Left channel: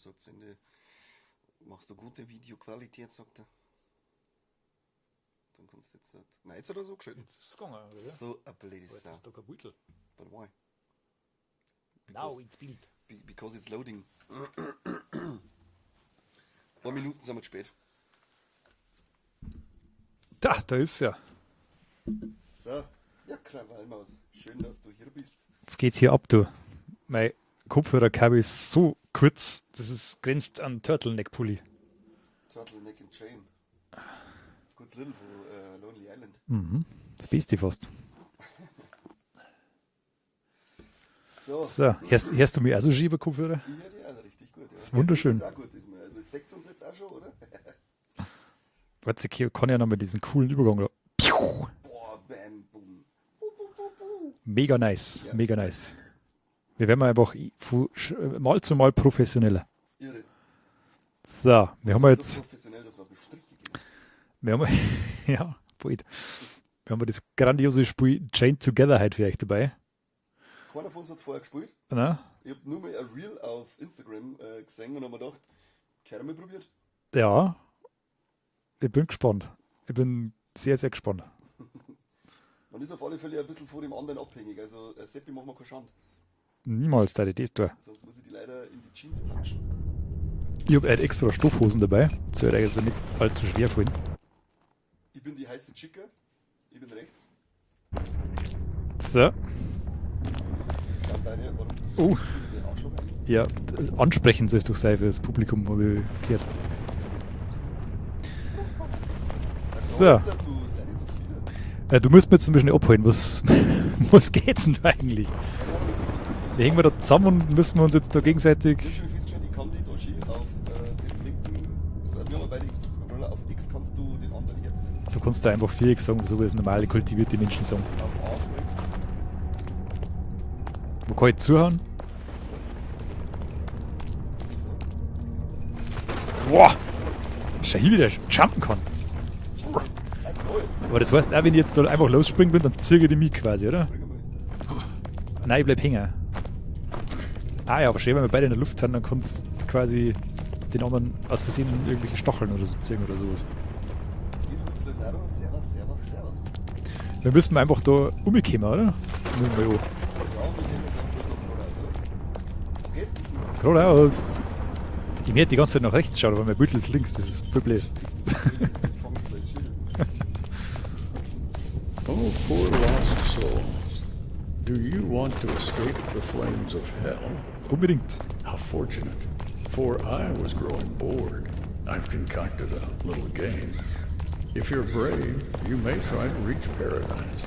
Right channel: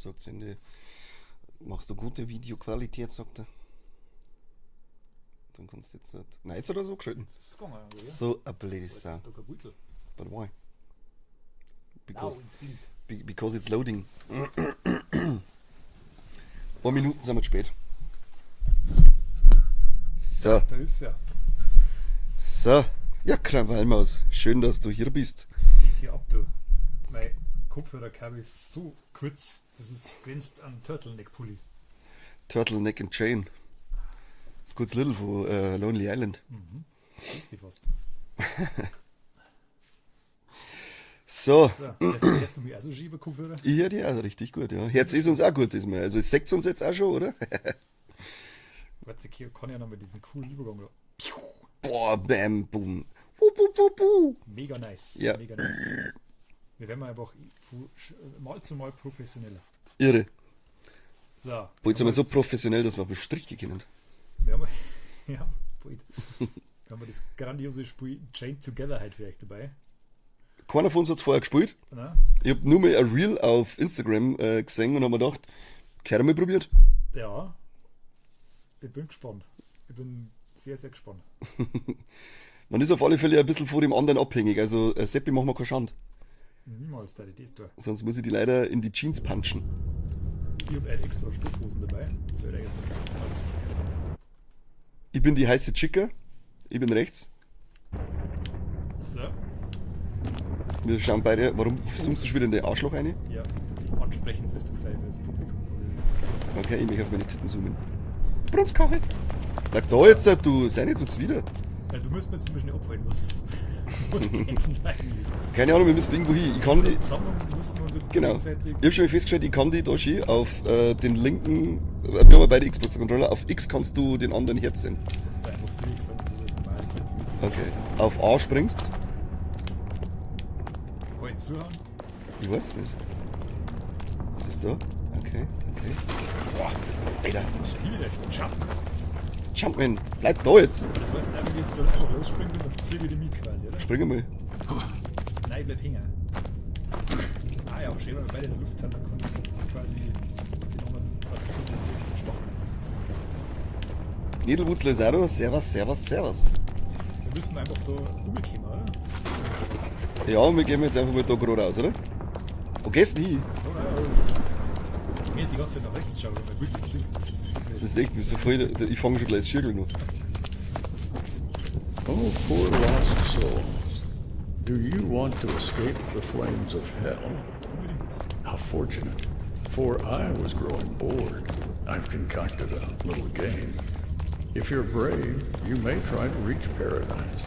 sagt Sende, machst du gute Videoqualität, sagt er. Dann kannst du jetzt nicht. Nein, jetzt hat er so geschalten. Das ist gegangen, oder? So ein blöde Jetzt Sau. ist da kein Beutel. But why? Now ins Bild. Because it's loading. 1 Minuten sind wir zu spät. So, Ja, da ist ja. so. Ja, Krawallmaus, schön, dass du hier bist. Jetzt geht's hier ab, du. Mein Kopfhörerkabel ist so kurz, das ist grenzt an Turtleneck-Pulli. Turtleneck and Chain. Das kurz Little von Lonely Island. Das Beste fast. So, So, hörst du mich auch so schieben, Kopfhörer? ich höre die auch richtig gut, ja. ist Jetzt ist wunderschön. uns auch gut diesmal. Also es sagt uns jetzt auch schon, oder? Warte, ich kann ja noch mal diesen coolen Übergang da. Piu! Boah, bam, boom. Bu. Mega nice, Ja. mega nice. Wir werden einfach von Mal zu Mal professioneller. Irre. So, wir Jetzt haben aber so jetzt, professionell, dass wir auf den Strich gehen. wir haben, ja, bald. Wir haben das grandiose Spiel Chained Together heute für euch dabei. Keiner von uns hat es vorher gespielt. Na? Ich habe nur mal ein Reel auf Instagram gesehen und habe mir gedacht, keiner mal probiert. Ja, ich bin gespannt. Ich bin sehr, sehr gespannt. Man ist auf alle Fälle ein bisschen von dem anderen abhängig. Also Seppi, machen wir keine Schande. Niemals da das tun. Sonst muss ich die leider in die Jeans punchen. Ich habe halt extra Stoffhosen dabei. Das soll euch also nicht allzu schwer fallen. Ich bin die heiße Chica. Ich bin rechts. So, Wir schauen beide. Warum suchst du schon wieder in den Arschloch rein? ja, ansprechend soll es doch sein für das Publikum, habe ich gehört. Okay, ich mich auf meine Titten zoomen. Brunskaffee. Sag So. da jetzt, du sei nicht so zwider. Du musst mir zum Beispiel abholen. Was geht's denn da eigentlich? Keine Ahnung, wir müssen irgendwo hin. Ich Hängen wir kann da zusammen und müssen wir uns jetzt da Genau. gegenseitig. Ich habe schon mal festgestellt, ich kann die da schön auf den linken, wir haben ja beide Xbox-Controller, auf X kannst du den anderen herziehen. Du kannst da einfach Viereck sagen, so wie es normale kultivierte Menschen sagen. Auf A springst, Man kann halt zuhauen. ich weiß nicht. Was ist da? Okay. Boah! Alter, Schau hier, wie der jumpen kann. Jumpman, bleib da jetzt. Aber das heißt auch, wenn ich jetzt da einfach losspringen bin, dann zirge ich die mich quasi, oder? Spring mal. Nein, ich bleib hängen. Ah ja, aber schön, wenn wir beide in der Luft haben, dann kannst du quasi den anderen aus Versehen irgendwelche Stacheln oder so ziehen oder sowas. Edelwurzler Saro, servus, servus, servus. Wir müssen einfach da umkommen, oder? Mal Ja, und wir gehen jetzt einfach mal da geradeaus, oder? Wo gehst du hin? geradeaus. Ich werde die ganze Zeit nach rechts schauen, aber mein Bild ist links, das ist blöd. Das ist echt müsig. Ich fange schon gleich das Schirgel noch. Oh, poor lost souls. Do you want to escape the flames of hell? Unbedingt. How fortunate. For I was growing bored. I've concocted a little game. If you're brave, you may try to reach paradise.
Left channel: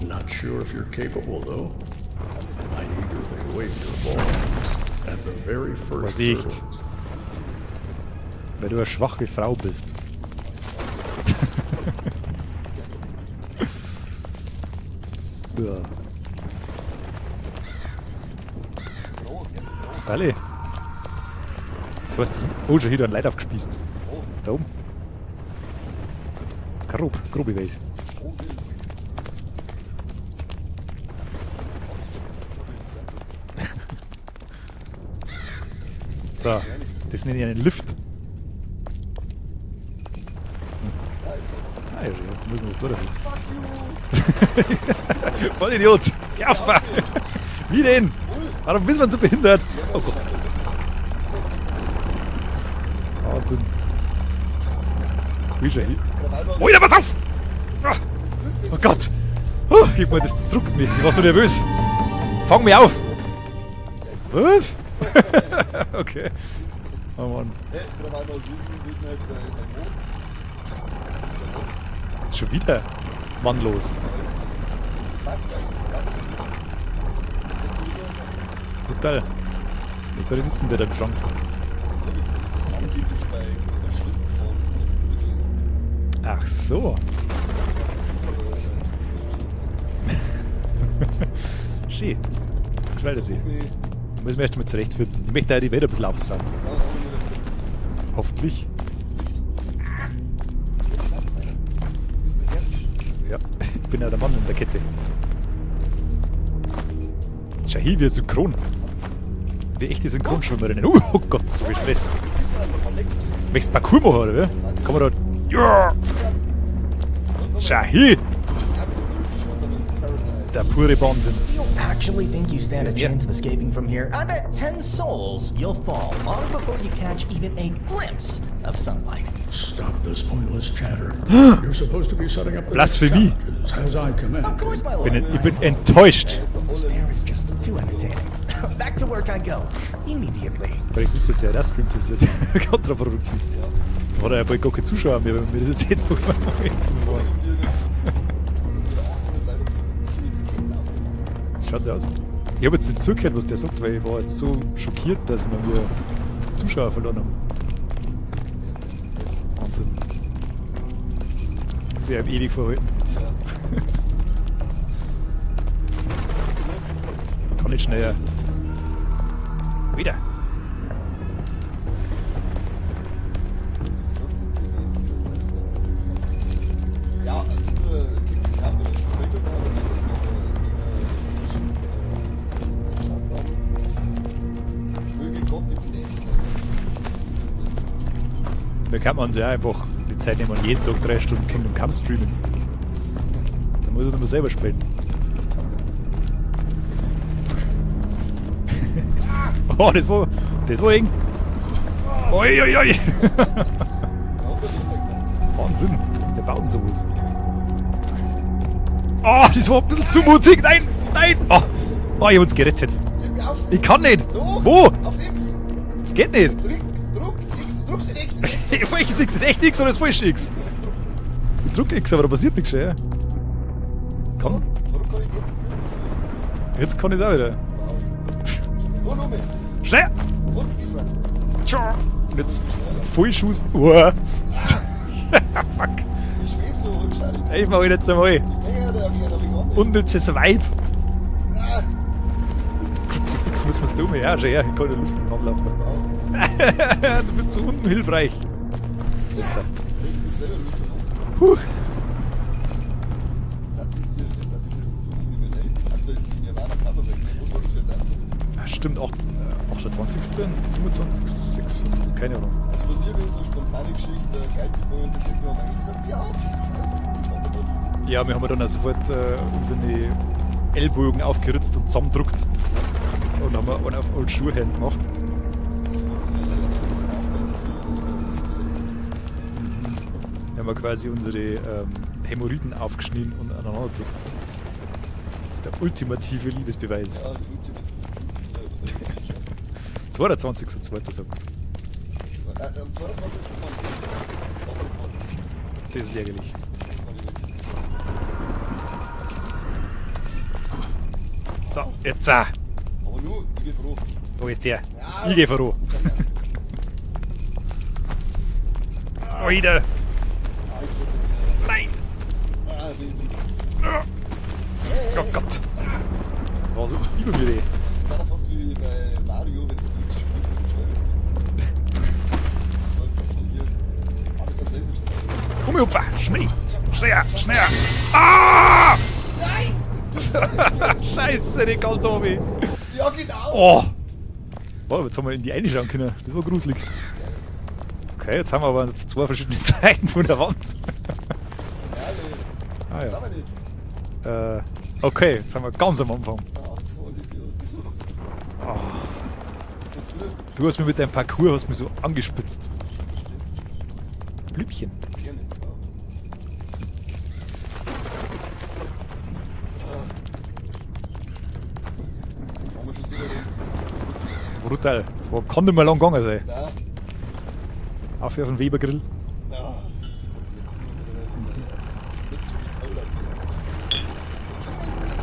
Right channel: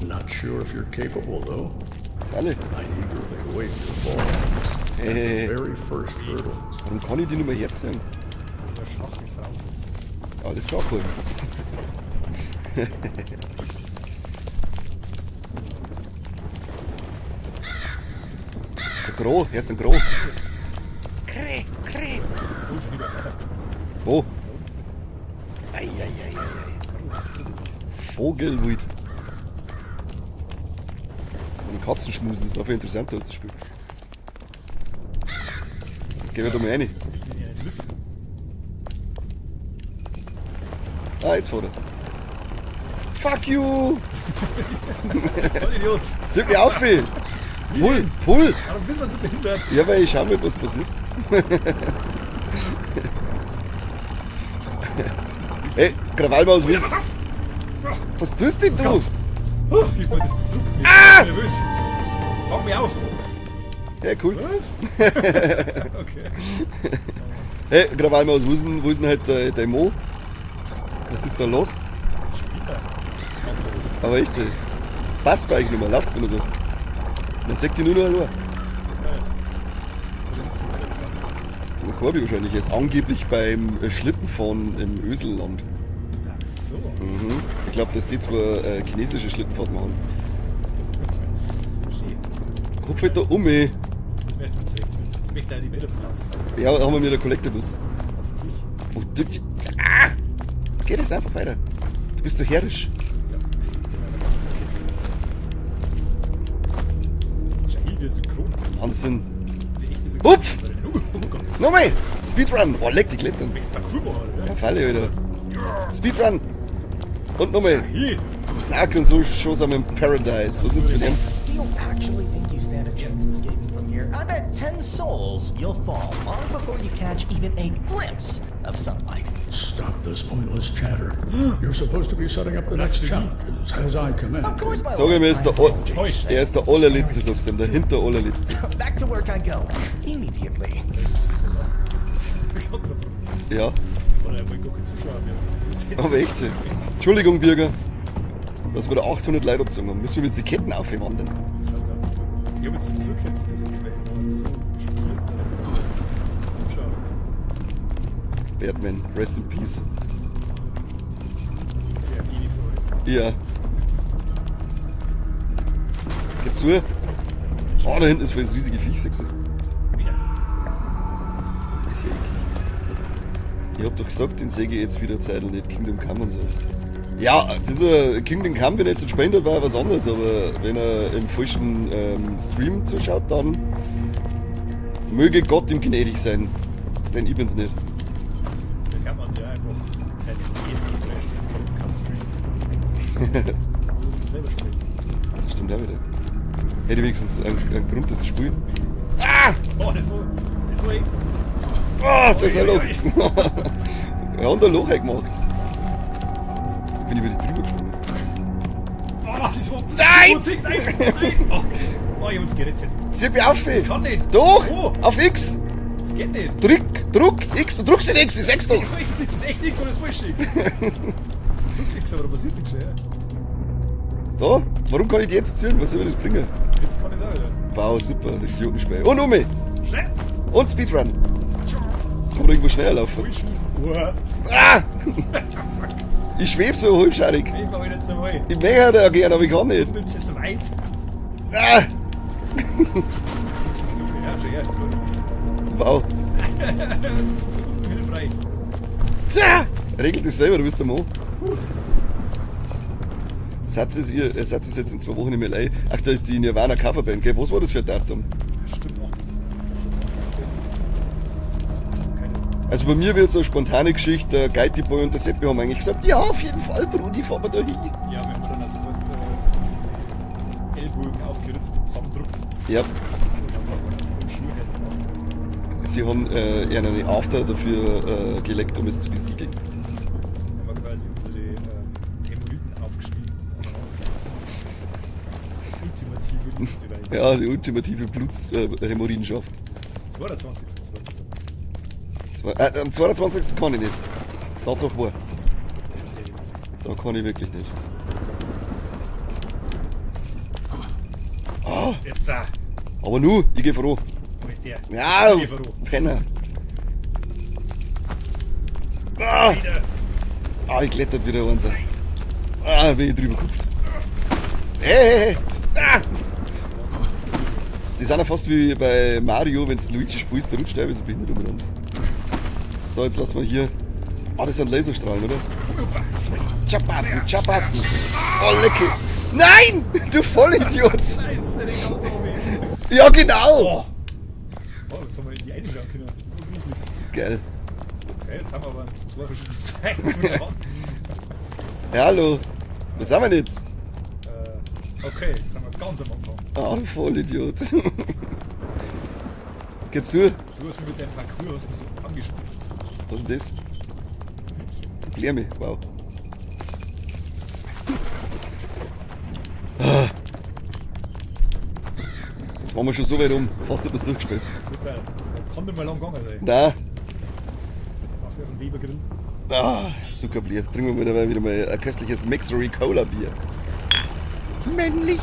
Not sure if you're capable, though. Alle. I eagerly await your fall. At the very first Vorsicht. hurdle. Dann kann ich die nicht mehr herziehen. Weil du eine schwache Frau bist. Alles klar, gut. Ja. Der Gro, erst ein Gro. Alle. Das heißt, oh, schon wieder ein Leid aufgespießt. Wo? Da oben. Grobe Welt. Vogelwild. Und Katzenschmusen, das war viel interessanter als das Spiel. Geh da mal rein. Das nenne ich einen Lift. Ah, jetzt fährt er. Fuck you! Voll Idiot. Zieh mich auf, ey! Wie denn? Pull! Warum bist man so behindert? Ja, weil ich schau mal, was passiert. Wahnsinn. Wie Ey, Krawallmaus! Oh ja, pass auf! Was tust denn Oh du? Gott! Gib mir das druckt mich. Ich war so nervös. Fang mich auf! Ja, cool. Was? Okay. Oh Mann. Hey, Krawallmaus, wo ist denn halt der Mo? Was ist da los? Schon wieder mannlos. Aber echt, passt mir eigentlich nicht mehr, läuft wieder so. Jetzt sagt die nur noch, Total. Ich will wissen, wer da beschrankt ist. und Corby wahrscheinlich, er ist angeblich beim Schlittenfahren im Öselland. Ach so. Ich glaube, dass die zwar chinesische Schlittenfahrt machen. Schön. Guck halt da um, ey. Da müssen wir erst mal zurechtfinden. Ich möchte auch die Welt ein bisschen aufsagen. Ja, haben wir wieder Kollektor nutzt. Hoffentlich. Ah! Geh jetzt einfach weiter. Du bist so herrisch. Ja. Ich bin ja der Mann in der Kette. Schau hier, wie synchron. Wahnsinn. wie echt diese Ups. Grundschulmarinnen. Oh Gott, so Nochmal! Stress. Speedrun! Oh, leck die Klettern. Möchtest du Parcours machen, oder wie? Falle, Kann man Alter. da... Ja! Speedrun! Und Schau nochmal. hier! Zack und so schon sind wir im Paradise. Der pure Wahnsinn. Do you actually think you stand a chance of escaping from here? I bet 10 souls you'll fall long before you catch even a glimpse of sunlight. Stop this pointless chatter. You're supposed to be setting up the next Blasphemie. challenges, as I command. Of course, my Sag lord. ich mir, ist der, Enttäuscht. er ist der allerletzte, sagst du, der hinter allerletzte. Back to work I go. Immediately. Vielleicht müsste der das filmen, das ist ja kontraproduktiv. Ja, Da hat er ja bald gar keine Zuschauer mehr, wenn wir das jetzt hätten. aber echt. Entschuldigung, Bürger, dass wir da 800 Leute abgezogen haben. Müssen wir jetzt die Ketten aufwandern? Schaut so aus. Ich habe jetzt nicht zugehört, was der sagt, weil ich war jetzt so schockiert, dass wir wieder Zuschauer verloren haben. Batman, rest in peace. Sie haben ewig verhalten. Ja. Dazu, Kann nicht da schneller. hinten ist für das riesige Viech, sagst du. Wieder. Ist ja eklig. Ich hab doch gesagt, den säge ich jetzt wieder Zeit und nicht Kingdom Come und so. Ja, dieser Kingdom Come, wenn er jetzt nicht spendet, war was anderes, aber wenn er im falschen Stream zuschaut, dann möge Gott ihm gnädig sein. Denn ich bin's nicht. Da kann man sich auch einfach die Zeit nehmen und jeden Tag 3 Stunden Kingdom Come streamen. Da muss er dann mal selber spielen. Stimmt auch wieder. Hätte wenigstens einen Grund, dass ich spiele. Oh, das war eng. Oh, Ui, ui, ui. Ja, und ein Loch gemacht. Wahnsinn. Der baut sowas. Bin ich wieder drüber gesprungen. Oh, das war ein bisschen zu mutig. Nein, nein. Oh, ich hab uns gerettet. Zieh mich auf! Ich kann nicht. Doch! Wo? Auf X! Das geht nicht. Druck X! Du drückst den X! Ich sag's doch! Welches X? Das ist echt X oder das falsche X? Ich drück X, aber da passiert nichts schon, ja. Da? Warum kann ich die jetzt ziehen? Was soll das bringen? Jetzt kann ich es auch wieder. Wow, super. Das ist Jotenspiel. Und um mich! Schnell! Und Speedrun! Oder Jetzt irgendwo schneller laufen. Vollschuss. Ah! Ah! Fuck. Ich schweb so halbscheidig. Ich mach jetzt einmal. Ich möchte da gern, aber ich kann nicht. Unnützes Weib. Ah! Das muss man tun. Ja, schon her. Ich kann die Luft anlaufen. Wow. Du bist so unhilfreich. Ah! Regelt das selber, du bist der Mann. Satz ist jetzt in 2 Wochen nicht mehr live. Ach, da ist die Nirvana Coverband, gell? Was war das für ein Datum? Stimmt auch. 20. 27. 6. Keine Ahnung. Also bei mir wird so eine spontane Geschichte, der Geiti Boy und der Seppi haben eigentlich gesagt, ja, auf jeden Fall, Brudi, fahren wir da hin. Ja, wir haben dann auch sofort unsere Ellbogen aufgeritzt und zusammendruckt Ja, und haben einen auf Old Schuhhand gemacht. sie haben eher eine After dafür gelegt, um es zu besiegen. Wir haben quasi unsere Hämorrhoiden aufgeschnitten und aneinander gelegt. Das ist der ultimative Liebesbeweis. Ja, die ultimative Blutshämorrhoidenschaft. 22. sagt man. Am 22. kann ich nicht. Tatsache war. Das ist ärgerlich. Da kann ich wirklich nicht. Jetzt Aber nur, ich geh froh. wo ist der? Ja, Ich geh froh. Penner. Wieder. Ah, ich klettert wieder Wahnsinn. Nein. Ah, bin ich drüber gehüpft. Hey, Gott. Ah, War so übermüde. die sind ja fast wie bei Mario, wenn du Luigi spielst, der rutscht der so blind drüber. So, jetzt lassen wir hier. Ah, das sind Laserstrahlen, oder? Umhupfer. Schnell. Chapazi, Schneller, Chapazi. Ah! Nein! Du Vollidiot! Scheiße, den ganz oben. Ja, genau! Oh. Wow, jetzt haben wir in die eine schauen können. Das war gruselig. Geil. Okay, jetzt haben wir aber 2 verschiedene Seiten von der Wand. Ja, hallo. Wo sind wir denn jetzt? Okay, jetzt sind wir ganz am Anfang. Ah, du Vollidiot. Geht's zu? Du hast mich mit deinem Parcours hast mich so angespitzt. Was ist das? Blümchen. Klär mich, wow. Jetzt waren wir schon so weit um. Fast etwas durchgespielt. Brutal. Das kann nicht mehr lang gegangen sein. Da. Auf den Webergrill. Ah, super Bier. Trinken wir wieder mal ein köstliches Maxery Cola Bier. Männlich.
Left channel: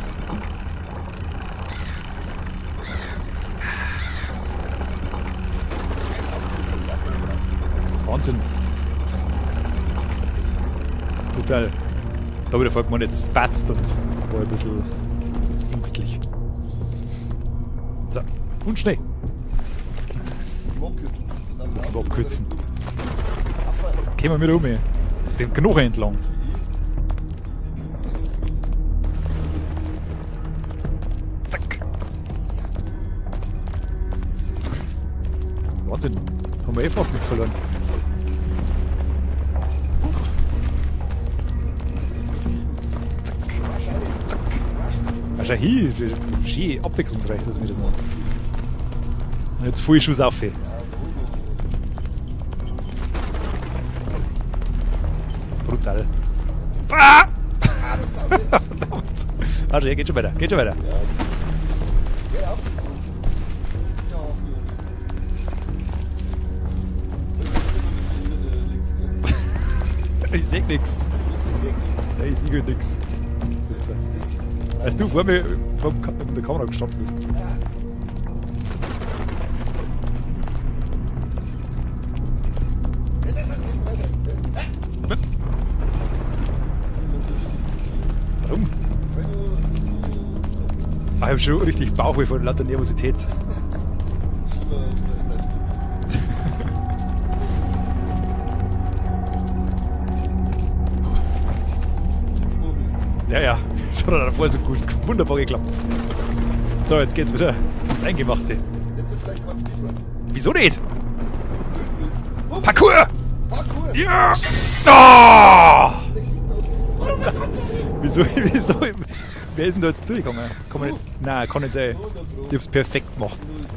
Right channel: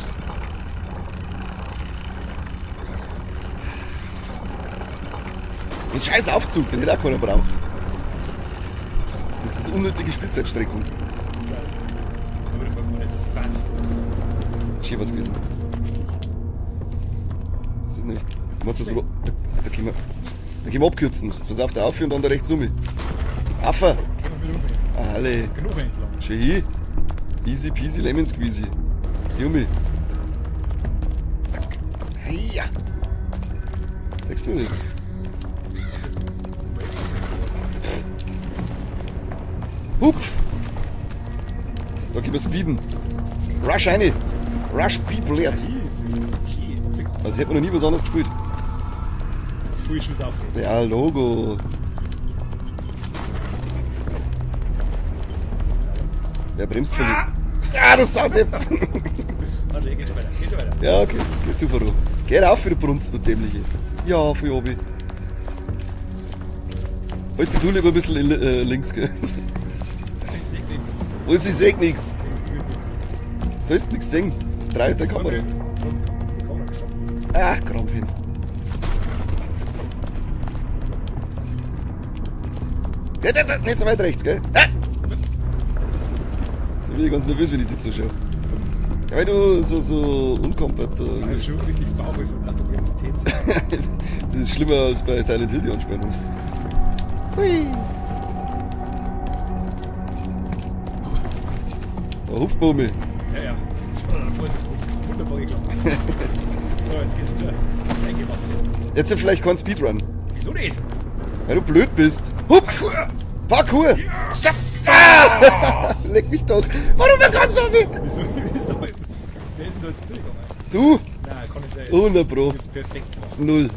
Den scheiß Aufzug, den wird auch keiner braucht. Wahnsinn. Das ist unnötige Spielzeitstreckung. Brutal. Da habe ich davor gemeint, es spatzt und war ein bisschen Schön was gewesen. ängstlich. Das ist nicht. So, Warte, schnell. Da gehen wir abkürzen. Jetzt pass auf, der Affe und dann der rechts um mich. Affe! Gehen wir wieder um. Alle. Den Knochen entlang. Schau hin. Easy peasy lemon squeezy. Jetzt geh um mich. Zack. Ja. Sagst du das? Wahnsinn. Haben wir eh fast nichts verloren. Hupf! Da können wir speeden. Rush rein! Rush people Ja, jetzt! hier, schön abwechselnd. Das hätten wir noch nie was anderes gespielt. Jetzt voll Schuss auf. Ja, Logo. Brutal. Wer bremst denn? Ah! Ja, das Sound. Also, ja, geht schon weiter, geht schon weiter. Ja, okay. Bist du warum? Geh rauf für die Brunst, du Dämliche. Ja, für obi. Halt du lieber ein bisschen links, gell? Ich seh nix. Was, ich seh nix. Ich sehe nix. Sollst nix sehen? Drei Als du vor Kamera. mir vor der Kamera gestanden bist. Ah, Krampf hin. Ja, nicht so weit rechts, gell? Ah! Ich bin ganz nervös, wenn ich dir zuschaue. Warum? Ja, weil du so unkomplett. Ich hab schon richtig Bauchweh von lauter Nervosität. Das ist schlimmer als bei Silent Hill, die Anspannung. Hui. Der Hupfbummel. Ja, ja. Das hat davor so gut, wunderbar geklappt. So, jetzt geht's wieder ins Eingemachte. Jetzt vielleicht kein Speedrun. Wieso nicht? Weil du blöd bist. Parkour! Parkour! Ja! Ah! Leck mich doch. Warum wir ganz so viel? Wieso? Wer ist denn da jetzt durchgekommen? Du? Nein, kann nicht sein. 100 Pro. Ich hab's perfekt gemacht. 0.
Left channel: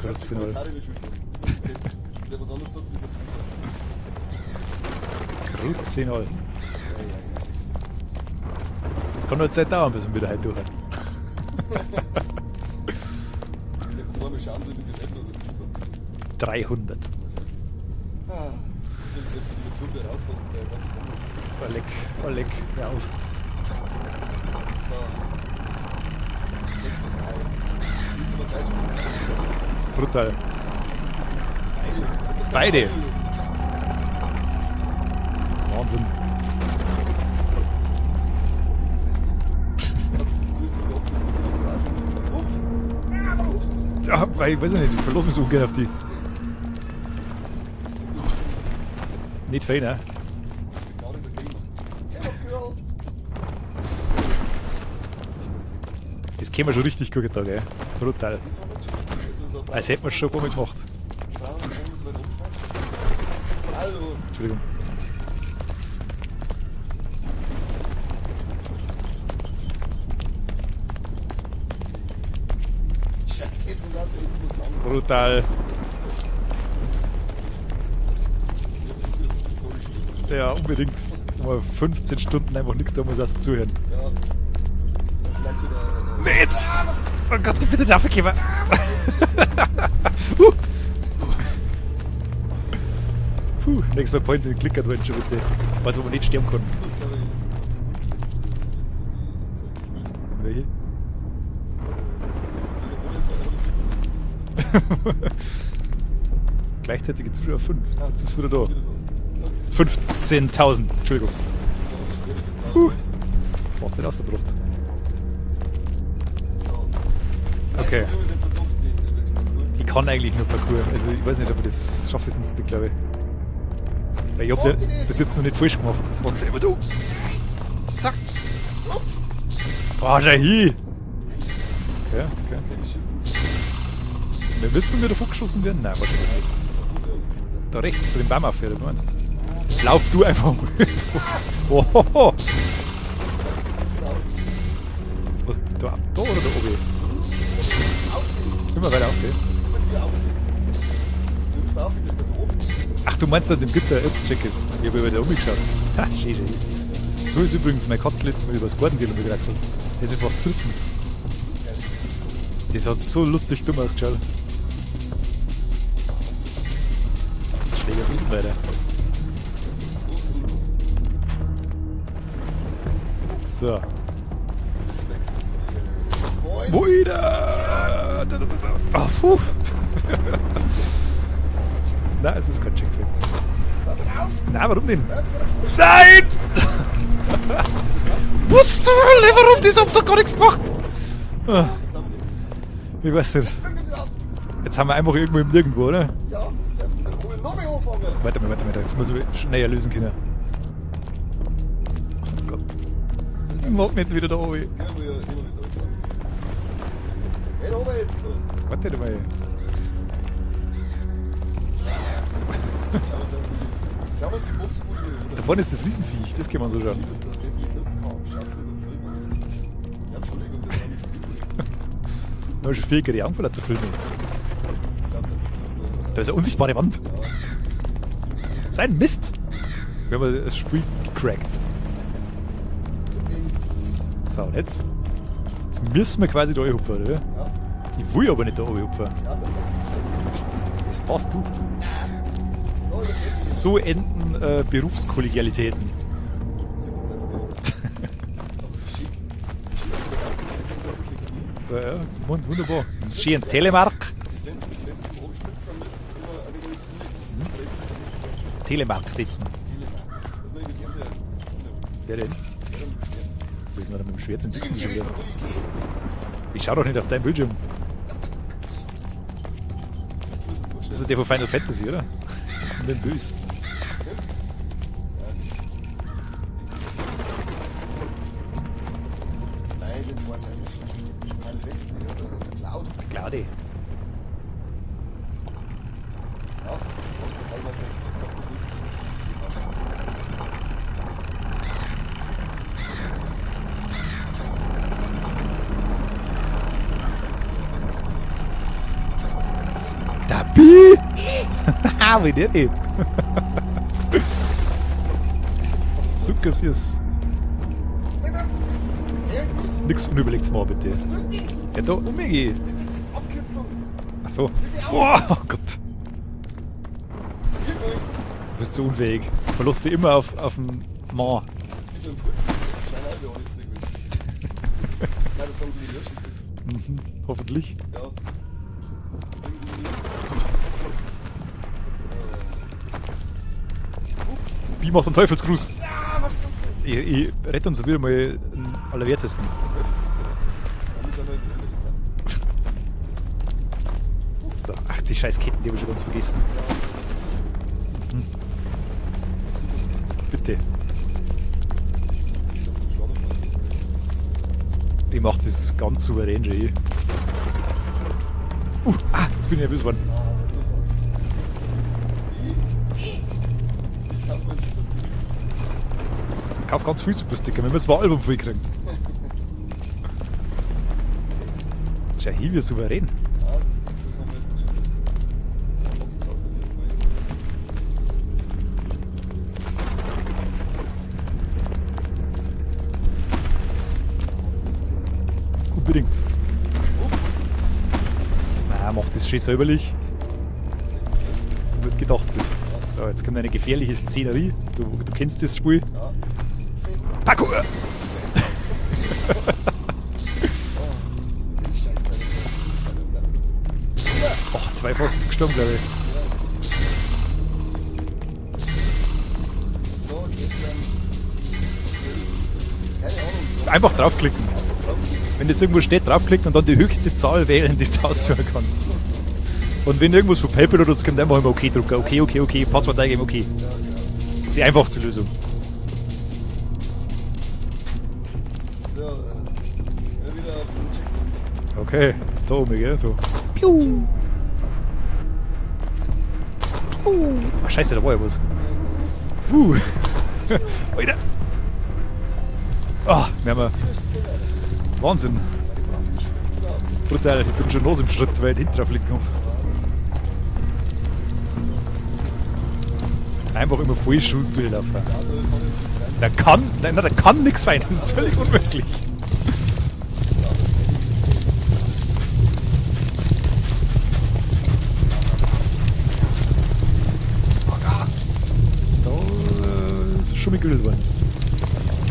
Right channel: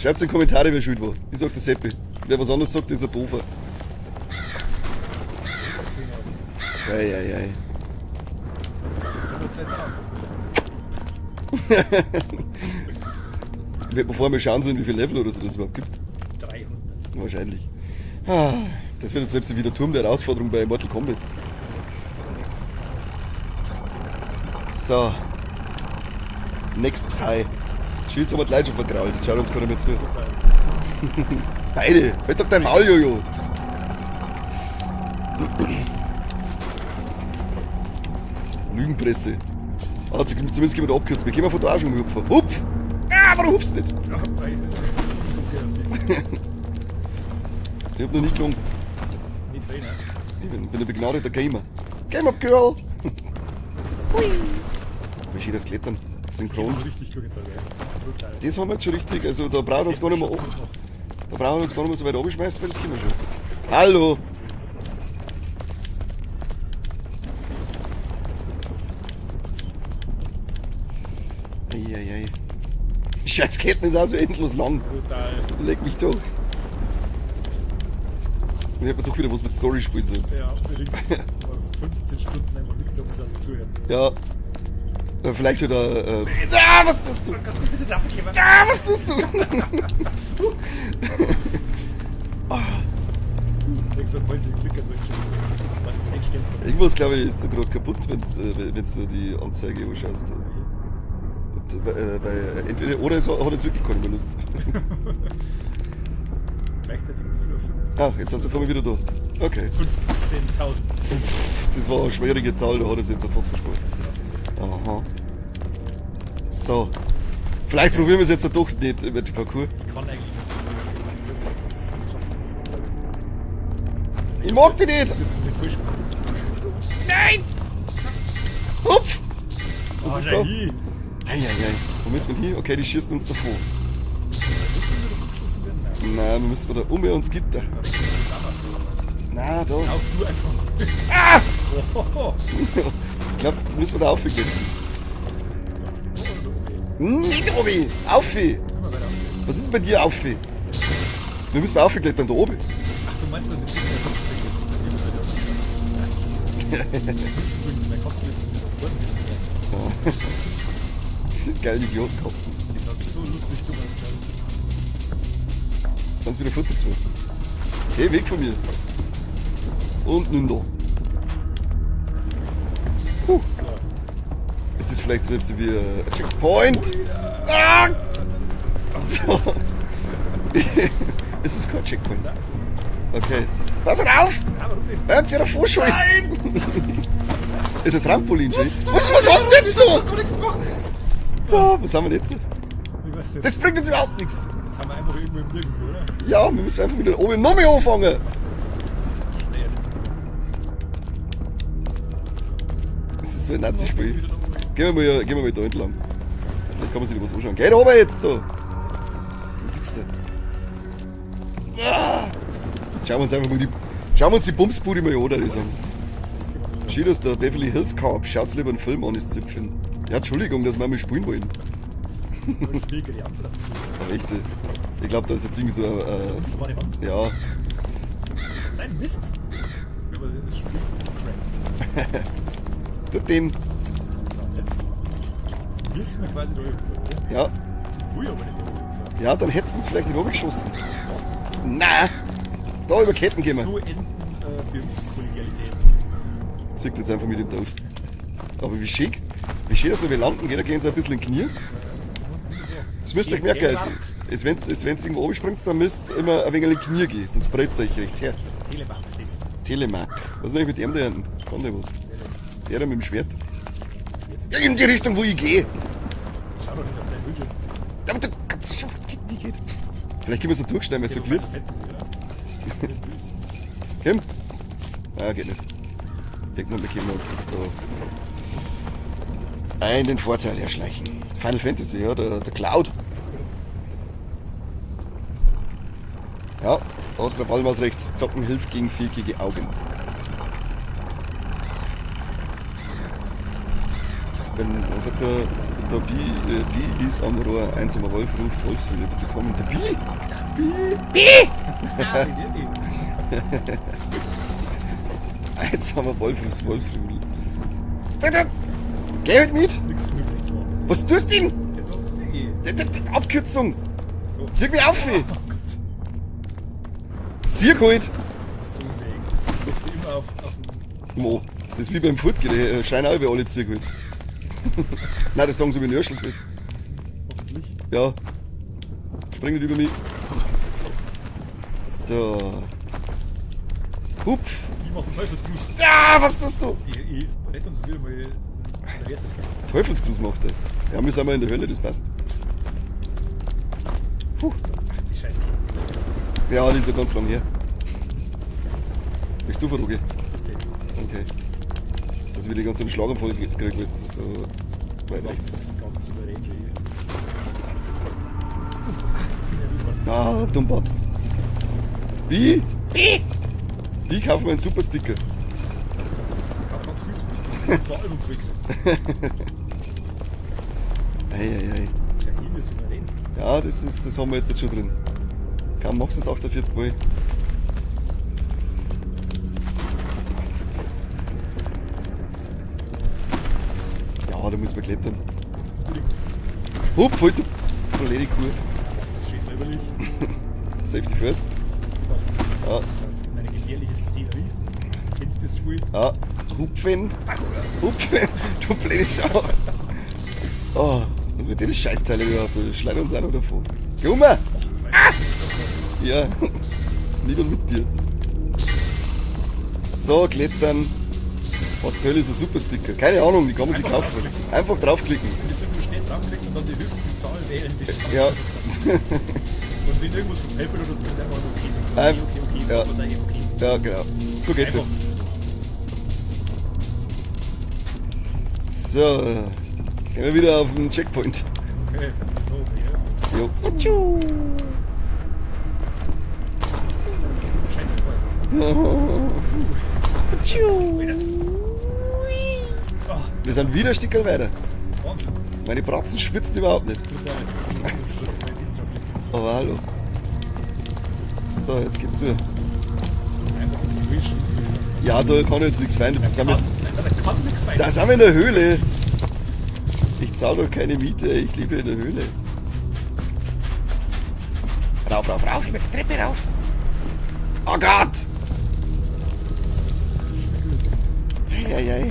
Schreibt's in die Kommentare, wer schuld war. Ich sag der Seppi. Wer was anderes sagt, ist ein Doofer. 10 Euro. Eieiei. Das kann nur Zeit dauern, bis wir wieder heim durch. Ich werde mir vorher mal schauen sollen, wie viel Level oder so das überhaupt gibt. 300. Wahrscheinlich. Ah, das wird jetzt selbst wieder Turm der Herausforderung bei Mortal Kombat. Oleg. So. Next 3. Schild haben wir gleich schon vertraut. Ich schau uns gerade mal zu. Brutal. Beide. Halt doch dein Beide. Maul, Jojo. Wahnsinn. Lügenpresse. Ah, zumindest gehen wir da abkürzen. Wir gehen mal von da auch schon hupfen. Hupf! Ah, warum hupfst du nicht? Ja, ich weiß nicht, ich verlasse mich so ungern auf die. Ich hab noch nicht gelungen. Nicht fein, ne? Ich bin ein begnadeter Gamer. Gamer Girl! Wie schön das Klettern. Das käme schon richtig gut getan, ey. Brutal. Das haben wir jetzt schon richtig. Also da Das brauchen wir uns hätten gar wir nicht schon mehr, oben gemacht. da brauchen wir uns gar nicht mehr so weit runterschmeißen, weil das geht schon. Hallo! Entschuldigung. Eieiei. Die Scheißketten ist auch so endlos lang. Brutal. Leg mich doch. Ich hab mir doch wieder was mit Story spielen sollen. Ja, unbedingt. Mal 15 Stunden einfach nichts da, muss erst zuhören. Ja. Vielleicht wieder. Jetzt, was tust du? Oh Gott, bitte dafür geben. Was tust du? Puh, nächstes Mal Point klickert halt schon bitte. Also, wo man nicht sterben kann. Irgendwas, glaube ich, ist da gerade kaputt, wenn du die Anzeige anschaust. Welche? Entweder oder es hat jetzt wirklich keinen Verlust. Gleichzeitige Zuschauer 5. Ah, jetzt sind sie da wieder da. Okay. 15.000. Entschuldigung. Das war eine schwierige Zahl, da hat es jetzt fast versprochen. Was denn das drauf? Aha. So. Vielleicht Okay. probieren wir es jetzt doch nicht mit dem Parcours. Ich kann eigentlich nur Parcours. Also, ich weiß nicht, ob ich das schaffe, sonst nicht, glaube ich. Weil Ich hab mag die nicht. Das jetzt noch nicht falsch gemacht. Das macht immer du. Nein! Zack! Hupf! Oh, ist da da? hier! Eieiei. Wo müssen wir hier? Okay, die schießen uns davor. Wenn das von mir davon geschossen werden? Nein, weil Nein, dann müssen wir da uns Gitter. da rechts, so den Baum für, das meinst du? Nein, da. Lauf du einfach mal. Ohoho. Ich glaube, da müssen wir da aufgehen. Was, da oder da oben? Nicht oben! Aufi! Immer weiter auf. Was ist bei dir Aufi? Wir müssen aufgeklettern da oben. Ach, du meinst, dass dem Gitter Rückcheck ist? Ich habe über da oben geschaut. Ha, schade. So ist übrigens mein Katz letztes Mal übers Garten gehen wieder erzählt. Das ist was züssen. Geil, Idiot. Das hat so lustig dumm ausgeschaut. Kannst wieder Fotos machen. Hey, weg von dir. Und nun noch. So. Ist das vielleicht selbst wie Checkpoint? Wieder! So. Ist das kein Checkpoint? Nein, es ist kein Checkpoint. Okay. Pass auf! Nein, warum denn? Hören Sie doch vorschmeißen! Nein! Ist ein Trampolin. Was du? Was Das hat doch gar nichts gemacht! So, was haben wir jetzt? Ich weiß Das nicht. bringt uns überhaupt nichts. Jetzt haben wir einfach irgendwo im Nirgendwo, oder? Ja, wir müssen einfach wieder oben noch mehr anfangen. Warte mal. Jetzt muss ich schneller lösen können. Oh Gott. Das ist so ein Ich mag nicht Nazi-Spiel. wieder da oben. Gehen wir mal da entlang. Da kann man sich was anschauen. Geh da oben jetzt da. Warte, Warte mal. Schauen wir uns einfach mal schauen wir uns die Bumsbude mal an. oder? Wann ist das Riesenviech? Das kann man so Schön, schauen. dass der Beverly Hills Cop. Schaut's lieber einen Film an, ist Zipfel. Ja, Entschuldigung, dass wir mal spielen wollen. Da ist viel Gerian von der Film. Richtig. Ich glaube, da ist jetzt irgendwie so Da ist eine unsichtbare Wand. Ja, Das ist ein Mist. Wir haben das Spiel gecrackt. den. So, jetzt müssen wir quasi da hochfahren, oder? Ja, Ich will aber nicht da hochfahren. ja, dann hättest du uns vielleicht den geschossen. Das passt du. Nein! Da über Ketten gehen wir. So enden Berufskollegialitäten. Sieht jetzt einfach mit dem Tank. Aber wie schick. Wie schön, dass wir landen. Jeder geht so ein bisschen in die Knie. Ja, ja, wunderbar. Das müsst ihr Schön merken. Telemark. Wenn's irgendwo oben springt, dann müsst ihr immer ein wenig in die Knie gehen. Sonst breit es euch recht her. Telemark sitzen. Telemark. Was ist eigentlich mit dem, der kann der was? Der denn? Der da mit dem Schwert. Das ist noch mit dem Schwert. Ja, in die Richtung, wo ich gehe. Ich schau doch nicht auf deinen Bildschirm. Aber du kannst schon. Vielleicht gehen wir so durchsteigen. Der von Final Fantasy, oder? Ich bin böse. Kim? Ah, geht nicht. Irgendwann bekommen wir uns jetzt da einen Vorteil erschleichen. Final Fantasy, ja, der Cloud. Claudi. Ja, und wir wollen was rechts. Zocken hilft gegen viereckige Augen. Also der Pi ist am Rohr 1 Wolf ruft Wolfswille. Das haben wir der Pi. Ah, wie der geht. Jetzt haben wir So Wolf kassier's. Wolfswille. Geh halt mit! Nix unüberlegtes mal bitte. Was tust du denn? Ja, da umgehen. Abkürzung! Achso. Zieh mich auf! Oh Gott. Zieh halt! Du bist so unfähig. Du verlust dich immer auf dem Moor. Das ist wie beim Furtgehen, scheinen auch über alle ziehen halt. Nein, das sagen sie mir nicht. Hoffentlich. Ja. Spring nicht über mich. So. Hupf. Wie macht ein Teufelsgruß? Ja, was tust du? Ich rette uns wieder mal den Allerwertesten. Teufelsgruß macht er. Ja, wir sind mal in der Hölle, das passt. So. Ach, die scheiß Ketten, die hab ich schon ganz vergessen. Ja, die ist ja ganz lang her. Möchtest du verrufen? Bitte. Okay. Dass wir die ganzen Schlaganfall kriegen, ist so. Ich mach das ganz souverän, Jay. Jetzt bin ich nervös geworden. Ah, Dummbatz. Wie? Ich kaufe mir einen Supersticker. Ich kauf ganz viel Supersticker, nur das war Album voll kriegen. Ei. Schau hier, wie souverän. Ja, das haben wir jetzt schon drin. Kaum magst du es 48 Mal. Ja, da müssen wir klettern. Unbedingt. Hupf, halt du! Du Lady Kuh. Ja, mach das schön säuberlich. Safety first. So wie es gedacht ist. Ja. So, jetzt kommt eine gefährliche Szenerie. Du kennst das Spiel. Ja. Hupfen. Parkour! Hupfen! Du blöde Sau! Oh, was mit den Scheißteilen überhaupt? Du schlag uns auch noch davon. Nummer! Ach, 2 fast gestorben, glaube ich. Ja, lieber mit dir. So, klettern. Was soll ist ein Supersticker? Keine Ahnung, wie kann man Einfach das draufklicken. Einfach draufklicken. Wenn das irgendwo steht, draufklicken und dann die höchste Zahl wählen, die du aussuchen kannst. Und wenn irgendwas von PayPal oder so kommt, einfach immer OK drücken. Okay, Ja. Passwort eingeben, okay. Ja, genau. Die einfachste Lösung. So, gehen wir wieder auf den Checkpoint. Okay, da oben, gell? So. So. Ach, scheiße, da war ja was. Weiter. Ah, Wir sind wieder ein Stückchen weiter. Wahnsinn. Meine Bratzen schwitzt überhaupt nicht. Brutal, ich bin schon los im Schritt, weil hinten drauf liegt noch. Aber hallo. So, jetzt geht's zu. Einfach immer voll Schuss durchlaufen. Ja, da kann jetzt nichts fein. Der kann nichts weiter. Da sind wir in der Höhle. Ich zahle doch keine Miete, ich lebe in der Höhle. Rauf, Treppe rauf. Oh Gott! Da ist es schon begüllt worden. Eieiei.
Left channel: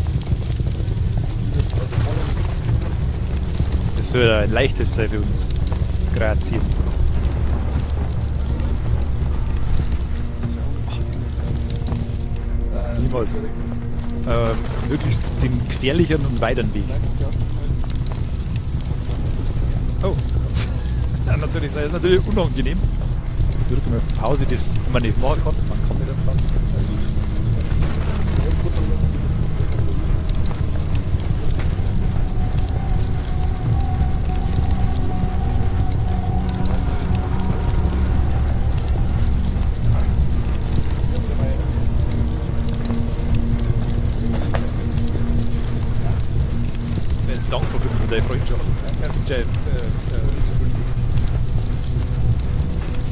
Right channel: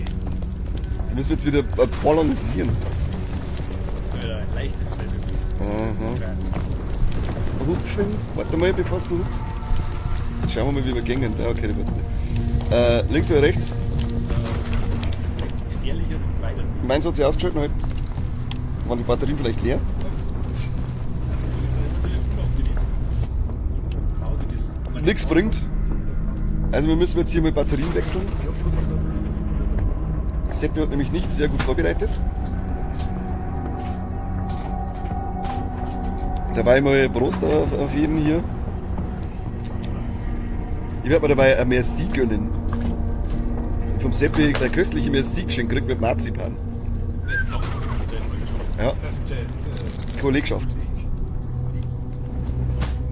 Wir müssen jetzt wieder balancieren. Das soll ein leichtes sein für uns. Grazie. Hupfen. Warte mal, bevor du hupfst. Schauen wir mal, wie wir gängen. Ja, okay. Links oder rechts? Möglichst den gefährlicheren und weiteren Weg. Meins hat sich ausgeschaltet heute. Waren die Batterien vielleicht leer? Oh. Ja, natürlich, das ist natürlich unangenehm. Drücken wir Pause, das kann man nicht Nichts machen. bringt. Man kann wieder fahren. Also wir müssen jetzt hier mal Batterien wechseln. Seppi hat nämlich nicht sehr gut vorbereitet. Dabei mal Prost auf jeden hier. Ich werde mir dabei ein Merci gönnen. Vom Seppi gleich köstliche Merci geschenkt gekriegt mit Marzipan. Besten Dank für deine Freundschaft. Ja. Kollegschaft.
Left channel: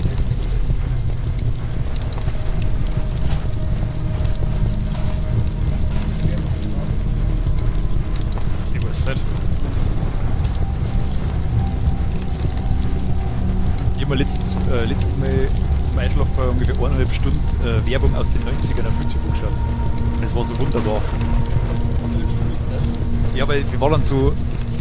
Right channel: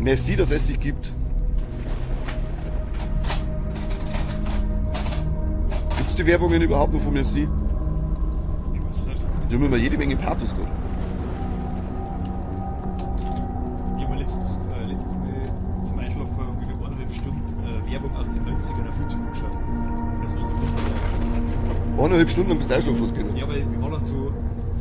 Merci, dass es dich gibt. Gibt es die Werbungen überhaupt noch von Merci? Ich weiß nicht. Da haben wir jede Menge Pathos drin. Ich habe mir letztes Mal zum Einschlafen ungefähr 1,5 Stunden Werbung aus den 90ern auf YouTube geschaut. Und das war so wunderbar. 1,5 Stunden am Style was gehört. Ja, weil wir waren dann so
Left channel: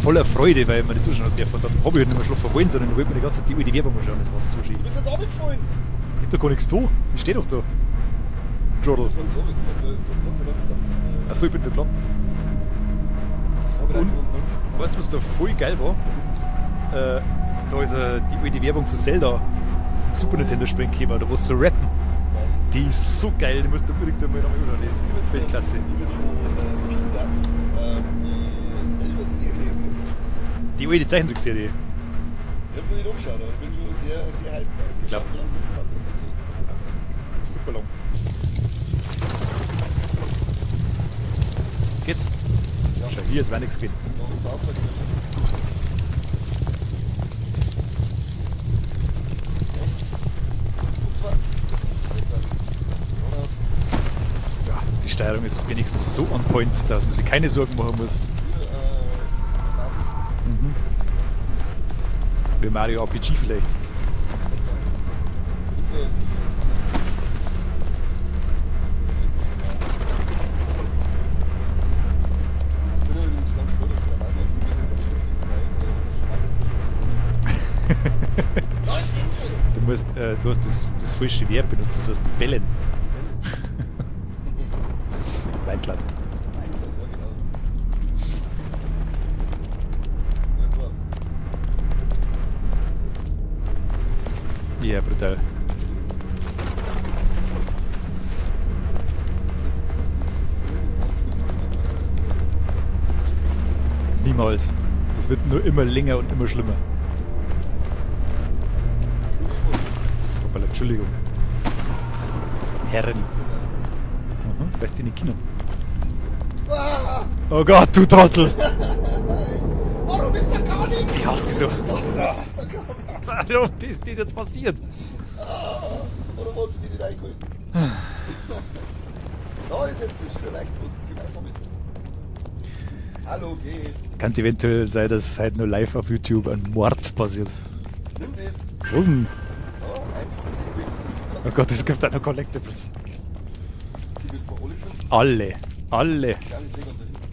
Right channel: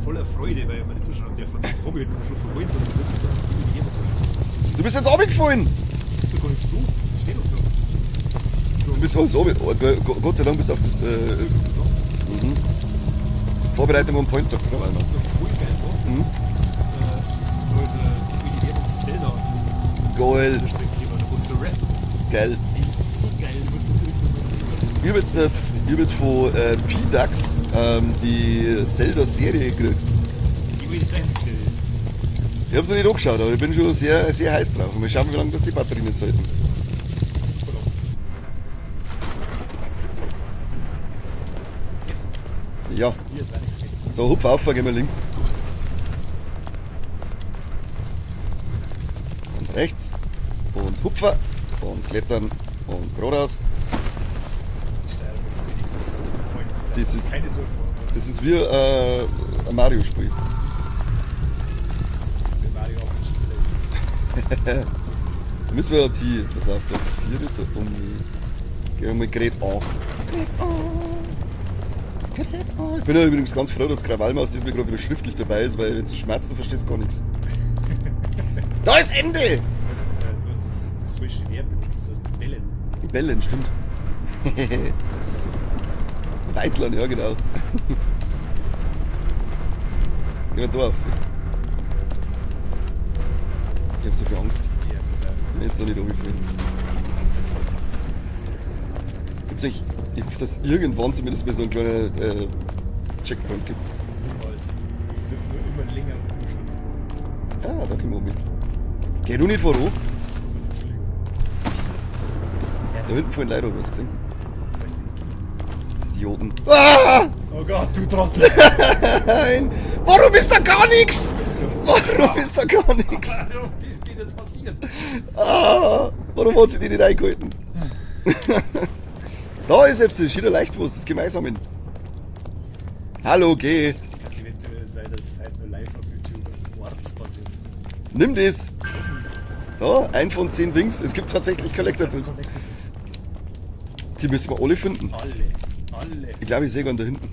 voller Freude, weil wir nicht zuschauen dürfen. Dann habe ich halt nicht mehr schlafen wollen, sondern ich wollte mir die ganze Zeit die Werbung anschauen. Das war so schlimm. Du bist jetzt runtergefallen! Ich hab doch gar nichts da. Ich stehe doch da. Du bist halt so Gott sei Dank bist du auf das Also ich bin nicht lang. Vorbereitung am Point. Weißt du, was da voll geil war? Da ist die Werbung von Zelda. Geil. In der Sprengkäfer, da wo es so rappen. Geil. Die ist so geil, die musst du unbedingt einmal anschauen. Ich habe jetzt von P-Dax die Zelda-Serie gekriegt. Die alte Zeichentrickserie. Ich habe es noch nicht angeschaut, aber ich bin schon sehr, sehr heiß drauf. Mal schauen, wie lange das die Batterie jetzt halten. Super lang. Geht's? Ja, Hier ist nichts geht. so hupf auf, gehen wir links. Rechts und hupfer und klettern und geradeaus. Ja, die Steuerung ist wenigstens so on point, dass Das man sich ist- keine Sorgen machen muss. Das ist wie ein Mario-Spiel. Wie Mario RPG vielleicht. Da müssen wir die jetzt was aufnehmen. Gehen wir mit Gerät an. Ich bin ja übrigens ganz froh, dass Krawallmaus diesmal gerade schriftlich dabei ist, weil wenn du schmerzt, du verstehst gar nichts. Da ist Ende! Du hast das falsche Verb benutzt, das heißt bellen. Bellen. Weitland. Weitlern, ja genau. Ja, da auf. Ich hab so viel Angst. Ja, brutal. Jetzt soll ich da umfallen. Ich hoffe, dass irgendwann zumindest mal so ein kleiner Checkpoint gibt. Niemals. Das wird nur immer länger und immer schlimmer. Ah, warte mal. Geh du nicht voran. Hoppala, Entschuldigung. Da Herren. hinten vorhin leider was gesehen. Da ist in den Kino. Idioten. Ah! Oh Gott, du Trottel! Nein! Warum ist da gar nichts? Hast du so? Warum ist da gar nichts? Warum ist das jetzt passiert? Ah, warum hat sie die nicht eingehalten? Da ist jetzt wieder Leichtwurst, das Gemeinsamen. Hallo, geh. Kann eventuell sein, dass halt nur live auf YouTube ein Mord passiert. Nimm das. Was denn? Da, 1 von 10 Wings. Es gibt Oh tatsächlich Gott, es gibt einfach Collectibles. Collectibles. Die müssen wir alle finden. Alle. Ich glaube, ich sehe einen da hinten.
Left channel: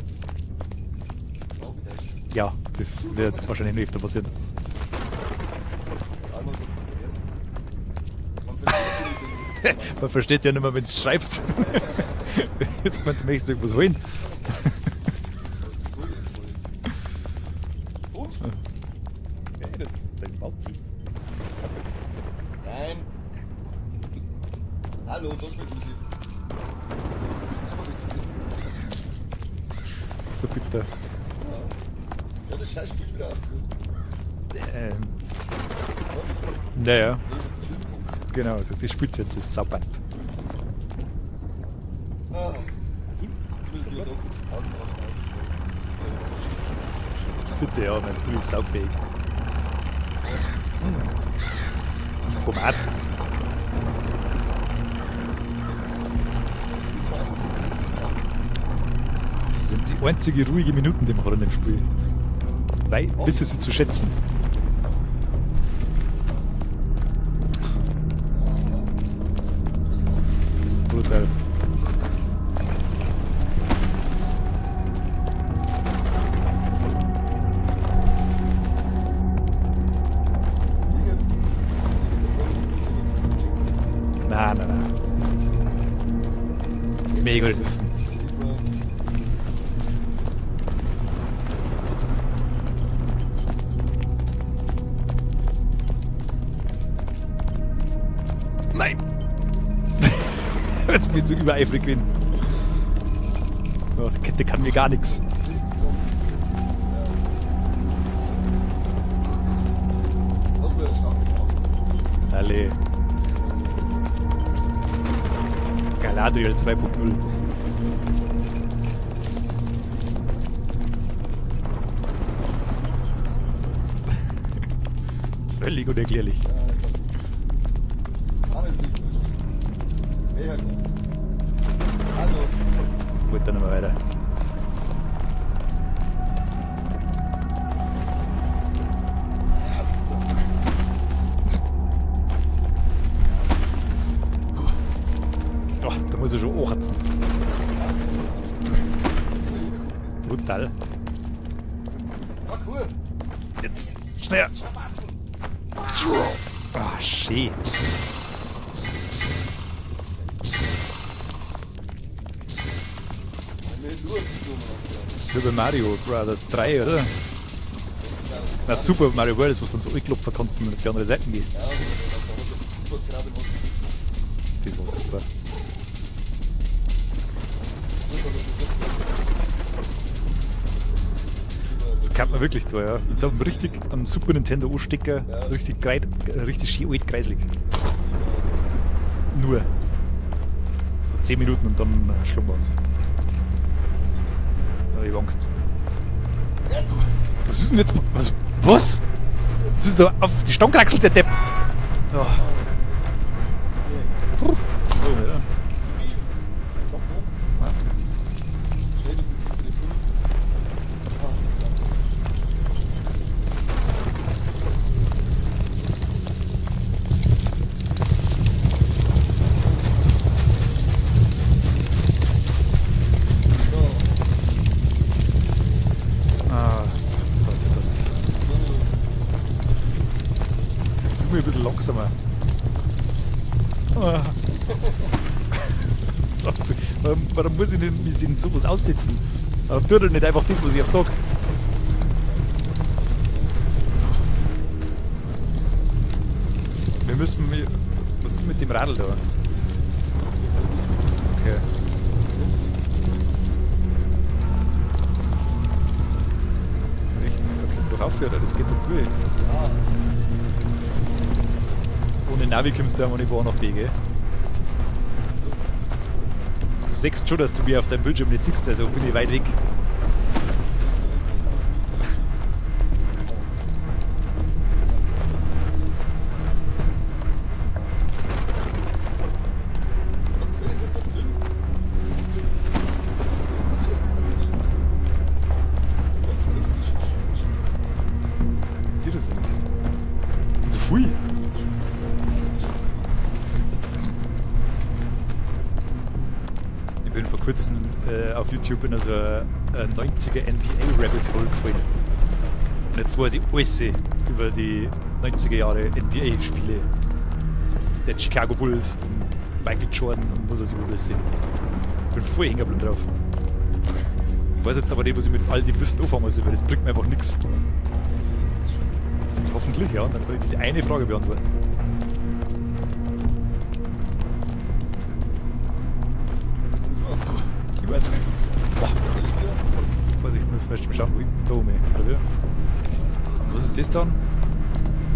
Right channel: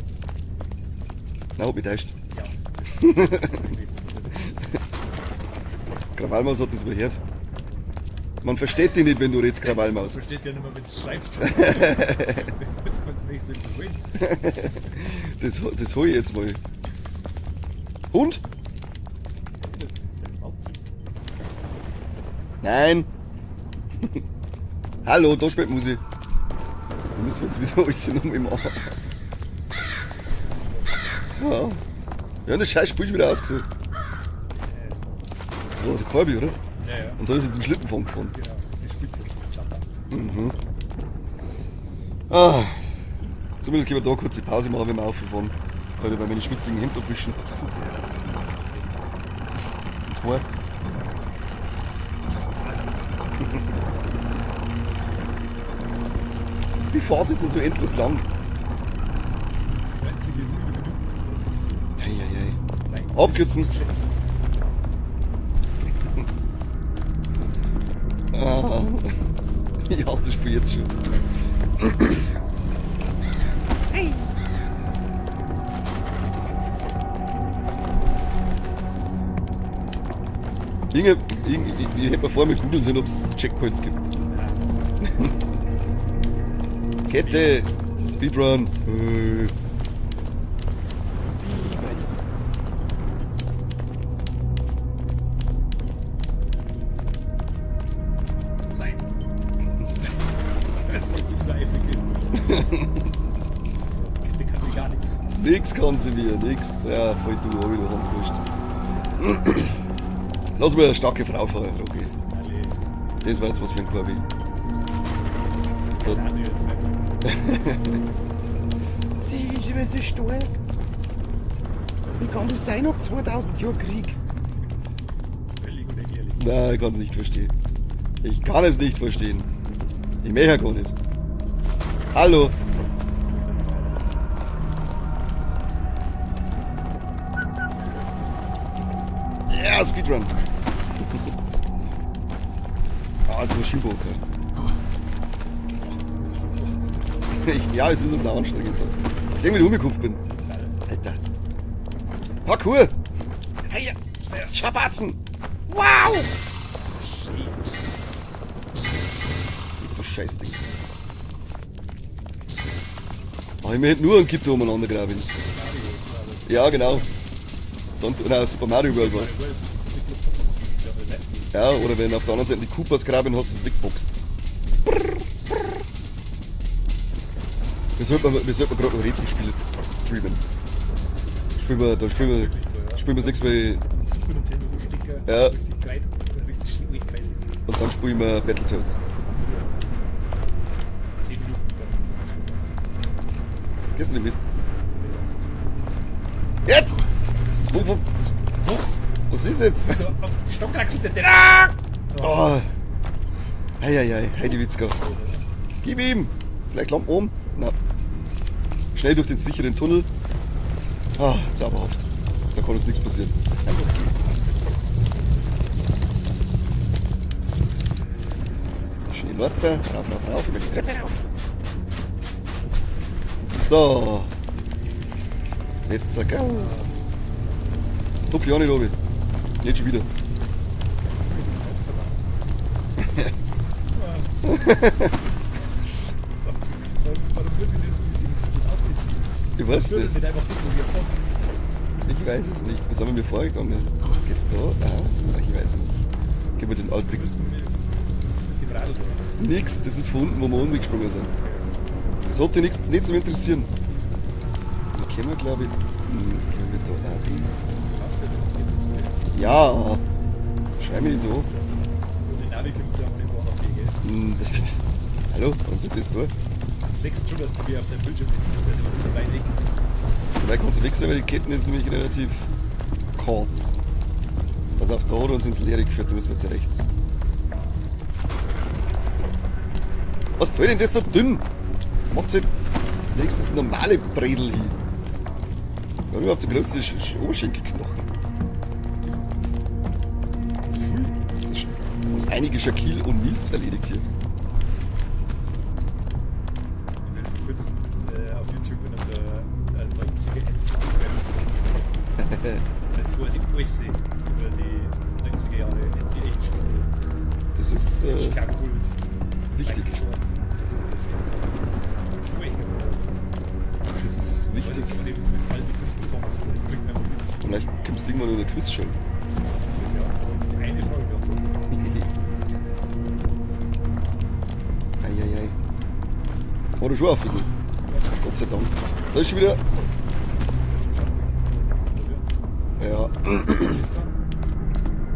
Na, hab ich täuscht. Ja, das wird wahrscheinlich nicht öfter passieren. Krawallmaus hat das überhört. Man versteht dich nicht, wenn du redest, Man Krawallmaus. versteht ja nicht mehr, wenn du schreibst. Jetzt möchtest du irgendwas holen. Das hol ich jetzt mal. Und? Nein. Hallo, da spielt Musik. Da müssen wir jetzt wieder alles noch mit machen. So bitter. Ja. Ja, das scheiß Spiel ist wieder ausgesehen. Das war der Corby, oder? Ja. Und da ist jetzt im Schlittenfang gefahren. Genau, die spielt jetzt das Sabbat. Ah. Zumindest können wir da kurz die Pause machen, wenn wir aufgefahren. Weil wir meine schwitzigen Hinterfischen. Super, ja, dann ist es saufähig. Tomat. Die Phase ist ja so endlos lang. Das sind die einzige ruhige Minuten, die wir gerade nicht spielen. Weil, das ist Abkürzen. zu schätzen. Ah. Ich hasse das Spiel jetzt schon. Ich hätte mir vorher mit Google sehen, ob es Checkpoints gibt. Nein. Kette, Mega. Speedrun. Nein! Jetzt bin ich zu übereifrig bin. Oh, die Kette kann mir gar nichts. Nix kann sie mir, nix. Ja, voll die Ohr wieder, ganz wurscht. Lass mal eine starke Frau fahren, Rocky. Alle. Das war jetzt was für ein Korbi. Galadriel 2.0. Die Liebe ist stark. Wie kann das sein nach 2000 Jahren Krieg? Das ist völlig unerklärlich. Nein, ich kann es nicht verstehen. Ich kann es nicht verstehen. Ich möchte ja gar nicht. Hallo. Gut, dann mal weiter. Ja, Speedrun. Ah, ist ein Schibo. Oh, da muss ich schon anhatzen. Ja, es ist auch anstrengend. Dass ich irgendwie umgekauft bin. Brutal. Alter. Parkour. Hey, Schneller. Schabatzen. Wow. Ah, schön. Du Scheißding. Mach ich mir nur einen Kitten umeinander graben. Über Mario Brothers. Ja, 3, genau. oder? Und, oder Super Na, Mario Super Bros. Mario World, das was du so einklopfen kannst und auf die andere Seite geht. Ja, oder wenn auf der anderen Seite die Koopas graben hast, du es wegboxt. Das ist super. Wir sollten gerade noch richtig spielen. Da Kann man wirklich tun, ja. Spielen wir So sechs richtig Mal am Super Nintendo anstecken, Ja. richtig schön alt kreislig. und dann spielen wir Battletoads. Nur. So 10 Minuten und dann schlummern sie. Gehst du nicht mit? Da hab ich Angst. Jetzt! Was ist mit? Was? Was ist jetzt? Das ist doch auf die Stange kraxelt, der Depp. Oh. Eieiei, Heidi Witzka. Gib ihm! Vielleicht Lampe oben? Nein. Schnell durch den sicheren Tunnel. Ah, zauberhaft. Da kann uns nichts passieren. Schön weiter. So. Jetzt zack. Ah, Guck ja nicht, Robin. Nicht schon wieder. nur ein bisschen langsamer. Ah. Warum muss ich denn sowas aussetzen? Ich Warum weiß tut er nicht. nicht einfach das, was ich sage? Ich weiß es nicht. Was haben wir vorgekommen? Geht's da? Nein, ich weiß nicht. Gehen wir den Wir Alten. müssen. Was ist mit dem Radl da? Nix, das ist von unten, wo wir unten gesprungen sind. Okay. Das sollte nicht zum interessieren. Kennen wir, glaube ich. Doch aufhören, das geht doch durch. Ja, schrei mich nicht so. Ohne Navi kommst du ja auch nicht von A nach B, gell? Hallo, was ist das da? Du siehst schon, dass du mir auf deinem Bildschirm nicht siehst, also bin ich weit weg. Vielleicht muss ich wechseln, weil die Ketten ist nämlich relativ kurz. Also auch da hat uns ins Leere geführt, da müssen wir jetzt rechts. Was soll denn das so dünn? Macht halt nächstens normale Bredel hin. Warum habt ihr große Oberschenkelknochen? Hier ist es. Zu viel. Das ist schon einige Shaquille und Nils erledigt hier. Ich bin vor kurzem auf YouTube in unserer 90er NBA Rabbit Hole gefallen. Und jetzt weiß ich alles über die 90er Jahre NBA-Spiele. Das ist. Die Chicago Bulls, Michael wichtig. Jordan, was weiß ich, was alles sehen. Ich bin voll hängen geblieben drauf. Das ist Ich weiß wichtig. jetzt aber nicht, was ich mit all den Quiz anfangen soll, weil das bringt mir einfach nichts. Vielleicht gibst du irgendwann nur eine Quiz schon. Hoffentlich, ja. Dann kann ich diese eine Frage beantworten. Eieiei. War du schon auf? Ich weiß nicht. Gott sei Dank. Da ist schon wieder. Was ich muss vielleicht schauen, wie da oben, oder wie? Ja. Was ist das dann?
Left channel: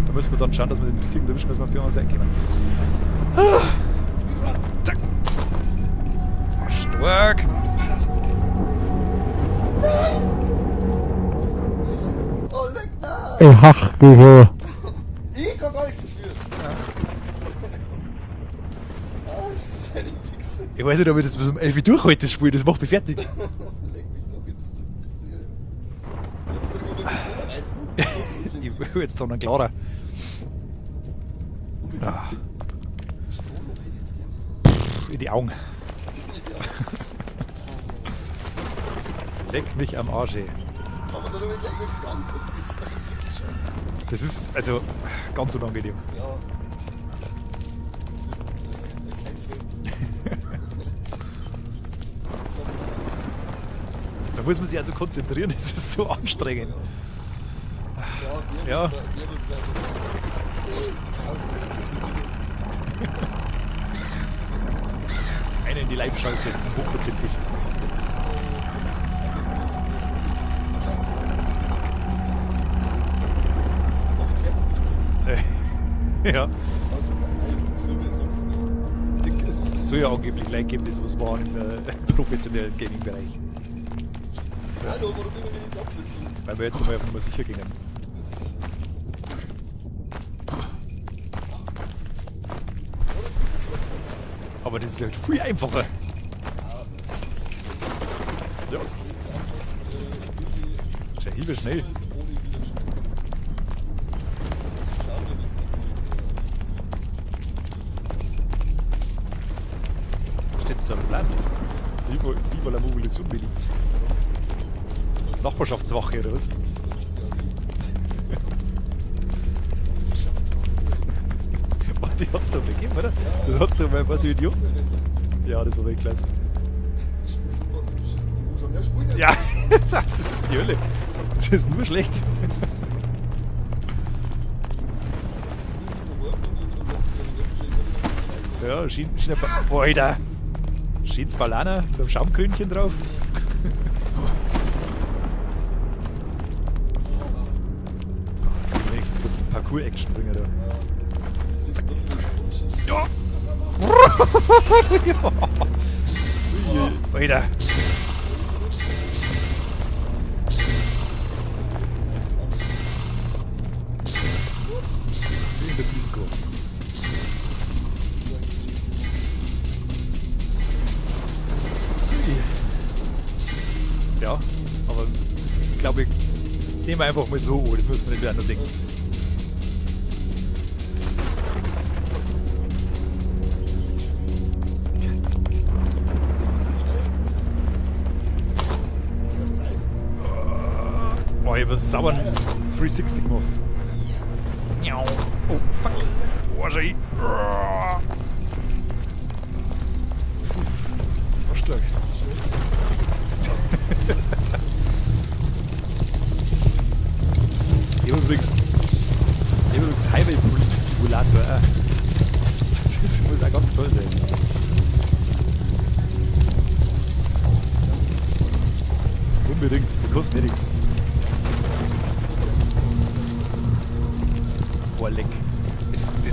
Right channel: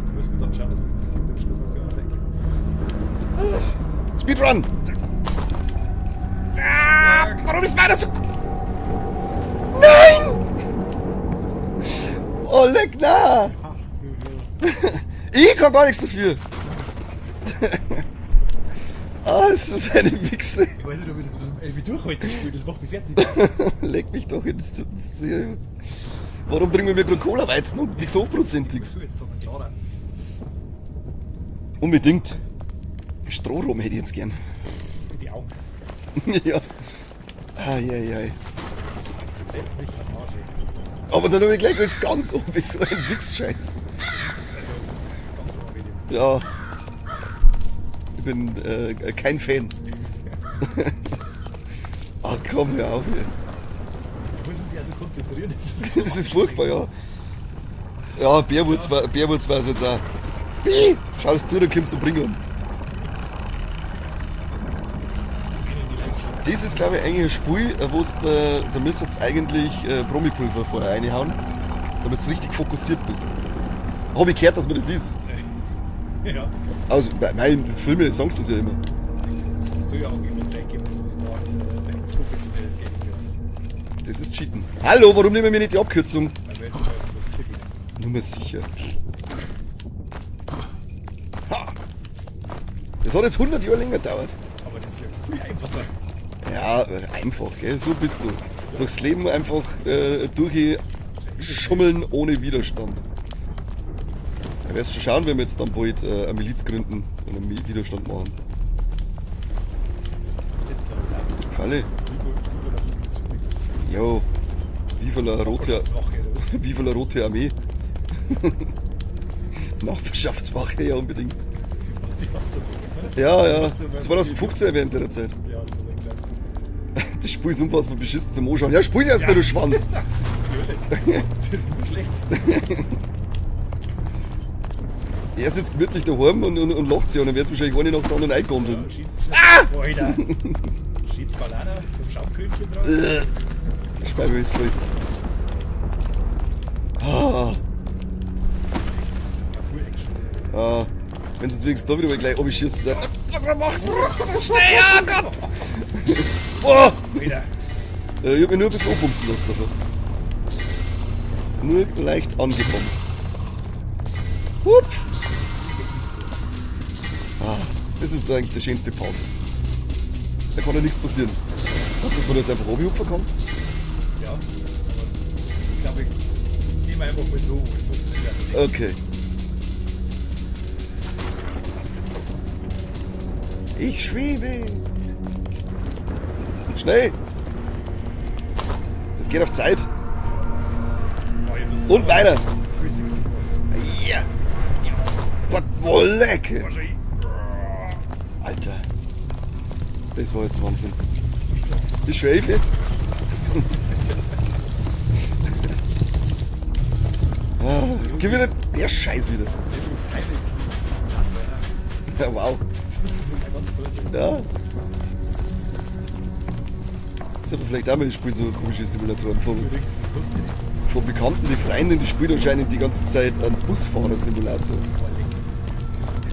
Da müssen wir dann schauen, dass wir den richtigen erwischen, dass wir auf die andere Seite kommen. Speedrun! Zack! Warum ist meiner so. Nein! Oh, leck, nein! Ach, du. Ich kann gar nichts dafür. Ah, es ist eine Wichse. Ich weiß nicht, ob ich das bis um 11 Uhr durchhalte, das Spiel, das macht mich fertig. Leck mich doch ins. Warum trinken wir Cola-Weizen und so Ich prozentig? will jetzt dann einen klarer. Unbedingt. Strohrum hätte ich jetzt gern. In die Augen. Ja. Eieiei. Leck mich am Arsch, ey. Aber dann habe ich gleich als ganz oben so ein Wichsscheiß. Das ist also ganz unangenehm. Ja. Ich bin kein Fan. Ach komm, hör auf. Ey. Da muss man sich also konzentrieren, das ist so Das ist furchtbar, anstrengend. ja. Ja, Bärwurz Ja. war es jetzt auch. Schau es zu, dann kommst du bringen. Einen in die Leibschale. Das ist, glaube ich, eigentlich ein Spiel, wo da müsst jetzt eigentlich Bromipulver vorher reinhauen, damit du richtig fokussiert bist. Hab ich gehört, dass man das ist. Ja. Also bei meinen Filmen sagen sie das ja immer. Es soll ja angeblich gleich geben, das was war im professionellen Gaming-Bereich. Das ist Cheaten. Hallo, warum nehmen wir nicht die Abkürzung? Weil wir jetzt einmal auf Nummer sicher gehen. Nummer sicher. Ha. Das hat jetzt 100 Jahre länger gedauert. Aber das ist halt viel einfacher. Ja, einfach, gell? So bist du. Ja. Durchs Leben einfach durchschummeln ohne Widerstand. Du wirst schon schauen, wenn wir jetzt dann bald eine Miliz gründen oder einen Widerstand machen. Steht das aber da? Alle. Viva la Mobilisation-Miliz. Jo. Viva la Rote, Nachbarschaftswache oder was? Viva la Rote Armee. Nachbarschaftswache, ja unbedingt. Die hat es doch gegeben, oder? Ja, ja. Hat so mal 2015 während der Zeit. Ja, das war echt klasse. Das Spiel ist unfassbar beschissen zum Anschauen. Ja, spiel's erst mal, du Schwanz. Das ist die Hölle. Das ist nur schlecht. Er sitzt gemütlich daheim und lacht sich und dann wird es wahrscheinlich eine nach der anderen eingegangen. Ja, Schnitzel. Boah, Alter. Schiedsballana mit einem Schaumkrönchen drauf. Schweibe ist voll. Ah, Parkour-Action drin, oder? ah. Wenn du jetzt wenigstens da wieder mal gleich abschießt. Ja, was machst du? Oh! Alter. Ich hab mich nur ein bisschen anbumsen lassen. Also. Nur leicht angebumst. Hup. In der Disco. Ah, das ist eigentlich der schönste Part. Da kann ja nichts passieren. Hast du so jetzt einfach runterhupfen können? Ja, aber ich glaube, ich nehme einfach mal so, das muss man nicht anders denken. Okay. Ich schwebe. Schnell. Es geht auf Zeit. Boah, ich hab's Und weiter. 360 gemacht. Ja. Ja. Was voll lecker. Wahrscheinlich. Alter. Das war jetzt Wahnsinn. Stark. Die Schwebe. Gib mir der Scheiß wieder. Übrigens Highway Police Simulator. Ja, wow. Das muss auch ganz toll sein. Ja. Sollte vielleicht auch mal ein Spiel so ein komisches Simulator von Unbedingt, die kosten ja nichts. Bekannten, die Freundin, die spielt anscheinend die ganze Zeit einen Busfahrer-Simulator. Boah, leck.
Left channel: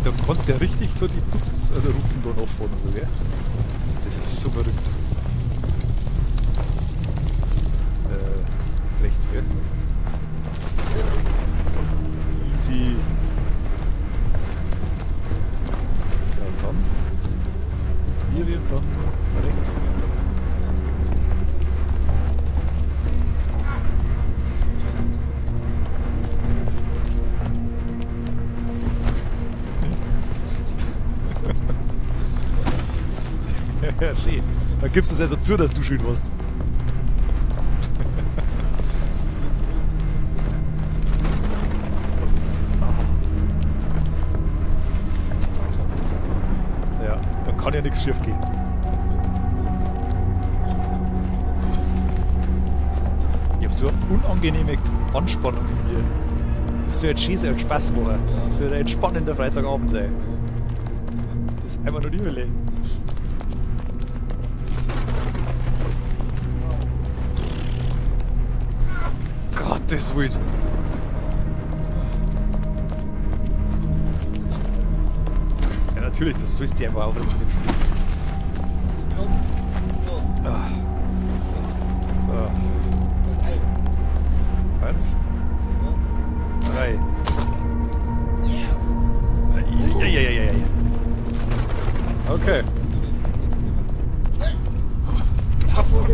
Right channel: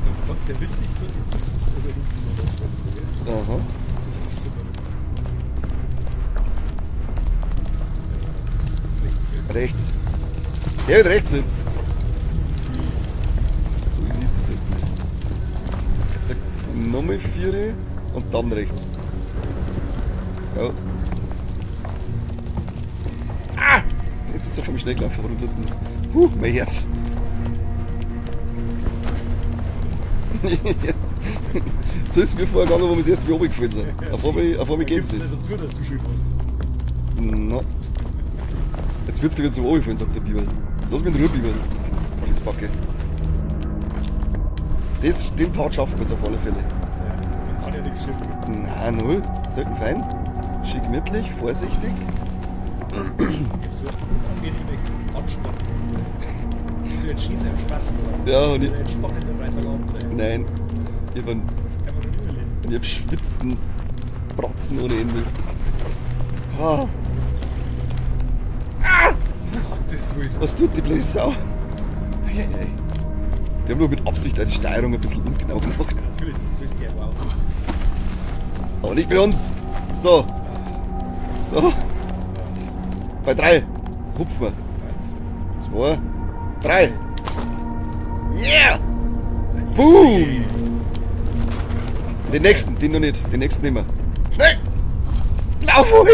Da kannst du ja richtig so die Busrouten da nachfahren. So, gell? Aha. Das ist so verrückt. Rechts, gell? Rechts. Ja, rechts jetzt. Easy. So easy ist das jetzt nicht. Zack, nochmal 4 und dann rechts. Ja. Ah! Jetzt ist er vom Schnellkampf runter jetzt nicht. Mein Herz. So ist es mir vorher gegangen, wo wir das erste Mal runtergefallen sind. Auf einmal Da gibst du es also zu, dass du schön warst. Na. Jetzt wird's gleich zum runtergefallen, sagt der Biber. Lass mich in Ruhe, Biber. Das Backe. Den Part schaffen wir jetzt auf alle Fälle. Ja, dann kann ja nichts schief gehen. Na, null. Selten fein. Schick gemütlich, vorsichtig. Ich hab so eine unangenehme Anspannung hier. Das soll jetzt schön sein und Spaß machen. Ja, das soll und ein entspannender Freitagabend sein. Nein. Ich Das einmal noch nie überlegen. hab Schwitzen, Bratzen ohne Ende. Ah, Gottes Willen. was tut die blöde Sau? Hey, hey. Die haben nur mit Absicht die Steuerung ein bisschen ungenau gemacht. Ja, natürlich, das sollst du einfach auch. Aber nicht bei uns. So. So. So, Bei 3. Hupfen wir. 1, 2, 3. Yeah! Ja. Den nächsten, den noch nicht. Den nächsten nehmen wir. Schnell! Lauf hoch!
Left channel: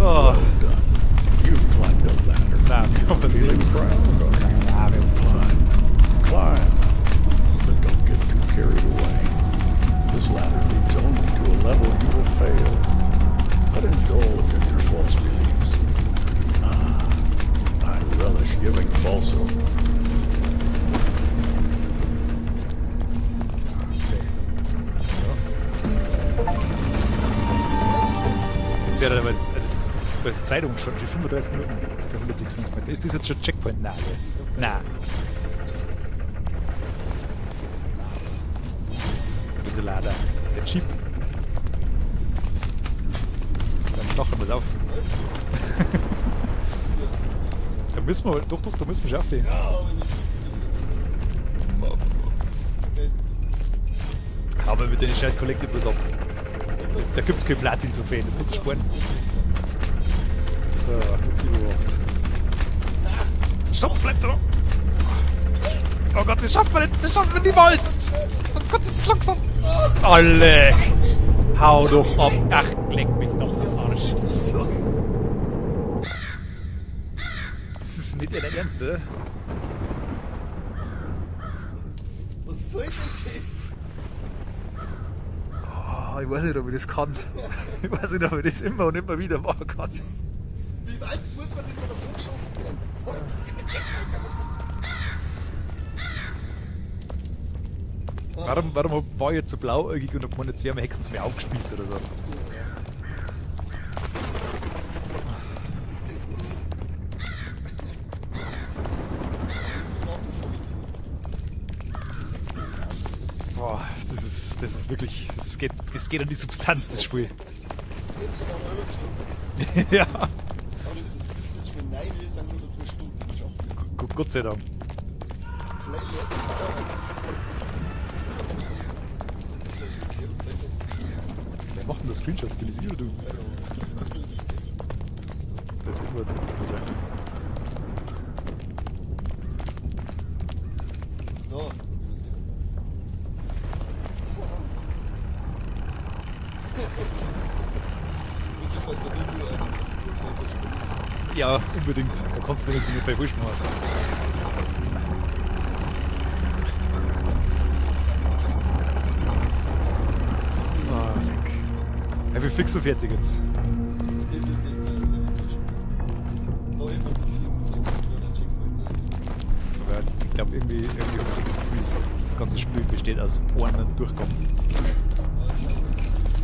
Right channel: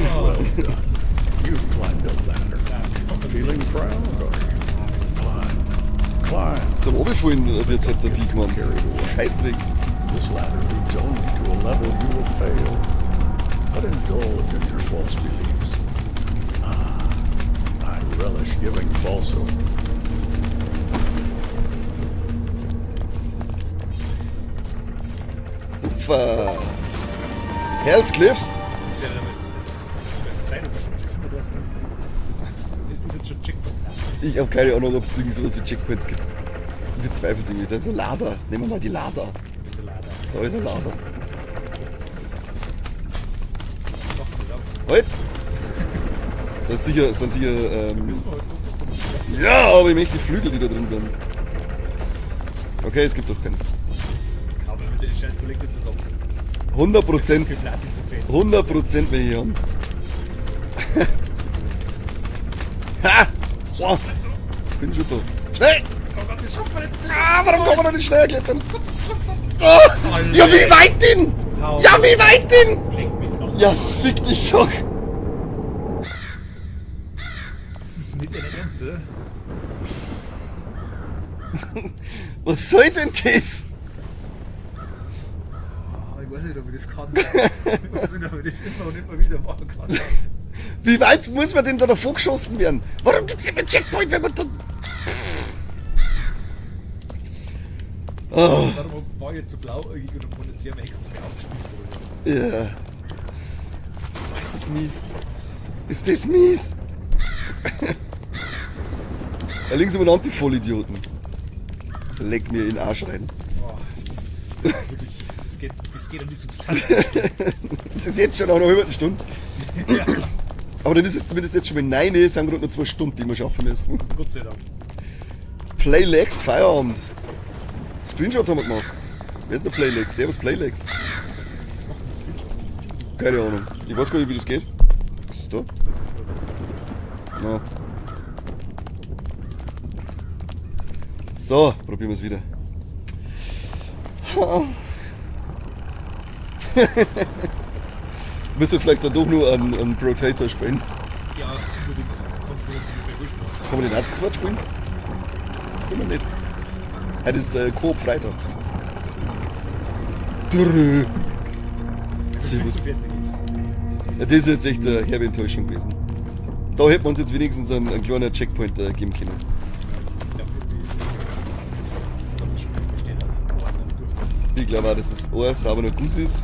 Oh, You've climbed a ladder. na, Feeling proud, are you? Climb. Climb. Zum Oberfallen wird halt der Kick gemacht. Carried away. Scheißdreck. This ladder leads only to a level you will fail. But indulge in your false beliefs. Ah, I relish giving false hope. Hells Cliffs. das ist ja dann, also das ist Zeitung schon 35 Minuten. Ist das jetzt schon Checkpoint? Nein. Ich habe keine Ahnung, ob es irgendwie sowas wie Checkpoints gibt. Ich bezweifle sie nicht. Das ist ein Lava. Nehmen wir mal die Lava. Diese Lader. Da ist ein Lava. Mach mal auf. Halt! Das sind sicher, Da müssen wir, doch, da müssen wir aufnehmen. ja, aber ich möchte die Flügel, die da drin sind. Okay, es gibt doch keinen. Aber mit den scheiß Collectibles auf. 100%. Platin-Trophäen. 100% will ich haben. Ha! So, Blätter. bin schon so. Schnell! Oh Gott, das schaffen wir nicht. Das Ah, schaffen wir warum kann man noch niemals. nicht schnell klettern? Gott, das ist langsam. Oh, Alle. ja, wie weit denn? Hau Ja, doch wie ab. weit denn? Leg mich noch. Ja, fick dich doch. Das ist nicht dein Ernst, oder? Was soll denn das? Oh, ich weiß nicht, ob ich das kann. Ich weiß nicht, ob ich das immer und immer wieder machen kann. Wie weit muss man denn da davor geschossen werden? Warum gibt's immer einen Checkpoint, wenn man da... Warum war ich jetzt so blauäugig und hab meine zwei Hexen zu mir aufgespießt oder so? Ja. Ist das mies? Ist das mies? Da links umeinander, die Vollidioten. Leck mir in den Arsch rein. Boah, das ist wirklich, das geht an die Substanz des Spiels. Das ist jetzt schon nach einer halben Stunde. Ja, Aber dann ist es zumindest jetzt schon mit 9 Uhr, sind gerade noch 2 Stunden, die wir schaffen müssen. Gott sei Dank. Playlegs, Feierabend. Screenshot haben wir gemacht. Wer ist der Playlegs? Servus Playlegs. Was macht denn das Screenshot? Stilisiert du? Keine Ahnung. Ich weiß gar nicht, wie das geht. Was ist da? Das ist nur Ja. So, probieren wir es wieder. Müssen wir vielleicht da doch nur einen Rotator spielen? Ja, unbedingt. Da kannst du mir jetzt ungefähr wurscht machen. Kann man den auch zu zweit spielen? Spielen wir nicht. Heute ist Coop Freitag. Ja, wir fix so fertig jetzt. Ja, das ist jetzt echt eine herbe Enttäuschung gewesen. Da hätten wir uns jetzt wenigstens einen kleinen Checkpoint geben können. Ja, ich glaube, irgendwie habe ich das Gefühl, das ganze Spiel besteht aus Ohren und Durchgang. Ich glaube auch, dass es ein sauberer Guss ist.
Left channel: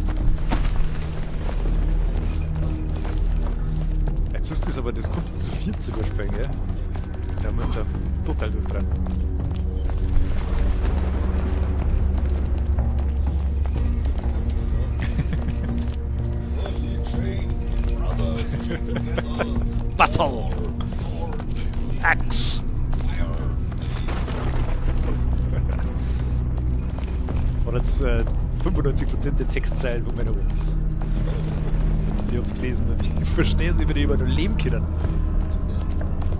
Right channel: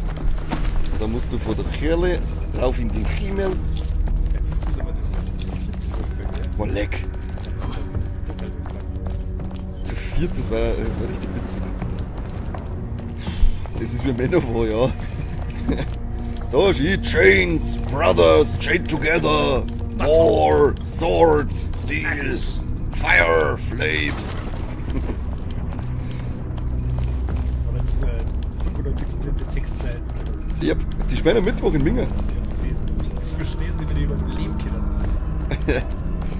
Da musst du von der Kerle rauf in den Himmel. Jetzt ist das aber, das kannst du zu 14 überspringen, ja? Boah, leck. Da musst du total durchtreiben. Zu viert, das war richtig witzig. Das ist wie Männerhor, ja. Da steht Chains, Brothers, chained together. War, Sword, Steel, Axe. Fire, Flames. Das waren jetzt 95% der Textzeilen, wo wir Yep, die spielen am Mittwoch in Minga. ich hab's gelesen. Ich verstehe es nicht, wie die über nur leben können.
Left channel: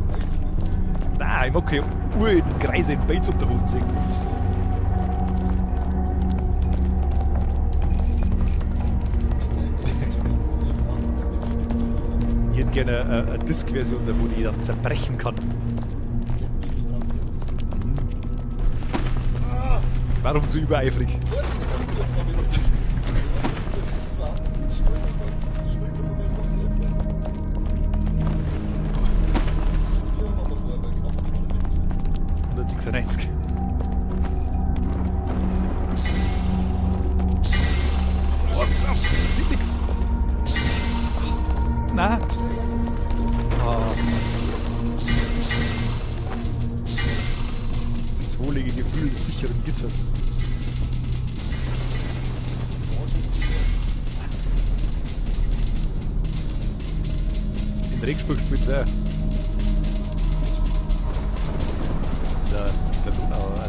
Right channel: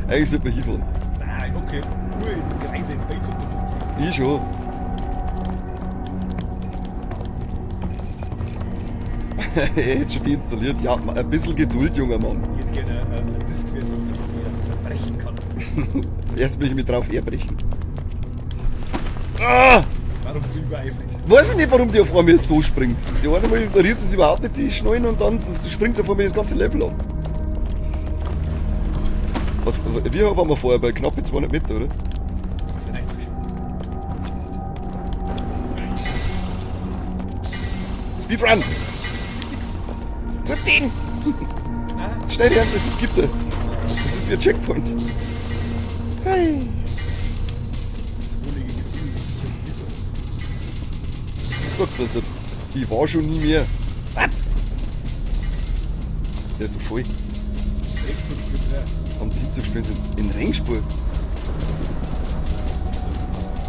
Eigentlich sollte man hinfahren. Nein, ich hab keine uralten Kreise in Bates unterwissen sehen. Ich schon. Hätte schon die installiert. Ja, ein bisschen Geduld, junger Mann. Ich hätte gerne eine Disk-Version davon, die ich dann zerbrechen kann. Erst will ich mich drauf herbrechen. Ah! Warum so übereifrig? Weiß ich nicht, warum die auf einmal so springt. Die eine Mal ignoriert sie es überhaupt nicht, die Schnallen, und dann springt sie auf einmal das ganze Level ab. Was, wir waren wir vorher bei knapp 200 Meter, oder? 196. Speedrun! Sieht nix. Strategen! Nein. Schnell lernen, das ist Gitter. Das ist wie ein Checkpoint. Hey. Das wohlige Gefühl des sicheren Gitters. Sag's doch nicht. Ich war schon nie mehr. Was? Der ist voll. Im Regenspur gespielt, ja. Haben sie so gespielt in Ringspur? Arena oder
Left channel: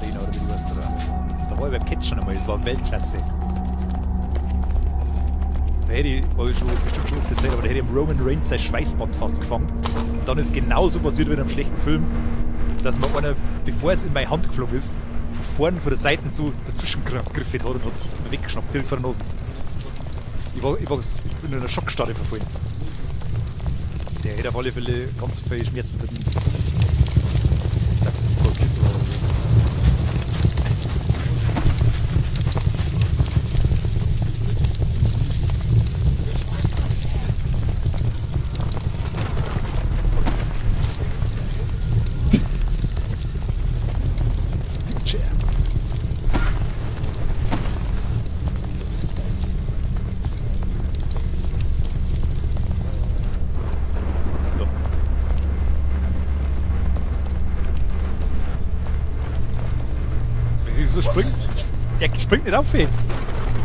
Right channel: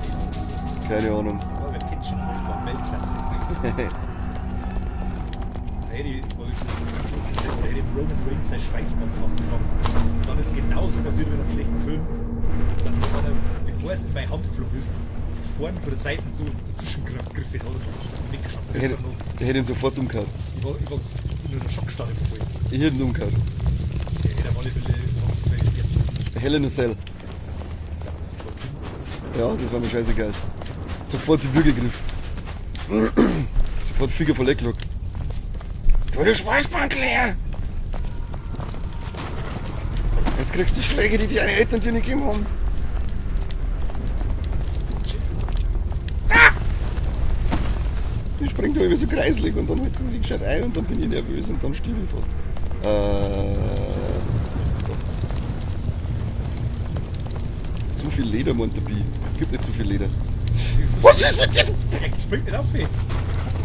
irgendwas. Keine Ahnung. Da war ich beim Catchen einmal, das war Weltklasse. Da hätte ich, habe ich schon bestimmt schon oft erzählt, aber da hätte ich im Roman Reigns sein Schweißband fast gefangen. Und dann ist genauso passiert wie in einem schlechten Film, dass mir einer, bevor es in meine Hand geflogen ist, vorne von der Seite so dazwischen gegriffen hat und hat es weggeschnappt, direkt vor der Nase. Der hätte ihn sofort umgehauen. Ich war in einer Schockstarre verfallen. Ich hätte ihn umgehauen. Der hätte auf alle Fälle ganz viele Schmerzen mit. Hell in a Cell. Das ist voll gut. Ja, das war mir scheißegal. Sofort die Flügel gegriffen. Sofort Finger verleckt. Du der Schweißband leer! Jetzt kriegst du die Schläge, die deine Eltern dir nicht gegeben haben. Die springt irgendwie so kreislig und dann hat sie die Geschrei und dann bin ich nervös und dann stimmt fast. Zu viel Leder, Montabi. Gibt nicht zu viel Leder. Was ist mit dir? Der springt nicht auf, ey.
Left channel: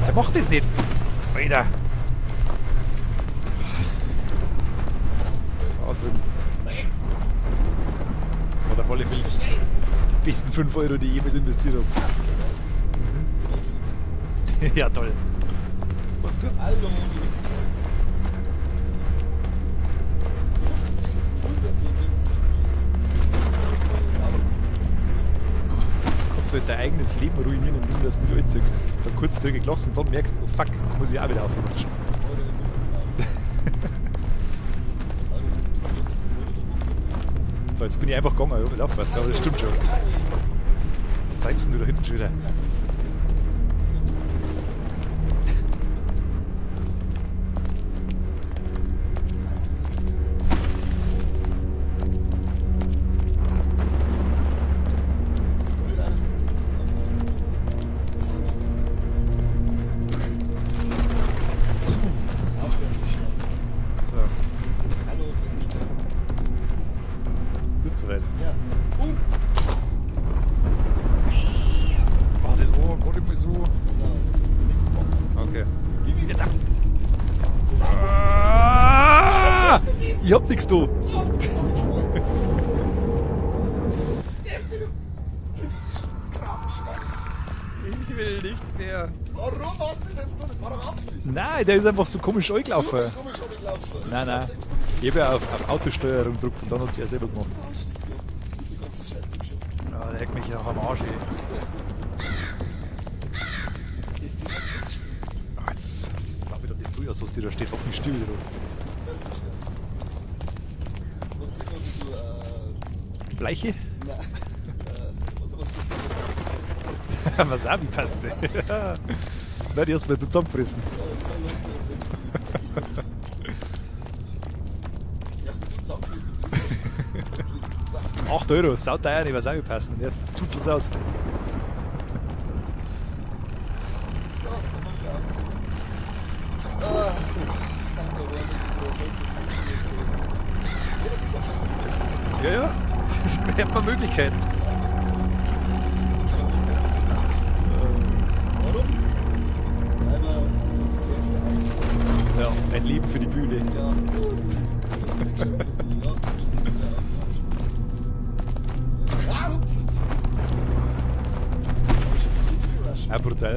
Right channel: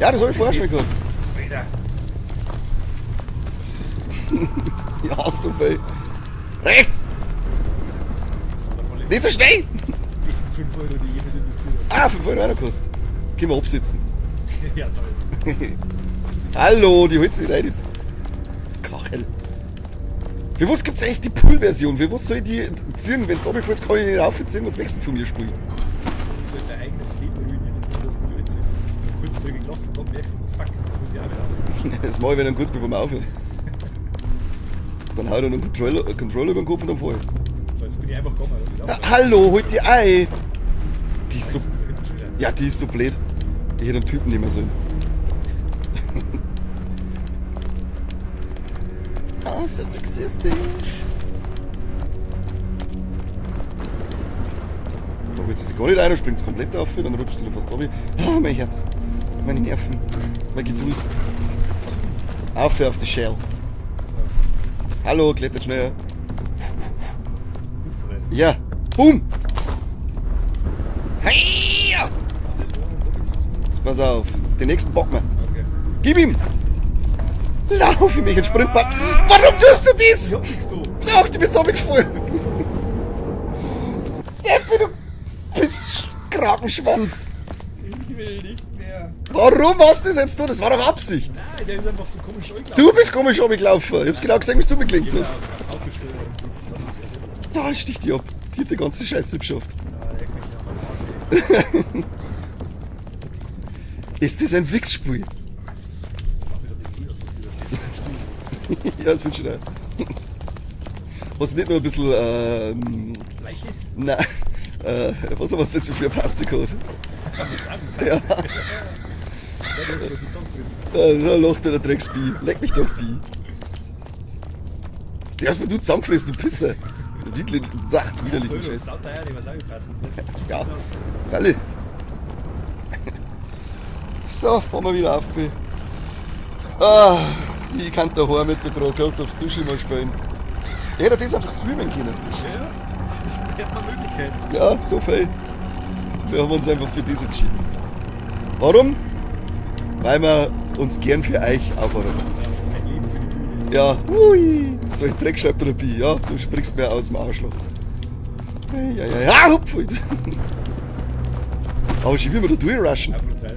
Ja, das Mach hab ich das vorher nicht. schon gehabt. Alter. Ja, so viel. Also, Rechts! Das war der volle Nicht so schnell! besten 5 Euro, die ich jemals investiert Ah, 5 Euro einer kostet. Gehen wir absitzen. habe. Ja, toll. Hallo, die holt sich rein. Kachel. Für was gibt's eigentlich die Pool-Version? Für was soll ich die ziehen? Wenn es da befällst, kann ich nicht raufziehen, was möchtest du von mir spielen? Du sollst dein eigenes Leben ruinieren, indem du das nicht anziehst. Dann kurz drüber lachst und dann merkst, oh fuck, jetzt muss ich auch wieder aufhören. Das mache ich, wenn dann kurz bevor wir aufhören. Dann haut er noch einen Controller über den Kopf und dann vorhin. So, jetzt bin ich einfach gegangen. Ja, Hallo, holt die Ei! Die ist Was so, du da hinten schon wieder? ja, die ist so blöd. Ich hätte den Typen nicht mehr so. Oh, ist das sexistisch. Da wird sie gar nicht ein, springt es komplett auf, dann rutscht sie fast ab. Oh, mein Herz. Meine Nerven. Meine Geduld. Auf die Shell. So, Hallo, klettert schneller. bist du weit? Ja. Boom! Hey! Ah, das war nicht so. Jetzt pass auf. Den nächsten bocken wir. Okay. Gib ihm! Lauf für mich ein Sprintband. Warum tust du dies? Ich hab nix da. Sag, du bist damit gefallen. Seppi, du bist Krakenschwanz. Ich will nicht mehr. Warum hast du das jetzt tun? Das war doch Absicht. Nein, der ist einfach so komisch angelaufen. Du bist komisch abgelaufen. Ich hab's genau gesehen, wie du Ich mitgelegt habe hast. auf Autosteuerung gedrückt und dann hat sie selber gemacht. Da stich die ab. Die hat die ganze Scheiße geschafft. Ja, leck mich ja am Arsch. Ist das ein Wichsspiel? Jetzt sag mir doch nicht so aus, was dir da steht. Wie still. Ja, das wird schon ein. Hast du nicht nur ein bisschen, Bleiche? nein, was hast du jetzt für eine Paste gehabt? Was auch wie passt. Ja. Nein, die hast du mir zusammengefressen. Da lacht der Drecksbi. Leck mich doch, Bi. Die hast mir du zusammengefressen, du Pisser. Wirklich. 8 Euro, sauteuer, ich weiß auch wie passen. Ja, tut Ja. das aus. Alle. So, fahren wir wieder auf. Ah, ich kann daheim mit so Bratwurst auf Zuschauer spielen. Ich hätte das auf das Streamen können. Ja, ja. Das hat man Möglichkeiten. Ja, so viel. Wir haben uns einfach für das entschieden. Warum? Weil wir uns gern für euch aufhören. Ja, ein Leben für die Bühne. Ja, ui, so ein Dreckschreibtherapie, ja, du springst mir aus dem Arschloch. Ja, ja, ja, hupf! Aber schon wie wir da durchrushen. Auch brutal.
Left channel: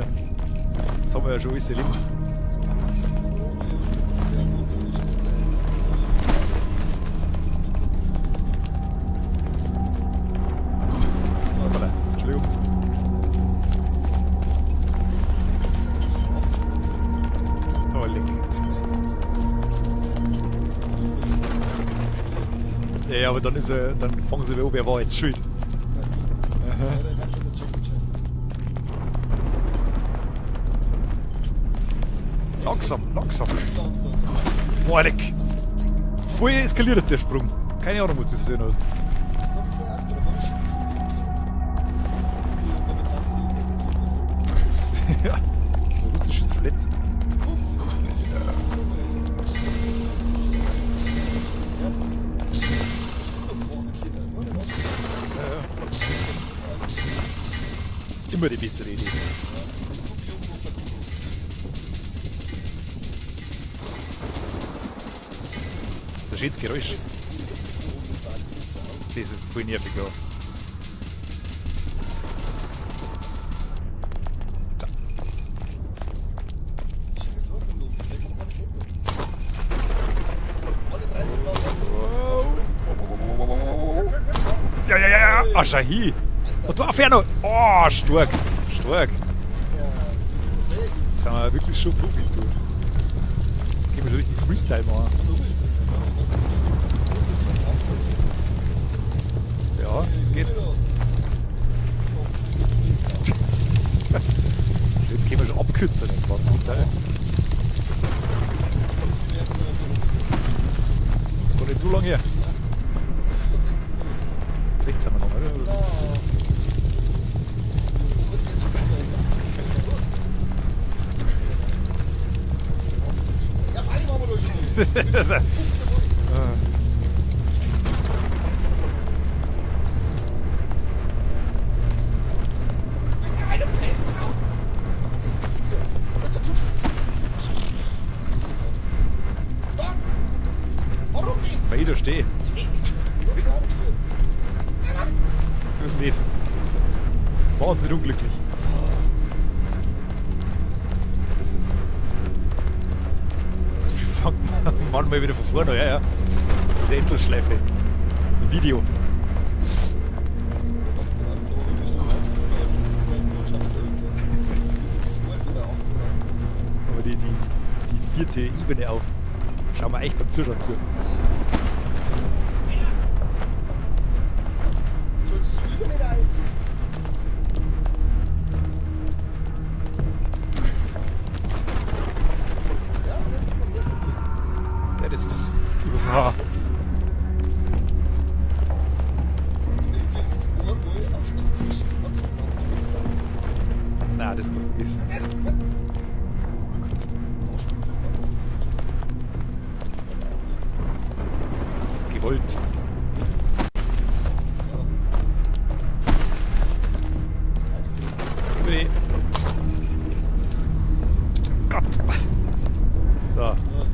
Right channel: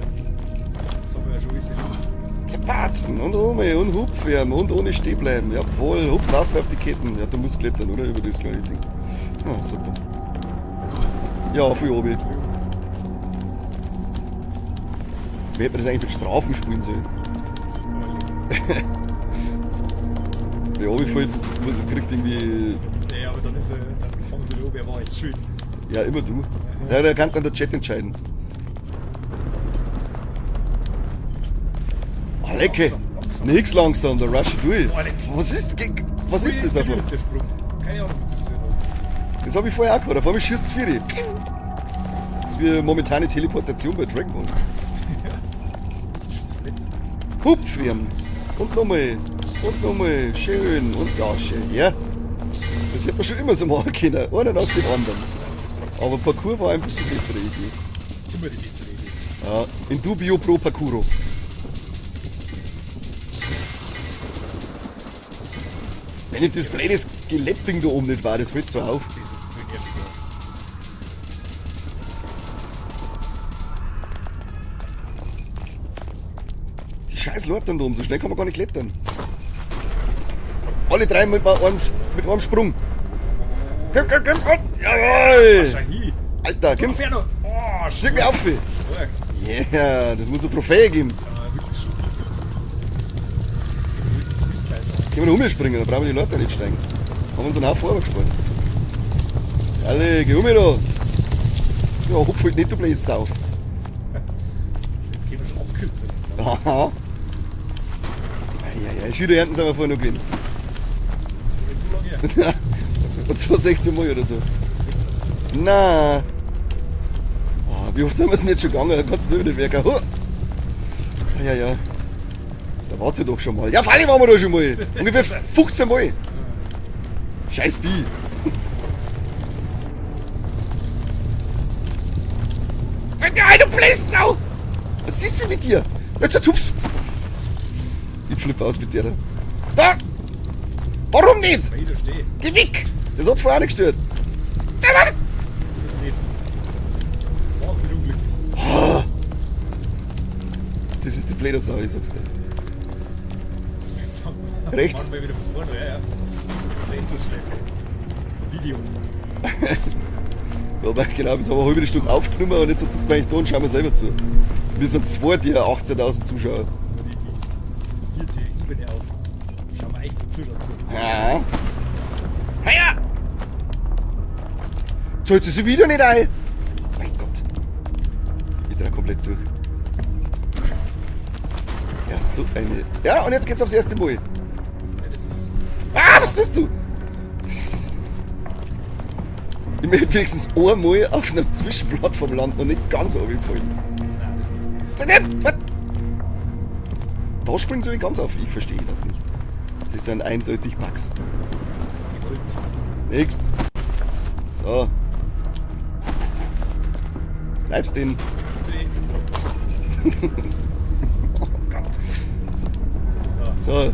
Jetzt haben wir ja schon alles erlebt. Zerpatschen und und hupfen und ohne stehen bleiben. Jawohl, hupf, lauf auf die Ketten. Ja, du musst klettern, oder? Über das kleine Ding. Ja, so. Ja, für oben. Entschuldigung. Wer hätte das eigentlich durch Strafen spielen sollen? Oh, leck. Der oben fällt, kriegt irgendwie. Ja, aber dann fangen sie wieder an, wer war jetzt schuld. Ja, immer du. Ja, der kann dann der Chat entscheiden. Oh, lecker. Langsam. Nix langsam, der Rush durch. Boah, leck. Was ist was Voll ist das? eskaliert jetzt der Sprung. Keine Ahnung, was das sein hat. Das habe ich vorher auch gehabt. Auf einmal schießt es 4. Das ist wie momentane Teleportation bei Dragon Ball. Ja, so ein russisches Skelett. Hupf werden. Und nochmal. Und nochmal. Schön. Und ja, schön. Ja. Das hätte man schon immer so machen können. Einer nach dem anderen. Aber Parkour war einfach die bessere Idee. Immer die bessere Idee. Ja. In dubio pro Parkouro. Wenn jetzt das kleines Skelettding da oben nicht war, das hört so auf. Das ist voll nervig. Ja. Die scheiß Leute da oben, so schnell kann man gar nicht klettern. Alle drei mit einem Sprung. Komm. Jawohl. Ah, Shahi. Alter, Komm, komm. Ferno. Oh, Schick mir stark. auf. Stark. Yeah, das muss eine Trophäe geben. Jetzt haben wir wirklich schon gut bist du. Ich will richtig Freestyle machen. Können wir noch umspringen, dann brauchen wir die Leute nicht steigen. Haben uns einen Haufen Euro gespart. Alle, geh um da. Ja, hupf halt nicht, du blöde Sau. Jetzt können wir schon abkürzen. Aha. Ja, Schülerernten sind wir vorher noch gewesen. Das ist gar nicht so lange her. Und zwar 16 Mal oder so. Jetzt sind wir noch. Na. Oh, wie oft sind wir denn jetzt schon gegangen? Da kannst du nicht werken. Oh. Ja. Da wart ihr doch schon mal. Ja, Falle waren wir da schon mal. Ungefähr 15 Mal. Scheiß Bi. Nein, du blöde Sau! Was ist denn mit dir? Jetzt der Tupf! Ich flippe aus mit dir. Da! Warum nicht? Weil ich da stehe. Geh weg! Das hat vorher nicht gestört. Das nicht. Wahnsinnig unglücklich. Das ist die blöde Sau, ich sag's dir. Das fangen Rechts. manchmal wieder von vorne, ja. Das ist eine Endlosschleife. Das ist ein Video. Ja, weil genau, das haben wir eine halbe Stunde aufgenommen und jetzt sitzen wir eigentlich da und schauen wir selber zu. Wir sind zwei, die 18.000 Zuschauer. Aber die vierte Ebene auf. Schauen wir echt beim Zuschauen zu. Ja. Naja! Zahlt sie wieder nicht ein? Mein Gott. Ich dreh komplett durch. Ja, so eine. Ja, und jetzt geht's aufs erste Mal. Ja, das ist. Ah, was tust du? Ich möchte wenigstens einmal auf einem Zwischenplattform landen und nicht ganz runterfallen. Nein, das muss man wissen. Da springt so ganz auf. Ich verstehe das nicht. Das sind eindeutig Bugs. Das ist gewollt. Nix. So. Bleibst den. Nee. Oh Gott. So, So.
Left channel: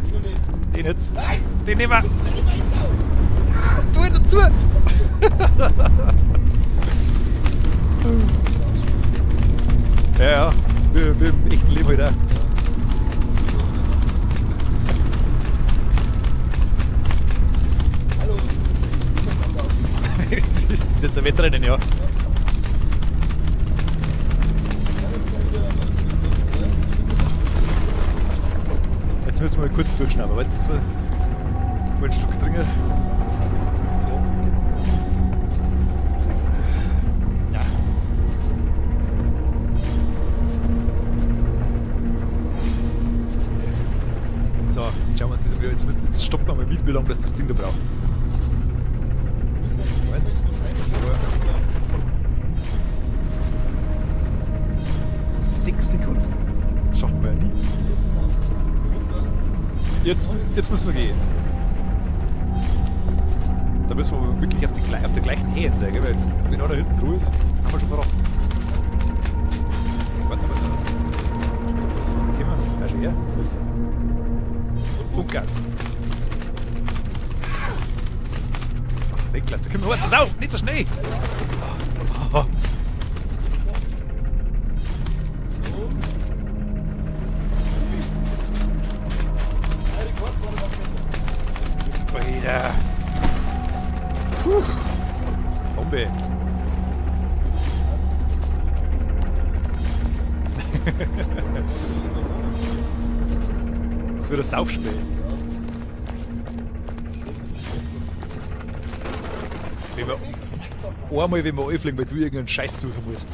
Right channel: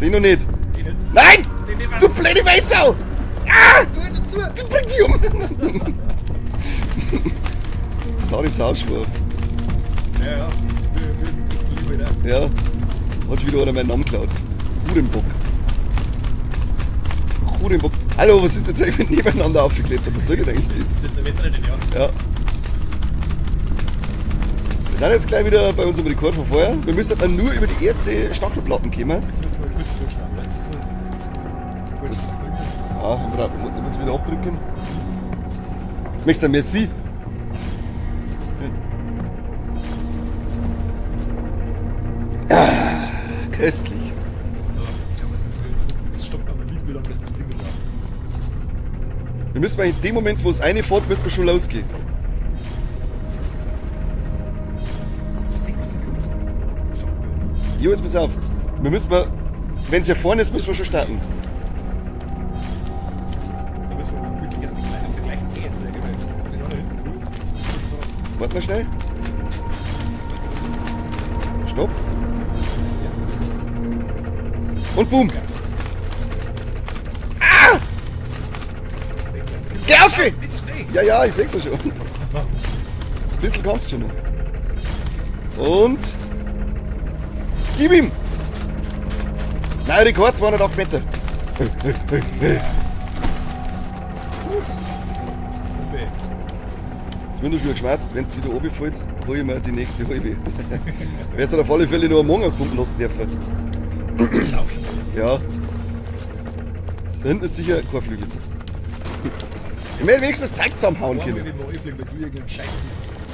Den noch nicht. den jetzt. Nein! Den nehmen wir. Du blöde Weizsau! Ah! Tu ihn dazu. Die bringt dich um! Sorry, Sauschwurf. Ja, ja. Wir haben echt Leben wieder. Ja. Hat wieder einer meinen Namen geklaut. Hurenbock. Hurenbock. Hallo, was ist jetzt eigentlich nebeneinander aufgeklebt? Was soll ich denn? Das ist jetzt ein Wettrennen, ja. Ja. Wir sind jetzt gleich wieder bei unserem Rekord von vorher. Wir müssen aber nur über die erste Stachelplatten kommen. Jetzt müssen wir mal kurz durchschneiden. Warte, jetzt mal. Gut, dringend. Ja, Frau, wir müssen das wieder abdrücken. Möchtest du ein Merci? Ah, köstlich. So, schauen wir uns das mal. Jetzt stoppen wir mal mit, wie lange das Ding da braucht. Wir müssen mal in dem Moment, wo es eine fährt, müssen wir schon losgehen. 6 Sekunden. Schaffen wir ja nie. Jo, jetzt pass auf. Wir müssen mal, wenn es hier vorne ist, müssen wir schon starten. Da müssen wir wirklich auf der gleichen Höhe sein, gell? Weil wenn einer hinten dran ist, kann man schon verraten. Warte mal schnell. Stopp. Das kennen wir nicht mehr. Und boom. Gas. Niklas, da können Geh wir auf! Lauf, nicht so schnell! Ja, ja, ich seh's ja schon. Ein bisschen kannst du schon noch. Und. Gib ihm! Nein, Rekord 208 Meter. Ja. Bombe. Es wird nur so geschmerzt, wenn du wieder oben fällst, hol ich mir die nächste halbe. Wärst du auf alle Fälle noch am Morgen ausgucken lassen dürfen. Das ist Saufspiel. Ja. Da hinten ist sicher kein Flügel. Ich will wenigstens Zeit zusammenhauen. Einmal, wenn wir anfliegen, weil du irgendeinen Scheiß suchen musst.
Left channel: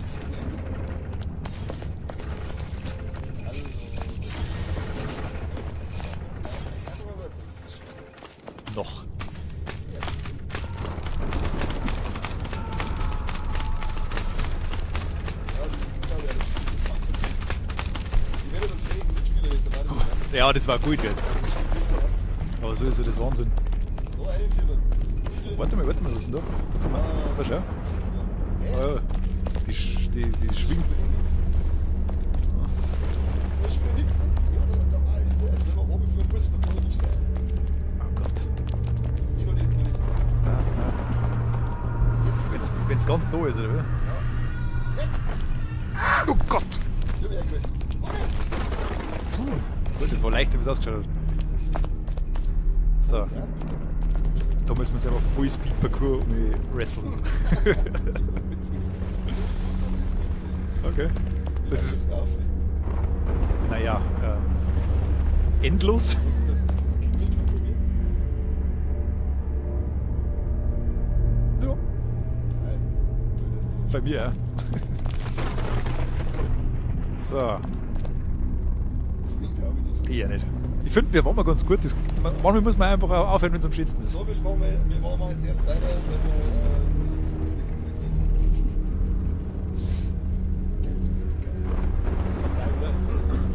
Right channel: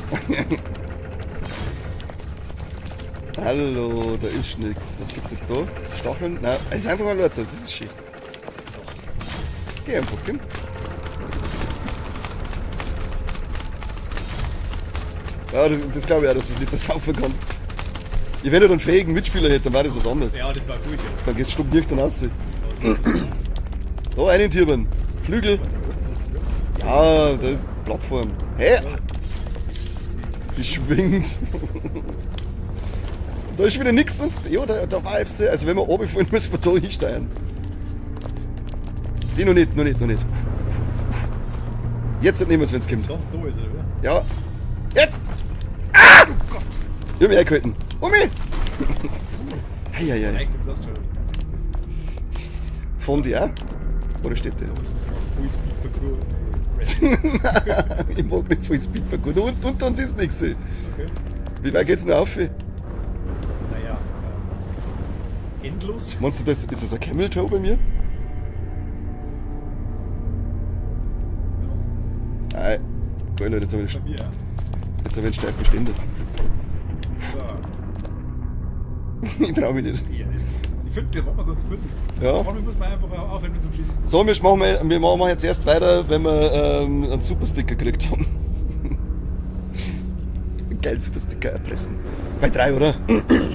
Hallo, da ist nichts. Was gibt's jetzt da? Stacheln? Nein, es ist einfach mal Leute, das ist schön. Noch. Geh einfach hin. Ja, das glaube ich auch, dass du es nicht das saufen kannst. Ich, wenn du einen fähigen Mitspieler hätte, dann war das was anderes. Ja, das war gut jetzt. Dann gehst du stumm dann raus. Aber so ist das Wahnsinn. Da einen Tiermann. Flügel. Warte mal, was ist denn da? Ah, das ist Plattform. Hä? Ja. Die schwingt. Da ist wieder nichts und ja, da war FC. Also wenn wir oben fahren, müssen wir da hinsteuern. Die noch nicht. Jetzt nehmen wir es, wenn es geht. Jetzt ganz da ist, oder? Ja. Jetzt! Ah! Oh Gott! Ich hab mich eingehalten. Umi! Das war leicht, wie es ausgeschaut hat. Von dir auch? Oder steht Da der? müssen wir jetzt einfach Full-Speed-Parcours retten. Ich mag nicht voll Speedparcours. Unter uns ist nichts. Okay. Wie weit geht's denn auf? Naja, endlos. Meinst du, ist das ein Camel Toe bei mir? Ja, Nein. Geil, Leute, jetzt habe ich bei mir, ja. einen Stein verständigt. So, Ich trau mich nicht. eher nicht. Ich finde, wir waren mal ganz gut. Das, Ja. Manchmal muss man einfach auch aufhören, wenn es am schönsten ist. So, wir machen jetzt erst weiter, wenn wir einen Supersticker gekriegt haben. Geil, Supersticker erpressen. Bei 3, oder?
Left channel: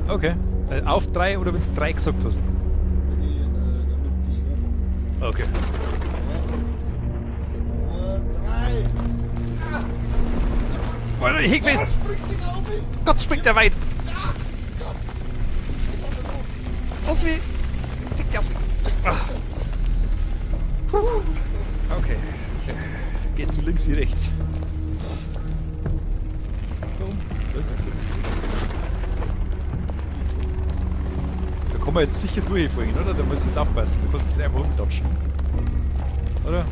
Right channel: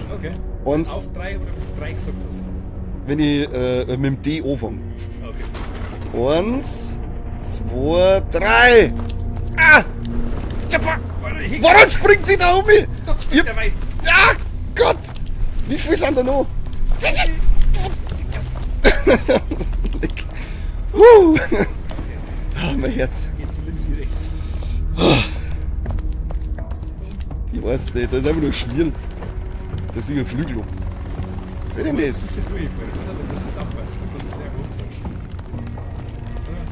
Okay. Und- Auf 3 oder wenn du 3 gesagt hast. Wenn ich mit dem D anfange. Okay. 1, 2, 3. Ah! Warum springt sie da um mich? Gott, springt der weit. Ah, Gott! Wie viel sind da noch? Okay. Ah, mein Herz. Gehst du links, ich rechts. Was ist da unten? Ich weiß nicht, das ist einfach nur schwierig. Das ist ein Flügel. Das Da will kann ich man nicht. jetzt sicher durchfallen, oder? Da musst du jetzt aufpassen. Du kannst es einfach umtatschen. Oder?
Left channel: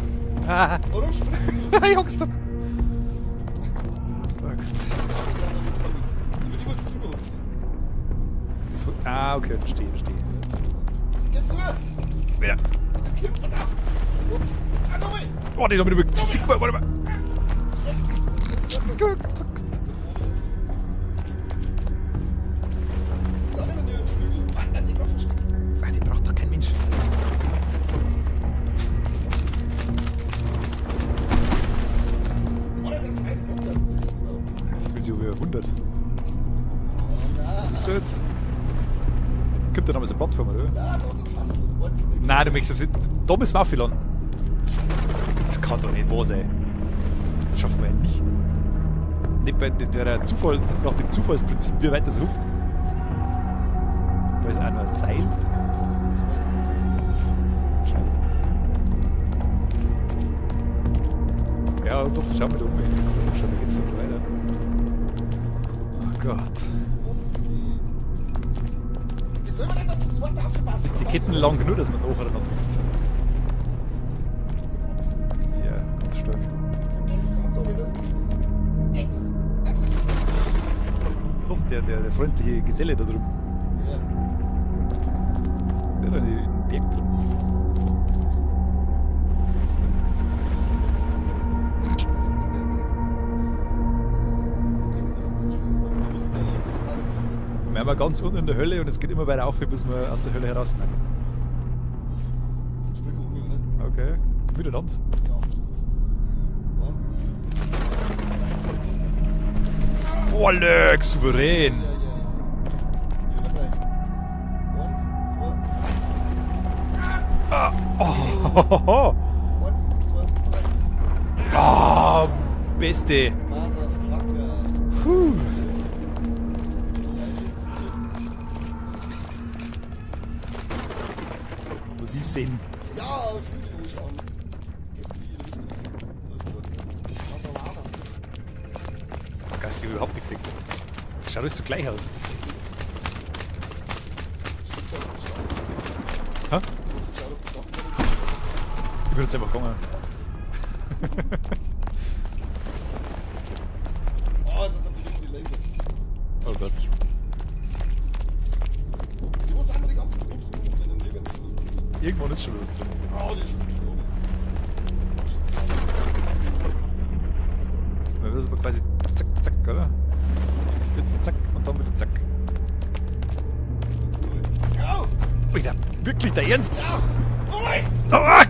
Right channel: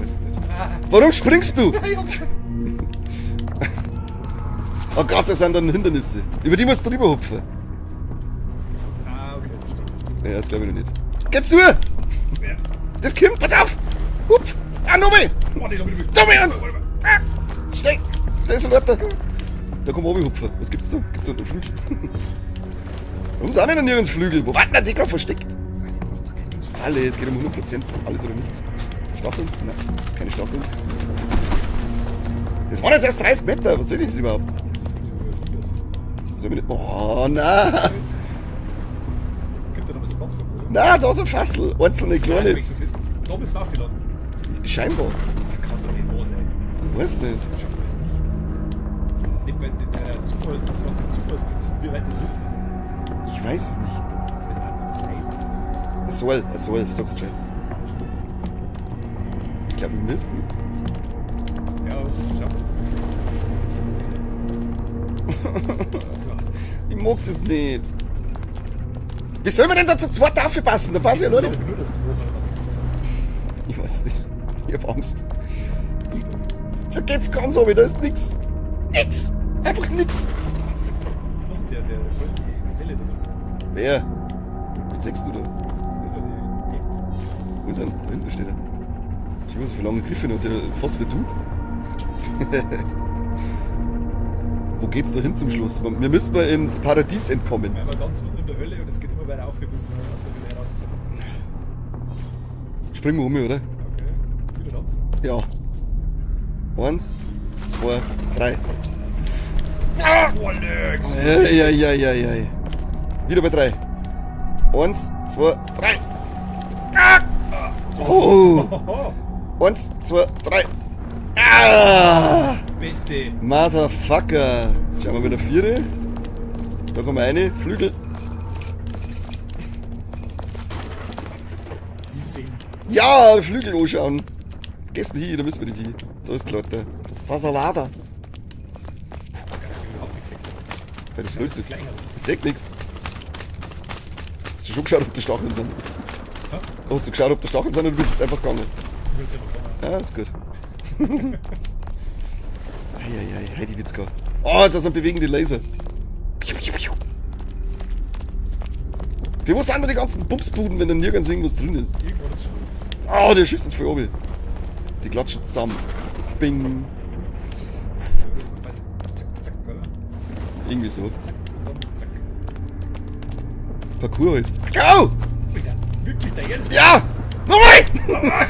Weiß nicht. Ah, Warum springst du? ich hab's schon. Oh Gott, das sind dann Hindernisse. Über die musst du drüber hupfen. Okay, verstehe. Ja, das glaube ich noch nicht. Geh zu! Ja. Das kommt, pass auf! Hupf! Ah, nochmal! Warte, da bin ich Dumme wirklich. Ernst! Ah, schnell! Schnell so weiter! Da kommen wir oben hupfen. Was gibt's da? Gibt's da einen Flügel? Warum sind denn nirgends Flügel? Wo warten denn die gerade versteckt? Ah, die braucht doch kein Mensch. Alle, es geht um 100%. Alles oder nichts. Stacheln? Nein, keine Stacheln. Das waren jetzt erst 30 Meter. Was soll das überhaupt? Ich bin so über 100. Soll ich nicht... Oh, nein! So jetzt. Gibt da noch mal so eine Plattform, oder? Nein, da ist ein Fassel. Einzelne Nein, du kleine. möchtest es nicht. Da müssen wir auch viel an. Scheinbar. Das kann doch nicht wahr sein. Ich weiß nicht. Das schaffen wir nie. Nicht bei der Zufall, nach dem Zufallsprinzip, wie weit das ruft. Ich weiß es nicht. Da ist auch noch ein Seil. Es soll, ich sag's schon. Ich glaube, wir müssen. Ja, doch, schauen wir doch mal. Schauen wir jetzt noch weiter. Oh Gott. Ich mag das nicht. Wie soll man denn da zu zweit dafür passen? Da passt ja Geht nur lang nicht. genug, dass man nachher ruft. Ich weiß nicht. Ich hab Angst. Ja, das stimmt. So geht's ganz so, da ist nix. Nix. Einfach nix. Doch, der freundliche Geselle da drüben. Wer? Siehst du da? Der da den Berg drin. Wo ist er? Da hinten steht er. Schau mal, so viele lange Griffe und der fast wie du. Wo geht's da hin zum Schluss? Wir müssen mal ins Paradies entkommen. Wir sind ganz unten in der Hölle und es geht immer weiter auf, bis wir aus der Hölle heraus sind. Springen wir um, oder? Okay. Miteinander. Ja. 1, 2, 3. Oh, Alex! Ja. Wieder bei 3. 1, 2, 3. Oh! Hoho! 1, 2, 3. Ah! Beste! Motherfucker! Schauen wir wieder 4. Da kommen wir eine. Flügel. Sie sind. Ja, Flügel anschauen. Gehst du hier, da müssen wir nicht hin. Da ist gerade der Fasalada. Da kannst du überhaupt nichts sehen. Das schaut alles so gleich aus. Ich sehe nichts. Hast du schon geschaut, ob die Stacheln sind? Ha? Hast du geschaut, ob die Stacheln sind oder bist du jetzt einfach gegangen? Ich würde jetzt einfach kommen. Ja, ist gut. Eieiei, ready wird's gar. Oh, da sind bewegende Laser. Piu, piu, piu. Für was sind da die ganzen Bumsbuden, wenn da nirgends irgendwas drin ist? Irgendwann ist schon was drin. Oh, der schießt uns voll oben. Die klatschen zusammen. Bing. Quasi zack, zack, oder? Irgendwie so. Zack und dann wieder zack. Parkour halt. Go! Wieder. Wirklich der Ernst? Ja! Nochmal!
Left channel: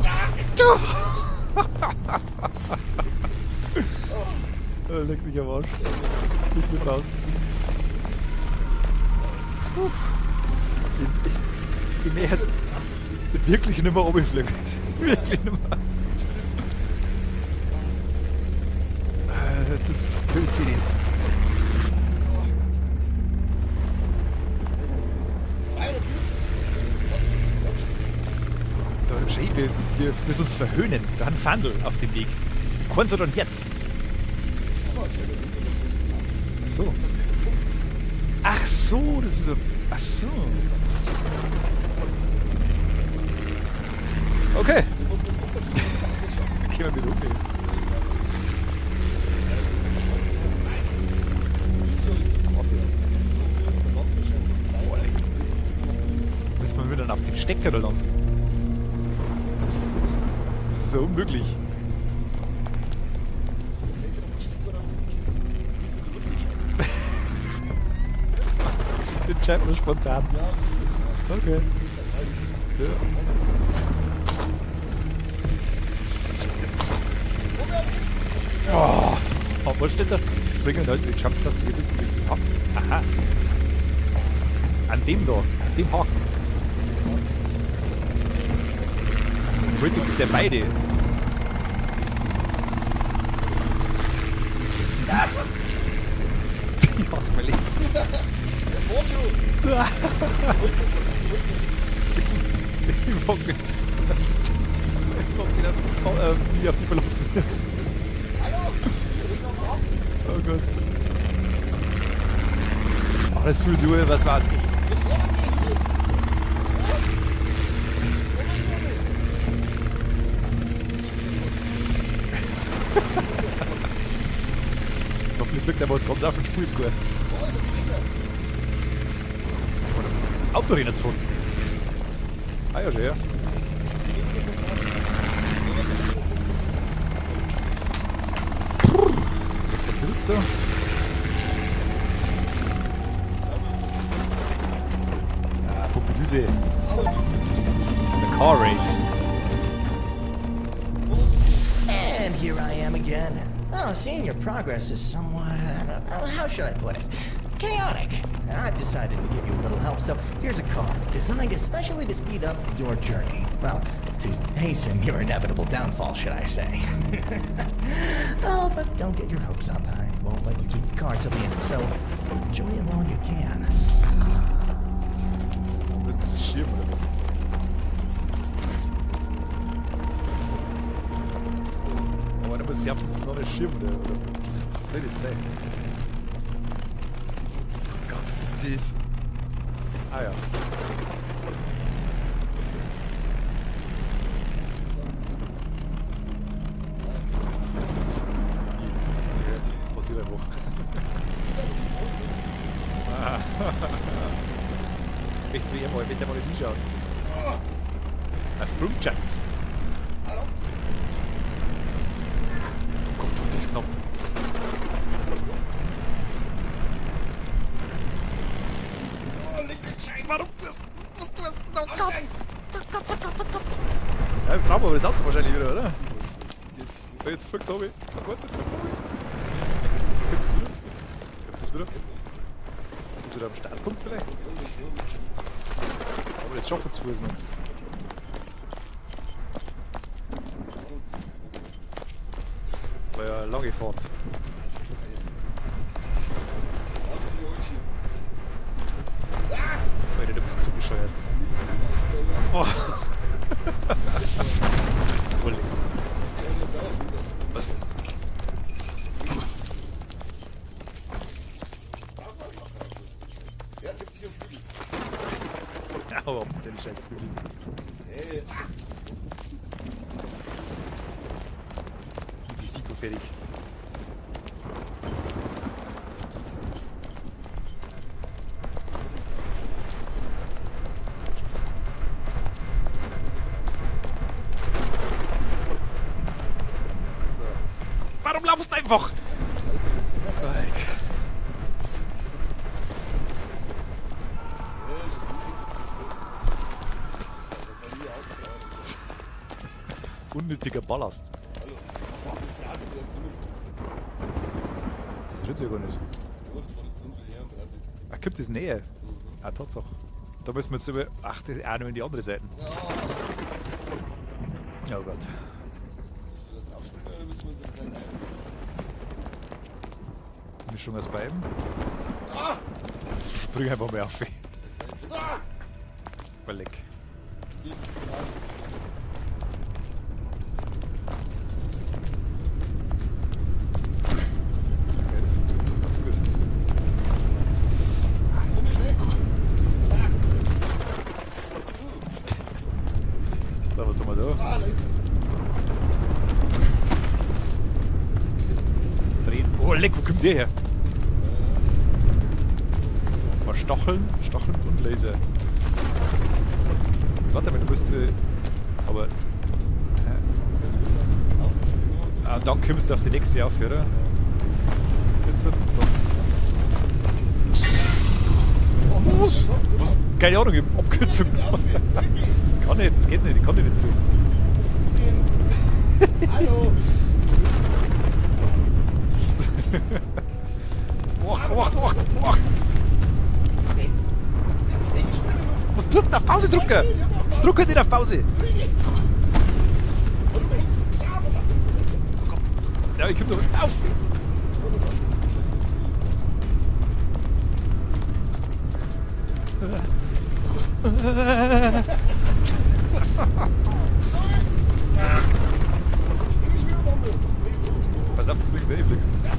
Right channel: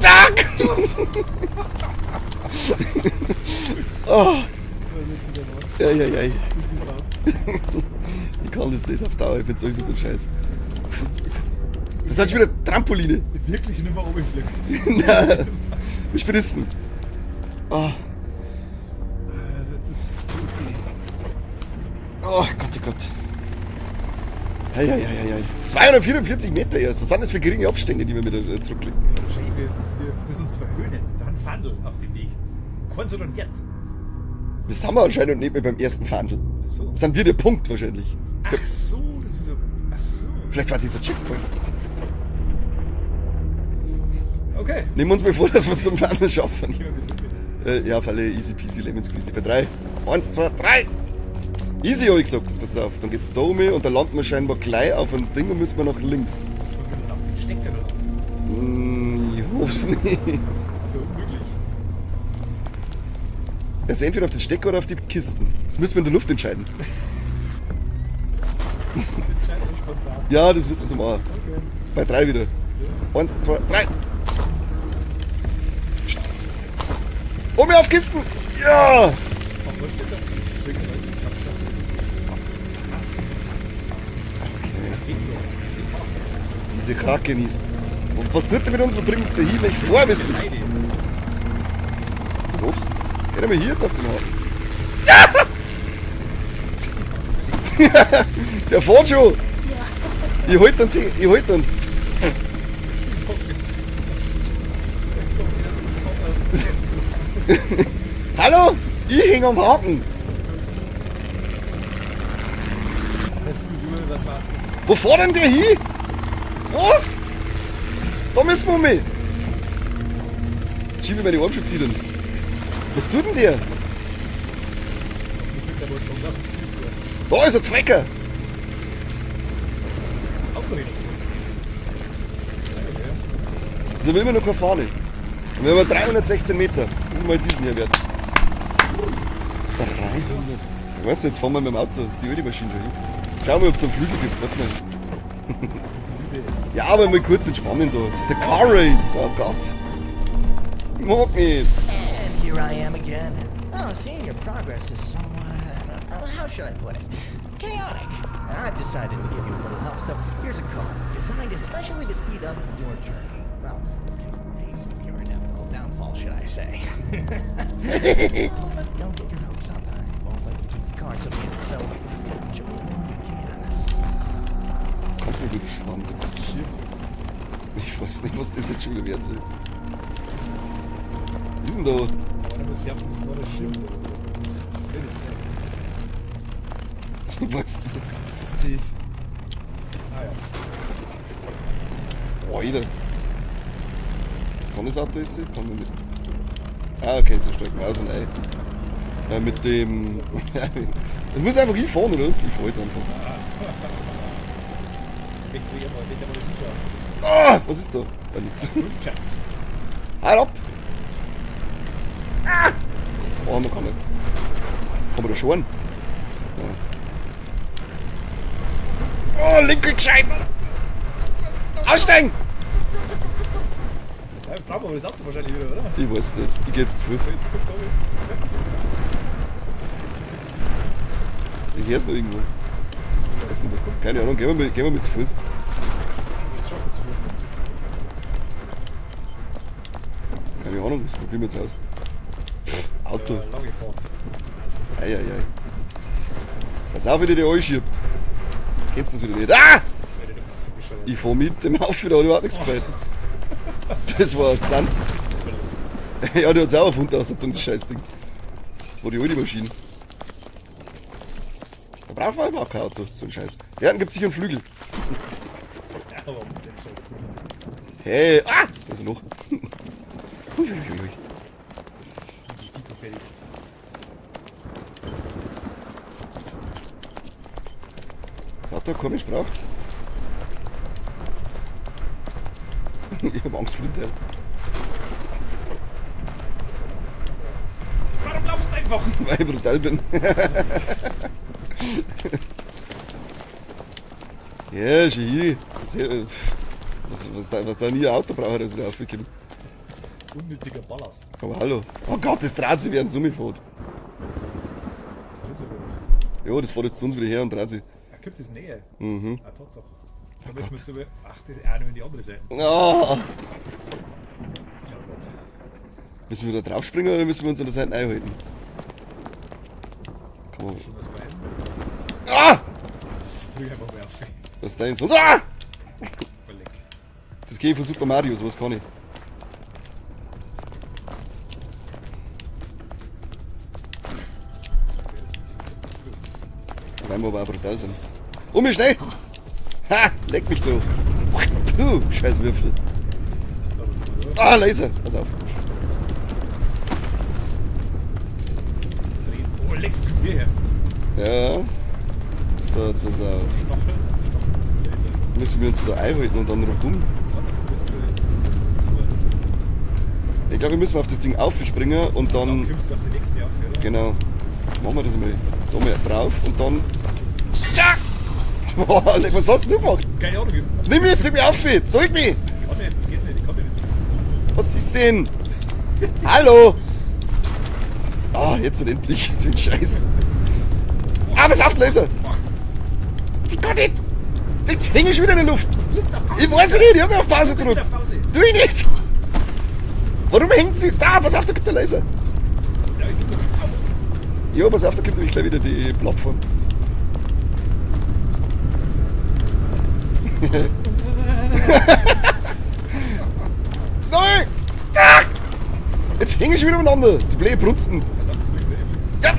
Zack! Oh, Richtiger Arsch. eieiei. Ich bin raus. Ich kann das nicht auf Dauer, ich bin so scheiße. Das sind schon wieder Trampoline. Wirklich nicht mehr runterfliegen. Nein. Ich bin es. Oh, Das ist OCD. oh Gott, oh Gott. Eieiei. 244 Meter erst. Was sind das für geringe Abstände, die wir wieder zurücklegen? Da, schau, wir müssen uns verhöhnen. Da haben Fandel auf dem Weg. Keins oder ein Wert. Das haben wir anscheinend nicht mehr beim ersten Fahndel. Ach so. Das sind wir der Punkt wahrscheinlich. Ach so, das ist so. Ach so. Vielleicht war dieser Checkpoint. Okay. Nehmen wir uns mal vor, dass wir es zum Fahndel schaffen. Gehen wir wieder um. Ja, Falle, easy peasy, lemon squeezy. Bei 3. 1, 2, 3. Easy, hab ich gesagt. Pass auf, dann geht's da um und dann landen wir scheinbar gleich auf ein Ding und müssen wir nach links. Müssen wir wieder auf den Stecker da lang. Ich hoff's nicht. Das ist so unmöglich. Also entweder auf den Stecker oder auf die Kisten. Das müssen wir in der Luft entscheiden. Entscheiden wir spontan. Ja, das müssen wir so machen. Okay. Bei 3 wieder. Ja. 1, 2, 3. Scheiße. Oben auf Kisten! Ja! Oh, was steht da? Springen Leute mit Jumptaste wirklich. Aha. An dem da. An dem Haken. Diese Krake genießt. Und was tut er mit uns? Wo bringt uns der hier weg? Das Boah, ist wir der sind... Leide. Ups. Gehen wir hier jetzt auf den Haken. Ich hab's überlebt. Der fährt schon! Die holt uns! Die holt uns! Hallo? Ich häng am Haken. Das fühlt sich an, was war's? Wo fährt denn der hin? Was? Da müssen wir mit. Schiebe meine Hauptschutzziele. Was tut denn der? Hoffentlich fliegt er mal 20 auf den Spielscore. Da ist ein Trecker. Autorennen zu fahren. Ah ja, okay. So will man noch keine Fahne. Wir haben 316 Meter. Das ist mal diesen hier wert. Weißt du? Was, jetzt fahren wir mit dem Auto. Das ist die wilde Maschine. Schau mal, ob es einen Flügel gibt. Warte mal. Popelüse. Ja, aber mal kurz entspannen los. Der Car Car Race. Race. Oh Gott. Ich mag mich. And here I am again. Oh, seeing your progress is somewhat, how should I put it? Chaotic. I've decided to give you a little help, so here's a car designed especially to speed up your journey. Well, to hasten your inevitable downfall, should I say. Oh, but don't get your hopes up. I won't let you keep the car till the end, so enjoy it while you can. Kannst du mir den Schwanz? Das ist Schirm. Ich weiß nicht, was das jetzt schon wert sind. Was ist denn da? Aber da muss ich auf, das ist noch ein Schirm. Was soll das sein? Du weißt was? Was ist das? Ah ja. Alter. Was kann das Auto ist? Kann man nicht. Ah, okay, so steht man. Also nein. Mit dem. Du musst einfach hinfahren, oder was? Ich fahr jetzt einfach. Jetzt wieder mal, geht der mal wieder auf. Ah, was ist da? Ja, nix. Grundschatz. Halt ab! Ah! Gott, fahren wir nicht. Haben wir da schon? Oh, linke gescheit, Mann! Aussteigen! Ja, wir brauchen aber das Auto wahrscheinlich wieder, oder? Ich weiß nicht. Ich geh jetzt zu Fuß. Jetzt fliegt es runter. Ich hör's noch irgendwo. Das wird aber schneller. Komm, Keine Ahnung, gehen wir mit zu Fuß. das schaffen wir zu Fuß. Keine Ahnung, was probieren wir jetzt aus? Auto. Lange Fahrt. Eieiei. Pass auf, wenn ihr die anschiebt. Kennst du das wieder nicht? Ah! Alter, du bist zu bescheuert. Ich fahr mit dem Haufen, da hat überhaupt nichts gefällt. Das war ein Stunt. Ja, der hat's auch erfunden, Aussetzung, das Scheißding. Das war die alte Maschine. Da braucht man überhaupt kein Auto, so ein Scheiß. Ja, dann gibt's sicher einen Flügel. Oh, den Scheiß. Hey, ah! Was ist noch? Fertig. Das Auto hat komisch drauf. Ich hab Angst vor der. Warum laufst du einfach? Weil ich brutal bin. Ja, schön. Was da nie ein Auto braucht, das ist aufgekommen. Unnötiger Ballast. Aber hallo. Oh Gott, das dreht sich während Summe fährt. Das rührt sich gar nicht. Ja, das fährt jetzt zu uns wieder her und dreht sich. Ah, kommt das näher? Mhm. Ah, Tatsache. Da müssen wir jetzt über. Ach, das ist auch noch in die andere Seite. Oh. Ja, Gott. Müssen wir da draufspringen oder müssen wir uns an der Seite einhalten? Die Mischung aus beiden. Ah! Bring einfach mal auf. Was ist da jetzt? Ah! Mal leck. Das geht von Super Mario, sowas kann ich. Dann muss man einfach da sein. Um mich schnell! Ha! Leck mich du! Du, scheiß Würfel. So, was haben wir da? Ah, Laser! Pass auf. Drehen. Oh, leck, wo kommt der her? Ja. So, jetzt muss er. Mal Stacheln. Stacheln. Laser. Müssen wir uns da einhalten und dann noch um. Warte mal, du musst. Aber. Ich glaube, wir müssen auf das Ding aufspringen und Ah, dann kommst du auf die nächste auf, oder? Genau. Machen wir das mal jetzt. Da mal drauf und dann. Ja! Boah, was hast du gemacht? Keine Ahnung. Nimm mich jetzt irgendwie auf! Zeig mich! Ich kann nicht, das geht nicht, ich kann dir nicht so. Was ist denn? Hallo! Ah, jetzt endlich. So ein Scheiß. Ah, was auf, Laser! Ich kann nicht! Ich hänge schon wieder in der Luft! Was tust du auf Pause? Ich weiß nicht, ich hab auf Pause Du kannst nicht auf gedrückt. Pause. Tu ich nicht! Warum hängt sie? Da, pass auf, da gibt der Laser! Ja, ich geb doch nicht auf. Ja, pass auf, da gibt nämlich gleich wieder die Plattform. Hängen schon wieder umeinander. Die blöde Brutzen. Was hast du gesehen? Ja,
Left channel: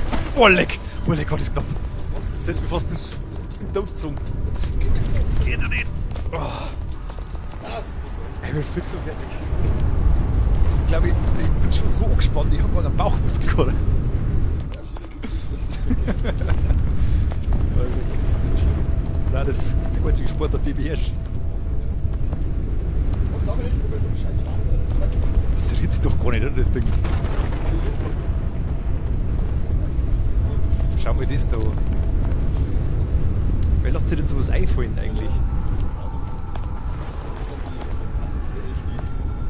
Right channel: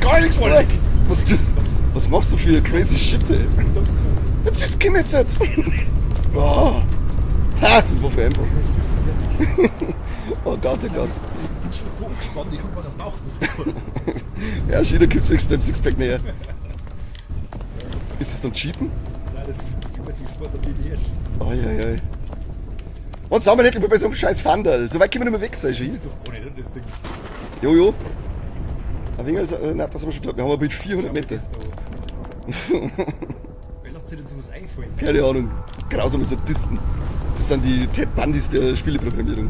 gar nichts. Voll mehr. leck! Was ich gesagt habe. Was machst du für crazy Shit, ey? Dumm zu. Jetzt komm jetzt nicht. Oh. Ha, das war für einfach. Oh Gott, oh Ich glaube, Gott. ich bin schon so angespannt, ich habe einen Bauchmuskel gerade. Ja, jeder gibt sich dem Sixpack näher. Ist das dann Cheaten? Nein, das ist die einzige Sportart, die beherrscht. Eieiei. Und sagen wir nicht bei so einem scheiß Fandal. So weit können wir nicht mehr weg sein. Das ist doch gar nicht, oder, das Ding. Jojo. Ein wenig, nein, das haben wir schon gehabt. Wir haben ein Bild 400 Schau mal Meter. das da an. Wer lässt sich denn sowas einfallen? Keine Ahnung. Grausame Sadisten. Das sind die Ted Bundys der Spieleprogrammierung.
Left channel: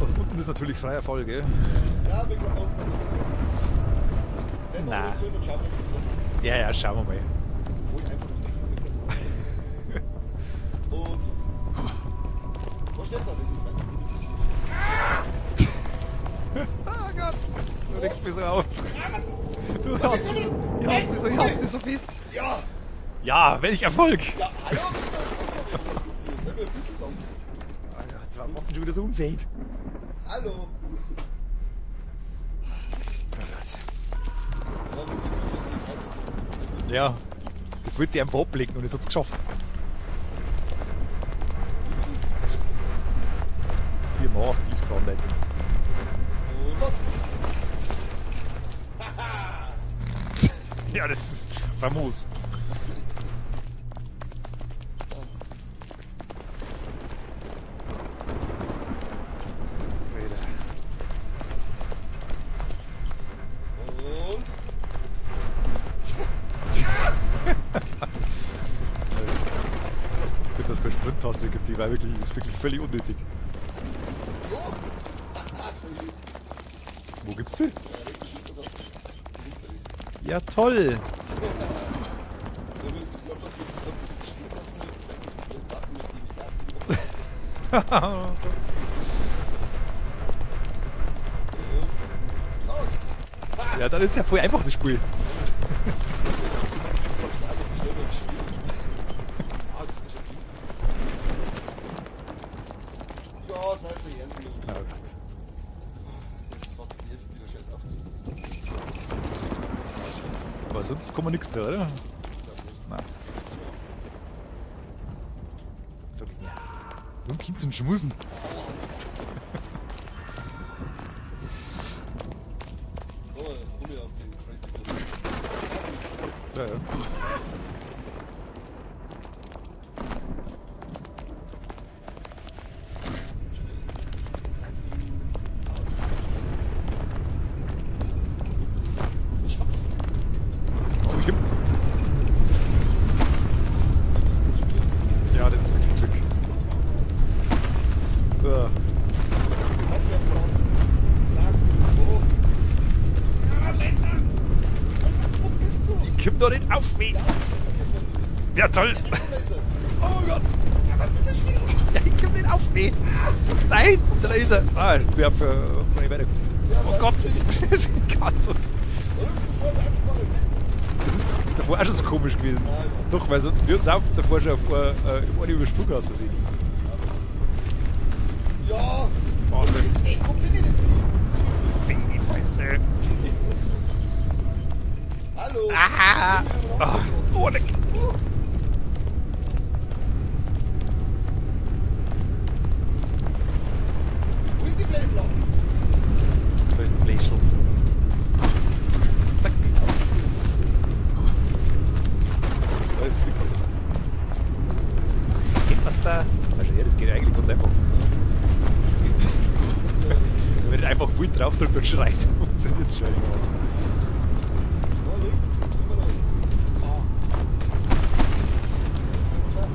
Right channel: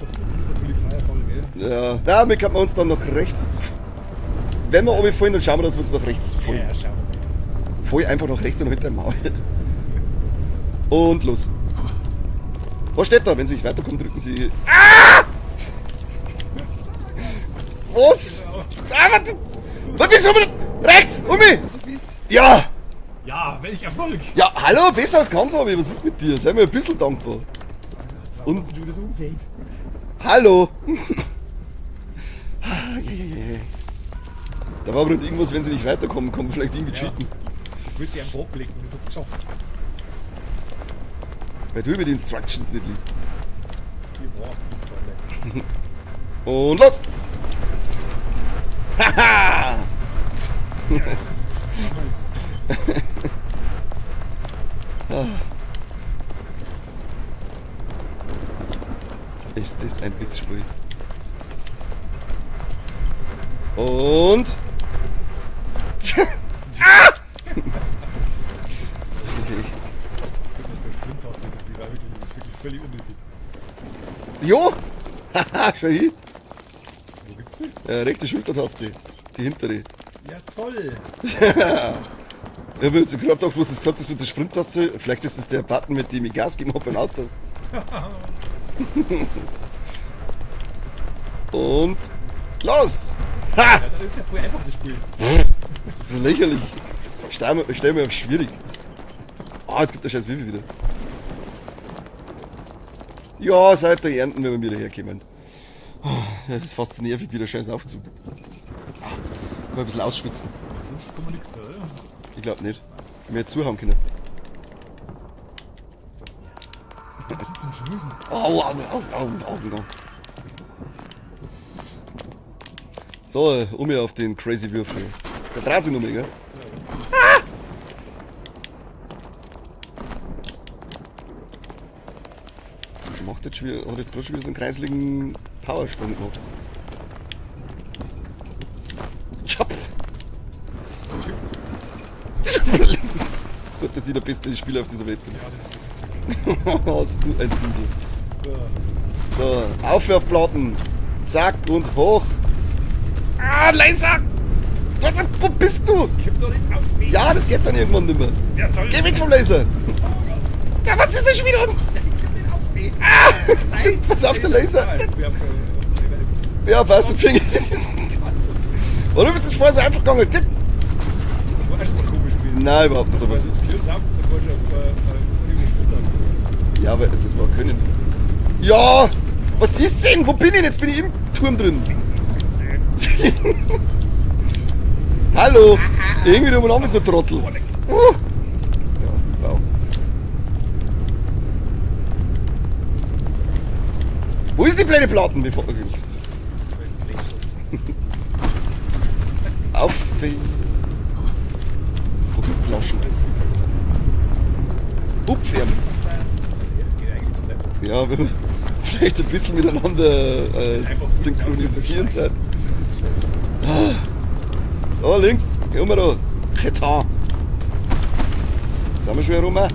Da unten ist natürlich freier Fall, gell? Ja, damit kann man uns dann nach rechts. Wenn wir oben fallen, dann schauen wir, dass wir uns nach rechts Ja, ja, schauen wir mal. Voll einfach nach rechts und hinter dem Maul. Und los. Was steht da? Wenn Sie nicht weiterkommen, drücken Sie. Ah! Was? Ah, warte! Warte, ist um! Rechts! Um mich! Das so fies. Ja! Ja, welch Erfolg! Ja, hallo, besser als Kansabi, was ist mit dir? Sei mir ein bisschen dankbar. Und sind schon wieder so unfähig. Hallo! Da war bestimmt irgendwas, wenn sie nicht weiterkommen, kommen vielleicht irgendwie Ja. cheaten. Das wollte ich einfach ablegen und das hat es geschafft. Weil du über die Instructions nicht liest. Hier mal, ist klar nicht. Und los! Haha! Ja, das ist famos. Ist das ein Blitzspiel? Und. Gut, dass wir Sprint-Taste gibt, die war wirklich, das ist wirklich völlig unnötig. Jo! Haha, schau hin! Wo gibt's die? Rechte Schultertaste. Die hintere. Ja, toll! Ich habe jetzt gerade gedacht, was du gesagt hast mit der Sprinttaste. Vielleicht ist das der Button, mit dem ich Gas geben habe beim Auto. Und. Los! Ha! Ja, dann ist ja voll einfach das Spiel. Das ist lächerlich. Stell mir auf schwierig. Ah, jetzt gibt der scheiß Wiffel wieder. Ja, seit der Ernten, wenn wir wieder herkommen. Ja, das ist fast nervig, wieder scheiß Aufzug. Mal ein bisschen ausschwitzen. Aber sonst kann man nichts da, oder? Ich glaube nicht. Nein. Mehr zuhauen können. Wo gibt's denn Schmusen? Au. So, hier auf den Crazy Würfel. Da dreht sich noch mehr, gell? Ja, ja. Macht jetzt schon wieder, hat jetzt gerade schon wieder so einen kreisligen Powersturm gemacht. Chop! Gott, das ist der beste Spieler auf dieser Welt. Ja, das ist wirklich Glück. Hast du ein Diesel. So. So, Aufwerfplatten. Zack und hoch. Ah, Laser! Wo bist du? Kipp doch nicht auf mich! Ja, das geht dann irgendwann nicht mehr. Ja, toll! Geh weg vom Laser! Oh Gott! Ja, was ist das schon wieder? Ja, ich kipp nicht auf mich! Ah! Nein! Pass auf, der Laser. Nein, ich wär für die Weiterkunft. Ja, passt, deswegen. Gott, Oder bist du vorher so einfach gegangen? das ist davor auch schon so komisch gewesen. Nein, überhaupt Doch, nicht. weil sonst wir uns auch davor schon auf eine Übersprung ausgesehen. Ja, aber das war können. Ja! Was ist denn? Wo bin ich denn? Jetzt bin ich im Turm drin. Hallo! Irgendwie da umeinander so Trottel. Ja, wow. Wo ist die blöde Platten? Bevor wir gehen? Da ist der Blechstoff. Auf! Ja, scheiße. Upferden. Das geht eigentlich ganz einfach. Ja, wenn wir vielleicht ein bisschen miteinander Einfach gut drauf, dass das synchronisieren schleicht. bleiben. Funktioniert schlecht. Da links, gehen wir da. Getan. Sind wir schon herum? Oder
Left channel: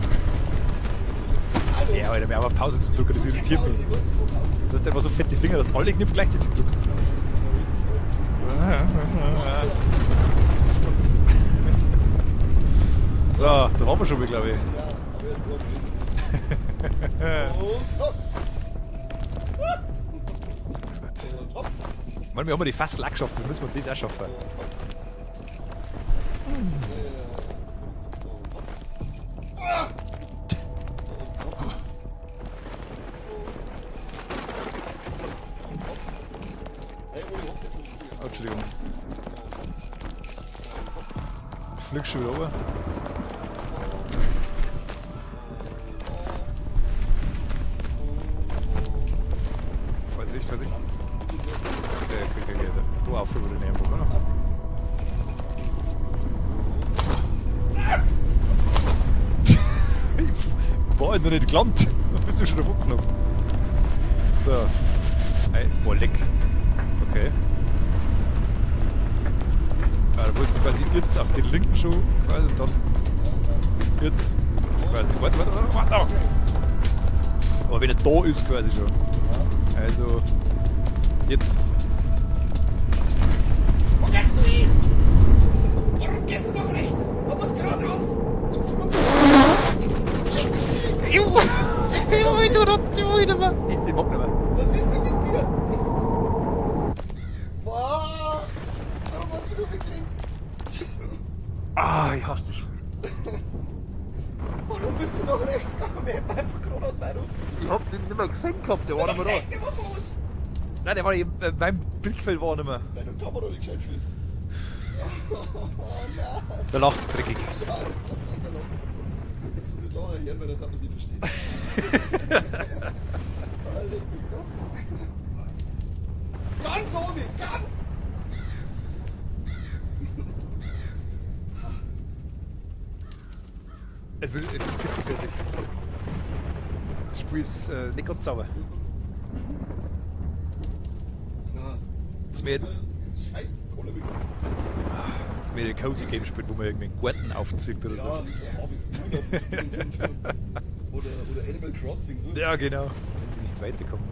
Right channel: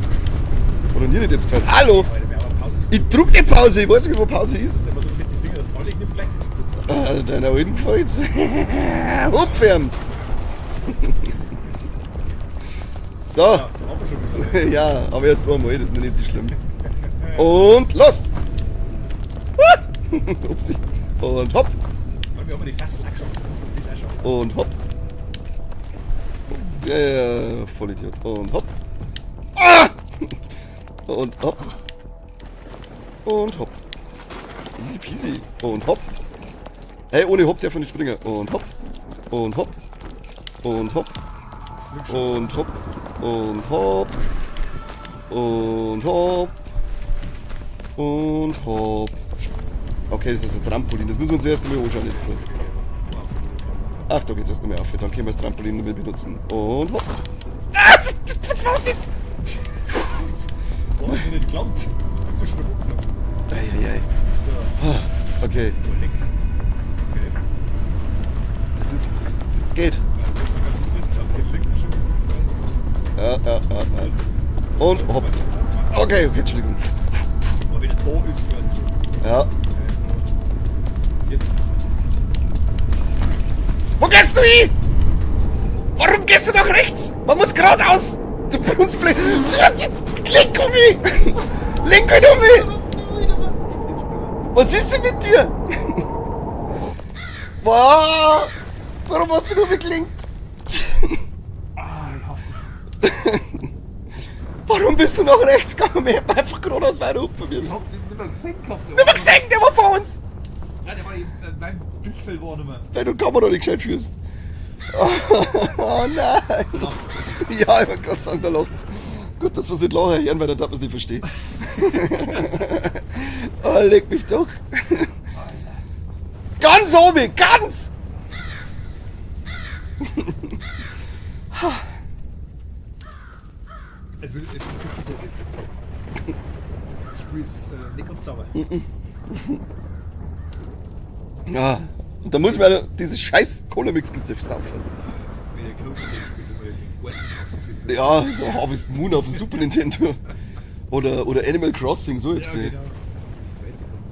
nicht jetzt gerade? Hallo! Ja, Alter, wir haben eine Pause zu Ich drück die Pause, ich weiß nicht, wo Pause Du ist. hast einfach so fette Finger, dass du alle Knöpfe gleichzeitig drückst. Ah, deiner alten gefällt's. Upferden. So. Ja, da haben wir schon wieder, glaube ich. Ja, aber erst einmal, das ist nicht so schlimm. Und los! Upsi. Und hopp. Mann, wir haben die Fassel auch geschafft, das müssen wir das auch schaffen. Und hopp. Ja, Vollidiot. Und hopp. Ah! Und hopp. Und hopp. Easy peasy. Und hopp. Hey, ohne Hopp darf er nicht springen. Und hopp. Und hopp. Und hopp. Flieg schon. Und hopp. Und hopp. Und hopp. Und hopp. Okay, das ist ein Trampolin. Das müssen wir uns erst mal anschauen. Jetzt. Du auf, oder nicht? Ach, da geht's erst nicht mehr auf. Dann können wir das Trampolin noch mit benutzen. Und hopp. Ah, was war das? Boah, noch nicht gelandet. Bist du schon hochgeflogen? Eieiei. So. Okay, Oh, leck. Okay. das geht. Du musst quasi jetzt auf den linken Schuh, quasi dann Ja. jetzt. Und Also, hopp. warte. Okay, Entschuldigung. Aber wenn er da ist, quasi schon. Ja. Also, jetzt. Wo gehst du hin? Warum gehst du nach rechts? Man muss geradeaus. Du Brunzblick. Lenk um mich. Lenk ihn um mich. Ich mag nicht mehr. Was ist denn mit dir? Wow. Warum hast du nur mitgelenkt? Ah, ich hasse dich. Warum bist du nach rechts gegangen? Ich hab einfach geradeaus weiter oben probiert. Ich hab den nicht mehr gesehen gehabt. Du hast gesehen, der war vor uns. Nein, der war eben, beim Blickfeld war er nicht mehr. Weil du die Kamera nicht gescheit führst. Oh nein. Da lacht's dreckig. Ja, ich wollte gerade sagen, da lacht's. Gut, dass wir es nicht lachen hören, weil dann darf man es nicht verstehen. Oh, leg mich doch. Ganz oben, ganz! Es will fitzig. Das Spiel ist nicht ganz sauber. Ja, und da muss man ja dieses scheiß Cola-Mix-Gesöff saufen. Jetzt will ich ein Cozy Game spielen, wo man irgendwie einen Garten aufzieht. oder? Ja, so Harvest Moon auf dem Super Nintendo. Oder Animal Crossing, so jetzt. Ja, genau. Jetzt sind nicht weitergekommen.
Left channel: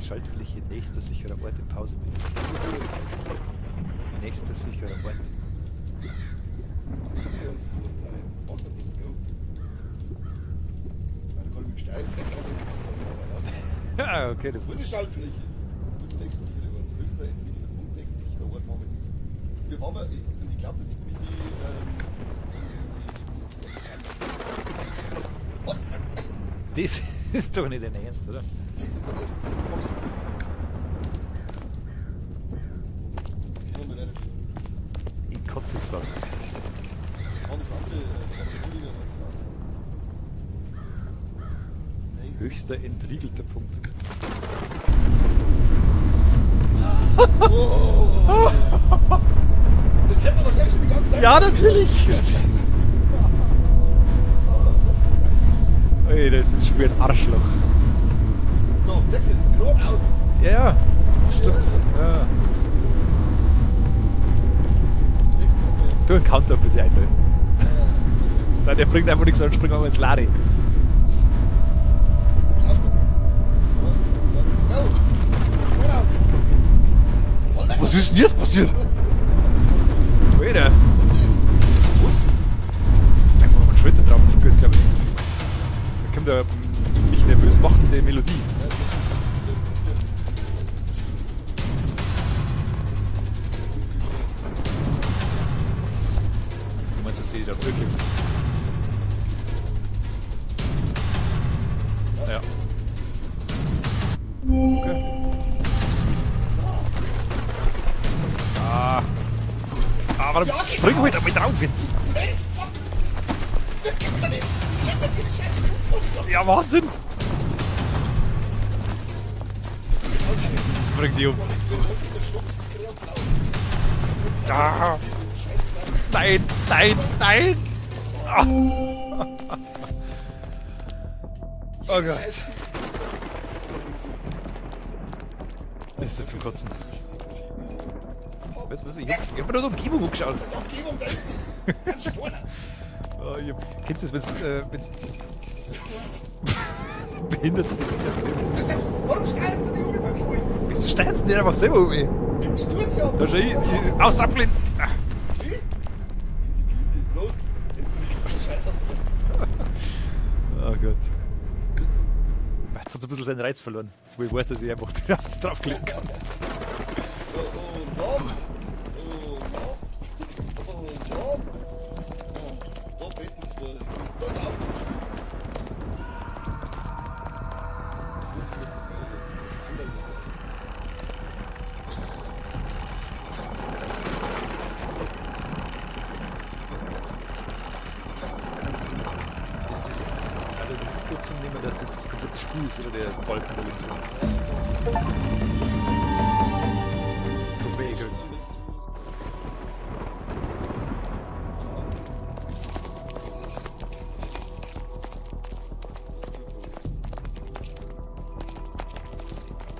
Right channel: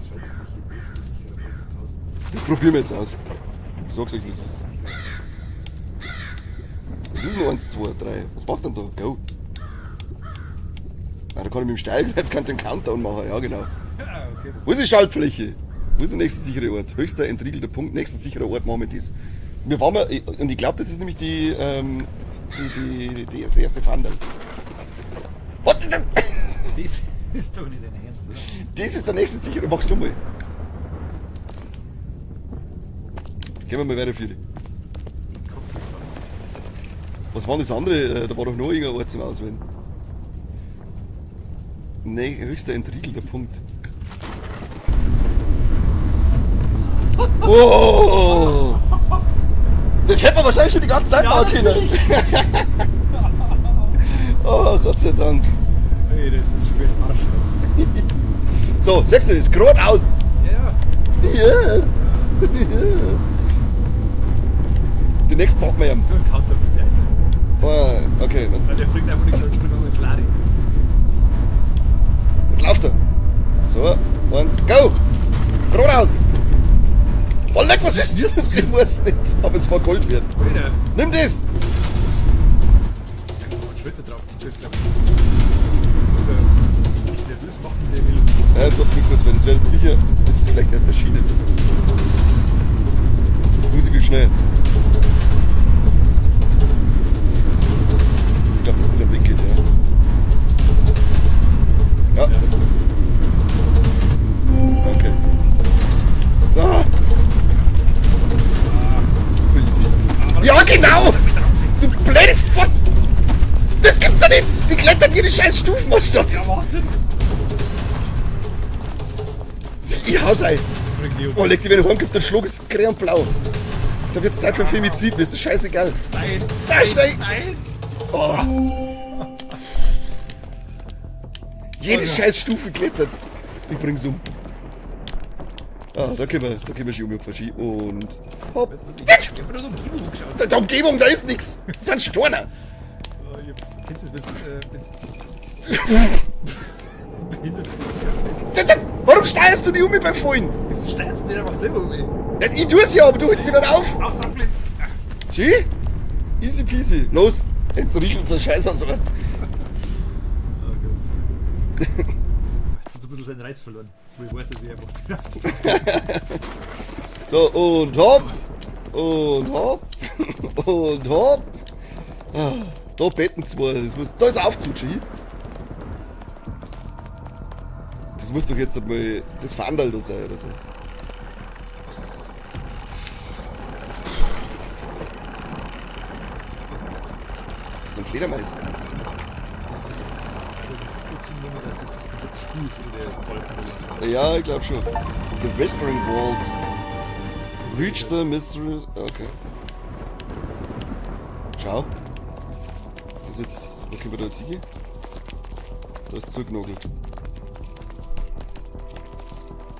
Die Schaltfläche nächste sichere Pause. Das probieren wir jetzt aus. Ich sag's euch. Nächste sichere Pause. Das ist nur 1, 2, 3. Was macht denn da? Go. Ah, da kann ich mit dem Steigen, jetzt kann ich den Countdown machen. Ja, genau. Ja, okay, das Wo ist die Schaltfläche? Wo ist der nächste sichere Ort? Höchster entriegelter Punkt, nächster sicherer Ort, machen wir das. Wir waren mal, und ich glaube, das ist nämlich das erste Fahndal. Was? Das ist doch nicht dein Ernst, oder? Das ist der nächste sichere, mach's du mal. Gehen wir mal weiter, Friede. Ich kotze es dann. Was war das andere? Da war doch noch irgendein Ort zum Auswählen. Nee, höchster entriegelter Punkt. Oh! Das hätte man wahrscheinlich schon die ganze Zeit machen können. Oh, Gott sei Dank. Ey, das ist schon wie ein Arschloch. So, sagst du das? Geradeaus! Ja. Ja! Ja. Die nächsten machen wir ja. Du einen Counter bitte ein. Ah, okay. Nein, der bringt einfach nichts an, springen wir mal ins Lade. Jetzt läuft er. So, 1, go! Geradeaus! Oh, leck, was ist denn jetzt passiert? Ich weiß nicht, aber es war Gold wert. Wieder. Nimm das! Was? Da muss man Schritte drauf. Ich weiß, glaube ich, nicht. Ich kann da nicht nervös machen, die Melodie. Ja, jetzt warte mal kurz, weil das wäre jetzt sicher, das ist vielleicht erst erschienen. Musik will schnell. Jetzt ist die wieder drin. Ich glaube, dass die da weggeht, ja. Ja, Ja. das ist es. Okay. Ah, Ah, aber Ja, genau. Damit drauf jetzt. blöde Fott! Das gibt's ja nicht! Die klettern ihre scheiß Stufen anstatt! Ja, Wahnsinn. Ich hau's ein! Bring die um. Oh, leg die wieder heimkommt, dann schlag ist grün und blau. Da wird's Zeit für Femizid, mir ist das scheißegal. Nein, Nein, nein, nein. Oh. Jede Oh, ja. scheiß Stufe klettert. Ich bring's um. Ah, da können wir schon um Ski und hopp. Weißt du was, ich hab mir nur die Umgebung angeschaut. Der Umgebung, da ist nix. Das sind Storner. Oh, kennst du das, wenn's behindert Warum steuerst du die um beim Fallen? Wieso steigst du nicht einfach selber um? Ich tue es ja, aber du holst wieder auf. Aus, abgelehnt. Ski? Easy peasy. Los, jetzt riecht unser Scheiß aus. Oh Gott. Jetzt hat so ein bisschen seinen Reiz verloren. Jetzt wo ich weiß, dass ich einfach drauf gehe. So, und hopp. Und hopp. Und hopp. Ah, da betten zwei. Da ist Aufzug, Ski. Das muss doch jetzt einmal das Fahndal da sein oder so. ist oder der Balken oder so. Ja, ich glaube schon. The Whispering World. Reach the Mystery. Okay. Schau. Was jetzt. Okay, wir da jetzt hier. Da ist Zugnogel.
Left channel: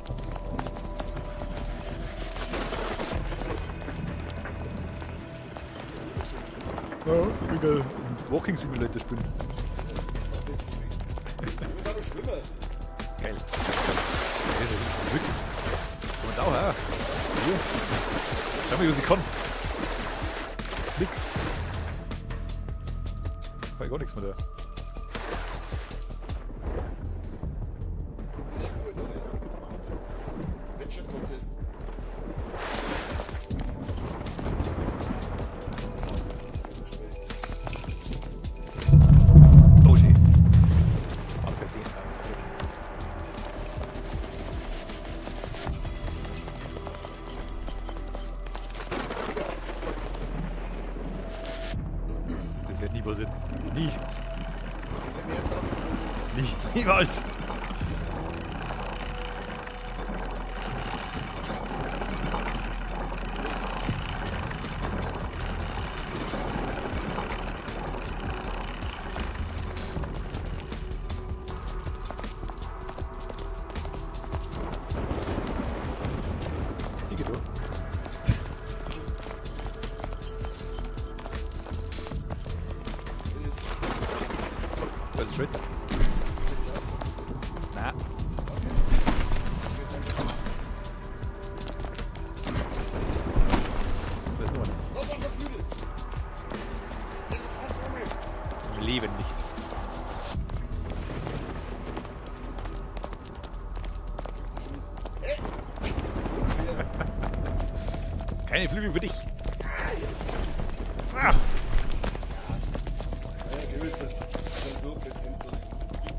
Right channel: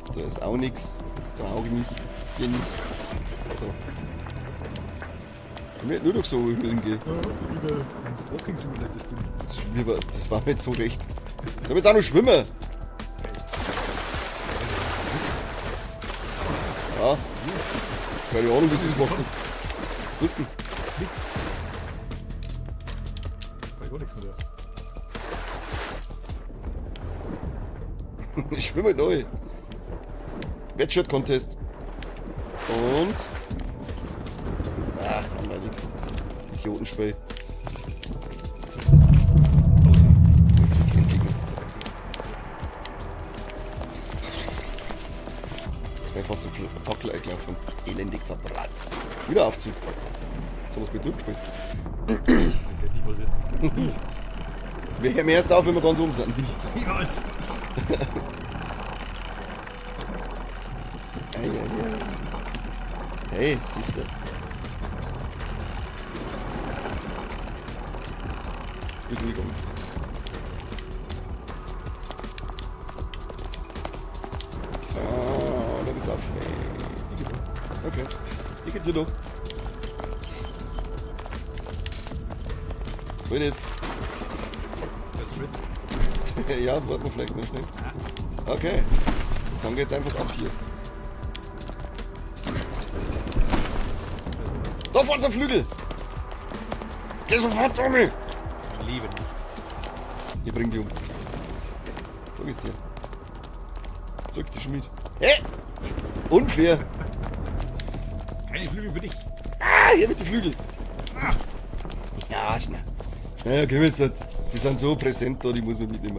Da ist auch nichts. Brauche ich nicht. Will nicht. Ich werde nur noch so irgendwo hingehen. Ja, wieder ins Walking Simulator spielen. Das war mir jetzt so recht. Ich hab jetzt auch noch schwimmen. Geil. Ja. Keine Ahnung, was Was ist ist das? das? Komm, Bist du? nix. Jetzt war gar nichts mehr da. Ich schwimme neu. Wettshot Contest. Und. Ach, meine Idiotenspray. Okay. Ich bin fast im vierten Fackel eingelaufen. Elendig verbrannt. Wieder Aufzug. So was mit durchgespielt. Das wird nie passieren. Nie. Wir hören erst auf, wenn wir ganz oben sind. Niemals. Hey, siehst du. Okay, ich geb dir doch. So ist Das ist schön. es. Ja, warte mal vielleicht noch schnell. Na, Okay, dann geht's einfach ab hier. Da vorne ist ein Flügel! Geh sofort, Tommy! im Leben nicht. Ich bring die um. Wo ist der? Zurück, die Schmied. Hä? Unfair! Keine Flügel für dich. Ah, hier mit den Flügeln! Ah, Ja, schnell. Naja, geh jetzt nicht. Die sind so präsent da, die muss man mitnehmen.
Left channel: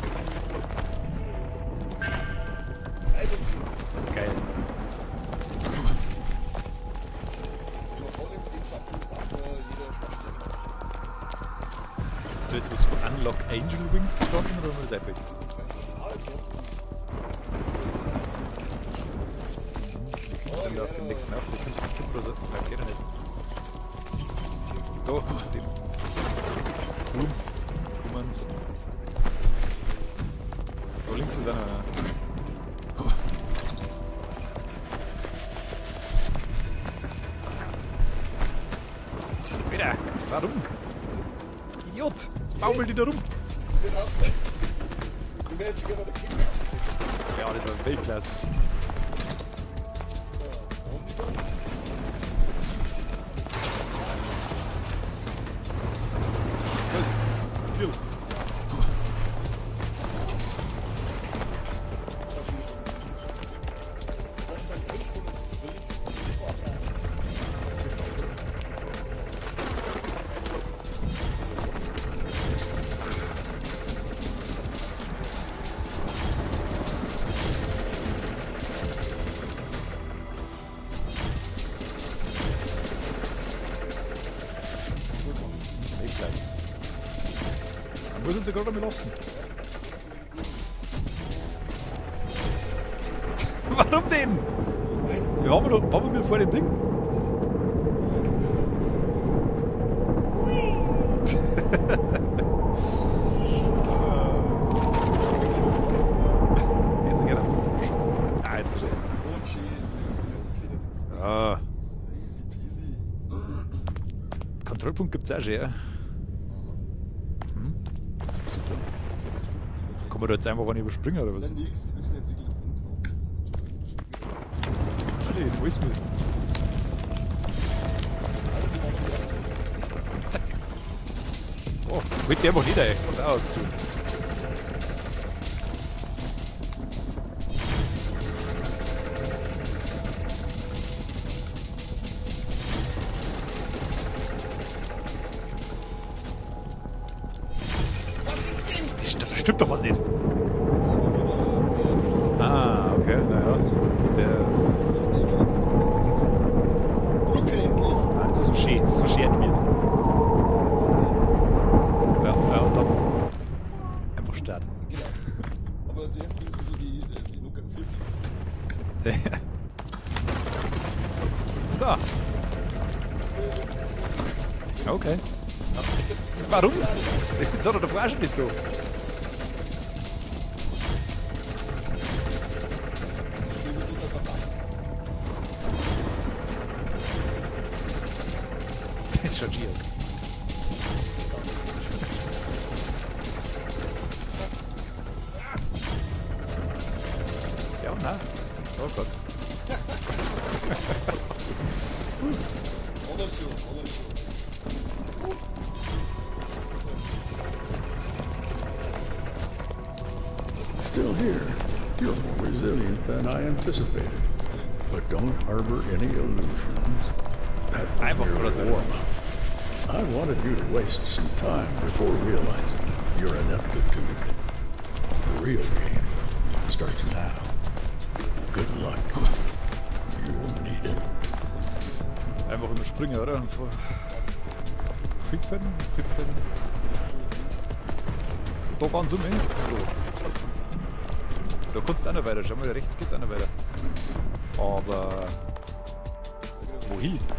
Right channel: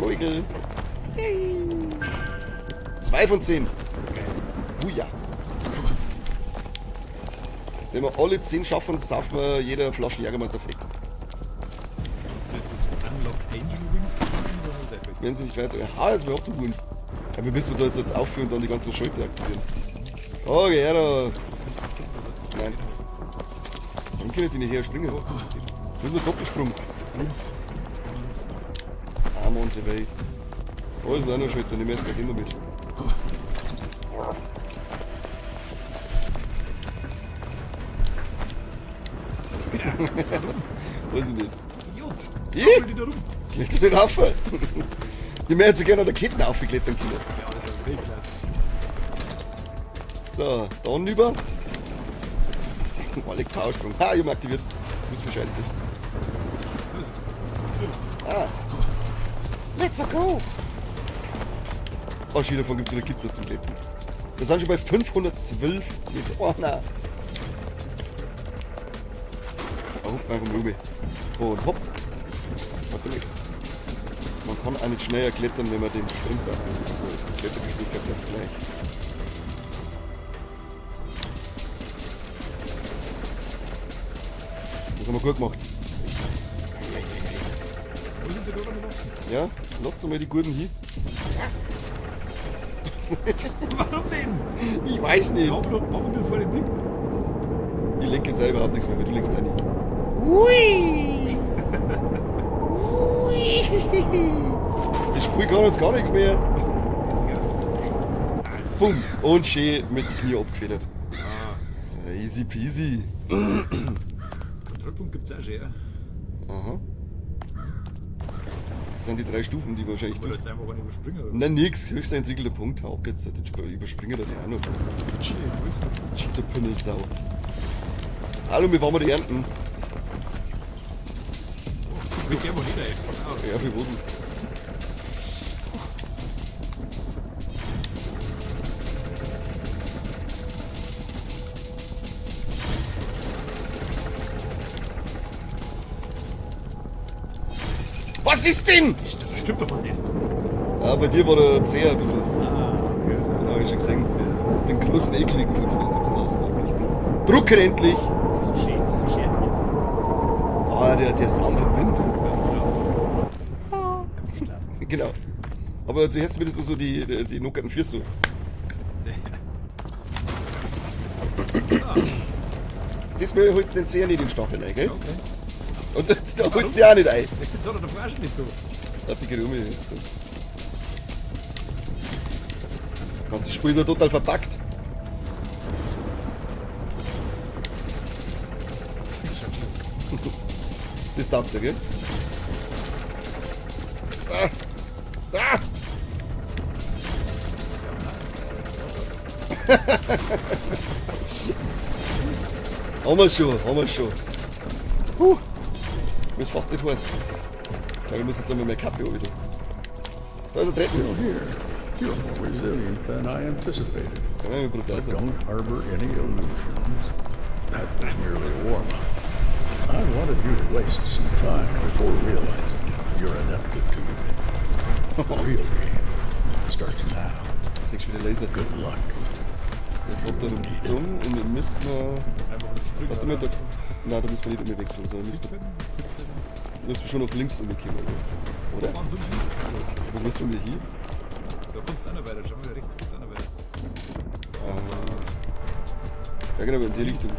Flügel! 2 von 10. geil. Ja. Wenn wir alle 10 schaffen, saufen wir jeder Flasche Jägermeister Flex. Hast du jetzt was von Unlock Angel Wings gesprochen oder was ist Wenn sie nicht weiter. Ah, jetzt wir abgeholt. Ja, wir müssen da jetzt nicht aufführen und dann die ganzen Schalter aktivieren. Okay, ja, da. Nein. Dann kann ich die nicht her springen. Oh. Das ist ein Doppelsprung. das? Arme und so weg. Oh, ist ein anderer Schalter, den werden wir immer mit. Wieder. Weiß ich nicht. Idiot. Ich? Jetzt baumelt die da rum. Jetzt nicht rauf. Die werden so gerne an der Kette aufgeklettert können. Ja, das war Weltklasse. So, dann über. Alle Chaos. Ah, ich hab aktiviert. Das ist für scheiße. Let's go! Oh, schon davon gibt es wieder Gitter zum Leben. Wir sind schon bei 512. Oh nein. Oh, einfach mal rüber. Und hopp. Man kann eigentlich schneller klettern, wenn man den stehen bleibt. Das haben wir gut gemacht. Wir sind sogar beim Lassen. Ja, lasst mal die guten hin. Warum denn? Ich weiß nicht. Wir haben wir vor dem Ding. Ich leg jetzt selber überhaupt nichts mehr, du legst da nicht. Ich sprühe gar jetzt gar nichts mehr. Jetzt genau. Ah, jetzt. Bumm. Und schön mit den Knie abgefedert. Ja. So, easy peasy. Kontrollpunkt gibt's auch schon, ja. Aha. Das sind die 3 Stufen, die wahrscheinlich. Kann man da jetzt einfach einen überspringen, oder was? Nein, nix. Höchster entwickelter Punkt. Hau ab jetzt. Ich überspringe da auch noch. Chili, wo ist man? Cheater bin jetzt auch. Hallo, wie waren wir die Ernten? Oh, das kriegt einfach jeder jetzt. Ah, okay. Ja, wir wurden. Was ist denn? Das stimmt doch was nicht. Ja, bei dir war der Zeher ein bisschen. Ah, okay. Ja, hab ich schon gesehen. Der Den großen ekligen Foto, was da ist. Drucken endlich! ist so schön animiert. Oh, der ist Sound verbrannt. Ja, und dann. Aber zuerst würdest du so die nockerten Füße so. Da. Das will ich halt den sehr nicht in den Stapel rein, gell? Okay. Und da Warum? holt die auch nicht ein. Jetzt hat er der Flasche nicht so. Das ist die Das ganze Spiel ist ja total verpackt. Ist schon schön. Das darf der, gell? Ah! Ja, nein. Haben wir schon. Ich muss fast nicht heiß. Aber wir müssen jetzt einmal mehr Kaffee holen. Da ist er drin. Still here. You're more resilient than I anticipated. Ja, wie brutal. But don't harbor any illusions. That was merely a warm-up. I wanted you to waste some time before realizing your ineptitude. The real game starts now. Das ist schon wieder Laser. Good luck. You Dann will need it. und wir müssen Einfach um Springen drüber drüber. davor. Nein, da müssen wir nicht mehr wechseln. So, Hüpfen. wir müssen schon nach links rübergehen. Da waren so eng. Und was wollen wir hier? Da kannst du auch noch weiter. Schau mal, rechts geht's auch noch weiter. Aber. Ja genau, in die Richtung.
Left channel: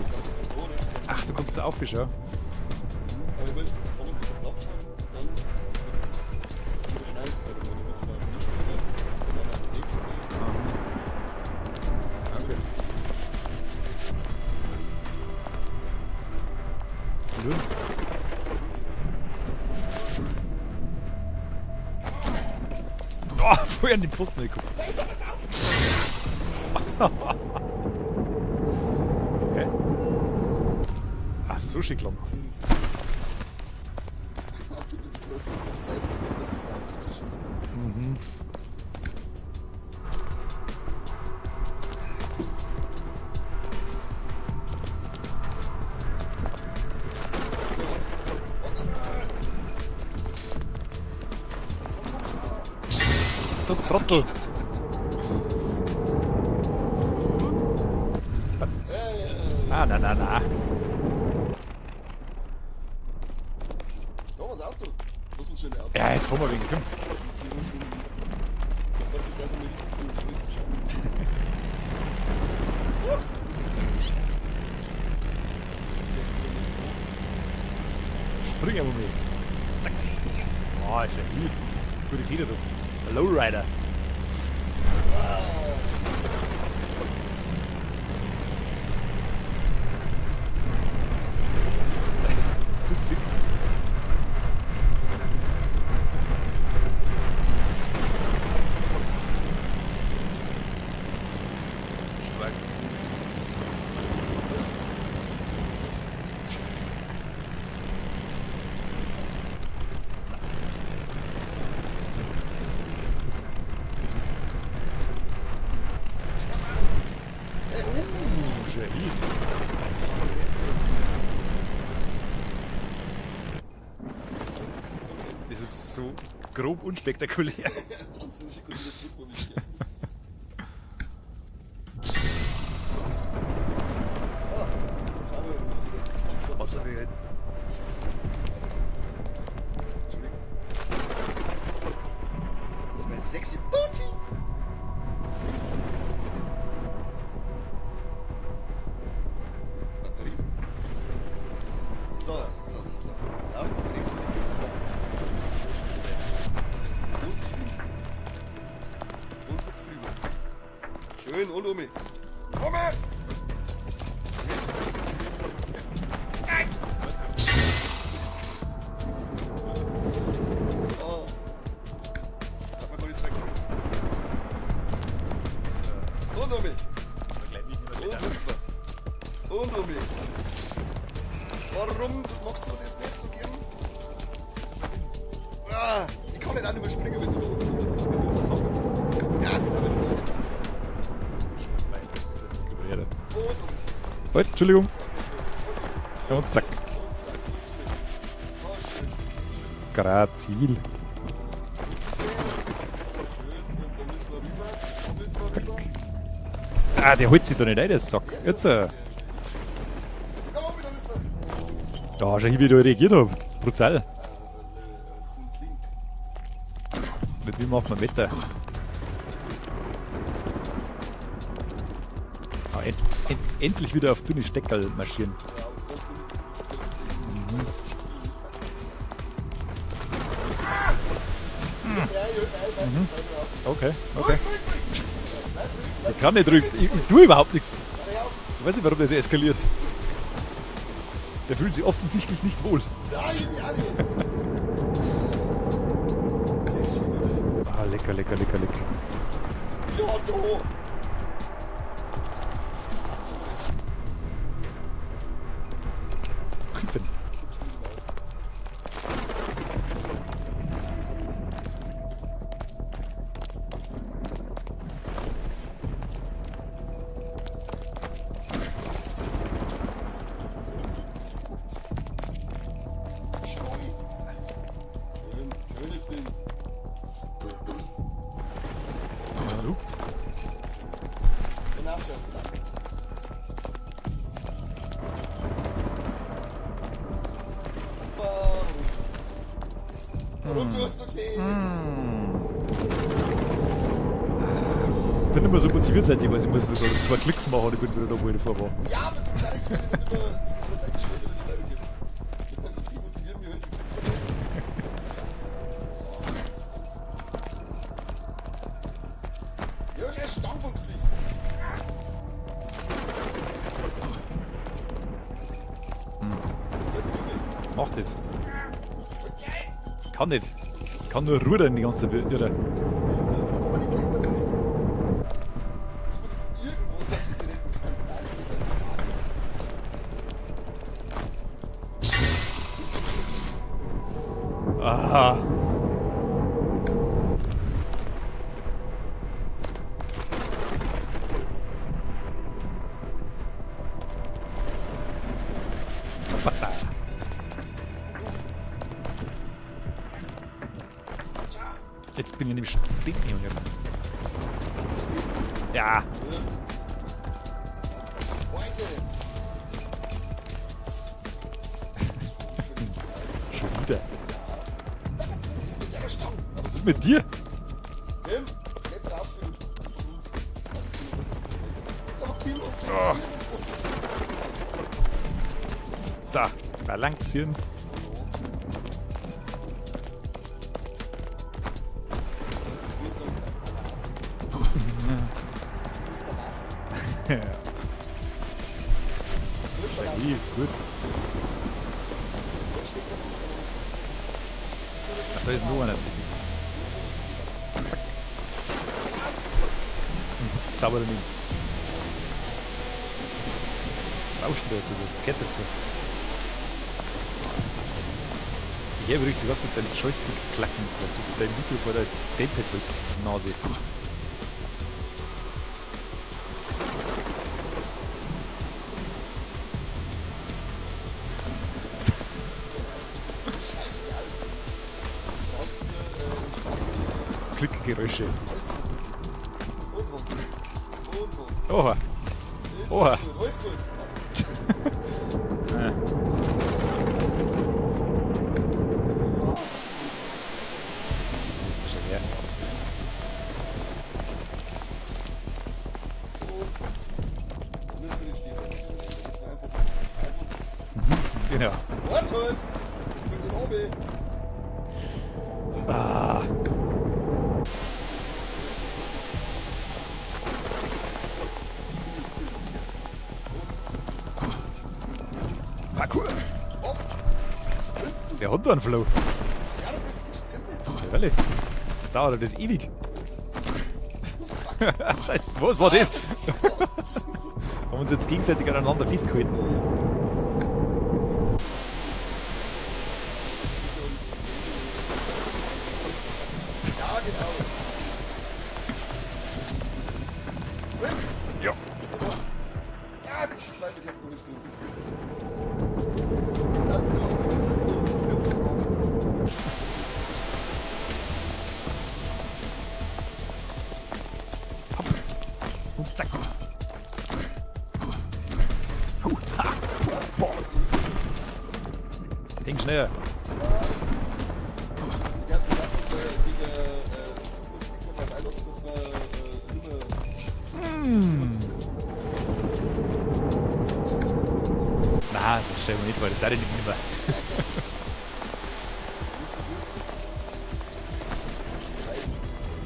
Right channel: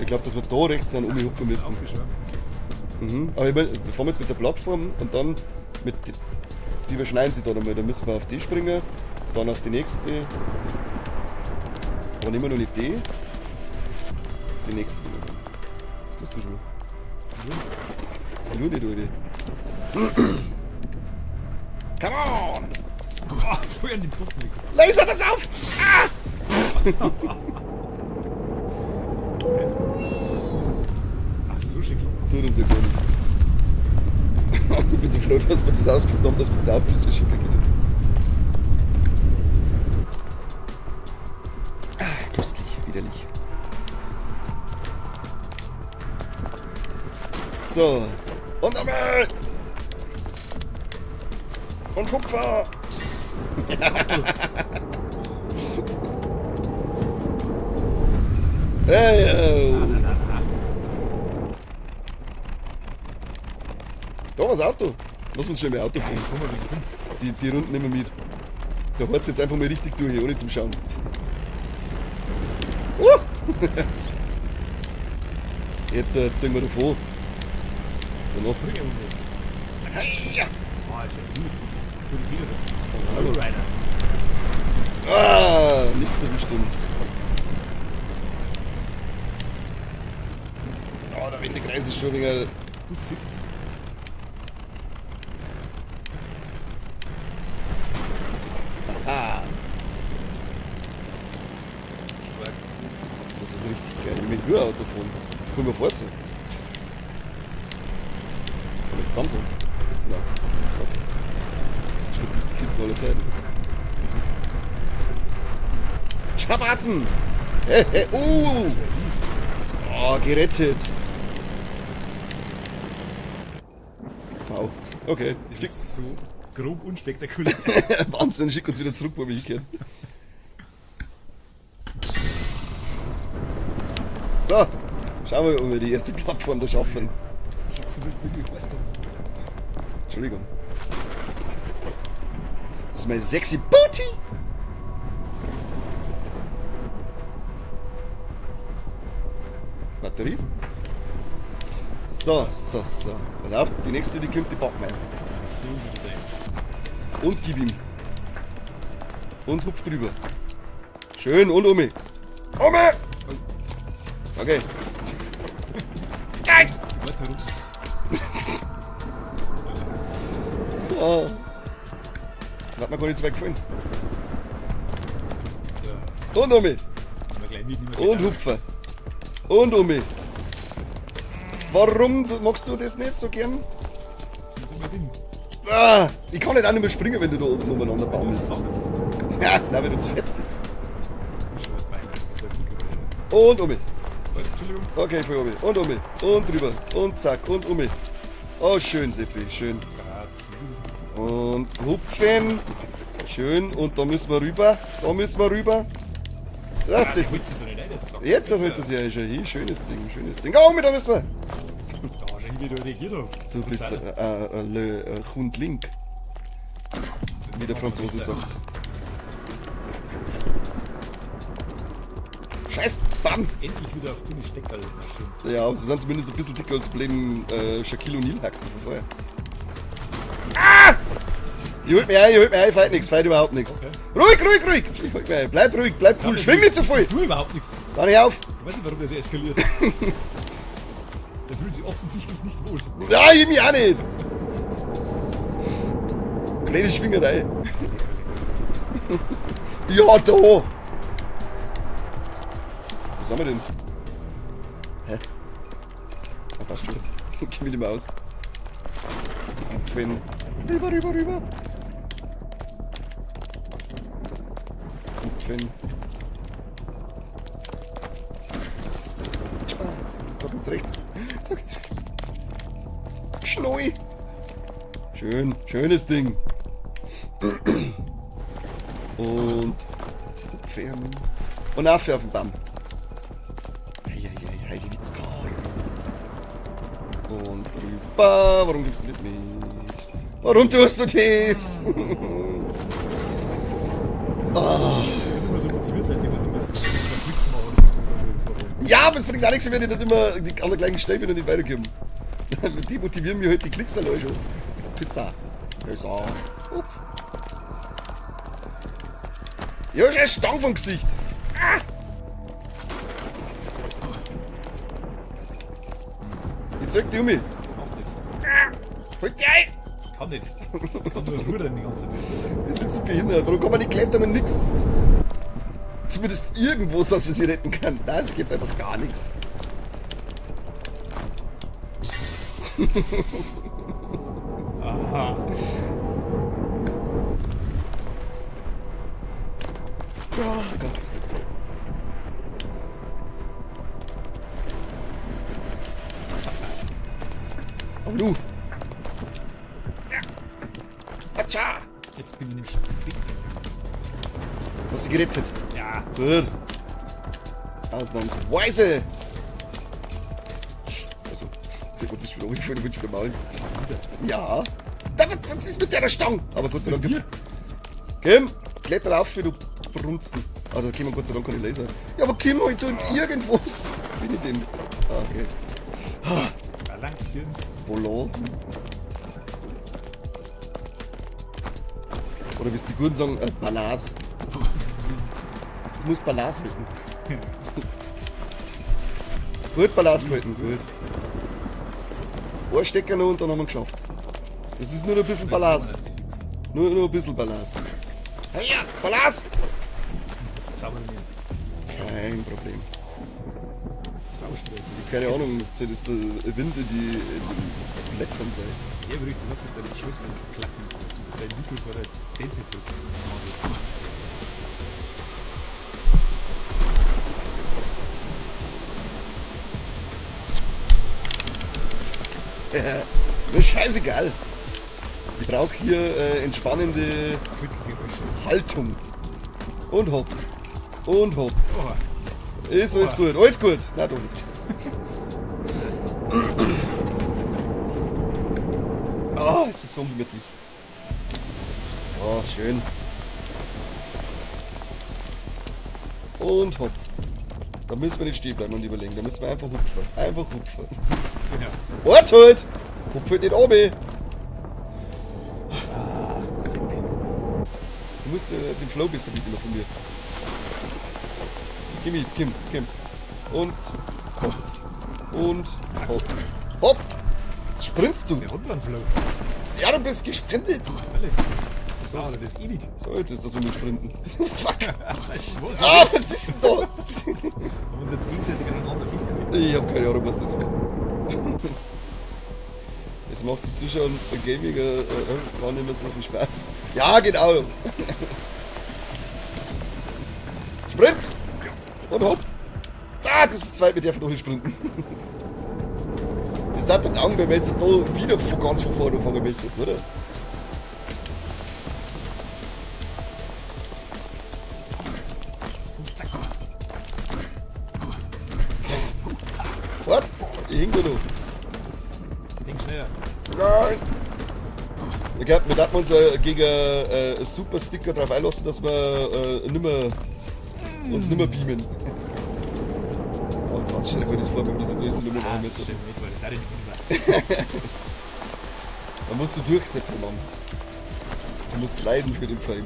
Ich glaube, dass wir da rechts dann Ach, du irgendwie kannst da müssen. aufschauen. Aber ich mein, wir fahren jetzt mit der Plattform und dann mit die überschneiden sich da nochmal. Dann müssen wir auf die springen, dann auf die nächste. Dann nehmen wir noch nicht die. Die nächste. Was ist das da schon? Nur die, Come on! Oh, vorher an den Pfosten geguckt. Laser, pass auf! Okay. Ach, so schick lang. Tut uns ja gar nichts. Ich bin so froh, dass wir das ausgefunden haben, dass wir es da aufschicken können. Köstlich, widerlich. So. Und einmal! Und Kupfer! Hey, Ah, na. Da war das Auto. Lass uns schon mehr Auto Ja, fahren. jetzt fahren wir wegen hin. Die Runden nehmen wir mit. Da hört es jetzt einfach mal richtig durch, hier, ohne zum Schauen. Jetzt ziehen wir davor. Und Bring aber mit. Zack. Oh, ist ja gut. Gute Fehler. Lowrider. nichts drin stimmt. Der rechte Kreis ist schon wieder. Sick. Das ist richtig geil. Mit Urauto fahren. Können wir vorziehen. Das ist zusammen. Ja. Schon bis die Kisten alle Zeit. Schabratzen! Oh, gerettet. Wow. Okay. Das ist so grob unspektakulär. Wahnsinn, schick uns wieder zurück, wo wir hingehen. So, schauen wir, ob wir die erste Plattform da schaffen. Entschuldigung. Das ist mein sexy Booty. Batterie. So. Pass auf, die nächste, die kommt, die packen wir. So soll das sein. Und gib ihm. Und hupf drüber. Schön, und Omi. Omi! Okay. Ja. Hat mir gar nicht so weit gefallen. So, Und Omi. aber gleich nicht mehr Und hupfen. Und Omi. Warum magst du das nicht so gern? Ich kann nicht auch nicht mehr springen, wenn du da oben umeinander baust. Ja, da wenn du zu fett bist. Und Omi. Halt, Entschuldigung. Okay, für Omi. Und Omi. Und drüber. Und zack. Und Omi. Oh, schön, Seppi. Schön. Grazil. Und hupfen. Schön. Und da müssen wir rüber. Da müssen wir rüber. Das, Ah, der das- holt sich doch nicht ein, das sagt. Jetzt Jetzt, holt das ja schon hin. Schönes Ding. Oh, Omi, da müssen wir. da schau ich, wie du reagiert hab. Du Brutal. bist Hundlink. Mit wie mir der machen wir Franzose besser. sagt. Scheiß, bam! Endlich wieder auf dünne Steckerl marschieren. Ja, aber sie sind zumindest ein bisschen dicker als Problem Shaquille O'Neal Haxen von vorher. Ah! Ich holt mich ein, feit nix, feit überhaupt nichts. Okay. Ruhig! Schwing mich ein. Bleib ruhig, schwing nicht so viel! Ich tue überhaupt nichts. Fahr nicht auf! Ich weiß nicht, warum der so eskaliert. Der fühlt sich offensichtlich nicht wohl. Ja, ich mich auch nicht! Kleine Schwingerei. Ah, lecker. Ja, da! Was haben wir denn? Hä? Geh mit ihm aus. Quinn. Rüber. Quinn. Da geht's rechts. Schnoi. Schönes Ding. Und Quinn. Und nachher auf den Damm. Hey, geht's klar. Und rüber. Warum gibst du das nicht? Warum tust du das? Ich bin immer so motiviert seitdem, weil ich muss so 2 Klicks machen und ich bin wieder da, wo ich vorher war. Ja, aber es bringt gar nichts, wenn ich nicht immer die an der gleichen Stelle wieder nicht weitergeben. Die motivieren mich halt die Klicks an euch schon. Pisser. Ja, schon ein Stang vom Gesicht. Ah! Jetzt zög dich um mich. Mach das. Halt dich ein! Kann nicht. Ich kann nur rudern die ganze Zeit. Irre. Das ist behindert. Warum kann man nicht klettern und nix? Zumindest irgendwo, dass man sie retten kann. Nein, es gibt einfach gar nichts. Aha. Wasser. Aber du. Ja. Atscha. Jetzt bin ich in dem Stinken. Hast du gerettet? Ja. Gut. Ausnahmsweise. Du bist wieder ruhig für den Wünsch gemalt. Wieder. Ja. Was ist mit der Stange? Aber Was Gott ist sei mit Dank. dir? Kim, kletter auf, wie du verrunzen. Ah, da können wir Gott sei Dank keine Laser. Ja, aber Kim, halt irgendwas. Wie mit dem. Ah, okay. Da. Balancieren. Wo los? Oder willst du gut sagen, Balance? Du musst Balance halten. Gut Balance Ja, halten. gut. Ein Stecker noch und dann haben wir geschafft. Das ist nur ein bisschen Da ist Balance. nur einer zu viel. Nur ein bisschen Balance. Ja, Balance! Sauber nicht. Nein, okay. Rauscht da jetzt so. Keine Geht Ahnung, das? sind das die Rinde, die leckern sind. Ja, aber richtig, was sind deine Joystick klacken, dass du dein Mikro vor der Gamepad drückst. Nase. Das ist scheißegal. Ich brauche hier entspannende Klickgeräusche. Haltung. Und hopp. Und hopp. Oha. Ist Oha. alles gut, alles gut. Na du. Oh, das ist so unglücklich. Oh, schön. Und hopp. Da müssen wir nicht stehen bleiben und überlegen. Da müssen wir einfach hupfen. Einfach hupfen. Genau. Wart halt! Hupfen den oben. Ah. Du musst den Flow ein bisschen üben von mir. Kim. Und. Hopp! Jetzt sprintst du. Der hat da einen Flow. Ja, du bist gesprintet. Ehrlich. Das dauert das ewig. So, jetzt ist das mit dem Sprinten. Scheiße. Was Ah, war das? was ist denn da? Haben uns jetzt gegenseitig aneinander festgehalten. Ich hab keine Ahnung, was das war. Das macht es Zuschauern bei Gaming war nicht mehr so viel Spaß. Ja, genau. Sprint! Ja. Und hopp! Ah, das ist zwei, mit der noch nicht sprinten. Das ist nicht der Dank, wenn wir jetzt da wieder von ganz von vorne anfangen müssen, oder? Zack. Fort! Irgendwo noch. Denk schneller. Ich glaub, wir darf wir uns gegen einen Super-Sticker drauf einlassen, dass wir uns nimmer beamen. Oh, stell dir vor, das vor, wir müssen jetzt alles nur Nein, das stellen wir nicht, weil das darf ich nicht mehr. Da musst du durchsetzen, Mann. Du musst leiden für den Film.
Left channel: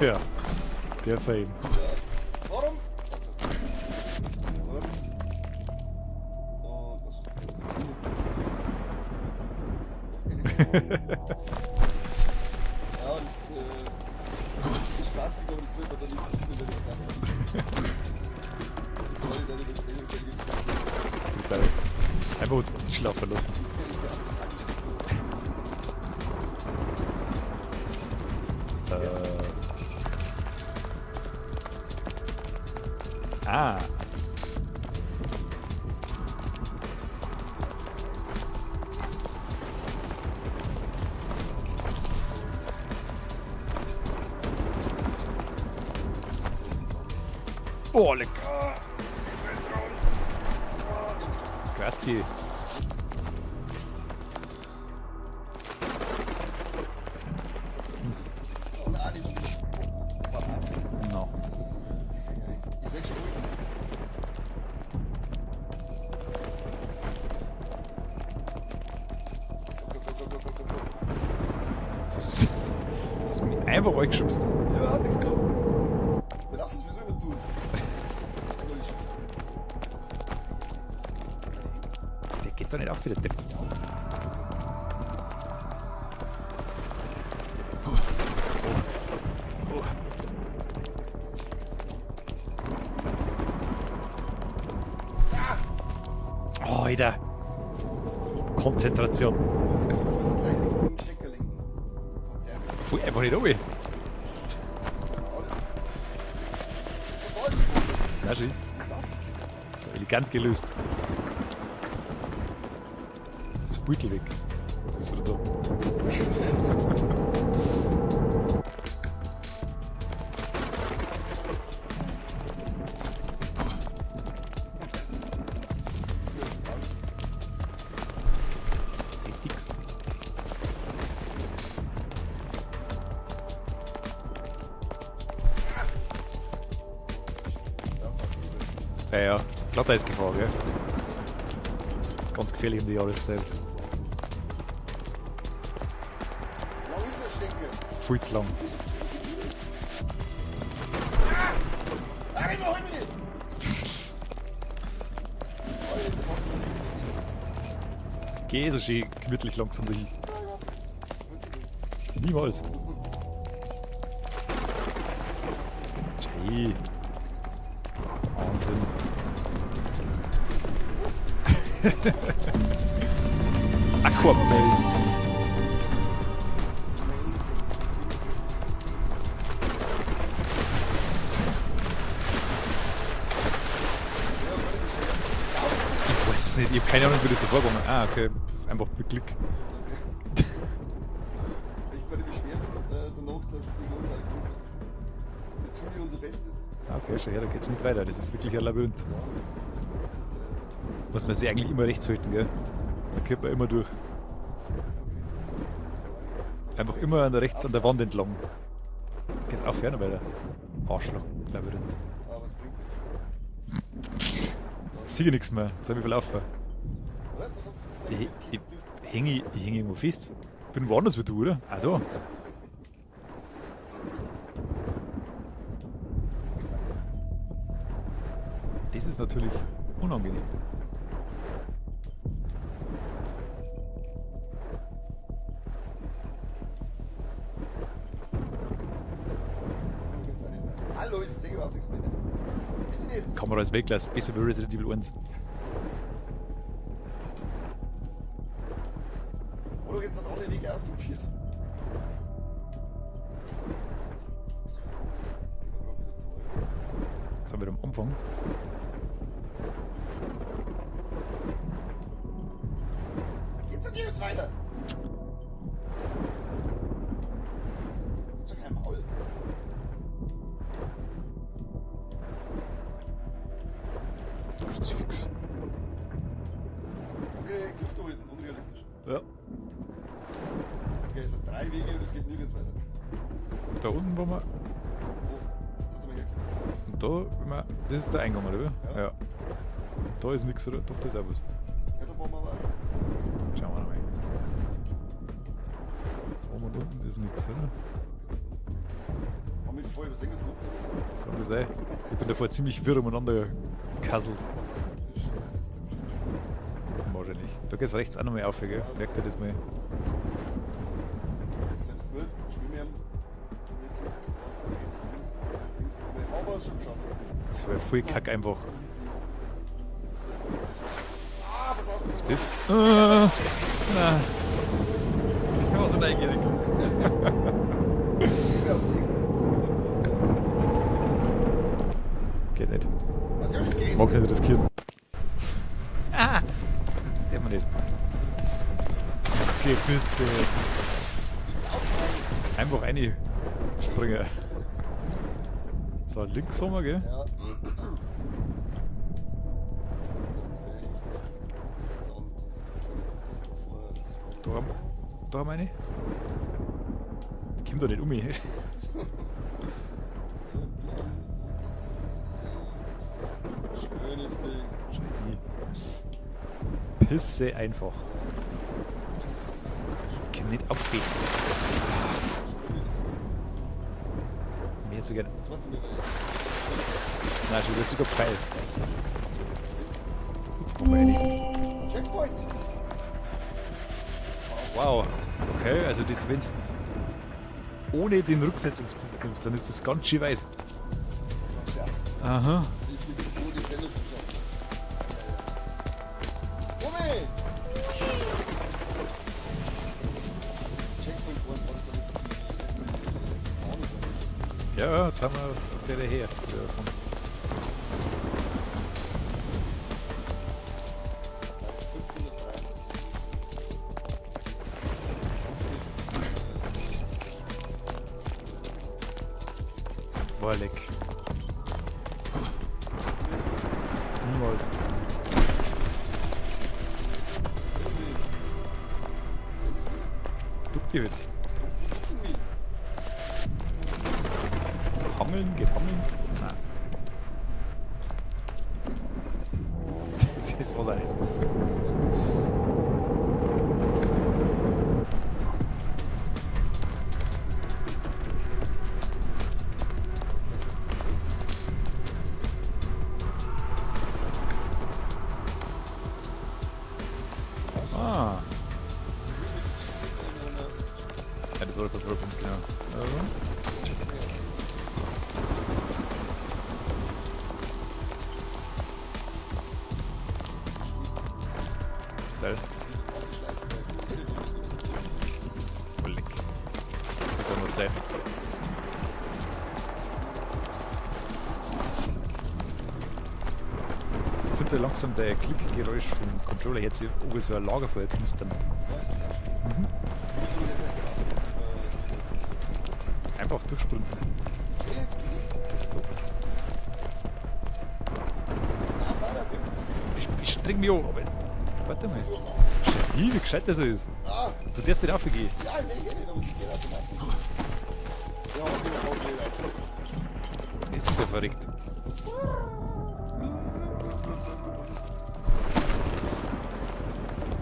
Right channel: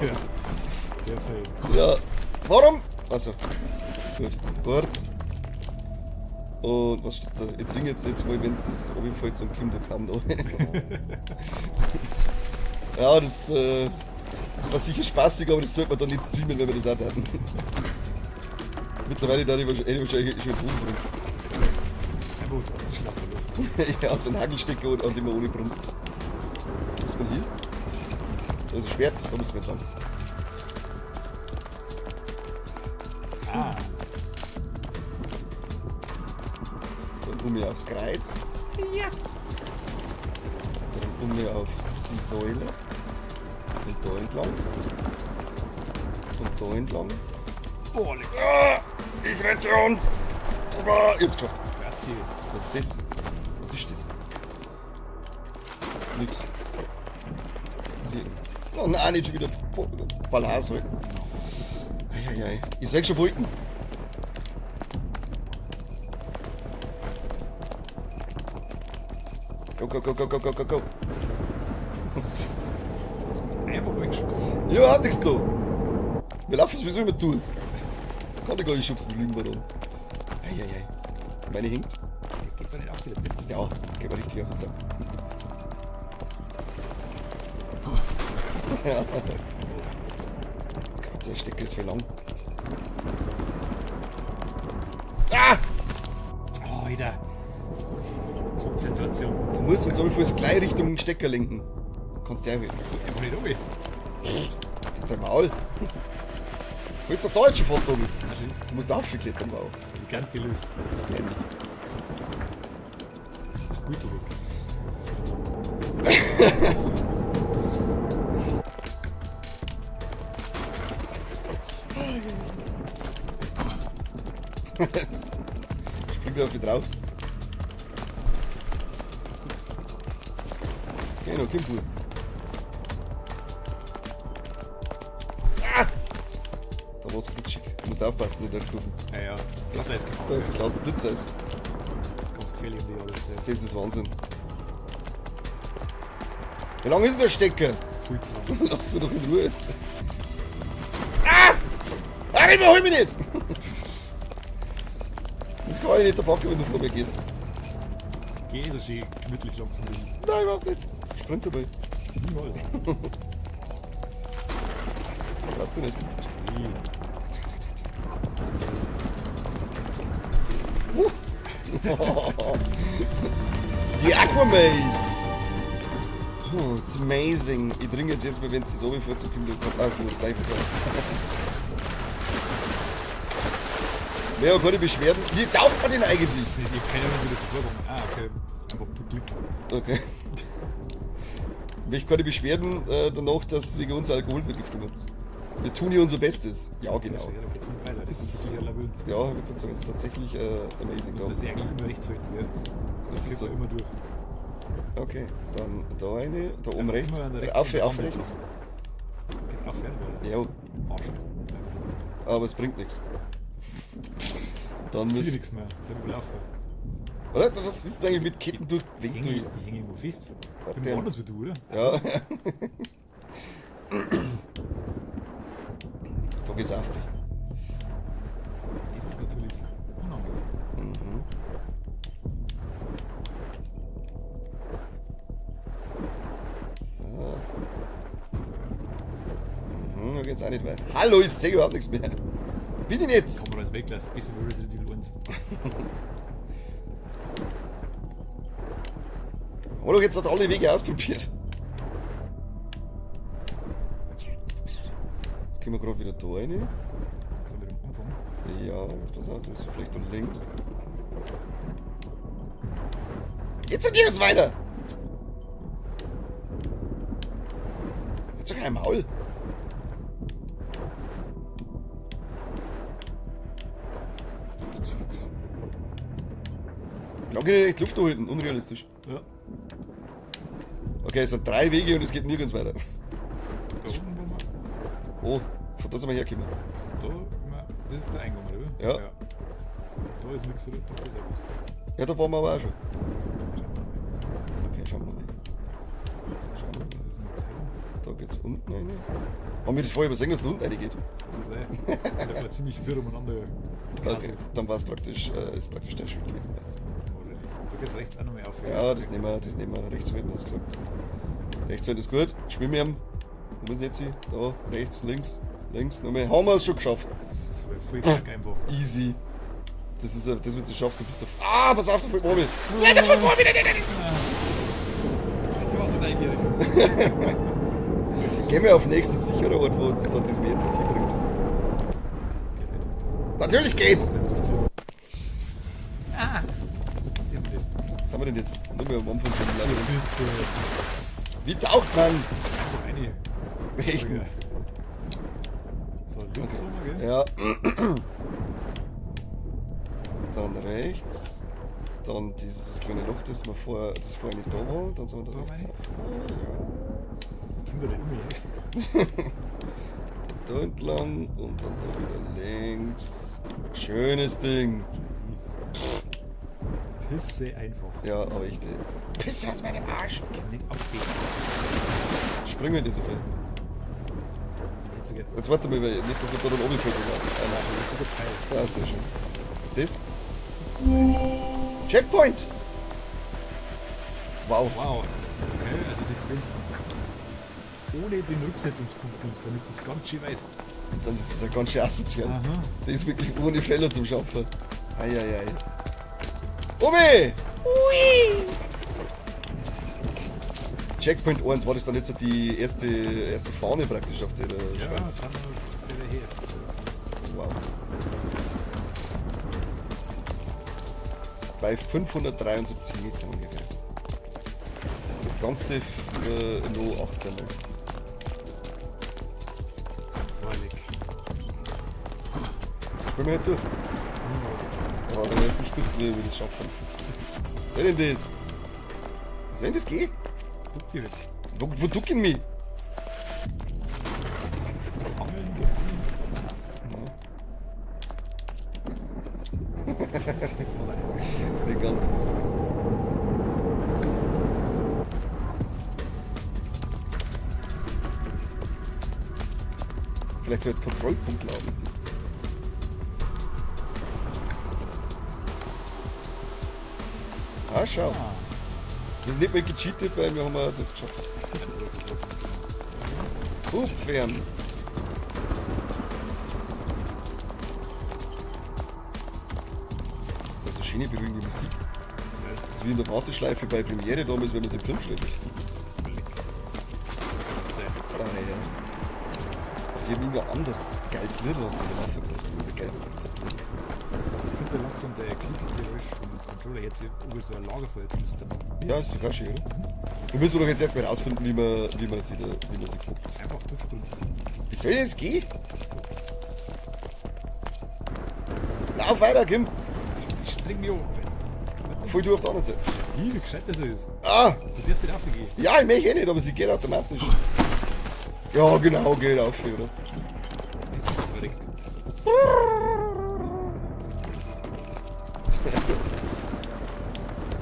Ja, der Film. Ja, warum? Also, gut, Wort. Und was steht da? Ich trinke jetzt mal, wenn es das auf jeden Fall zum Kinderkamm da. Ja, das war sicher spaßig, aber das sollte man dann nicht streamen, wenn wir das auch hatten. Mittlerweile da ich wahrscheinlich schon Brust brunst. Einfach schlafen lassen. Ja, so ein Hagelstecker und immer ohne Brunst. Muss man hier. Also Schwert, da müssen wir dran. Ah, Dann kommen wir aufs Kreuz. Ja. Kommen wir auf die Säule. Und da entlang. Und da entlang. oh, leck. Ah, ich rette uns! Ah, ich hab's geschafft. Grazie. Was ist das? Was ist das? Nix. Nee. Oh nein, nicht schon wieder. Oh, Ballhaus. No. Eieiei. Ich sag schon Wolken. Go, go, go, go, go, go, go, go. Das ist mir einfach angeschubst. Ja, hat nichts da. Wir laufen sowieso immer tun. Kann ich gar nicht schubsen drüben da rum. Eieiei. Meine Hing. Der geht doch nicht auf wieder. Ja, geh mal richtig auf den Sack. Der Stecker ist für lang. Ah! Oh, Alter. Konzentration. Du musst uns aber fürs gleich Richtung Stecker lenken. Kannst du ja wählen. Fuhr einfach nicht runter. Der Maul. Du willst doch Deutsch fast um. Ja, schön. Du musst aufgeklettert drauf. Elegant gelöst. Das Beutel weg. Das ist wieder da. Spring da auf die drauf. Das ist fix. Geh noch, komm du. Ah! Da war's glitschig. Du musst aufpassen, nicht einfach. Ja, ja. Ich glaube, da ist Gefahr, Da ist gell? gerade ein Blitzer ist. Ganz gefährlich in die Jahreszeit. Das ist Wahnsinn. Wie lang ist denn der Stecker? Viel zu lang. Lass mich doch in Ruhe jetzt. Ah! Ah, nicht mehr, hol mich nicht! Das kann ich nicht erpacken, wenn du vor mir gehst. Geh so schön gemütlich langsam hin. Nein, überhaupt nicht. Sprint dabei. Niemals. Passt du nicht. Hey. Wahnsinn. Die Aquabase! Oh, it's amazing. Ich trinke jetzt mal, wenn es so wie vor zu viel kommt. Also, das reicht. Ja, keine Beschwerden. Wie taugt man den eigentlich? Ich hab keine Ahnung, wie das davor war. Ah, okay. Einfach Glück. Okay. Ich keine Beschwerden danach, dass wegen uns Alkoholvergiftung habt. Wir tun hier unser Bestes. Ja, Ja, genau. ja, da geht's nicht weiter. Das ist wirklich erlaubt. Ja, das ist tatsächlich amazing. Muss man sich eigentlich immer rechts halten, gell? Das ist geht so. man immer durch. Okay, dann da eine, da oben Einfach rechts. immer an rechts Auf, an der auf Wand rechts. entlang. Geht auf ferner weiter. Ja, Arschloch. Labyrinth. aber es bringt nichts. Dann Sieh nichts mehr. Jetzt hab ich verlaufen. Oder? Was ist denn eigentlich mit Ketten durch Ich hänge irgendwo fest. Ich bin Okay. woanders wie du, oder? Ja. Da geht's auf. Das ist natürlich unangenehm. Da geht's auch nicht weiter. Hallo, ich sehe überhaupt nichts mehr. Bin ich nicht? Kamera ist weglassen. Besser wie Resident Evil 1. Haben wir doch jetzt alle Wege ausprobiert. Jetzt gehen wir gerade wieder da rein. Jetzt haben wir am Anfang. Ja, pass auf, so vielleicht und links. Jetzt sind die jetzt weiter! Jetzt doch kein Maul! Kruzifix. Ich kann nicht die Luft da halten, unrealistisch. Ja. Okay, es sind 3 Wege und es geht nirgends weiter. Da unten, wo wir. Oh, von da sind wir hergekommen. Da, das ist der Eingang, oder wie? Ja. Da ist nichts, oder? Da ist auch was. Ja, da waren wir aber auch schon. Schauen wir mal. Okay, schauen wir mal. Da unten ist nichts, oder? Da geht's unten rein. Haben wir das vorher übersehen, dass da unten reingeht? Kann das sein? Und der fährt ziemlich wirr umeinander kasselt. Dann war es praktisch, ist praktisch der Spiel gewesen. Wahrscheinlich. Da geht's rechts auch nochmal auf. gell? Ja, das Da nehmen wir, geht das nehmen wir. Rechts wird was gesagt. Rechts wird ist gut. Schwimmen wir. Wo ist jetzt hier? Da, rechts, links, links. Nochmal. Haben wir es schon geschafft. Das wäre voll kack einfach. Easy. Das wird sie schaffen. Bis du, pass auf, du fällst ohne. Ich war so neugierig. Gehen wir auf nächstes sichere Ort, wo uns da das Meer jetzt hinbringt. Geht nicht. Natürlich Ich geht's! mag's nicht riskieren. Ah! Das sehen wir nicht. Was haben wir denn jetzt? Sind wir am Anfang? Hier, bitte. Wie taucht man? Einfach eine. Springen. So, links haben wir, gell? Ja. Dann rechts. Dann dieses kleine Loch, das wir vorher nicht da war. Dann sind wir Da haben wir rechts. eine. Das kommt doch nicht um mich. Da entlang und dann da wieder links. Schönes Ding. Pisse einfach. Ja, richtig. Pisse aus meinem Arsch. Kann nicht aufgehen. Springen nicht so viel. Nicht so gern. Jetzt warte mal, nicht, dass wir da oben fliegen. Nein, das ist sogar geil. Ja, sehr schön. Was ist das? Checkpoint! Wow. Wow. Okay, also das wenn's ohne den Rücksetzungspunkt nimmst, dann ist das ganz schön weit. Dann ist das ja ganz schön asozial. Aha. Das ist wirklich ohne Fehler zum Schaffen. Eieiei. Obi! Checkpoint 1, war das dann jetzt so die erste Fahne praktisch auf der... Ja, jetzt haben wir wieder her. Bei 573 Metern ungefähr. Das Ganze für nur 18. War leck. Springen wir halt durch. Niemals. Ja, dann wird verstützen, wie wir das schaffen. Was soll denn das? Soll das gehen? Duck die halt. Wo ducken mich? Angeln, gefangen. Das war's eigentlich. Nicht ganz. Vielleicht soll jetzt Kontrollpunkt laden. Ah, schau. Ah. Wir sind nicht mehr gecheatet, weil wir haben das geschafft. Ja, das war das Rücken, genau. Hochqueren. Das ist eine schöne bewegende Musik. Geil. Das ist wie in der Warteschleife bei Premiere damals, wenn man sich im Film steht. Das soll mal sein. Ja, ja. Die haben immer anders geiles Lied und das ist geil. Ich finde langsam der Klickgeräusch vom Controller jetzt hier oben so ein Lagerfeuer knistern. Ja, ist total schön. Wir müssen doch jetzt erstmal rausfinden, wie man sie da tun muss. Einfach durchspringen. Wie soll das gehen? Lauf weiter, Kim. Ich streng mich an. Warte Voll mal. durch auf der anderen Seite. Wie gescheit das ist. Ah! Du darfst nicht raufgehen. Ja, ich möchte eh nicht, aber sie geht automatisch. Ja, genau, geht auf. Ja. Das ist ja verrückt.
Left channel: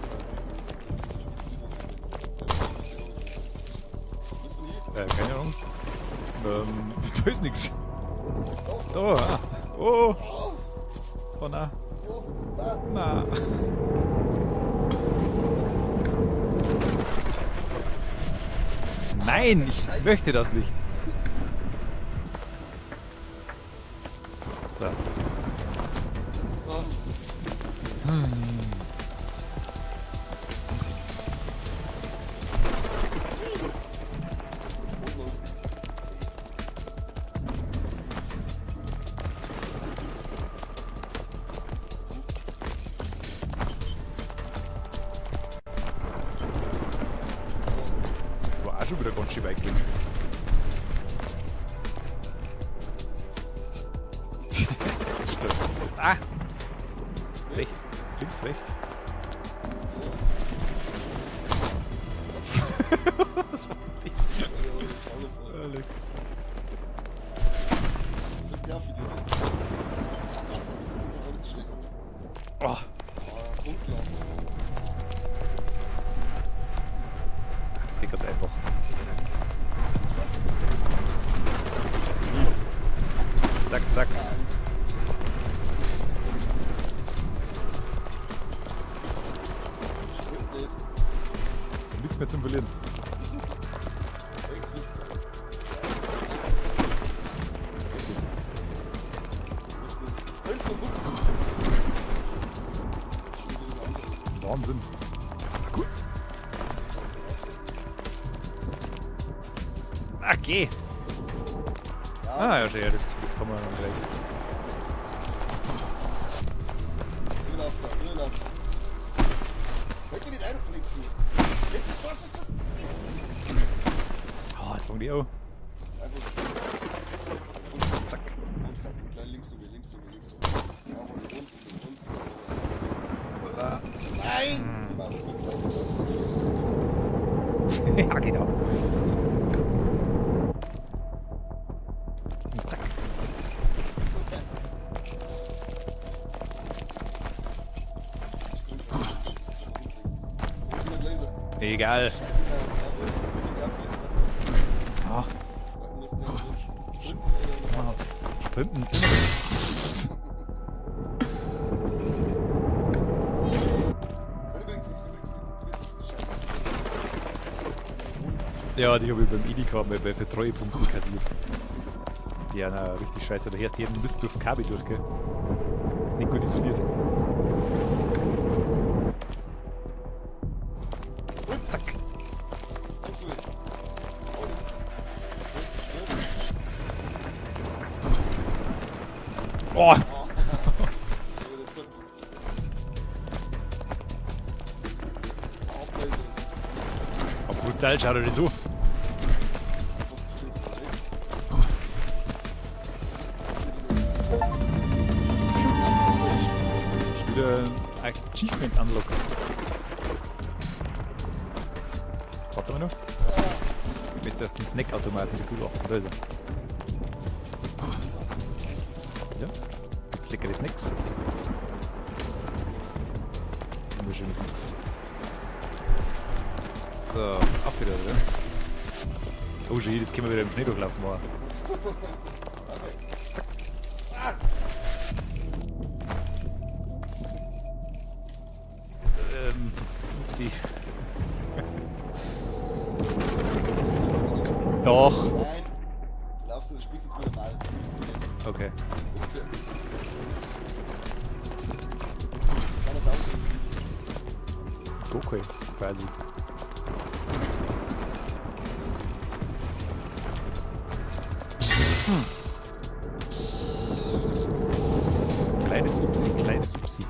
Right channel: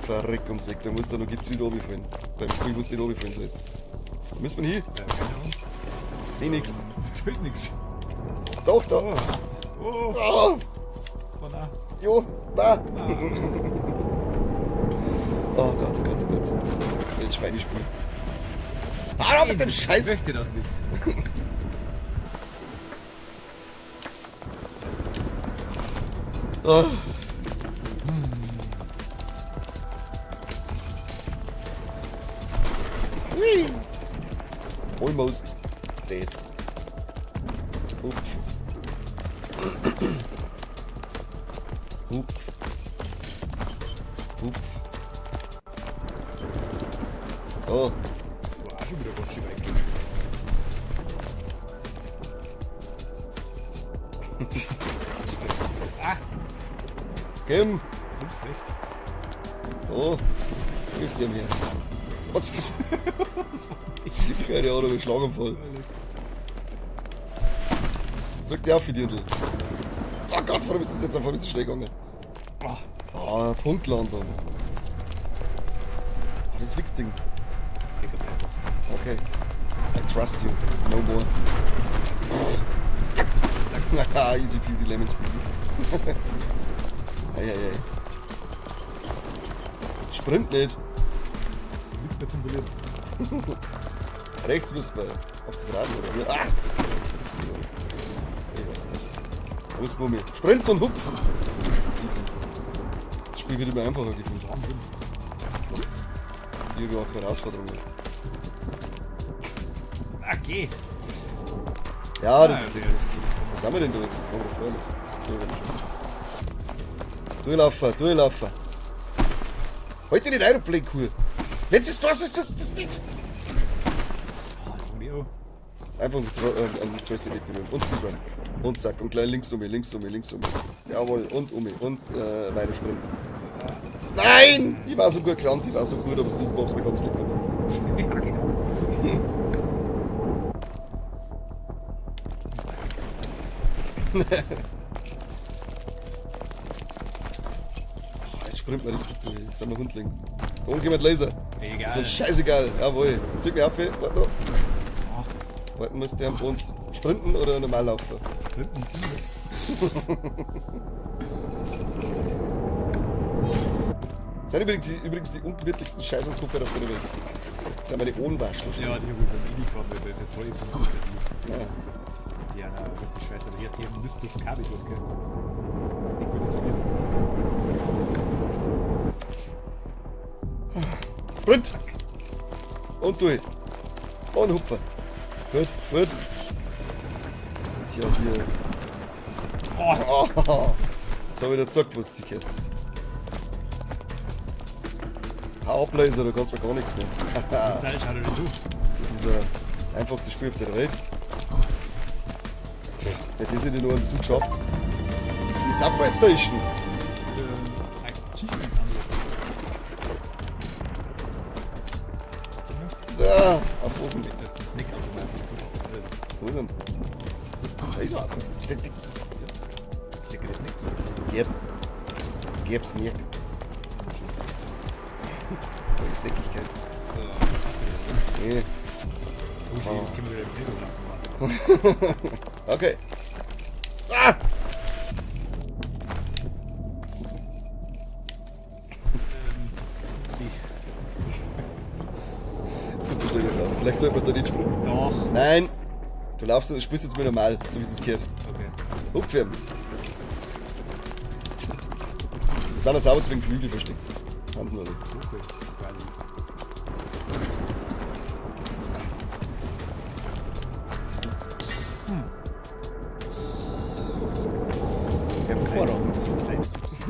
Verrückt ums Eck, da muss da noch gezielt runterfallen. Beim Spiel muss die runterfallen, das heißt. Wo müssen wir hin? Ja, keine Ahnung. Ich seh nix. Da ist nix. Doch, da. Oh. Oh. Ah! Oh nein. Jo, da. Nein. Oh Gott, oh Gott, oh Gott. Das ist ein Schweinespiel. Ah, mit dem ich Scheiß. möchte das nicht. So. Oh. Whee! Almost dead. Uff. Uff. Uff. So, Das war auch schon wieder ganz schön weit. Ah, Kim. links, rechts. Oh, wie ist der mir? Was? Was war das? Keine Ahnung, ein Schlaganfall. Sag dir auf für dir, du. Oh Gott, warum ist das jetzt einfach ein bisschen schnell gegangen? Oh, Ah, Punktland. Das Wichsding. das geht ganz einfach. Okay. I trust you. Hold on. Zack, zack. Ah, easy peasy lemon squeezy. Ei. Sprint nicht. Nichts mehr zum Verlieren. Rechts müssen wir. Auf das Rad. Ah! Wo ist Gummi? Sprint und hupfen. Das Spiel wird immer einfacher. Wahnsinn. Hier auch Herausforderungen. Okay. Ja, Ah, das ja, das kann man was haben wir denn jetzt? Durchlaufen. Heute nicht Aeroplane cool. Wenn es das ist, das nicht. Oh, jetzt fangen die auch. Einfach an die Chest wegkommen. Und zack. Und zack. Und gleich links um mich. Jawohl. Und um mich. Und leider springen. Nein! Die war so gut gerannt. Die war so gut, aber du machst mir ganz lieb. Ja, genau. Jetzt springt man nicht. Jetzt sind wir Hundling. Und jemand Laser. Egal. Scheißegal. Jawohl. Zieh mich auf. Warte noch. Oh, Warten musst du und sprinten oder normal laufen? Sprinten. Das sind übrigens die ungemütlichsten Scheiße am Kupfer da drin. Das sind meine Ohnwaschen. Ja, die habe ich beim Edeka bei Treuepunkten kassiert. Ja, na, richtig scheiße. Du hörst jeden Mist durchs Kabel durch, gell? Das ist nicht gut, das für dich. Sprint! Und durch. Und Hupfer. Gut. Das ist ja hier. Oh! Oh, jetzt habe ich dir gesagt, was die Käste. Hauptlaser, da kannst du mir gar nichts mehr. Brutal, schau dir das an. Das ist das einfachste Spiel auf der Welt. Das ist nicht nur ein Zuschauen. Subway Station. Wieder ein Achievement unlocken. Warte mal noch. Ja, am Fuß. Mit das mit Snackautomat wieder gut auf. Da ist er. Wo ist er? Da ist er. Ja. Leckeres Snacks. Gib's nicht. Wunderschönes Snacks. Schleckigkeit. So, ab wieder, oder? Nee. Oh, schön, das können wir wieder im Schneeberglauf machen. Okay. Ah! Upsi. Vielleicht soll man da nicht springen. Doch. Nein! Du laufst und spielst jetzt mal normal, so wie es gehört. Okay. Upfirm. Das sind das sauber wegen Flügel versteckt. Wahnsinn, oder? Okay, quasi. Kleines Upsi, kleines Upsi.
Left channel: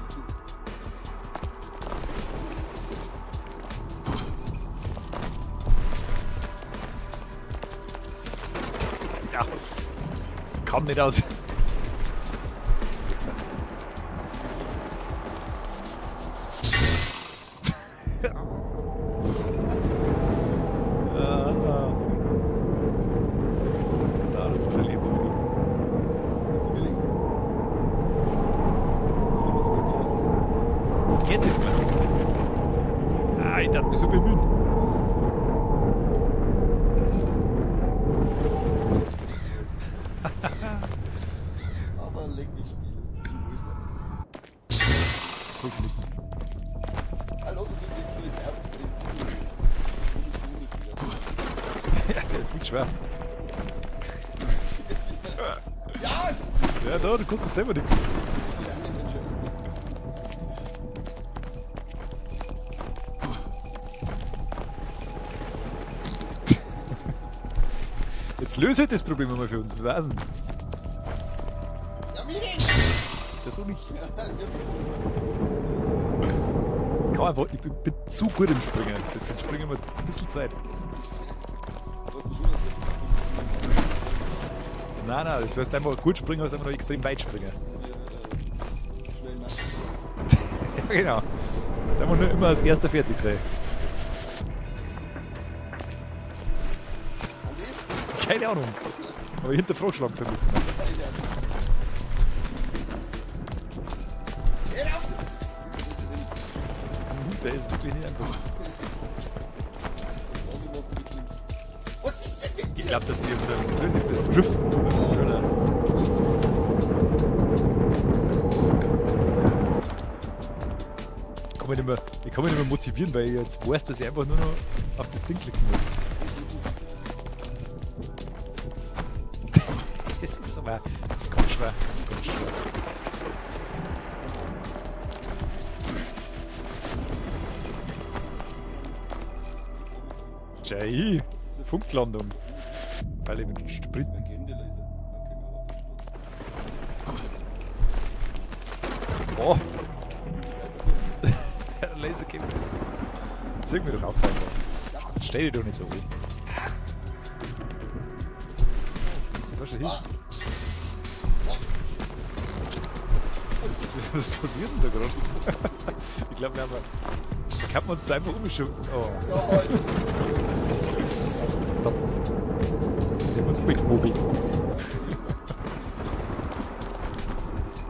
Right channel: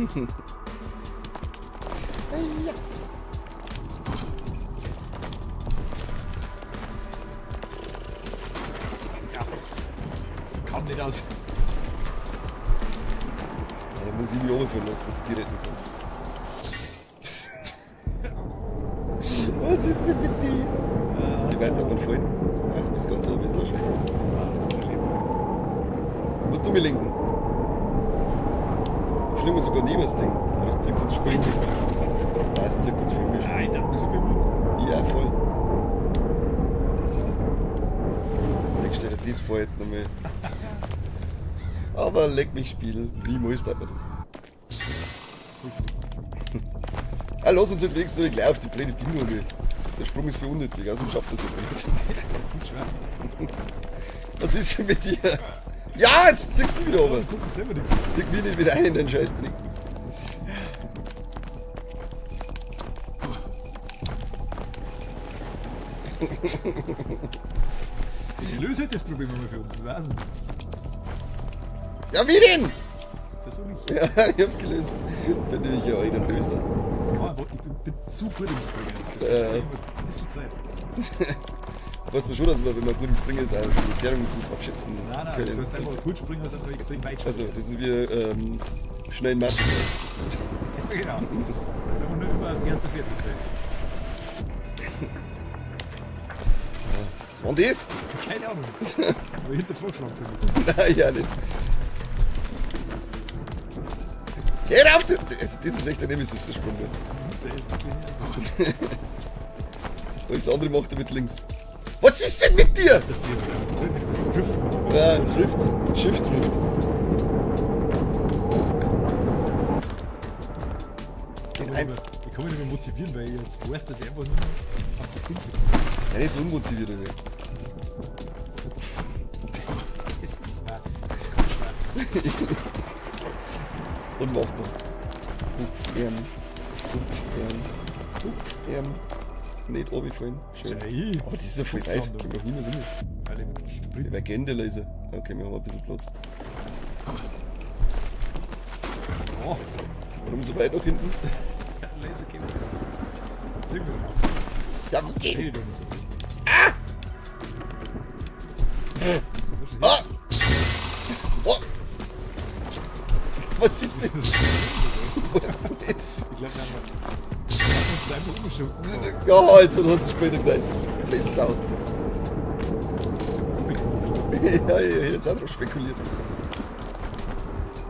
Ja. Kam nicht aus. Da muss ich mich runterführen lassen, das geht nicht. Was ist denn mit dir? Die weiter mit voll. Ja, das Ganze mit der Musst du mir lenken? Fliegen wir sogar nie was Ding. Das zieht jetzt Geht das Sprint. meinst du? Das zieht jetzt viel mehr. Nein, da bist du bemüht. Ja, voll. Ich stelle das vor jetzt nochmal. Aber leck mich spielen. Niemals darf man das. Ah, lass uns übrigens so gleich auf die blöde Ding gehen. Der Sprung ist für unnötig, also schafft das nicht. Das ist viel schwer. Was ist denn mit dir? Ja, jetzt ziehst du Ja, wieder du aber. kannst doch selber nichts. Zieh mich nicht wieder ein in den Scheißdreck. Jetzt löse halt das Problem mal für uns. Wir wissen. Ja, wie denn? Das auch nicht. Ja, ich hab's gelöst. Bin ich ja auch nicht lösen. Kann einfach, ich bin zu gut im Springen. Deswegen Ja. springe ich mal ein bisschen Zeit. Weiß man schon, dass wir, wenn wir gut im Springen sind, die Erklärung nicht abschätzen. Nein, das heißt einfach gut springen, heißt einfach extrem weit Also, springen. das ist wie schnell in Mathe. Genau. Da muss nur immer als erster fertig sein. Und das? Keine Ahnung. Aber hinterfragschlagen sie nicht. Nein, ja nicht. Hör auf! Das ist echt ein Nemesis, der Sprung. Der ist wirklich nicht einfach. Und das andere macht er mit links. Was ist denn mit dir? Das ist jetzt ja drin, das Drift. Ja, Drift. Shift Drift. Ich kann mich nicht mehr motivieren, weil ich jetzt weiß, dass ich einfach nur noch auf das Ding klicken muss. Ja, jetzt unmotiviert. Ne? Das ist aber. Das ist ganz schwer. Unmachbar. Nicht runterfallen. Jai. Aber diese Punktlandung. Noch nie mehr so gut. Weil ich mit dem Sprit. Der Agenda-Laser. Okay, wir haben ein bisschen Platz. Oh, Warum so weit nach hinten? der Laser geht jetzt. Jetzt irgendwie dann auf. Ja, was geht? Stell doch nicht so viel. Ah! Oh! Was ist denn? Ich glaube, wir haben uns da einfach umgeschoben. Oh, Ja, halt, so hat es später geleistet. Du bist Sau. wir haben uns wegmobil. Ja, ich hätte jetzt auch drauf spekuliert.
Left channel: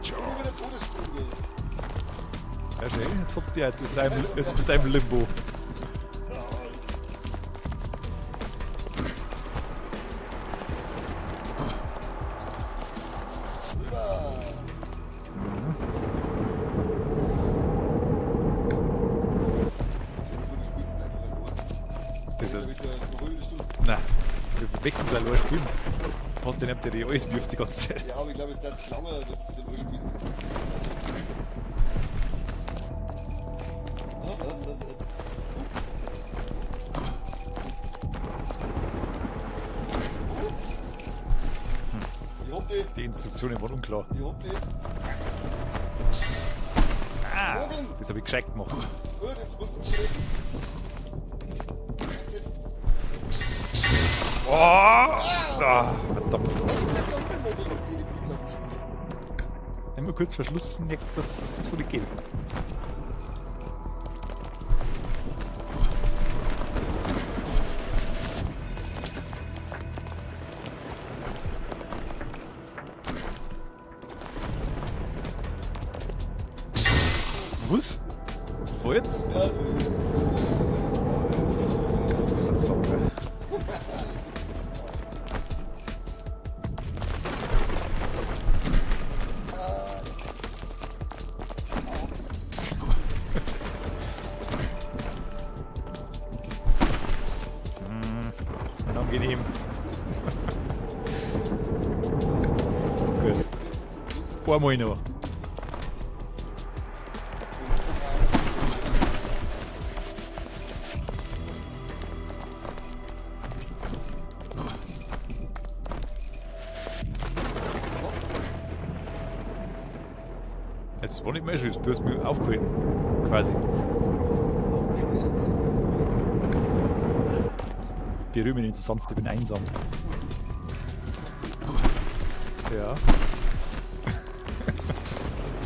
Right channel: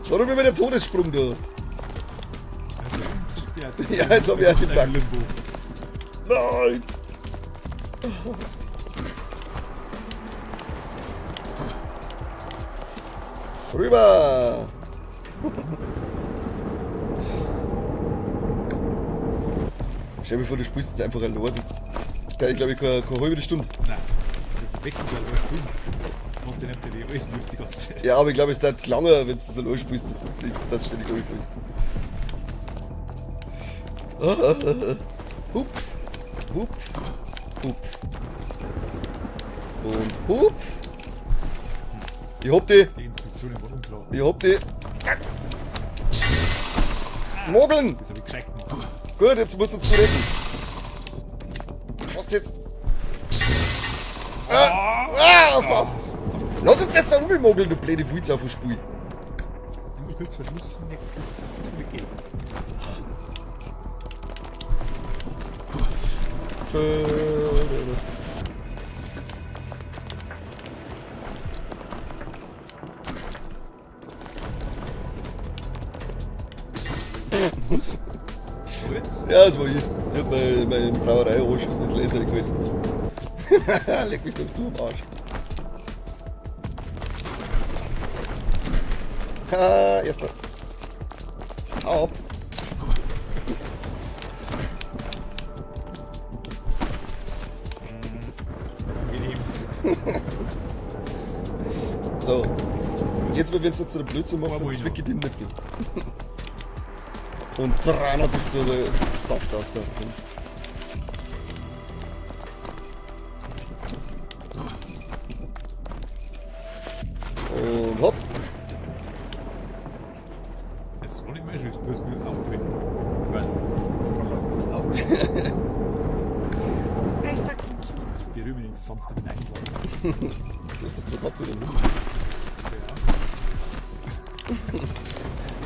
Schau doch mal der Todessprung da. Jetzt habt ihr halt Ja, jetzt hab ich halt dein Limbo. Nein! Rüber! Stell dir vor, du spielst jetzt einfach ein Lord. Das dauert, glaube ich, keine halbe Stunde. Nein, du wechselst ja allein spielen. Hast du nicht, der die alles wirft die ganze Zeit. Ja, aber ich glaube, es dauert lange, wenn du das allein spielst, dass du ständig durchfällst. Hup! Hup! Hup! Und hup! Ich hab die! Die Instruktionen waren unklar. Ich hab die! Mogeln! Das habe ich gescheit gemacht. Gut, jetzt musst du uns retten. Was jetzt? Fast! Verdammt. Lass uns jetzt auch ummogeln, du blöde Fuiz auf dem Spiel. Einmal kurz Verschluss merkt, dass das so nicht geht. Was? Wo jetzt? Ja, das war ich. Ich hab meine Brauerei schon mit Laser gewählt. So. Leck mich doch zu, Arsch. Erster. Auf. Angenehm. So. Jetzt probieren wir jetzt einen Blödsinn machen, Einmal sonst noch. weggeht in den Bild. Und 300 Pistole Saft aus. Und hopp. Jetzt war nicht mehr schön. Du hast mich aufgeholt. Quasi. Du hast mich aufgeholt. Berühre mich nicht so sanft, ich bin einsam. Ja.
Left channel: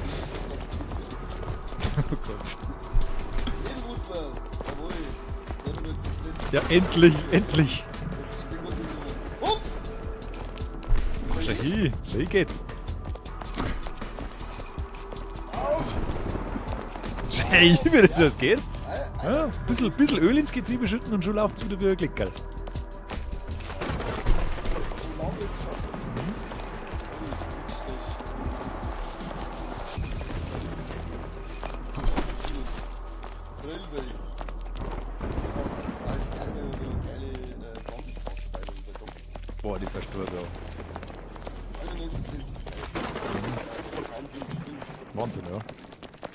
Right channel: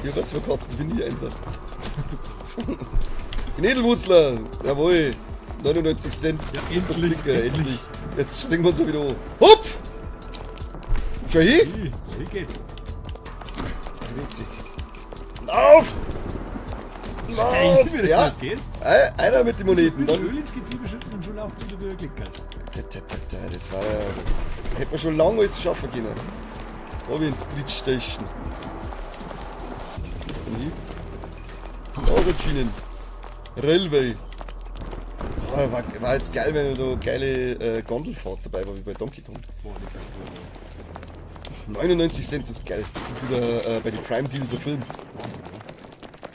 Ich hab zwei Katzen, ich bin nie einsam. Knädelwurzler, jawohl. 99 Cent. Ja, Das endlich, ist Sticker, endlich. Jetzt springen wir uns wieder hoch. Hupf! Schon hier? Schei geht. Auf! Schei, wie das Ja. alles geht. Einer mit den Ein Moneten. bisschen Öl ins Getriebe schütten und schon läuft es wieder wie ein Klickerl. Das war ja. Das hätte man schon lange alles schaffen können. Da hab ich ins Street Station. Das war lieb. Außerschienen. Railway. War jetzt geil, wenn da geile Gondelfahrt dabei war, wie bei Donkey Kong. Boah, die Verspur, ja. 99 Cent ist geil. Das ist wieder bei den Prime Deals so Film. Wahnsinn, ja.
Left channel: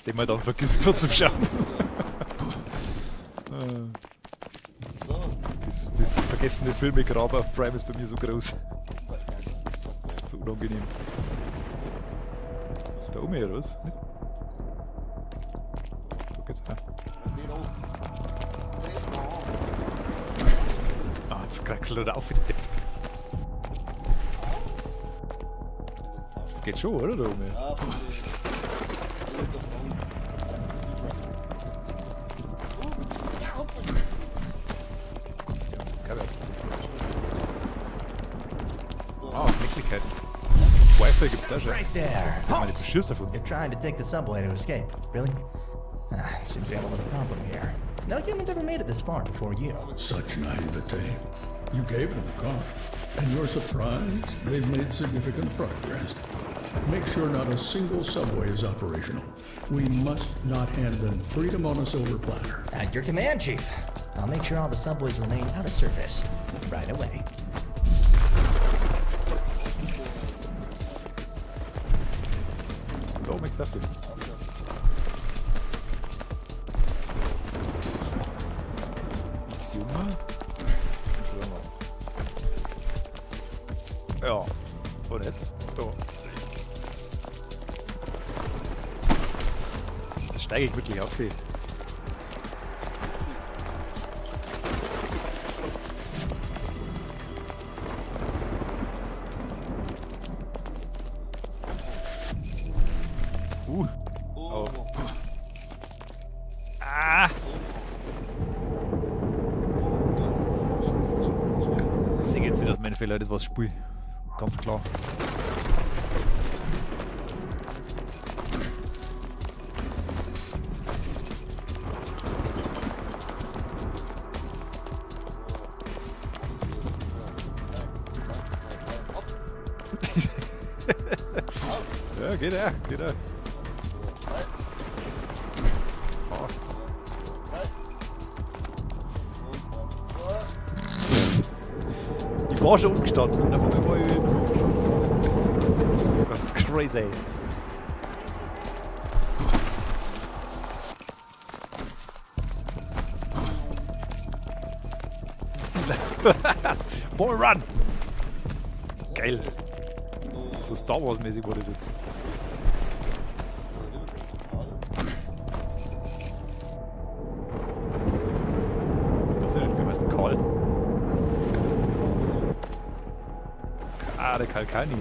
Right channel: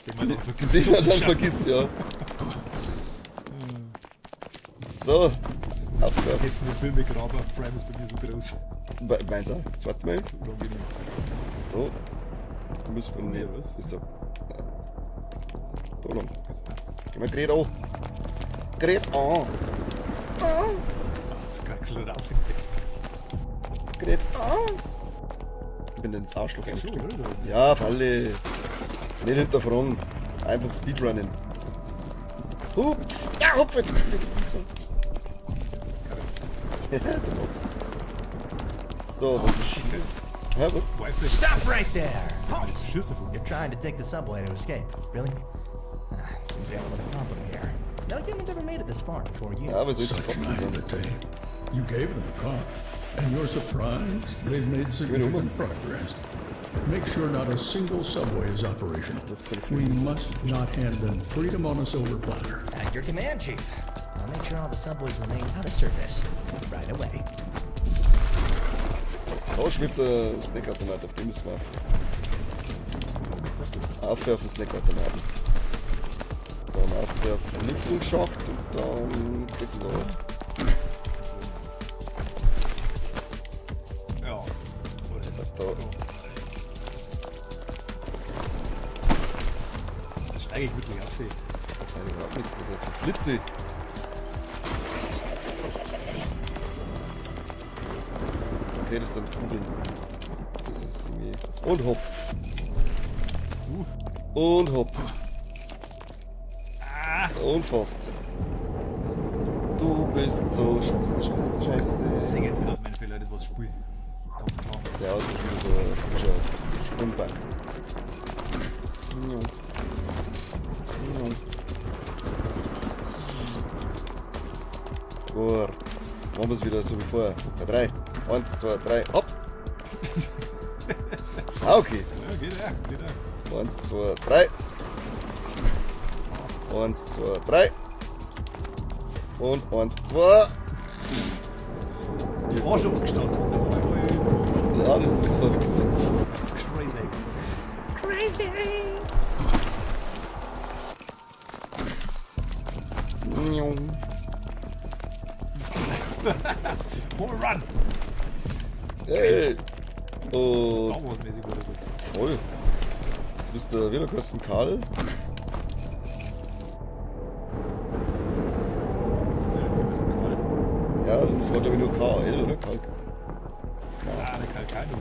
Den man dann vergisst, Den so man zu dann schauen. vergisst, ja. So, Das vergessene Filmegraber auf Prime ist bei mir so groß. meins auch. Warte mal. So unangenehm. Da. Da müssen Da oben hier, was? Ist da. Da lang. Geht's rein. Geh mal Gerät an. Gerät an. Ah, jetzt kraxelt er auf. Gerät an. Ich bin ins Arsch. Das geht schon, oder? Da oben? Ja, Falle. Nicht hinterfragen. Einfach Speedrunnen. Hup. Ja, hupfen. Das ist gar nicht so. So, Oh, shit, halt. ja, was? Wi-Fi gibt's Stop auch. right there! Meine Verschüsse davon. You're trying to take the subway to escape. Really? Seems we have a little problem here. No humans ever made it this far before you. Ja, was soll ich Such jetzt naivete. You gave them a car, and you're surprised they've made significant progress. Make sure not a single subway is operational. We must not hand them freedom on a silver platter. At your command, Chief. I'll make sure all the subways remain out of service right away. Rausch mit Snackautomat, auf dem müssen wir Warum ich gesagt habe. aufwerfen, Snackautomat. Dann aufwerfen, Lüftungsschacht, dann das noch. Ja. Und jetzt? Da. Da. Da steige ich wirklich auf. Ey. Flitze. Okay, das sind Kugeln. Das ist irgendwie... Und hopp. Und hopp. Ah! Und fast. Du bist so scheiße. Ich sehe jetzt nicht, dass mein Fehler das was Spiel. Ganz klar. Ja, Sprungbein. Gut. Machen wir es wieder so wie vorher. 3. 1, 2, 3. Hopp! Ah, okay. Ja, geht ja, geht ja. 1, 2, 3. 1, 2, 3. Und 1, 2. Ich war schon umgestanden. Und einfach mal. Ja, das ist verrückt. Das ist crazy. Ball run! Hey. So Oh, Star Wars mäßig wurde das jetzt. voll. Jetzt bist du wieder Kosten Karl. Das ist ja wie heißt der Karl? Ja, das war glaube ich nur KL oder Kalk. Ah, der Karl Kalni.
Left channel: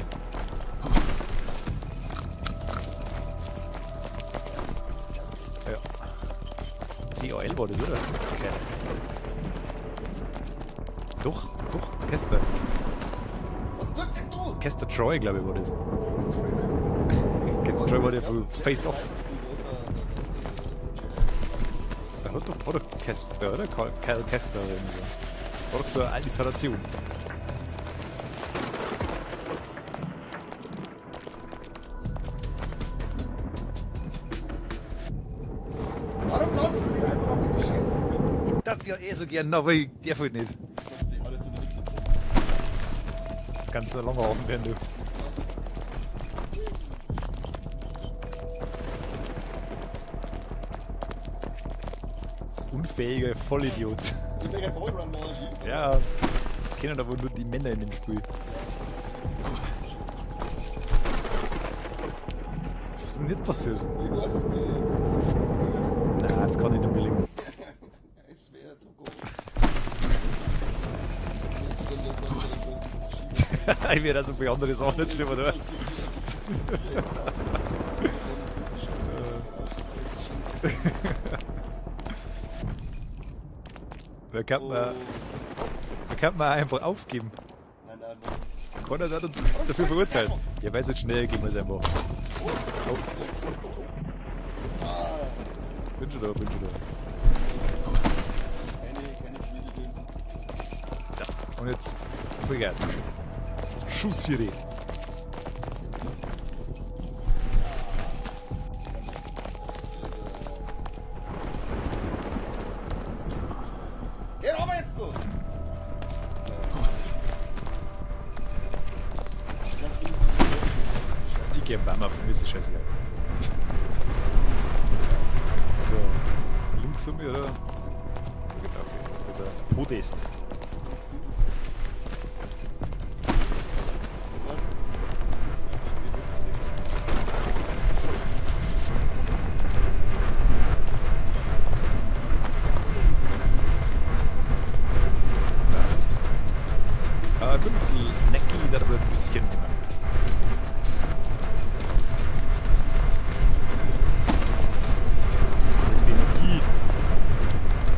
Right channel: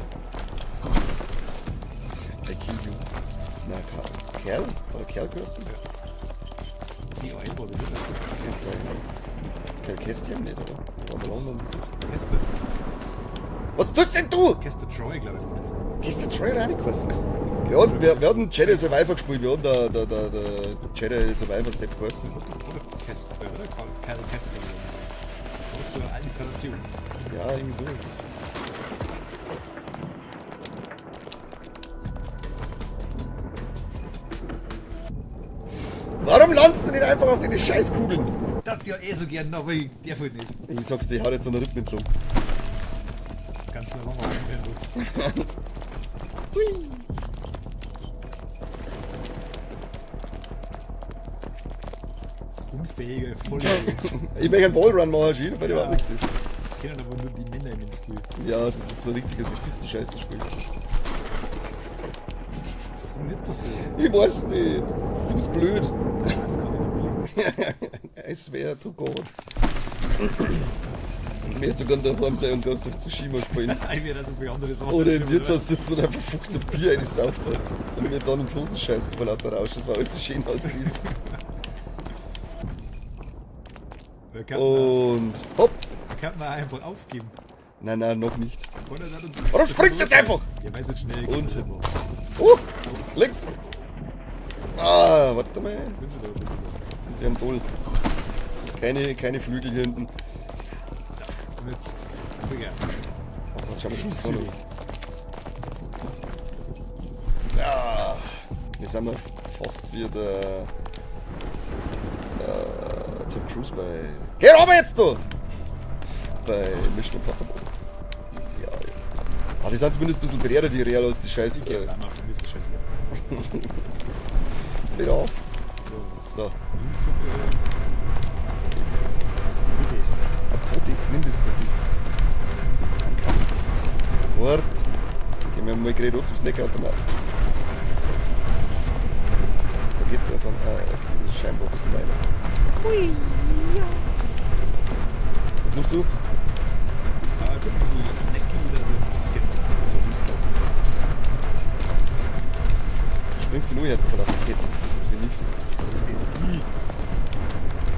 Na, Kerl? Oder Kerlgröße? Ja. CAL war das, oder? Kästchen nicht, oder? Doch, Kester. Was tust denn du? Kester Troy, glaube ich, war das. Gehst du Troy reingelassen? Troy Wir war hatten der Jedi von Face Off. Survivor gespielt, wir hatten der Jedi Survivor Set geheißen. Ja, oder Kester, oder? Karl Kester. Das war doch so eine Alliteration. Ja, irgendwie so ist es. Warum landest du nicht einfach auf deine Scheißkugeln? Das ja eh so gern, aber ich darf halt nicht. Ich sag's dir, ich hau jetzt so einen Rhythmen drum. Ganz so lange Abend, wenn du. Unfähige Vollidiot. Ich möchte einen Ballrun machen, Gilles, weil Ja. du auch Kennen aber nur die Männer in dem Spiel. Ja, das ist so ein richtiges sexistisches Scheißspiel. Was ist denn jetzt passiert? Ich weiß nicht. Du bist blöd. Nein, das kann ich nicht billigen. Es wäre to go. Ich werde sogar daheim sein und du hast auf Tsushima gespielt. Ich werde also für andere Sachen Oder im schlimmer, Wirtshaus sitzen und einfach 15 Bier in die Saufen. Und dann in die Hose scheißen vor lauter Rausch. Das war alles so schön aus. Da kann man, Und hopp! kann man einfach aufgeben. Nein, nein, noch nicht. Keiner hat uns Warum springst du jetzt einfach? Ja, weil es jetzt schnell geht, einfach. Links! Ah, warte mal. Bin schon da, bin schon da. Das ist ja ein Bull. Keine Flügel hier hinten. Und jetzt Vollgas. Schau, Schuss für dich. Ja, wir sind noch fast wie der Tom Cruise bei... Geh runter jetzt, du! Bei Mission Impossible. Ja. Aber die sind zumindest ein bisschen gelehrter, die Real, als die Scheiße. Ich geh ran auf den Mist, scheiße. Ja. So. Links und Podest. Protest, nimm das Protest. Wart. Wir haben mal geredet, zum Snackautomat. Da geht's ja dann die Scheibe und so weiter. Hui. So. Ah, ein bisschen snacky, dann ein bisschen. Du schmeckst nur jetzt, oder? Das ist Ih.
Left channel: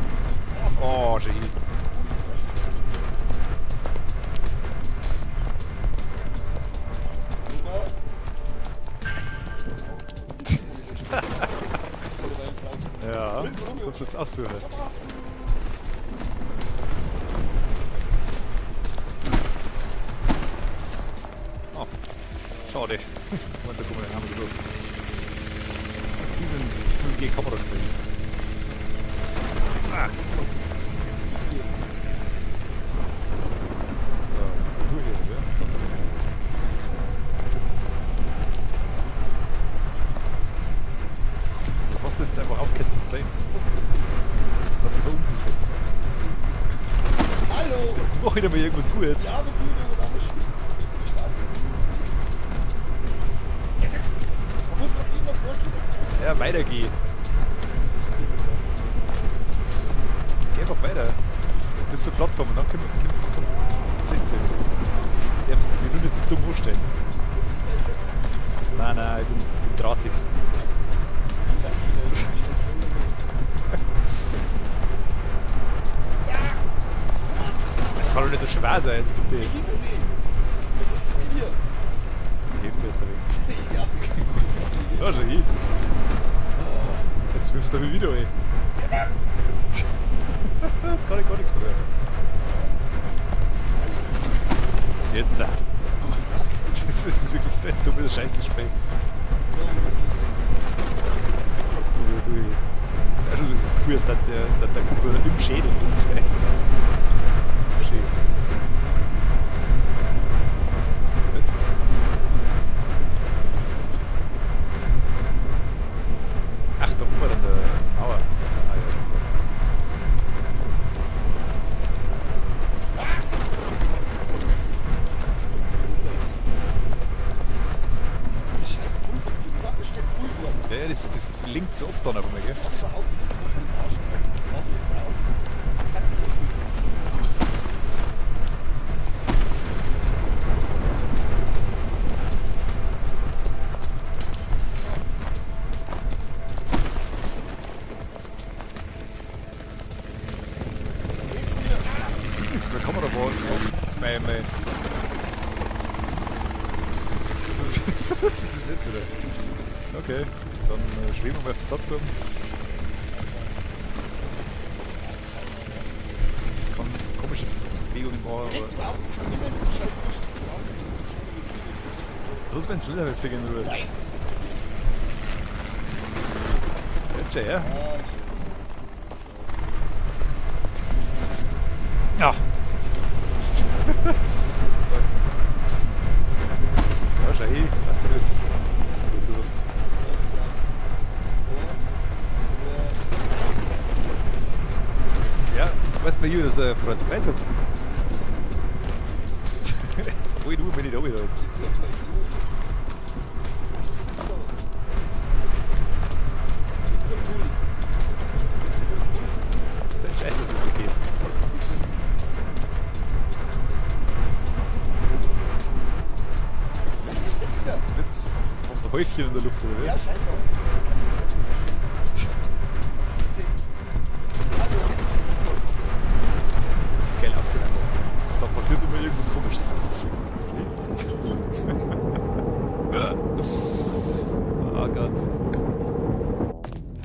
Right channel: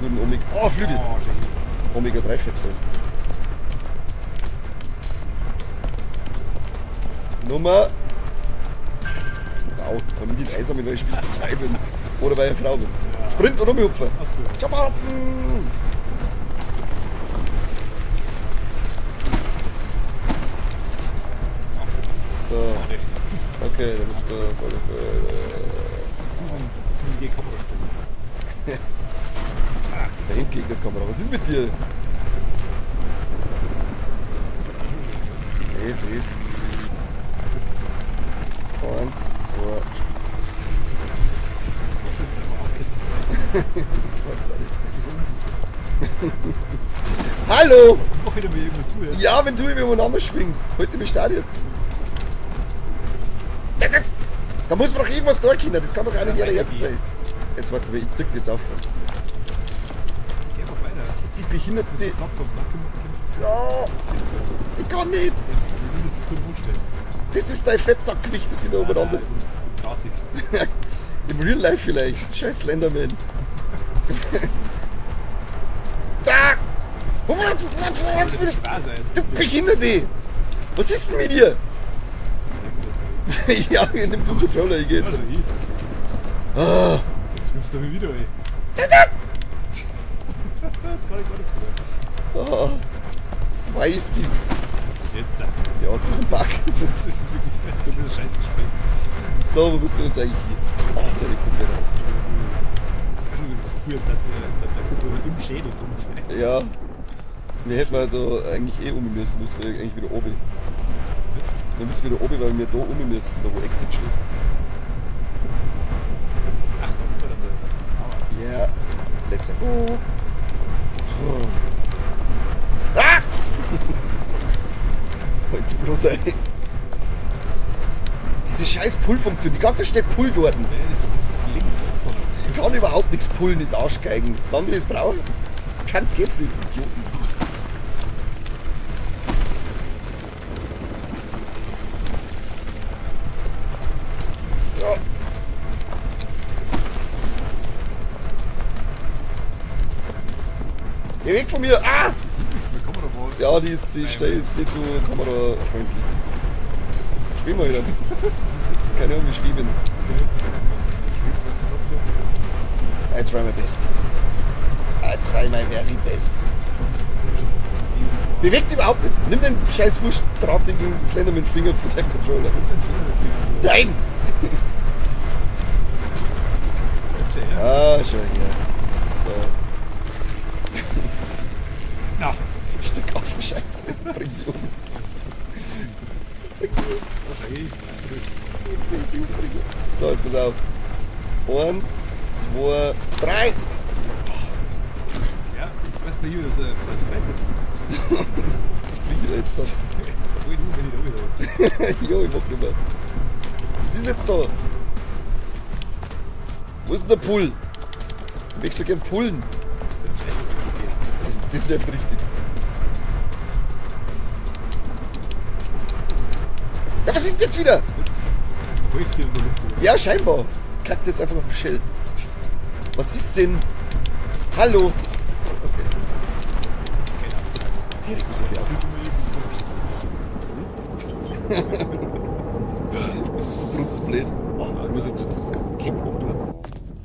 Guten Omega. Oh, Flügel! Oh, Genie. Omega 3 Fetzel. Nummer. Wow, kann ich die Weiße mit neue Spielzeit oder bei einer Frau. Ja. Sprint oder rumhupfen. Das hast du. Schabarzen! So, Schade. okay, das Sie sind die Kamera drin. okay, der Kamera. Was ist mit dir? So, so geht. 1, 2, Was denn jetzt einfach aufgehört zu zeigen? Hallo! Mach wieder mal irgendwas Cooles. Ja, wenn du übereinander schwingst. Heute bist du da jetzt. Da muss man doch irgendwas da können. Das kann doch Ja, nicht weiter ernst gehen. sein. Jetzt warte mal, ich zeig dir jetzt auf. Geh doch weiter. Das ist die Das ist behinderte. die Plattform, ne? Ich kann nicht. Ich will jetzt dumm vorstellen. Das ist dein Fettsackgewicht, das wieder übereinander. ich bin drahtig. Im Real Life vielleicht. Scheiß Slenderman. Da! Das soll nicht so schwer sein. Du Behinderte! Was ist denn mit dir? Ja, in dem Controller Ja, geht's. schon hin. Ah, Jetzt wirfst du mich wieder weg. Jetzt kann ich gar nichts mehr. ah. Was ist das? Jetzt. Ja, so ein Bug. Das ist wirklich so ein dummer Scheiße Speck. So, wo muss man jetzt eigentlich hin? Also das Gefühl ist, dass der Kumpel im Schädel uns wäre. Ja, wir hätten da eigentlich um müssen, müssen wir irgendwie wieder oben. Wir müssen wieder oben, weil wir da oben müssen, da wo Exit steht. Ach, da oben an der Mauer. Ja, let's go. Ah! Das war zu groß sein. Diese scheiß Pull-Funktion, die ganze Zeit Pull dort. Ja, das links unten noch Ich kann überhaupt nichts pullen, das Arschgeigen. Dann will ich es brauchen. Kann, geht's nicht. Ja. Geh weg von mir! Ah! Die sieht nichts mehr, kann man da mal. Ja, die ist nicht so. Oder. Schwimmen wir jetzt. Das ist nicht so. Keine Ahnung, wie schwimmen. Okay. Dann schweben wir auf der Plattform. I try my best. I try my very best. Komische Bewegung. Bewegt überhaupt nicht. Nimm den scheiß wurstdrahtigen Slenderman-Finger von der Controller. Was ist mein Slenderman-Finger? Nein! Schau her. Ah, schau hier. So. Ja. Stück auf, Scheiße. Ja, schau her. Was du bist. So, pass auf. 1, 2, 3. Ja, weißt du, hier ist ein Freizeit. Obwohl, du bin ich da wieder. Jo, ich mach rüber. Was ist jetzt da? Wo ist denn der Pull? Ich so gern pullen. Das ist ein Scheiß, das ist okay. Das nervt richtig. Ja, was ist denn jetzt wieder? Jetzt hast du Häufchen in der Luft. Oder? Ja, scheinbar. Kackt jetzt einfach auf Shell. Was ist denn? Hallo? Das ist geil aus. Das passiert immer irgendwas Komisches. Das ist so brutzblöd. Ah, Das genau. ist so das geht runter.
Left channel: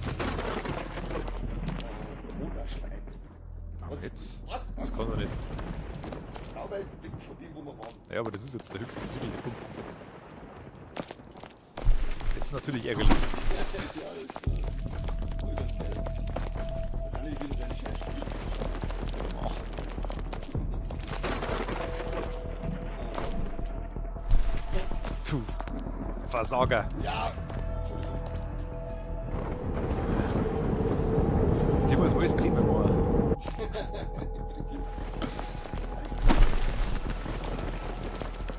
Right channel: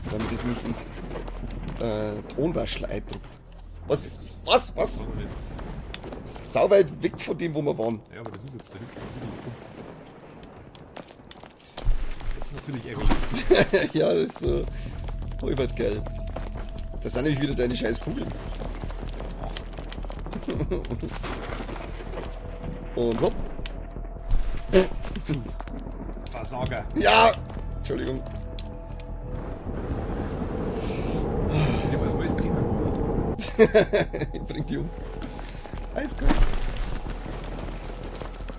Damit ist nicht Tonwaschel eindruckt. Was? Jetzt. Was? Das kann man nicht. Sau weit weg von dem, wo wir waren. Ja, aber das ist jetzt der höchste natürliche Punkt. Das ist natürlich ärgerlich. Ja, das ist so. Holbert geil. Das sind nämlich wieder deine scheiß Kugeln. Und hopp. Du Versager. Ja! Entschuldigung. Ich muss alles ziehen. Aber Ich bring die um. Alles gut.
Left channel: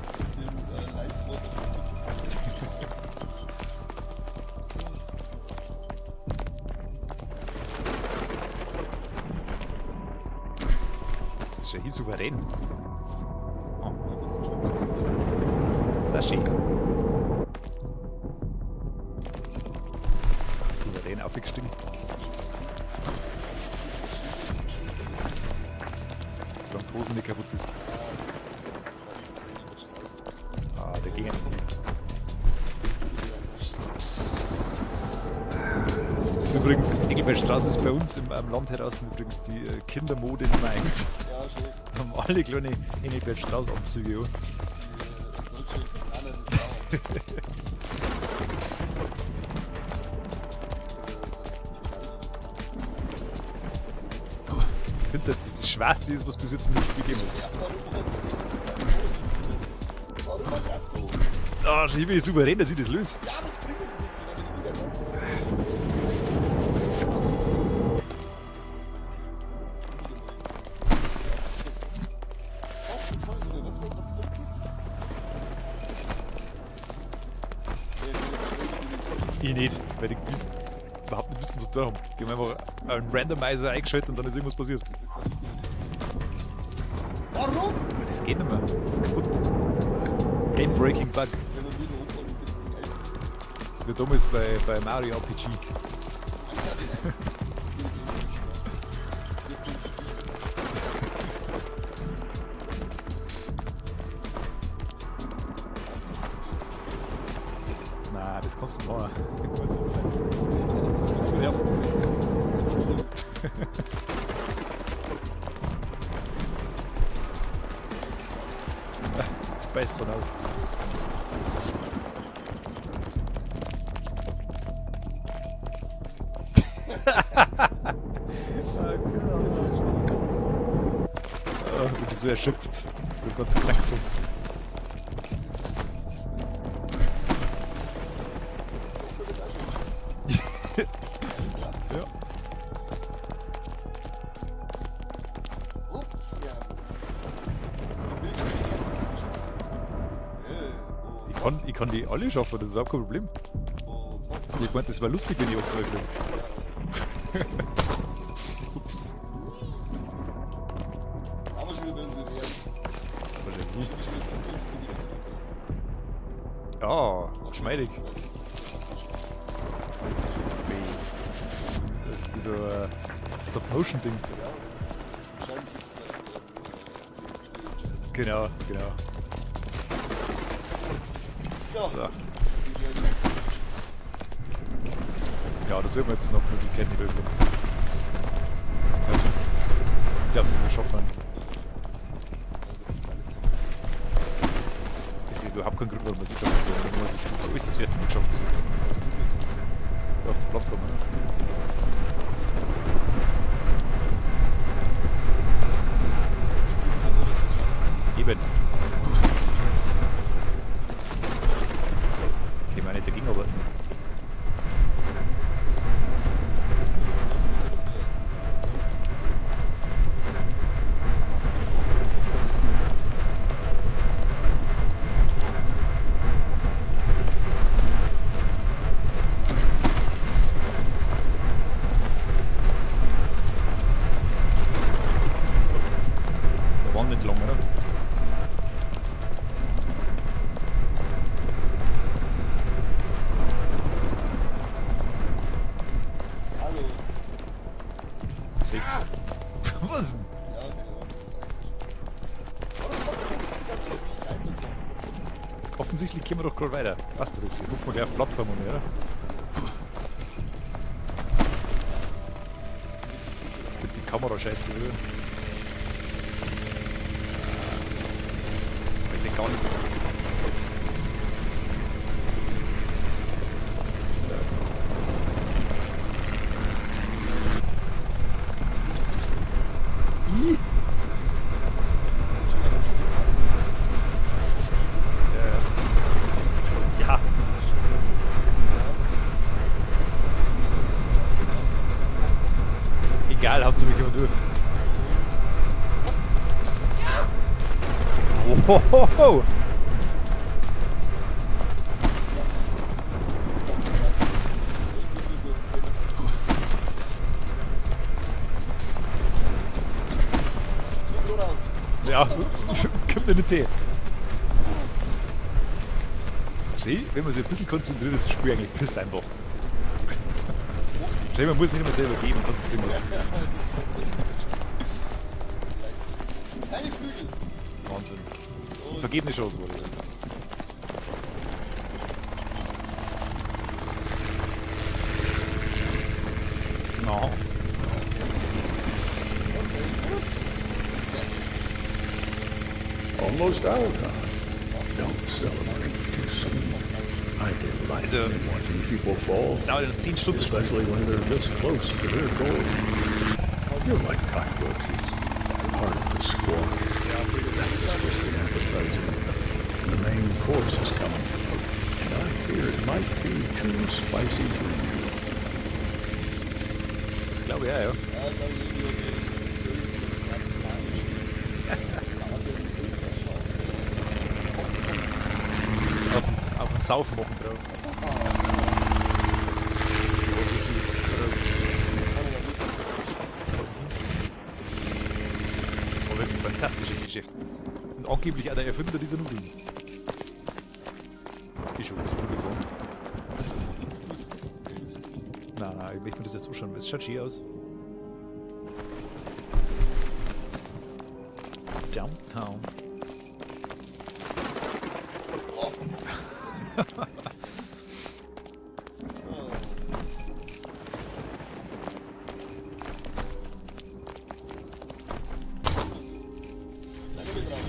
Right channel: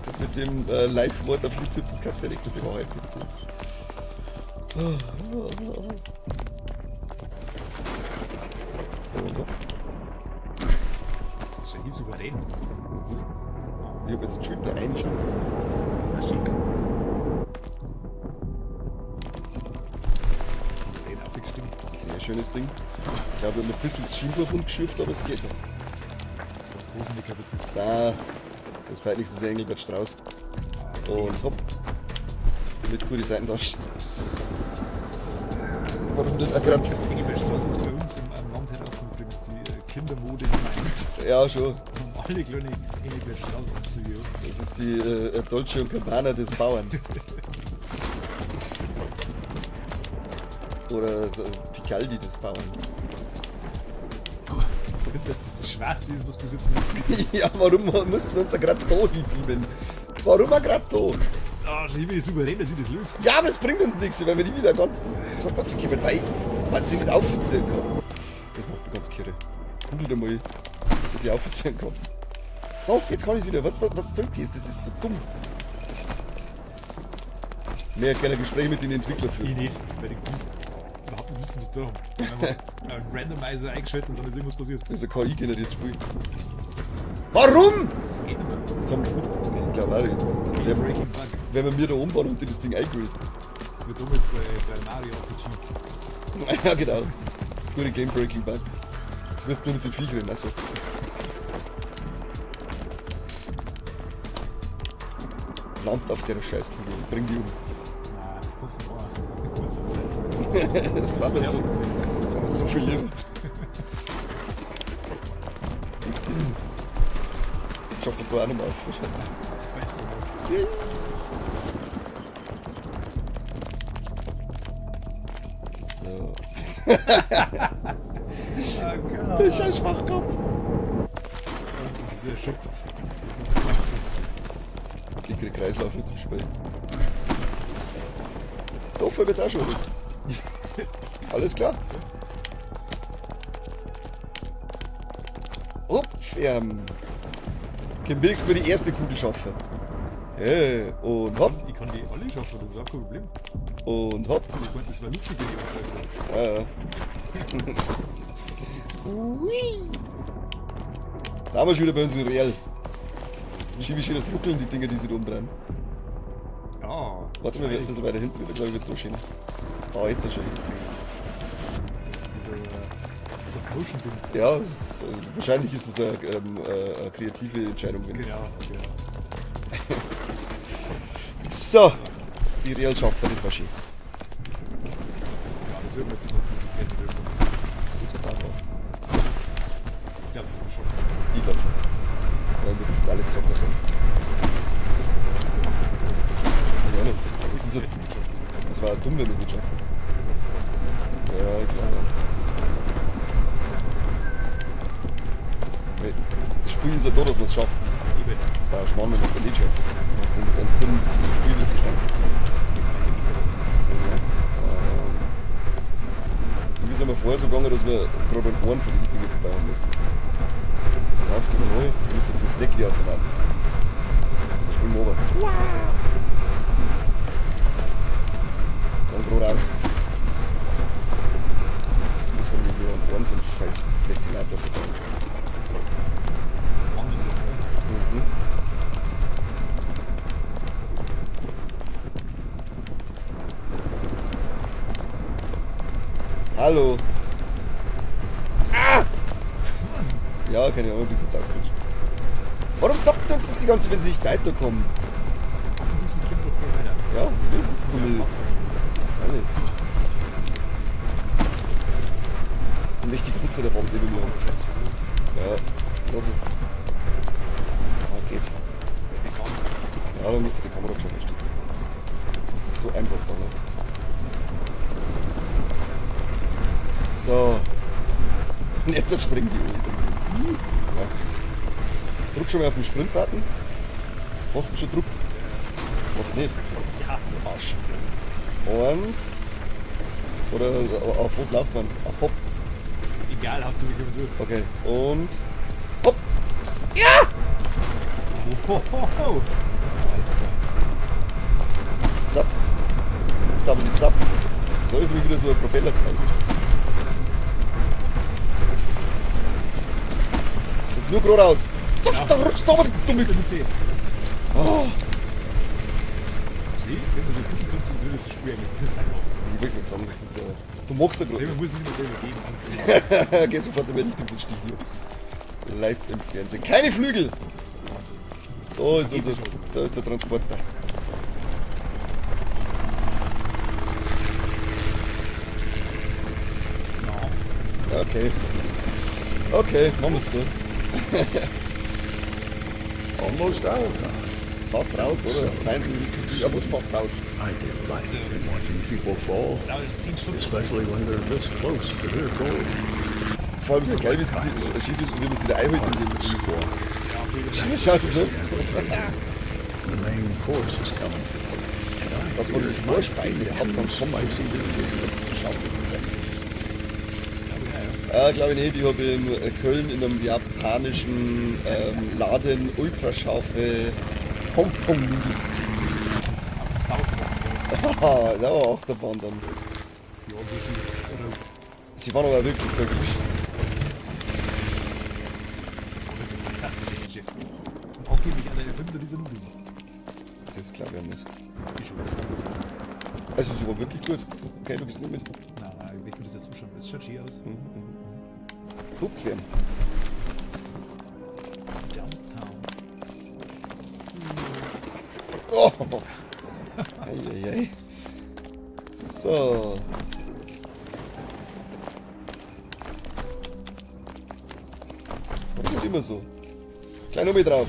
Das mit dem Live-Wort auf YouTube, das kannst du ja nicht mit dem halten. das ist ja hier souverän. Ich hab jetzt einen Schulter reinschauen. Das ist ja schön. Souverän aufgestimmt. Das ist ein schönes Ding. Ich habe noch ein bisschen das Schienbein rumgeschürft, aber es geht. Das ist Hosen, die kaputt ist. Da, das feierlichste ist ja Engelbert Strauß. Ah, Und hopp. damit coole Seiten da stehen. Warum das Übrigens, Engelbertstraße ist bei uns am Land heraus übrigens die Kindermode Nummer 1. Ja, schon. Haben alle kleine Engelbertstraße-Anzüge. Ja. Das ist die Dolce und Gabbana des Bauern. Oder Picaldi des Bauern. Ich finde, dass das Schwerste ist, was bis jetzt nicht gegeben Ja, warum mussten wir uns ja gerade da hinbieben? Warum wir gerade da? Ah, ich bin souverän, dass ich das löse. Ja, aber es bringt uns nichts, wenn wir nie wieder ganz zu zweit dafür kommen, weil sie nicht aufziehen kann. Das macht mich ganz kirre. Wieder mal, dass ich aufziehen kann. Doch, jetzt kann ich wieder. Was soll das? Das ist so dumm. Mehr gerne Gespräche mit den Entwicklern. Ich nicht, weil ich überhaupt nicht wissen, was da haben. Dann haben wir einen Randomizer eingeschaltet und dann ist irgendwas passiert. Das ist ein KI-generiertes Spiel. Warum? Das geht nicht mehr. Das ist kaputt. Ich glaube auch. Game Breaking Bug. Wenn man mir da umbaut und das Ding eingeholt. Das wird damals bei Mario RPG. Ja, genau. Nur die Game Breaking Bug. Das wirst du nur mit den Viechern, also. Land auf der Scheißkugel. Bring die um. Nein, das kannst du machen. Das war mir so. Ja. Das war mir so verlieren. Ich hoffe, das war auch nicht mehr auf. Das ist besser aus. So. Der scheiß Schwachkopf. Und bist so erschöpft. Du kannst gleich so. Ich krieg Kreislauf jetzt zu spät. Dafür wird's auch schon. Alles klar? Ja. Upf, können wenigstens mal die erste Kugel schaffen. Hey, und hopp, Ich kann die alle schaffen, das ist überhaupt kein Problem. und hopp. Ich meinte, das war lustig, wenn ich aufgreife. Ja, ja. Jetzt haben wir schon wieder bei uns in Real. Schiebe ich schon das Rütteln, die Dinger, die sich rumdrehen. Ja, Warte schon mal, ein bisschen weiter hinten, das soll wird so schön. Ah, jetzt ist schon. das ist wie so ein Stop-Motion-Ding. Ja, das ist, wahrscheinlich ist es eine kreative Entscheidung. Genau. So, die Real schafft das wahrscheinlich. Ja, das sieht man jetzt noch mit den Blenden drüber. Ich glaube, wir schaffen Ich glaube schon. Ja, mit alle Zocker sind. überhaupt keinen Problem mit der Chance. Das ist das erste Mal schon gesetzt. Das war dumm, wenn wir nicht schaffen. Auf der Plattform. Ja, das Spiel ist ja da, dass wir es schaffen. Eben. Das war spannend, dass wir nicht schaffen. Das ist den ganzen Sinn im Spiel nicht verstanden. Ich meine, der Gegner war. Mir ist einmal vorher so gegangen, dass wir gerade beim Ohren von hinten vorbei müssen. Pass auf, genau, wir müssen zum Snackly abtragen. Spielen wir oben. Ja, Bro, raus. Das war wieder so ein scheiß Theater. War nicht lang, oder? Hallo. Was? Ja, keine Ahnung, ich bin kurz ausgerutscht. Warum sagt man uns das die ganze Zeit, wenn sie nicht weiterkommen? Offensichtlich kommen wir doch voll weiter. Ja, Das ist von der Plattform, oder? Und nicht die Pizza der Bombe. Kamera-Scheiße, oder? Ja, das ist. Geht. Das ist gar nichts. Aber wir müssen die Kamera schon. Das ist so einfach. So. Nicht so streng. Drück schon mal auf den Sprintbutton. Hast du schon gedrückt? Hast nicht. Ja, Arsch. Eins. Oder auf was läuft man? Hopp. Egal, hauptsächlich immer durch. Okay. Und. Hopp. Ohohoho. Zapp. Zapp, zapp. Da ist wieder so ein Propellerteil. Jetzt nur geradeaus. Ja, Da rutscht so dumm über den Tee. Oh. Schau, wenn man sich ein bisschen konzentriert, ist das Spiel eigentlich piss einfach. Du magst Schau, man muss nicht immer selber geben, konzentrieren. ja geh sofort wenn ich diesen Stiefel. Live ins Fernsehen. Keine Flügel! Wahnsinn. Oh, jetzt geht ist die Chance. da ist der Transporter. Okay, komm ich so. Almost out, huh? Fast raus, oder? Nein, ja, muss fast raus. I delight in watching people fall, Das dauert 10 Stunden. especially when they're this close to their goal. Vor allem so klein ist es immer unterschiedlich, wie das in der Eiweiß Part of the squad. schaut. Ne? The main course is coming, and I fear it might be too spicy for you. Das glaube ich, ja. Glaube ich nicht. Ich habe in Köln in einem japanischen Laden ultrascharfe Pom-Pom. Auf den Saufen. Haha, da war auch davon. Das war aber wirklich verquischt. Aber ein fantastisches Geschäft. Und angeblich einer Erfinder dieser Nudeln. Das glaube ich nicht. Ich schon so ungefähr. Es ist aber wirklich gut. Okay, du bist nicht mit. Nein, ich möchte mir das jetzt zuschauen. Es schaut schön aus. Okay. Downtown. Oh. Eieiei. So. Kommt immer so. Klein Nummer drauf.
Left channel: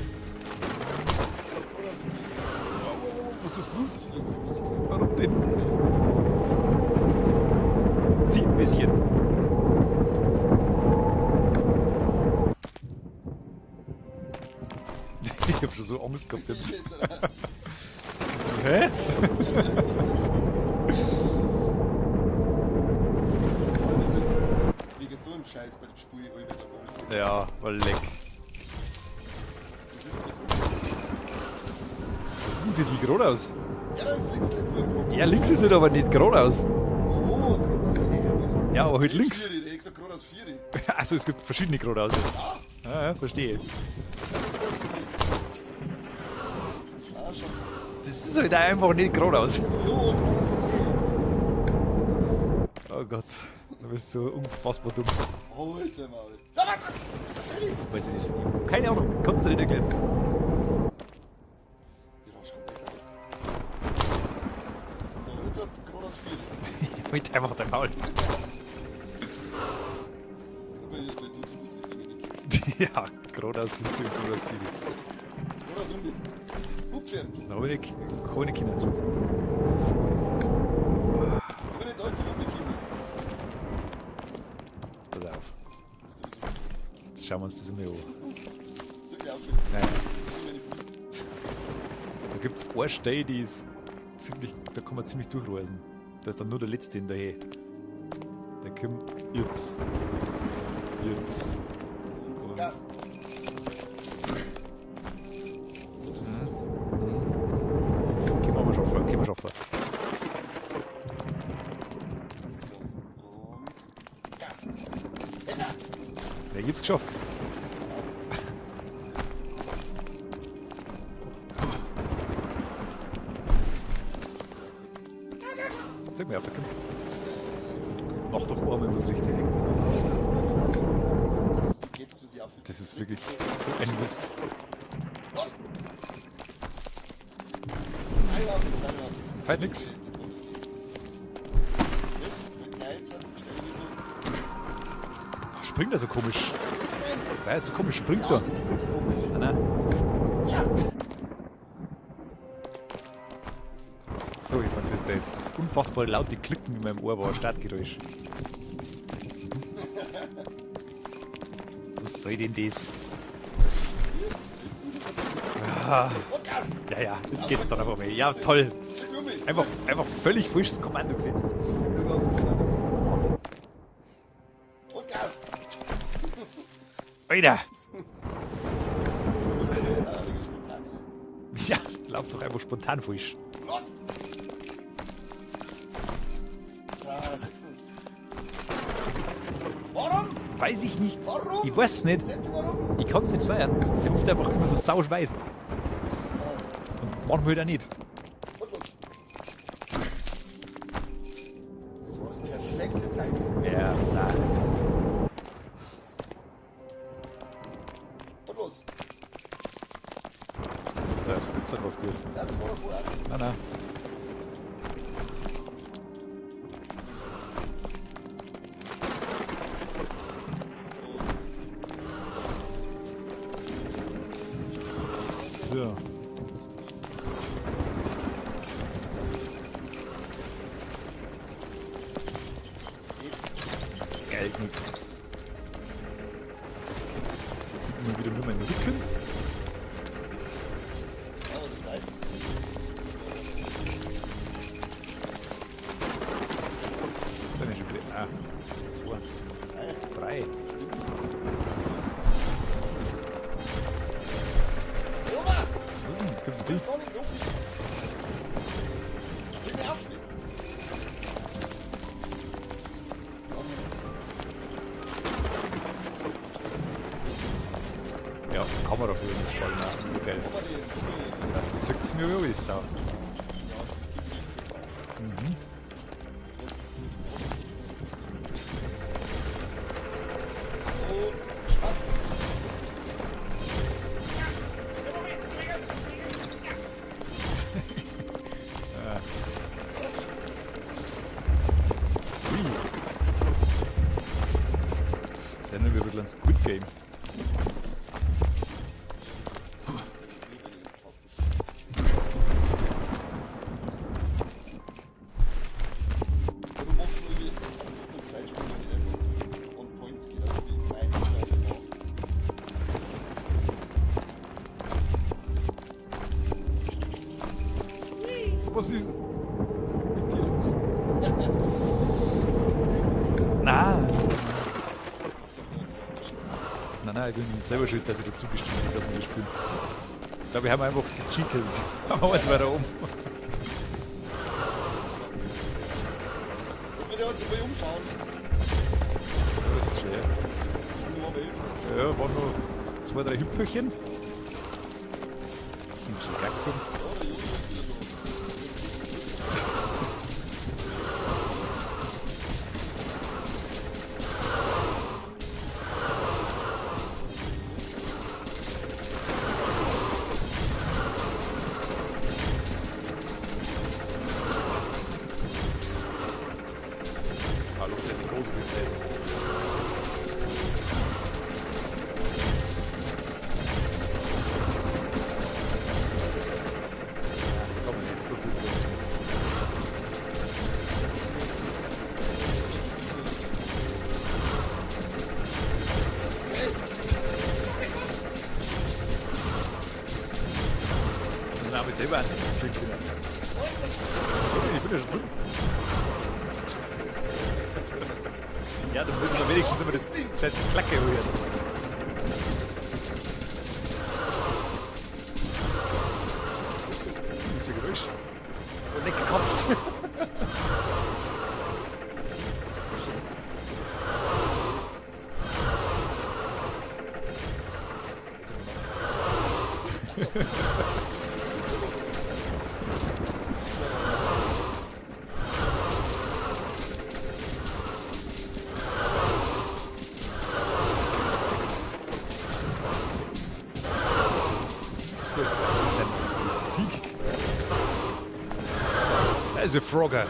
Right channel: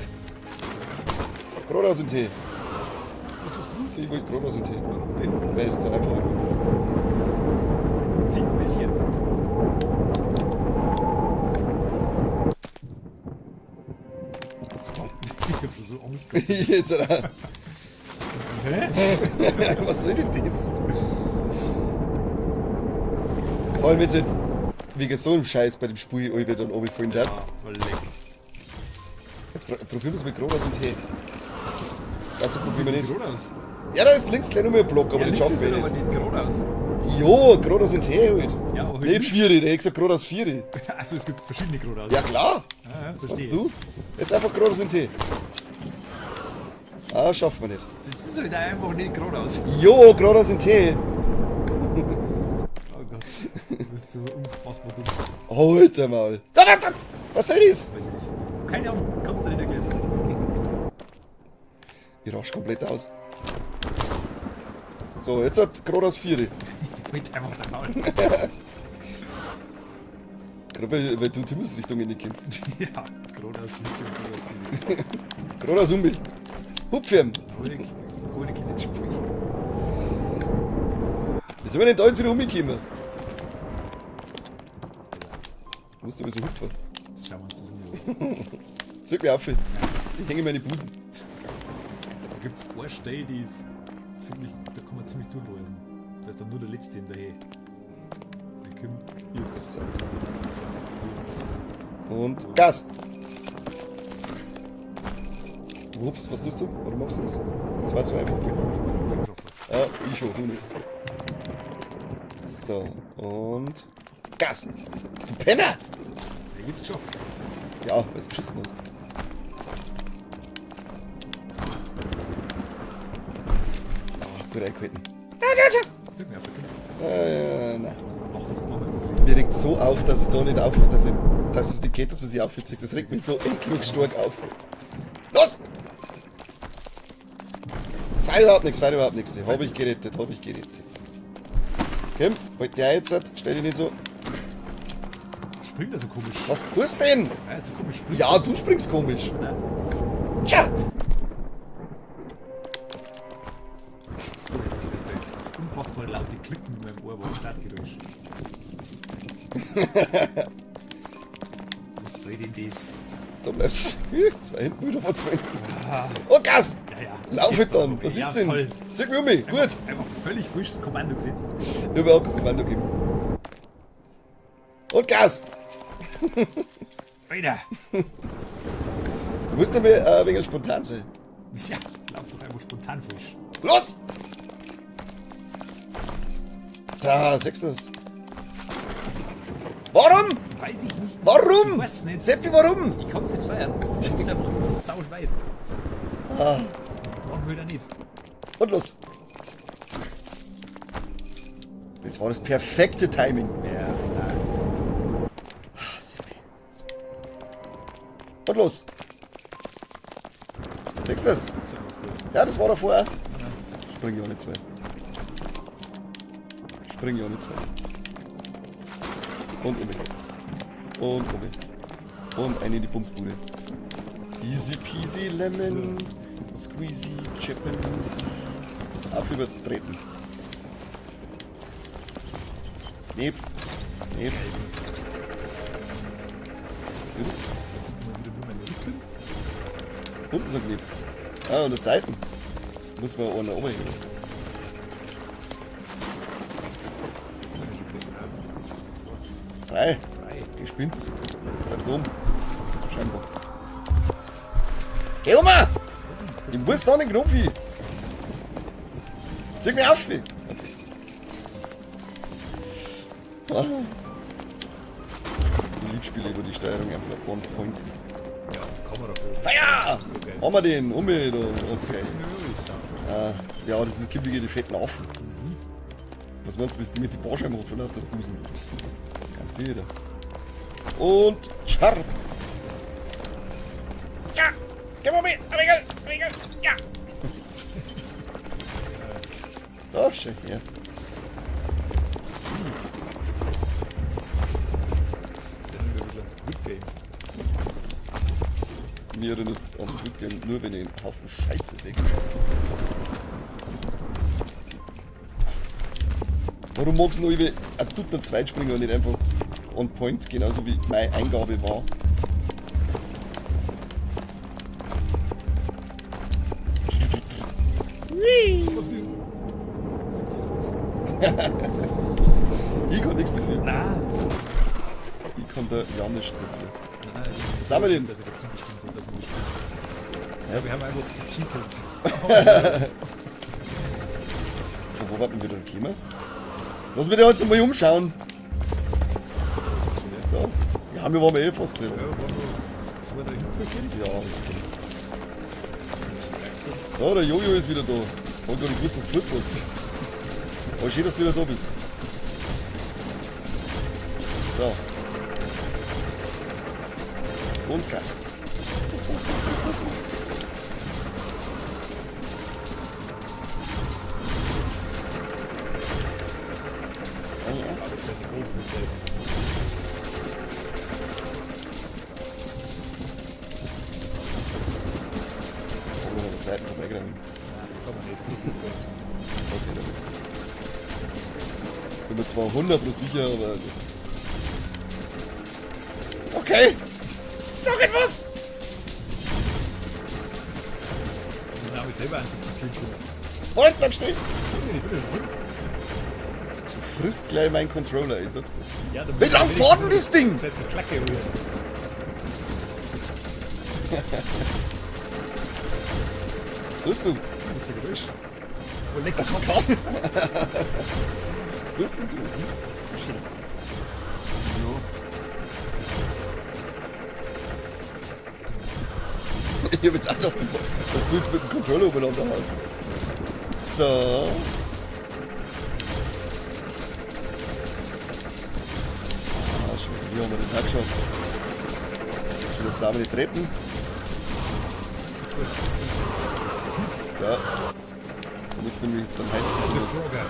Brot aus dem Tee. Was ist gut? Ich will Brot aus dem Tee. Warum denn? Wer ist da einfach? Zieht ein bisschen. Ich hab schon so Angst gehabt. Jetzt, Hä? was soll denn das? Vor allem jetzt wegen so einem Scheiß bei dem Spiel alle dann oben voll nervt. Ja, voll leck. Jetzt probieren wir es mit Brot aus dem Tee. Das ist Sieht nicht gerade aus. Ja, da ist links gleich nochmal ein Block. Ja, links ist es aber nicht gerade aus. Jo, gerade aus dem Tee halt. Ja, aber halt Nicht links. 4, der hat gesagt gerade aus 4. Also es gibt verschiedene gerade aus. Ja klar. Ja, verstehe. Du? Jetzt einfach gerade aus dem Tee. Ah, schaffen wir nicht. Das ist halt einfach nicht gerade aus. Jo, gerade aus dem Tee. Oh Gott, du bist so unfassbar dumm. Alter Maul. Da, was soll das? Weiß ich nicht. Keine Ahnung, kannst du nicht erklären. Ich rasch komplett aus. So, jetzt hat gerade aus 4. Mit einfach dein Maul. Gerade weil du die Himmelsrichtung nicht kennst. Ja, gerade aus Mitte und gerade aus Philipp. Gerade aus Umbi. Hupfirm. Honig mit Sprich. Wie soll wir denn da jetzt wieder umgekommen? Du musst aber so hüpfen. Jetzt schauen wir uns das mal an. Zeig mir auf. Ich hänge meine Busen. Da gibt es eine Stelle, die ist ziemlich, da kann man ziemlich durchreisen. Da ist dann nur der letzte hinterher. Der kommt jetzt. Jetzt. Und Gas. Ups, was tust du? Warum machst du das? Das war's einfach. Können wir schon vor. Ja, ich schon, du nicht. So, und Gas. Penner! Der gibt's geschafft. Ja, jetzt beschissen hast. Gut eingehalten. Zeig mir auf, der kommt. Na. Mach doch mal, wenn das richtig. Mir regt so auf, dass ich da nicht auf, dass es nicht geht, dass man sich aufhört. Das regt mich so extrem stark auf. Los! Fein überhaupt nichts. Hab ich gerettet. Kim, halt der jetzt, stell dich nicht so. Springt er so komisch? Was tust du denn? Ja, so komisch springt Ja, er. du springst komisch. Nein. Tja! Sorry, das ist unfassbar laute Klicken in meinem Ohr war ein Startgeräusch. Was soll denn das? Da bleibst du zwei hinten wieder abfallen. Ah, Und Gas! ja, ja. Lauf geht's halt doch dann. aber. Was Ja, ist denn? toll. Zeig mir um mich. Einfach, Gut. einfach völlig falsches Kommando gesetzt. Überhaupt kein Kommando geben. Und Gas! Alter! Du musst aber ein wenig spontan sein. Ja, lauf doch einfach spontan falsch. Los! Da, sechstes. Warum? Weiß ich nicht. Warum? Ich weiß nicht. Seppi, warum? Ich kann es nicht sagen. Ich bin einfach immer so sauschweit. Ah, Manchmal auch nicht. und los. Das war das perfekte Timing. Ja, nein. Und los. Sechstes. Jetzt hat was gut. Ja, das war doch vorher. Nein, nein. Spring ich auch nicht zwei. Spring ich auch nicht zwei. Und in die Luft. Und eine in die Bumsbude. Easy peasy lemon. Squeezy chicken. Auf übertreten. Heb. Da sieht man wieder nur meinen Rücken. Unten sind wir. Ah, und die Seiten. Muss man auch nach oben gehen. Das ist schon gleich. Ah, zwei. Drei. Drei. Ich spinn's. So. Schön. Geh um! Ich muss da nicht Knopfi. Zieh mich auf! Ah. Ich spiele über die Steuerung einfach runter. Ja, haben wir doch wieder. Ah ja! Okay. Machen wir den um mit. Jetzt ist mir mal alles. Ja, das ist kippige die Fett drauf. Was meinst du, bis die mit dem Arsch macht, oder? Das Busen. Wieder. Und scharf. Ja! Geh mal mit! Regel! Ja! Oh, shit, ja. Das ist ja nur wieder ein Squid Game. Mir oder nicht ans Glück gehen, nur wenn ich einen Haufen Scheiße sehe. Warum magst du noch über ein Dutzend Zweitspielen nicht einfach on point, genauso wie meine Eingabe war? Was ist denn mit dir los? Ich kann nichts dafür. Nein! Ich kann da gar nicht. Nein, ich bin Sag mal selber den. schuld, dass er dazu bestimmt hat, dass wir das spielen. Ja, wir haben einfach gecheatet. Wo warten wir denn? Ne? Lass mich da jetzt mal umschauen. Ja, wir waren eh fast drin. Ja, waren noch 2, 3 Hüpfelchen. Ja. So, der Jojo ist wieder da. Und du bist das Glück. Aber schön, dass du wieder da bist. So. Und Gas. Du bist zwar 100 sicher, aber... Okay! Sag etwas! Den Namen selber einfach zu finden. Halt, bleib stehen! Ich bin ja schon drin. Du frisst gleich meinen Controller, ich sag's dir. Ja, du Wie lang fährt denn das Ding? Scheiß die Klacke holen. Was ist denn? Das ist für Geräusch. Oh, lecker Kopf. Was ist denn? Ich hab jetzt auch noch, dass du jetzt mit dem Controller übernommen hast. So. Hier haben wir die Zeitschrift. Das sind die Treppen. Das wird so ein Sieg. Ja. Und ich bin Das ist wie Frogger.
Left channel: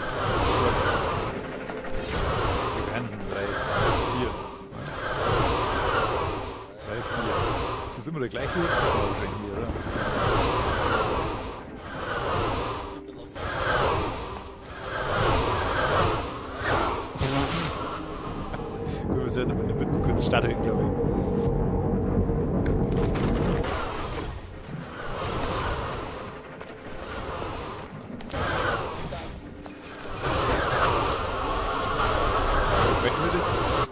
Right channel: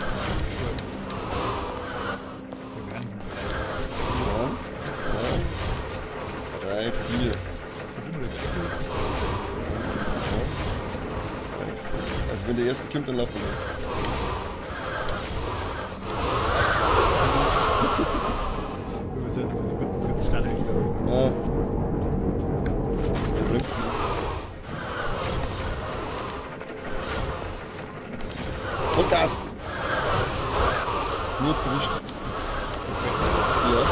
Die Hansen. 4, 1, 2, 3, 4. Ist das immer der gleiche? Also wenn der erste kommt, dann laufen wir. Wir müssen ja in der Mitte kurz starten, glaube ich. Ah. Und Gas. Nur Frühstück. So, wenn wir das. Ja.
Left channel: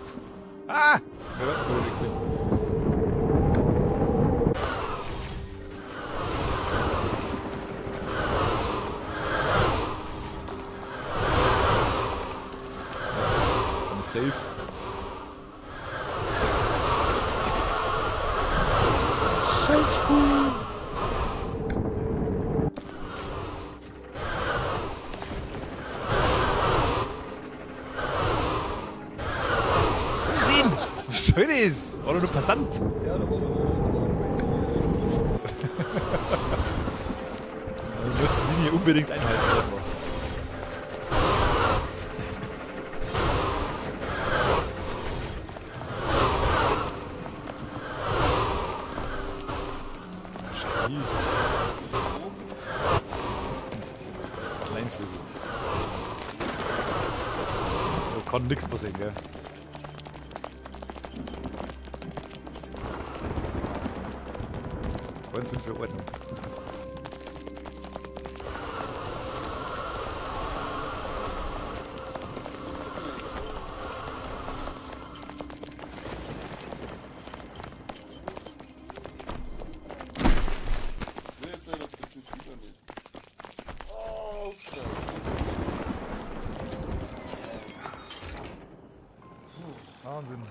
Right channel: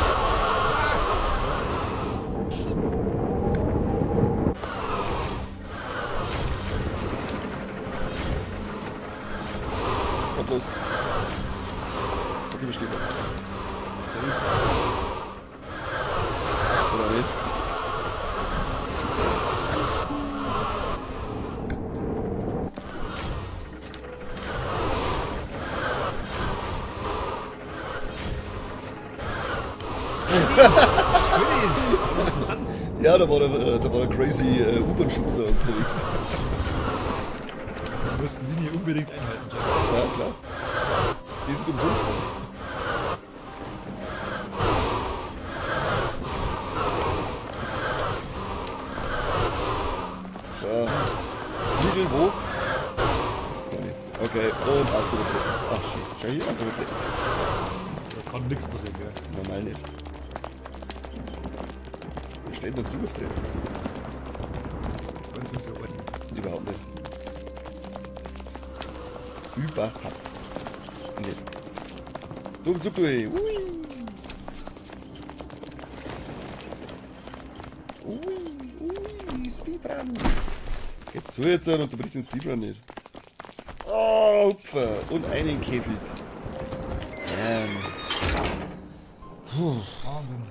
Kommt los. Frühstück. Safe. Was soll das? War doch interessant. Ja, da war der crazy U-Bahn-Schubser unterwegs. Wir müssen Linie unbedingt einhalten. Ja, klar. Ist umsonst. Kann nichts passieren, gell? Normal nicht. Steht dazu. Wollen Sie für Ordnung? Überhaupt nicht. Über. Und so cool. Speedrun. Jetzt so jetzt und unterbricht den Speedrun nicht. Oh, Opfer. Und einen Käfig. Wahnsinn.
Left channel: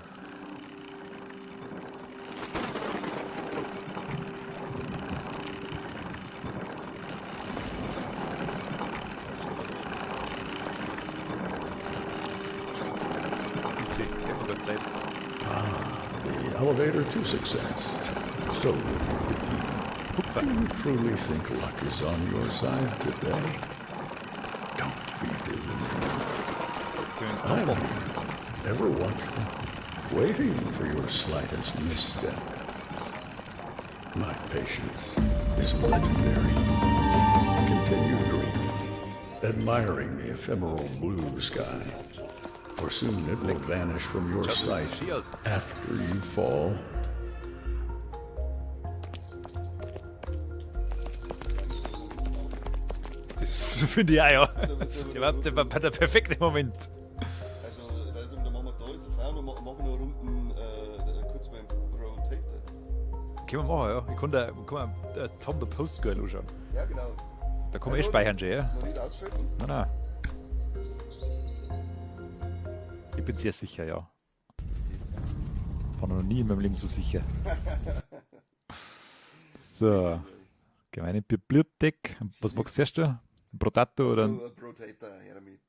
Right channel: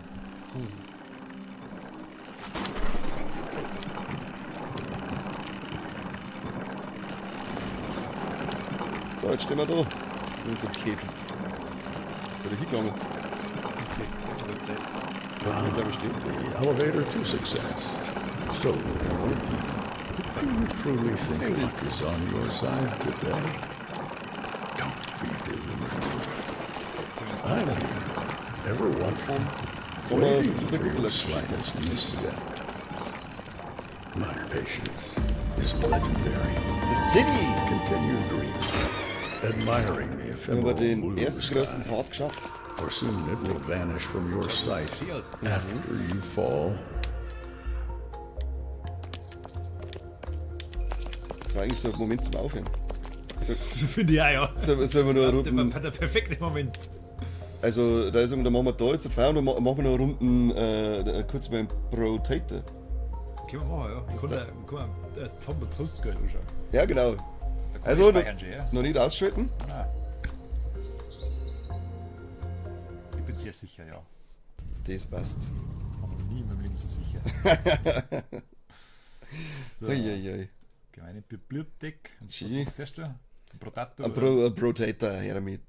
So, jetzt stehen wir da. Unser Käfig. Bisschen, ja, Zeit. The elevator to success. So, do you truly think luck is on your side today? Don't be deluded. I'm ever watching, waiting for your slightest misstep. My patience is legendary. City! Continue dreaming, admiring the Haben wir ephemeral den blue ersten sky. Part geschafft. For soon it will vanish from your sight after you fall. Das war eigentlich so ein Moment zum Aufhören. Das finde ich auch, ja. Sollen wir noch Das Runden, war der perfekte Moment. also da ist da machen wir da jetzt eine Feier und dann machen wir noch Runden kurz beim Rotator. Können wir machen, ja. Ich kann Tom the Post Girl anschauen. Ja, genau. Da kann Also, ich speichern schon, ja. Noch nicht ausschalten? Nein. Ich bin sehr sicher, ja. Das passt. War noch nie in meinem Leben so sicher. So, Uiuiui. gemeine Bibliothek. Was Schön. magst du erst? Ein Protato oder? Ein Rotator, her damit.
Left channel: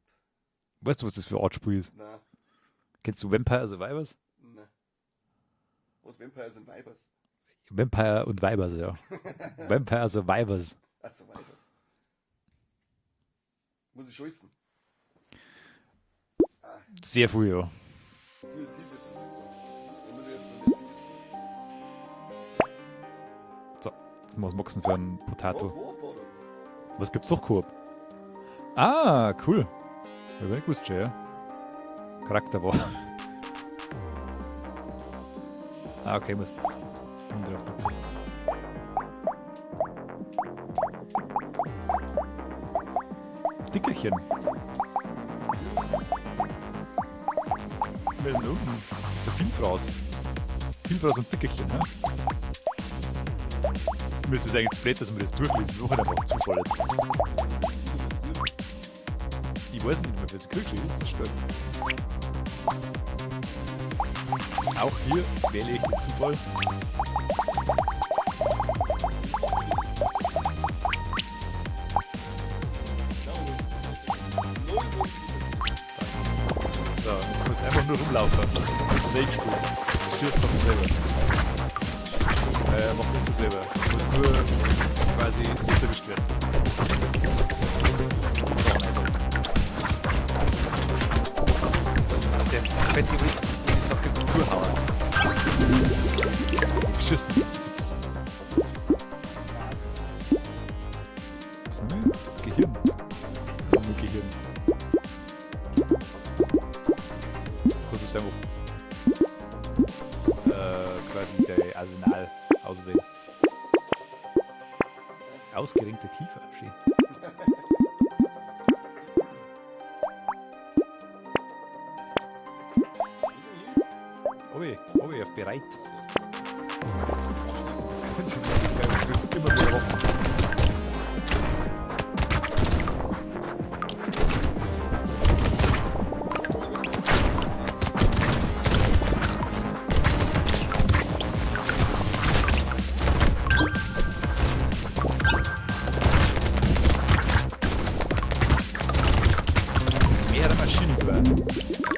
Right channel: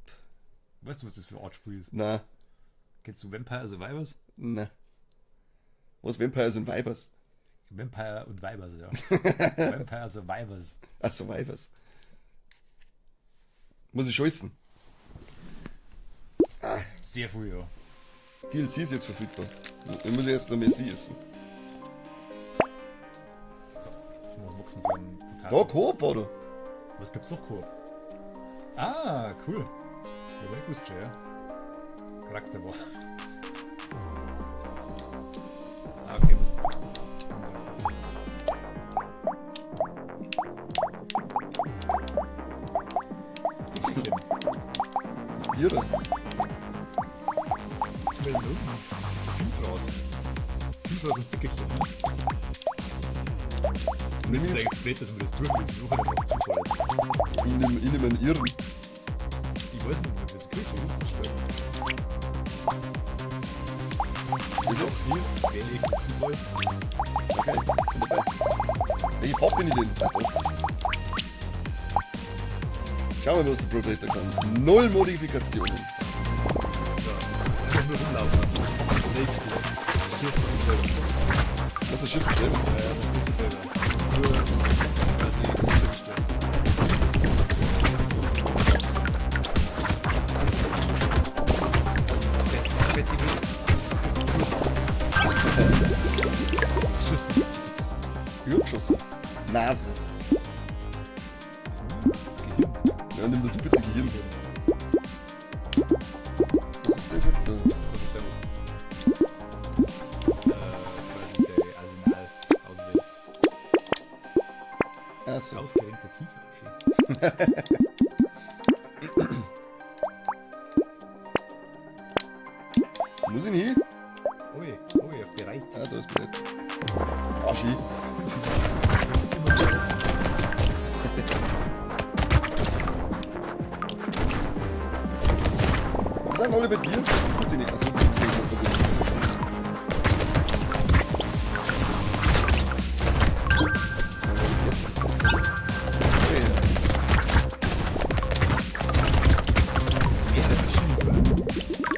Weißt du, was das für ein Artspiel ist? Na, Kennst du Vampire Survivors? na. Was Vampires und Vipers? Vampire und Weibers, ja. Vampire Survivors. Ach, Survivors. Muss ich scheißen. Sehr viel, ja. DLC ist jetzt verfügbar. Dann muss ich jetzt noch mehr sie essen. So, jetzt muss man für ein Oh, Potato. Coop, oder? Was gibt's noch Koop? Ah, cool. Ja, ich wusste schon, ja. Charakterwahl. Ah, okay, muss jetzt. Dickelchen. Hier, da. Vielfraß. Vielfraß und Dickelchen, ne? Und das ist eigentlich blöd, dass wir das tun, das ist auch einfach Zufall jetzt. In einem Irren. Ich weiß nicht mehr, wer es Kirche ist. Das stimmt. Auch hier wähle ich den Zufall. Ich hab den nicht. Schauen wir mal, was der Protector kann. 0 Modifikationen. So, du musst einfach nur rumlaufen. Das ist ein Rage-Spiel. Du schießt doch nicht selber. Also Schiff drin. Mach das so selber. Du musst nur quasi runtergestellt. Der fette Weg ist ein bisschen zu hart. Schießen zu fix. Übergeschossen. Nase. Gehirn. Ja, nimm du bitte die Hirn. Was ist das jetzt da? Das ist einfach quasi der Arsenal auswählen. Ah, so. Ausgerenkte Kiefer. Schön. Muss ich nicht hin? Ui, auf bereit. Ah, da ist bereit. Aschi. Das ist alles geil. Das ist immer so offen. Sag mal bei dir. Bitte nicht aus. Mehrere Maschinen über.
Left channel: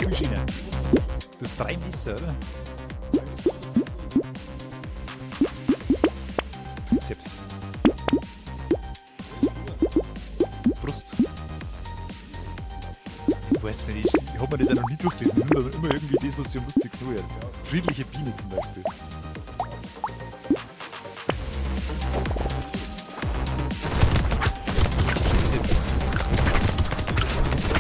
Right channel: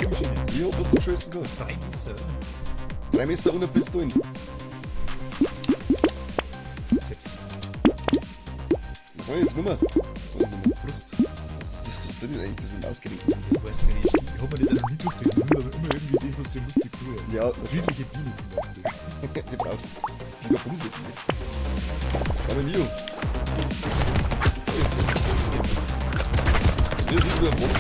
Maschinen. Wie hoch bist du scheißen Das kannst? ist 3 Messer, oder? 3 Meter runter bist du in. Trizeps. So, jetzt rüber. Brust. Was soll ich eigentlich das mit ausgehen? Ich weiß nicht. Ich hab mir das auch noch nie durchgelesen. Immer irgendwie das, was so lustig so ist. Ja. Friedliche Biene zum Beispiel. Die brauchst du. Musik. Aber Nio. Trizeps. Das ist der Mund,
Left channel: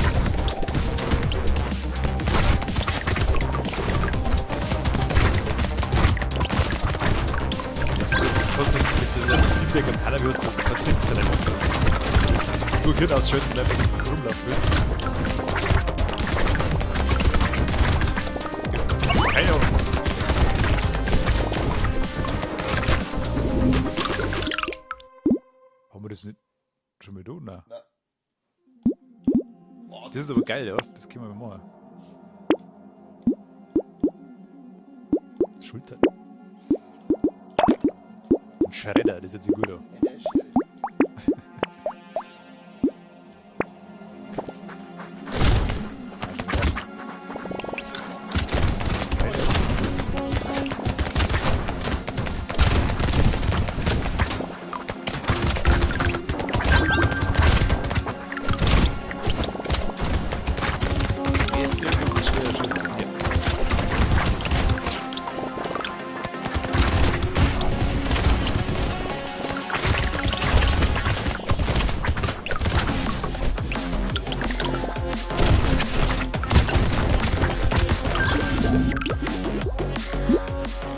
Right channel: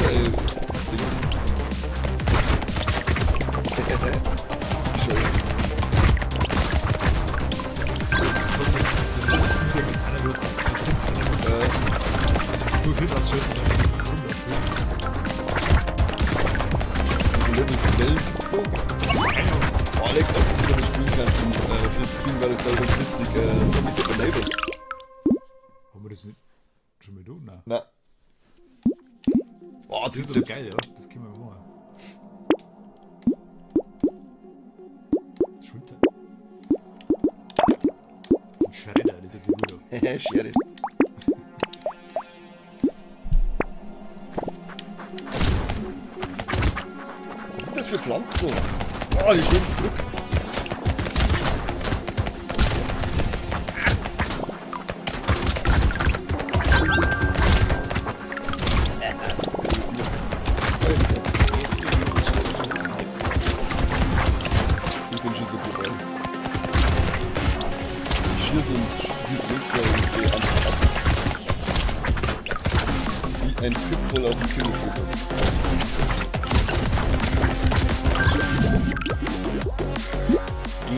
Das ist aber geil, ja. Das können wir mal machen. Schulter. Ein Schredder, das ist jetzt gut. Hehe, Schere. Was sind das für Pflanzen? Oh, die schießen so.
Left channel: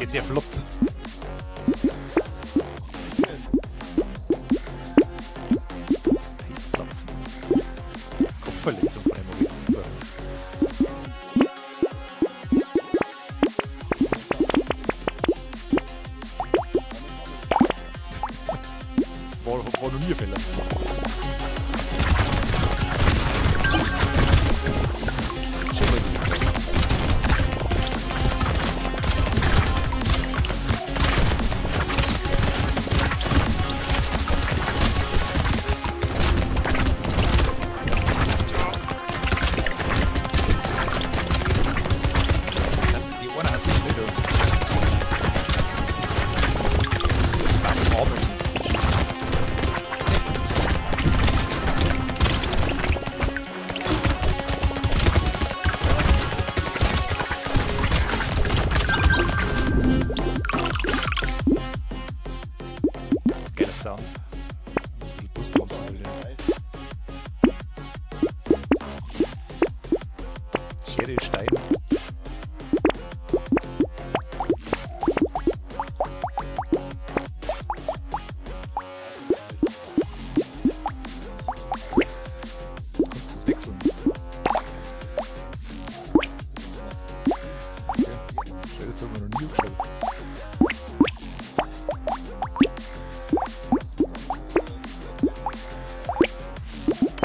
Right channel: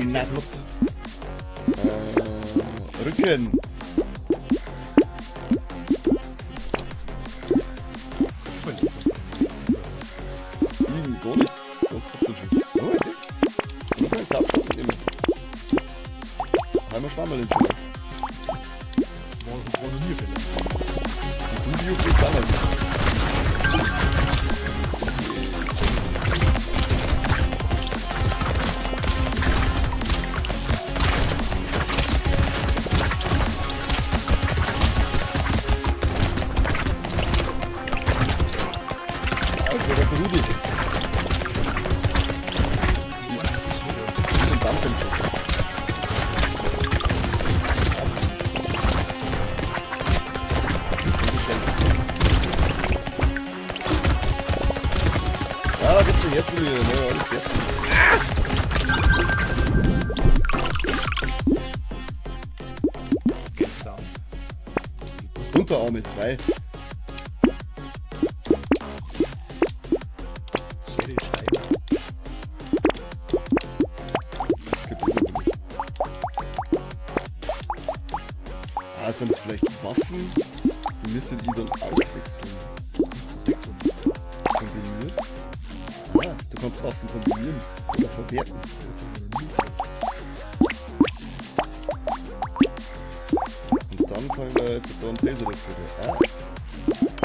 Sehr flott. Rücken. Kopfverletzung. Super. Liegen Bonus. Oh, jetzt ab. Einmal Schwammel ins Schuss. Das war nur mir Fälle. Ah, bitte jetzt wieder. Geiler Sound. Unterarme 2. Schere, Stein. Ah, sind das vielleicht Waffen? Die müssen die dann auswechseln. Kannst du das wechseln? Kombiniert? Ah, du kannst Waffen kombinieren. Verwerten. Das haben wir noch nie geschaut. Und dann kann wir jetzt da einen Taser wechseln. Ah.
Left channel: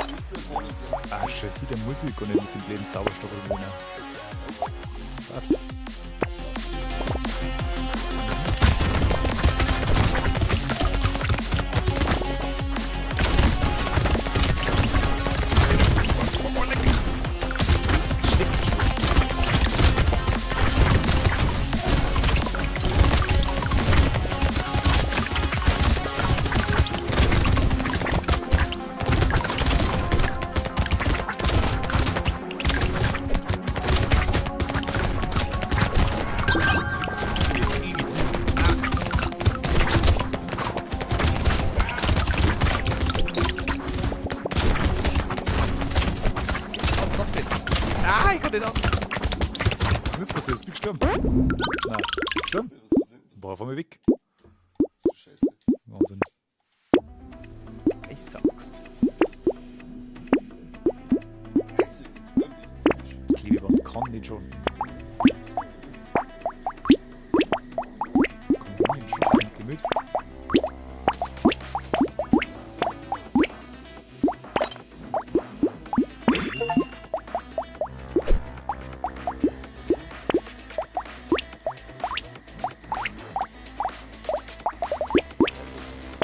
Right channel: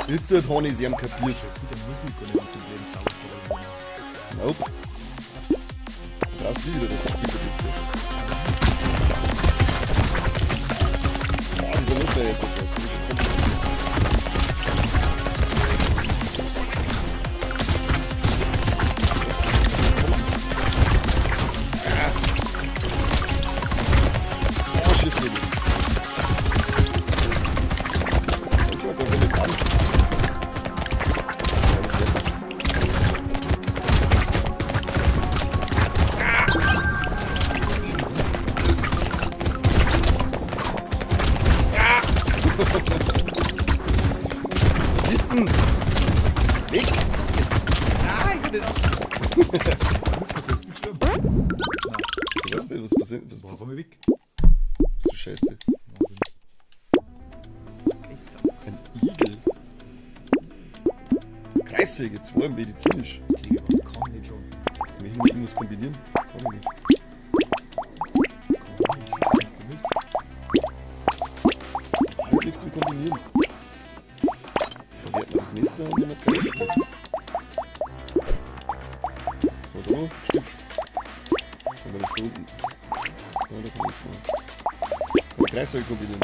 Jetzt hat Honey sie am Ah, kapiert. schon wieder Musik und nicht mit dem blöden Zauberstab. Nope. Das liebe das. Also ist er jetzt. Wissen! Weg! Nein, ich bin nicht was ist jetzt gestorben? Nein, Ich weiß nicht, was passiert. Was war von mir weg. so scheiße? Wahnsinn. Eistags. Igel. Kreissäge, 2 medizinisch. Klebe, kann den schon. Wenn ich muss kombinieren. Kann ich nicht. Kombinieren schon. Nimmt die mit. Möglichst zum Kombinieren. Verwerten wir das Messer und dann noch Kreissäge. Das war da noch. Stift. Oder ist da unten? Ja, da kann ich so. Kreissäge kombinieren.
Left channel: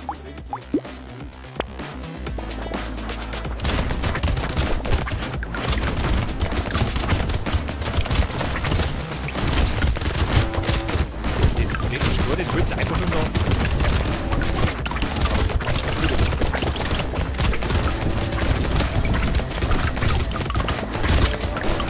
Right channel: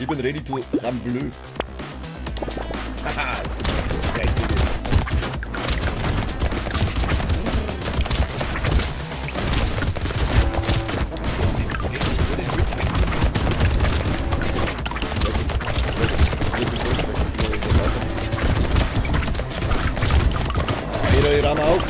Ich bin ready to rambleu. Haha, jetzt kommt Kreissäge. Jeder Raum auf.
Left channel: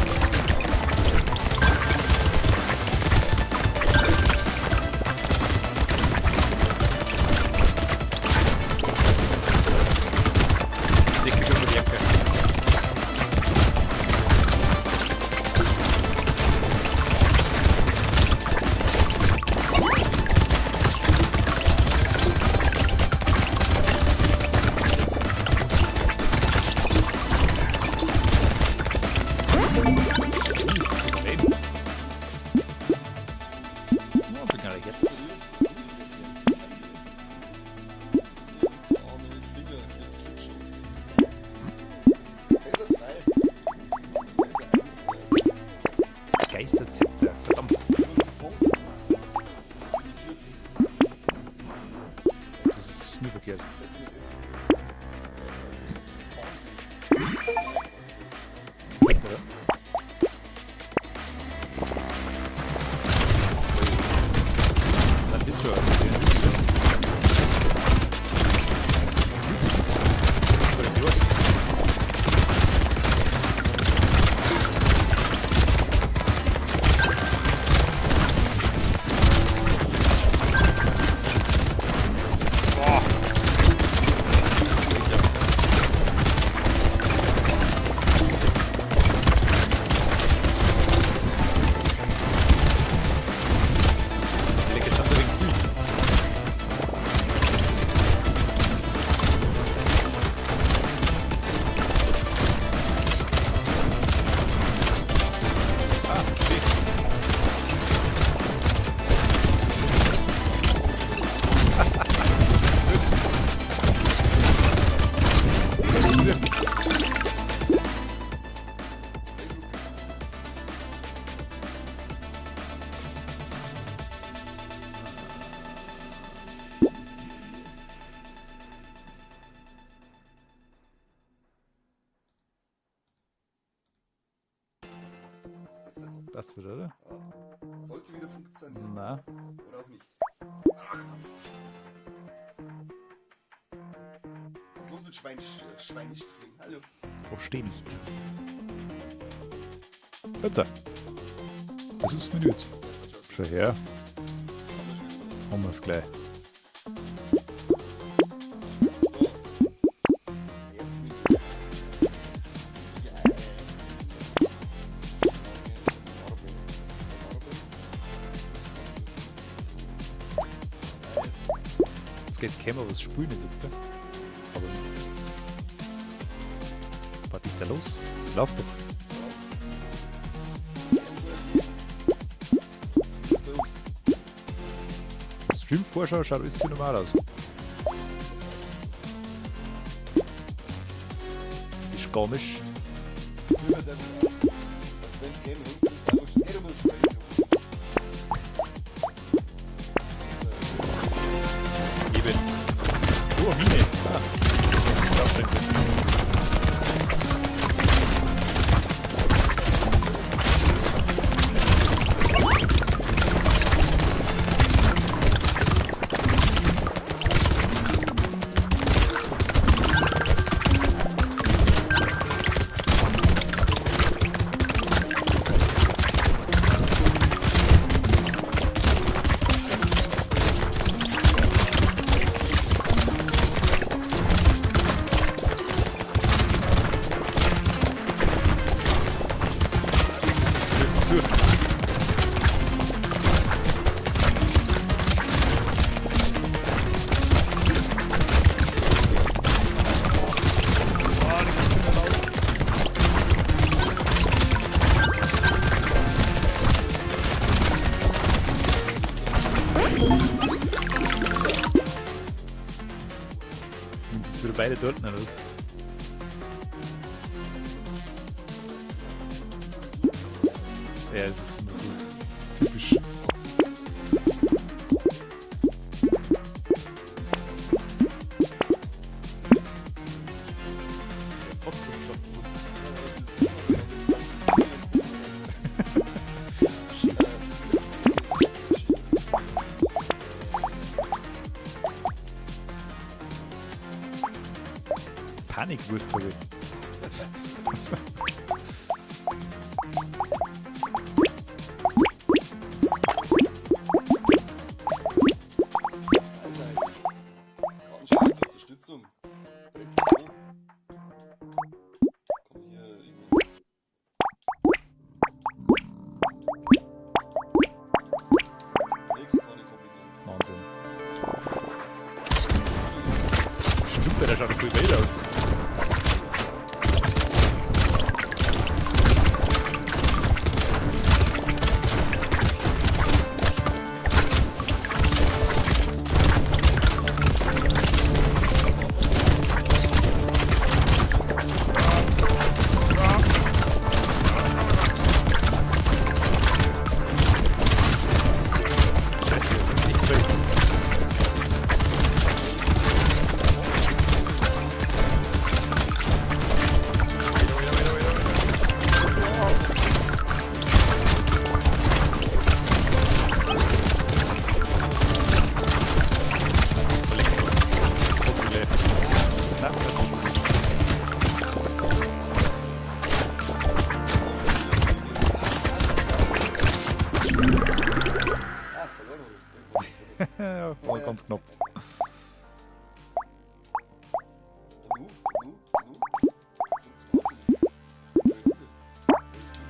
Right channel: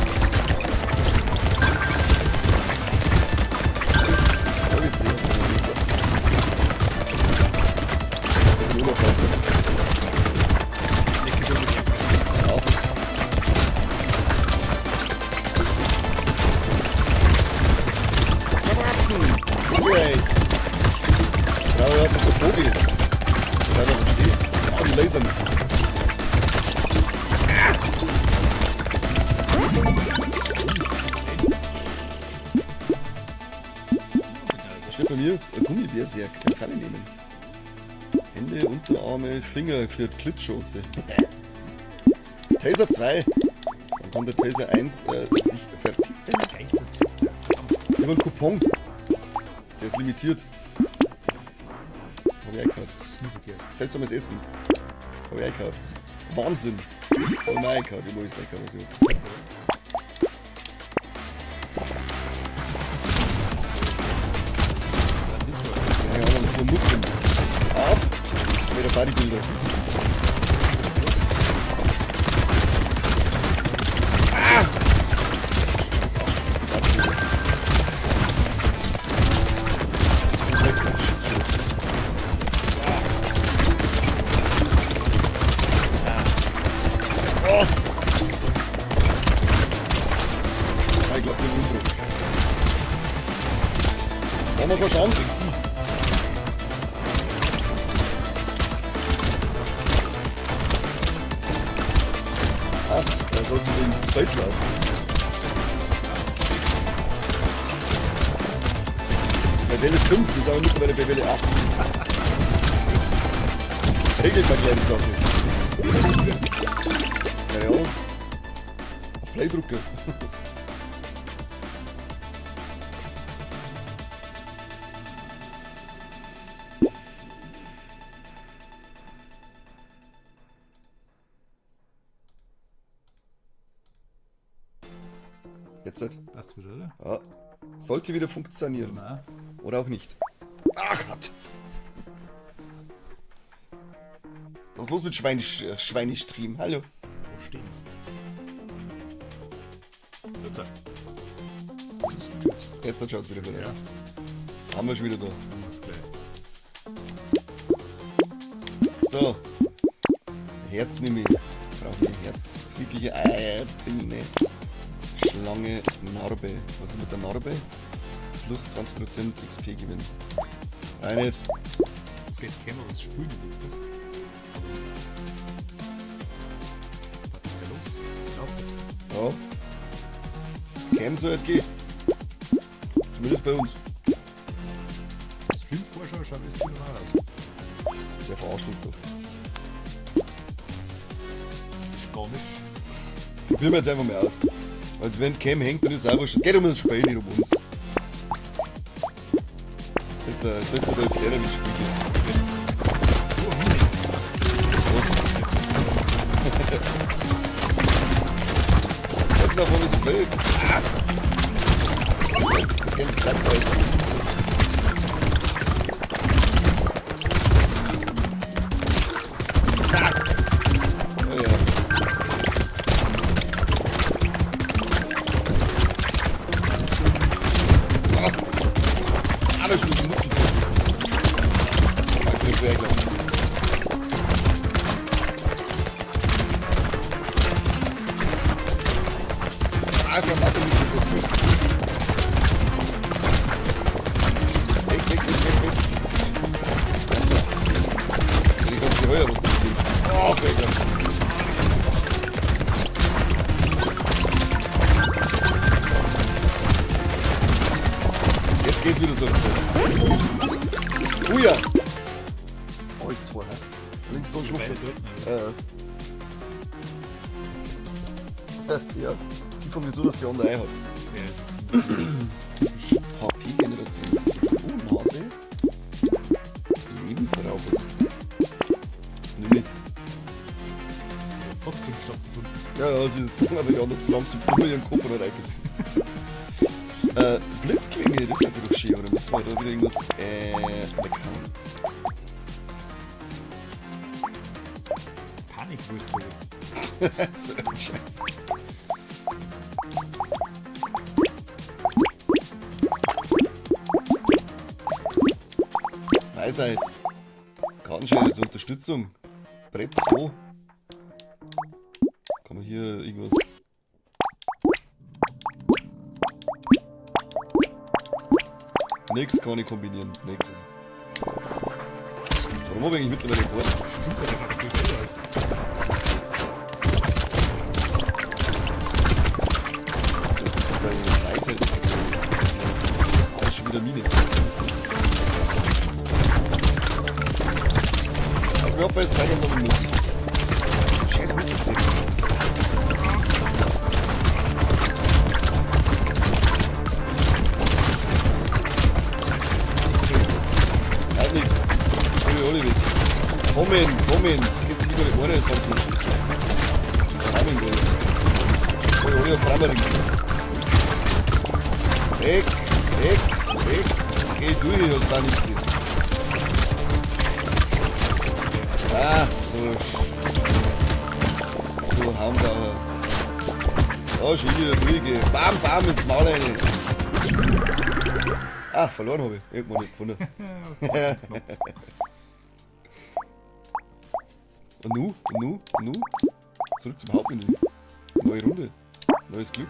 für die Klitschchance. Taser 2. Dann kann der Taser 1 sich verpissen. Geisterzepter. Verdammt. Nur ein Coupon. Der ist limitiert. Hab ich eingekauft. Das ist nie verkehrt. Seltsames Essen. Hab ich eingekauft. Wahnsinn. Hab ich mir eingekauft. Ich muss einkaufen. So. Playdrucke. Jetzt halt. Das wird, oder? Ja. Sollte wieder funktionieren. Na. Oder auch nicht. Ah Gott! Was ist los mit Schweinestream? Hallo. Versteh nicht. Jetzt. Das ist mir gut. Jetzt schaut's wieder Ja, aus. Haben wir schon wieder da. haben wir es gleich. So. Herz nehme ich. Brauche ich Herz. Wirkliche Eier. Binne. Schlange. Narbe. Was ist mit der Narbe? Plus 20% XP gewinnen. Eine. Jetzt geht Kämmer was sprühen in die Luft. Aber. Was ist da los? Lauf doch. Ja. Cam so FG. Zumindest bei uns. Stream-Vorschau schaut alles zu normal aus. Der verarscht uns doch. Ist gar nicht. Probieren wir jetzt einfach mal aus. Also wenn Cam hängt, dann ist es auch wurscht. Es geht um das Spiel, nicht um uns. Setzt er da jetzt her, damit ich bin. Oh, Mini. Jetzt noch mal das Feld. Jetzt geht's wieder so. Oh ja. Oh, ich zwei. Sind wir beide dort? Ne? Ja, sieht von mir so, dass die andere hat. Ja, es ist ein bisschen typisch. HP-Generation. Nase. Lebensraum, was ist das? Nee. Gott zum Stopfen. Ja, also jetzt gucken wir ja nicht zusammen zum Kuchen im Kopf oder eigentlich. Blitzklinge, das ist jetzt schön, oder müssen wir da wieder irgendwas. Panikwurst holen. So ein Scheiß. Weisheit. Kartenschein zur Unterstützung. Brett 2. Kann man hier irgendwas. Nix kann ich kombinieren. Nix. Wo bin ich mittlerweile vor? Stimmt, der schaut viel besser aus. Schon wieder Mine. Ja, besser. verloren habe ich. Irgendwann nicht gefunden. Ja, ganz knapp. Und nu. Zurück zum Hauptmenü. Neue Runde. Neues Glück.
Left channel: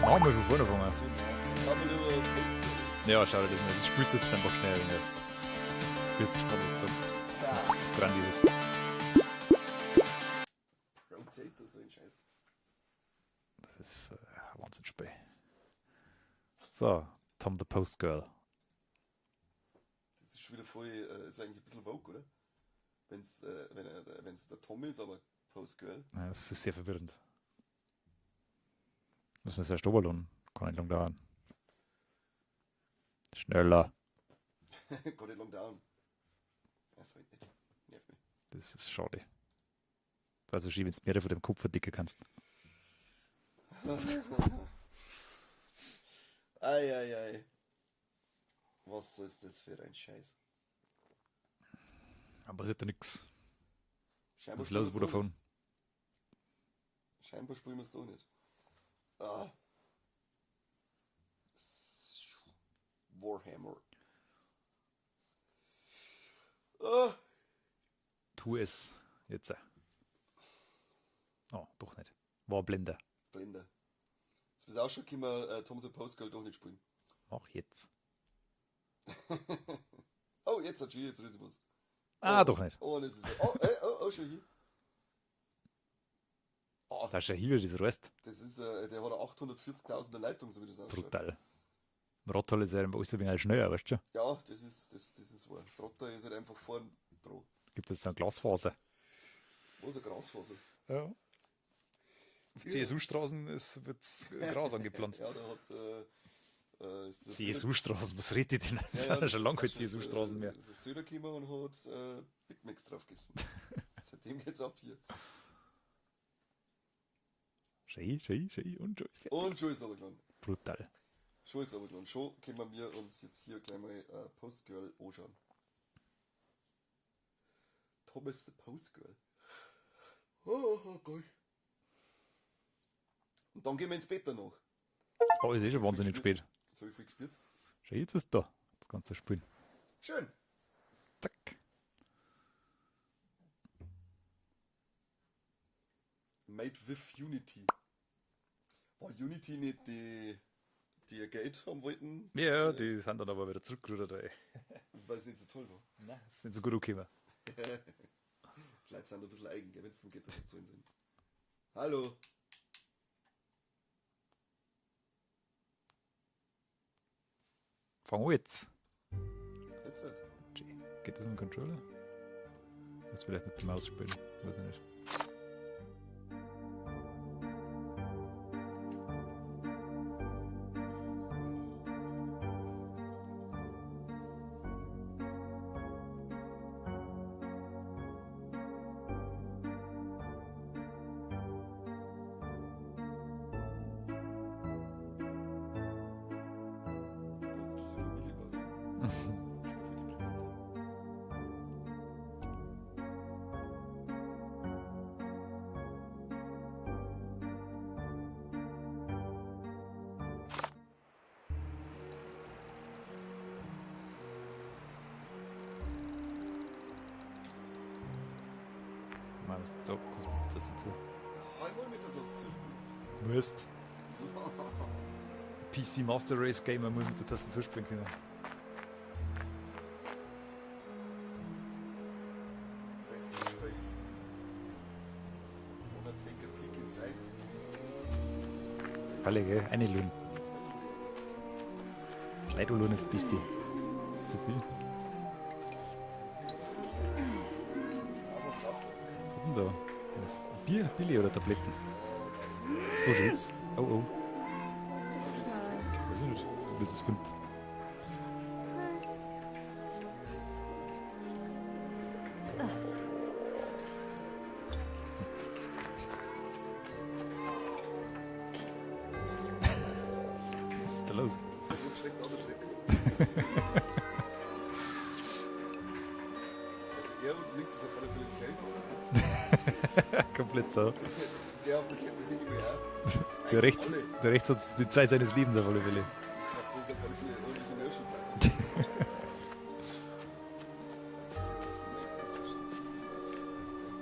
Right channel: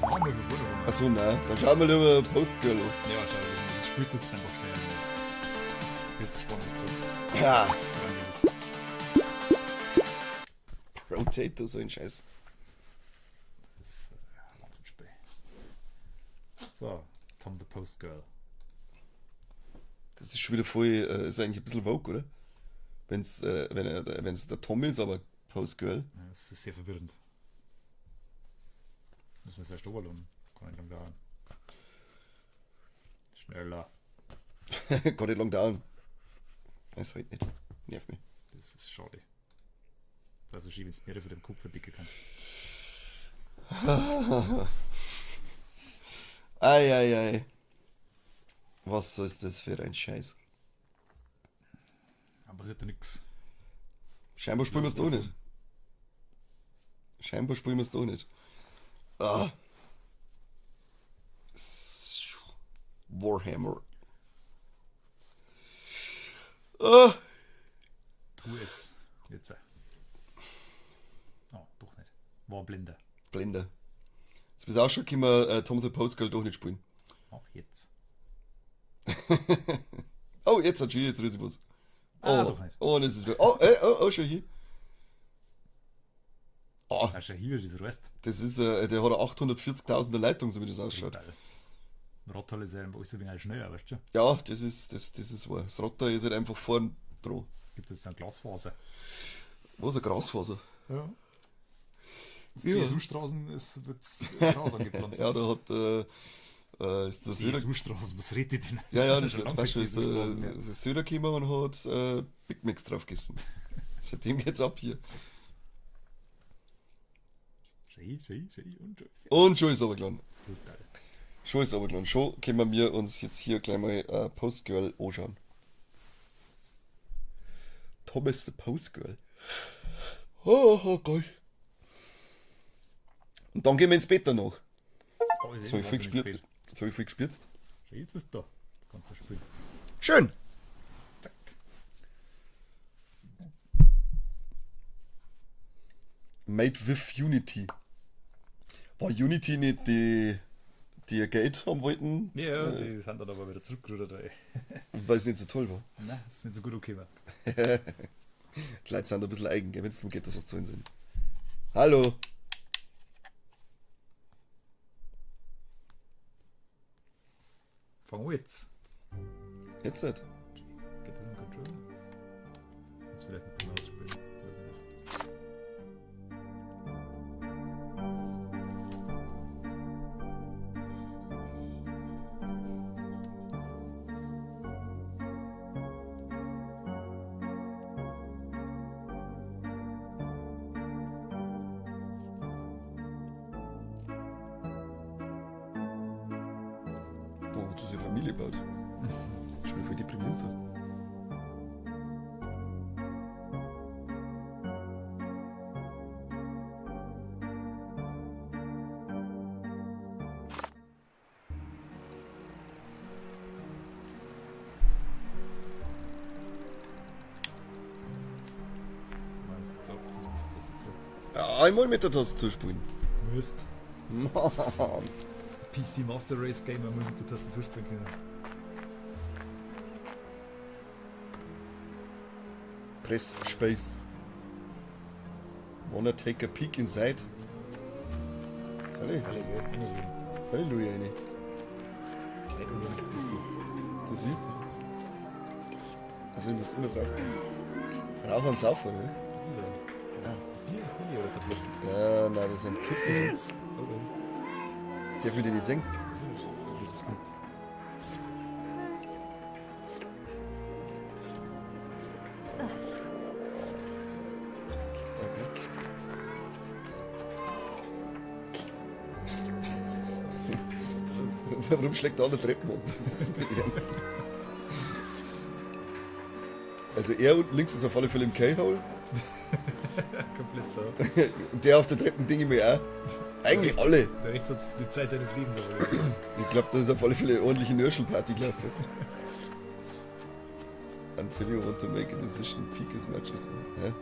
Machen wir von vorne fangen. Achso, nein. Dann schauen wir lieber Postgirl an. Ja, schau dir das mal. Das spielt jetzt einfach schnell. Ich bin jetzt gespannt, was du sagst. Ja. Das ist grandios. Rotato, so ein Scheiß. Das ist ein Wahnsinnsspiel. So, Tom the Post Girl. Das ist schon wieder voll, ist eigentlich ein bisschen Vogue, oder? Wenn's der Tom ist, aber Postgirl. Ja, das ist sehr verwirrend. Muss man erst runterladen. Kann nicht lang dauern. Schneller. Kann nicht lang dauern. Weiß halt nicht. Nervt mich. Das ist schade. Also schieb ins Meer von dem Kopf verdicken kannst. Ei. Was ist das für ein Scheiß? Aber es ist ja nix. Scheinbar spielen wir es doch nicht. Scheinbar spielen wir es doch nicht. Ah. Warhammer. Ah. Tu es. Jetzt. Oh, doch nicht. War Blender. Blender. Jetzt bist du auch schon gekommen, Tom the Post Girl doch nicht spielen. Auch jetzt. Oh, jetzt hat sie, jetzt rührt sie was. Ah, Oh, doch nicht. Oh, das ist schon hier. Oh, Da ist ja hier das Rest. das ist, der hat eine 840.000er Leitung, so wie das ausschaut. Brutal. Rottal ist ja alles ein wenig schneller, weißt du schon? Ja, das ist wahr. Das Rotter ist halt einfach vorn dran. Gibt jetzt dann Glasfaser. Was, ein Grasfaser? Ja. Ja. CSU-Straßen wird Gras angepflanzt. Ja, da hat, ist das CSU-Straßen, was redet denn? Ja, das ist schon ist lange keine CSU-Straßen mehr. der Söder gekommen und hat Big Macs drauf gegessen. Seitdem geht's ab hier. Schei und schon ist fertig. Und schon ist aber geladen. Brutal. Schon ist aber geladen. Schon können wir uns jetzt hier gleich mal Postgirl anschauen. Thomas the Postgirl. Oh geil. Und dann gehen wir ins Bett danach. Oh, ist Jetzt eh hab schon ich viel wahnsinnig gespürt. spät. Jetzt habe ich viel gespürzt. Schau, jetzt ist da. Das ganze Spiel. Schön. Zack. Made with Unity. War Unity nicht die Geld haben wollten, Ja, die sind dann aber wieder zurückgerudert, ey. weil es nicht so toll war? Nein, das sind so gut gekommen. Die Leute sind ein bisschen eigen, wenn es darum geht, dass was zu ihnen sind. Hallo. Fang an jetzt. Jetzt nicht. Geht das mit dem Controller? Muss vielleicht mit der Maus spielen. Weiß ich nicht. Da hat sich eine Familie gebaut. Ich bin voll deprimiert. Man muss da, was macht das dazu? Ja, einmal mit der Tastatur spielen. Mist. Mann. PC Master Race Gamer muss mit der Tastatur spielen können. Press Space. Wanna take a peek inside? Alle, gell? Eine Lune. Halleluja, eine. Nein, du Lunes bist du. Ist das Das sie? ist Also, ich muss immer drauf. Rauch und Saufen, ne? Was sind so? Bier, Billy oder Tabletten? Ja, nein, das sind Kippen. Wo sind's? Oh. Darf ich die nicht singen? Das ist gut. Was ist da los? Warum schlägt der andere Treppen ab? Das ist Also er unten links ist auf alle Fälle im K-Hole. Komplett da. Und der auf der Treppe denke ich mir auch. Eigentlich rechts, alle. Der rechts hat die Zeit seines Lebens auf alle Fälle. Ich glaube, das ist auf alle Fälle eine ordentliche Nörschel-Party gelaufen. Until you want to make a decision, peak as much as... Hä?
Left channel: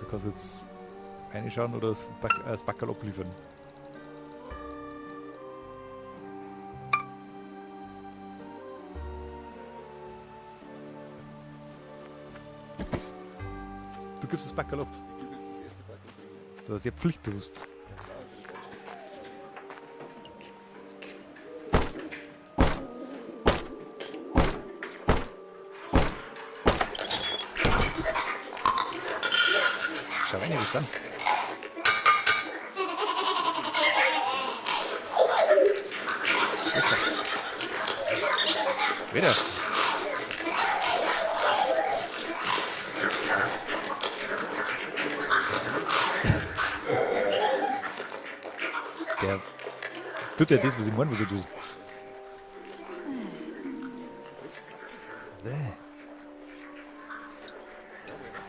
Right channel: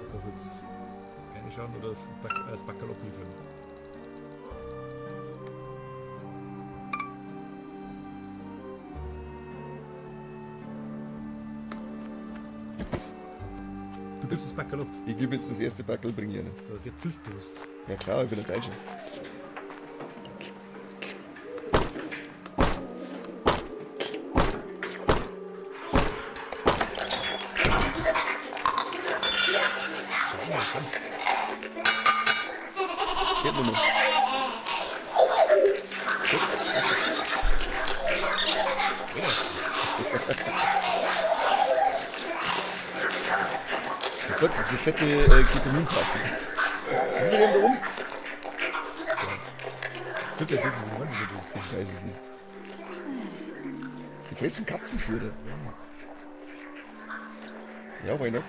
Du kannst jetzt reinschauen oder das Backerl abliefern. Du gibst das Backerl ab. Ich gebe jetzt das erste Backel, bringe ich nicht. Das war sehr pflichtbewusst. Ja klar, ich bin ein Deutscher. Schauen wir das dann. Geht nicht mehr. Wieder. Ich sag, das ist eine fette Ketaminpackung. Was ist mit dem da rum? Der tut ja das, was ich meine, was er tut. Ich weiß es nicht. Die fressen Katzenführer. Ja, why not?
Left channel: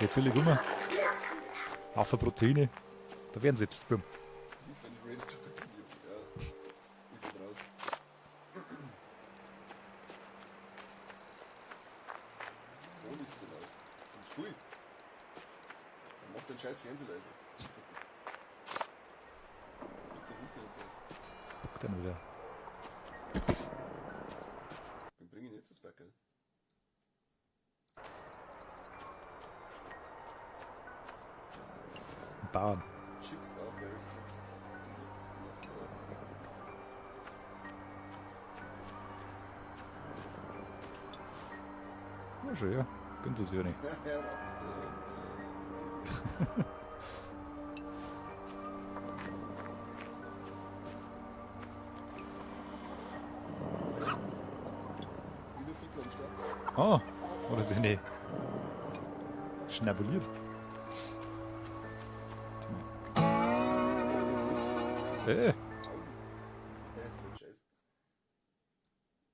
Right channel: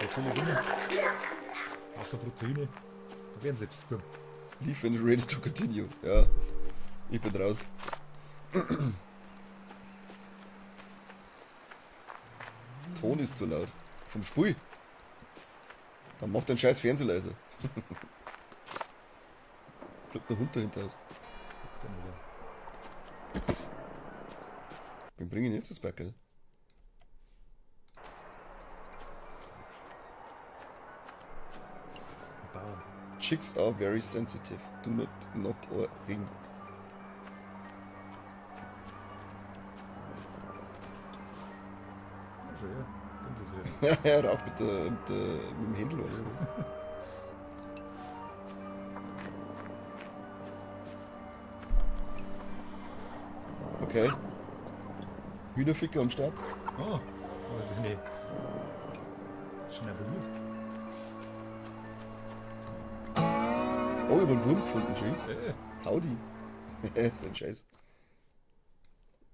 Der billig immer. Haufen Proteine. Da werden selbst beim. Leave and ready to continue. Ja, ich bin raus. Ton ist zu laut. Vom Stuhl. Dann mach deinen scheiß Fernseher leiser. Bleibt der Hund dahinter hast. Guck dann wieder. Wir bringen jetzt das Backel. Ein Bauern. Chicks are very sensitive. Do not knock or ring. Ja, schon, ja. Gönnt es ja nicht. Ja, rauch mit dem Händel. Okay. Hühnerficker am Start. Ah, aber so nicht schnabuliert. Oh, über den Wurf. Okay. Audi. Das ist ein Scheiß.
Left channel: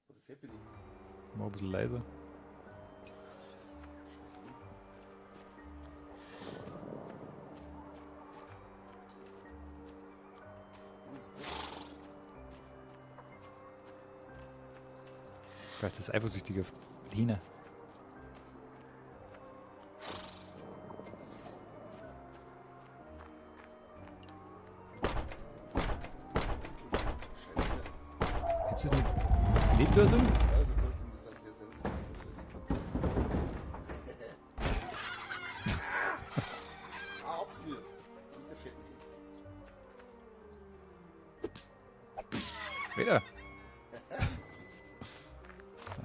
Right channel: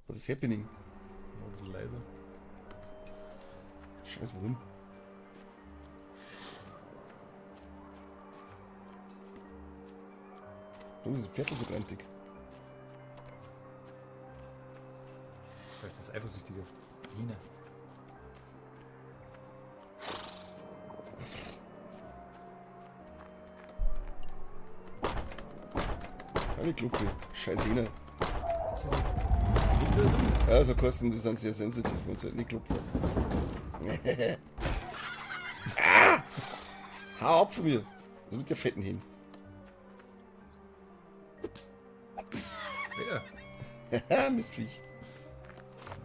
Was ist happening? Mal ein bisschen leiser. Scheiß Wurm. Oh, diese Pferde sind grantig. Vielleicht ist eifersüchtig auf Hina. Eine Glucke. Scheiß Hähner. Jetzt ist nicht gelebt oder so? Ja, so kosten, die sind sehr sensitiv und so nicht klopfen. Ah! Hau ab von mir! Was mit der fetten hin? Wieder. Haha, Mistviech.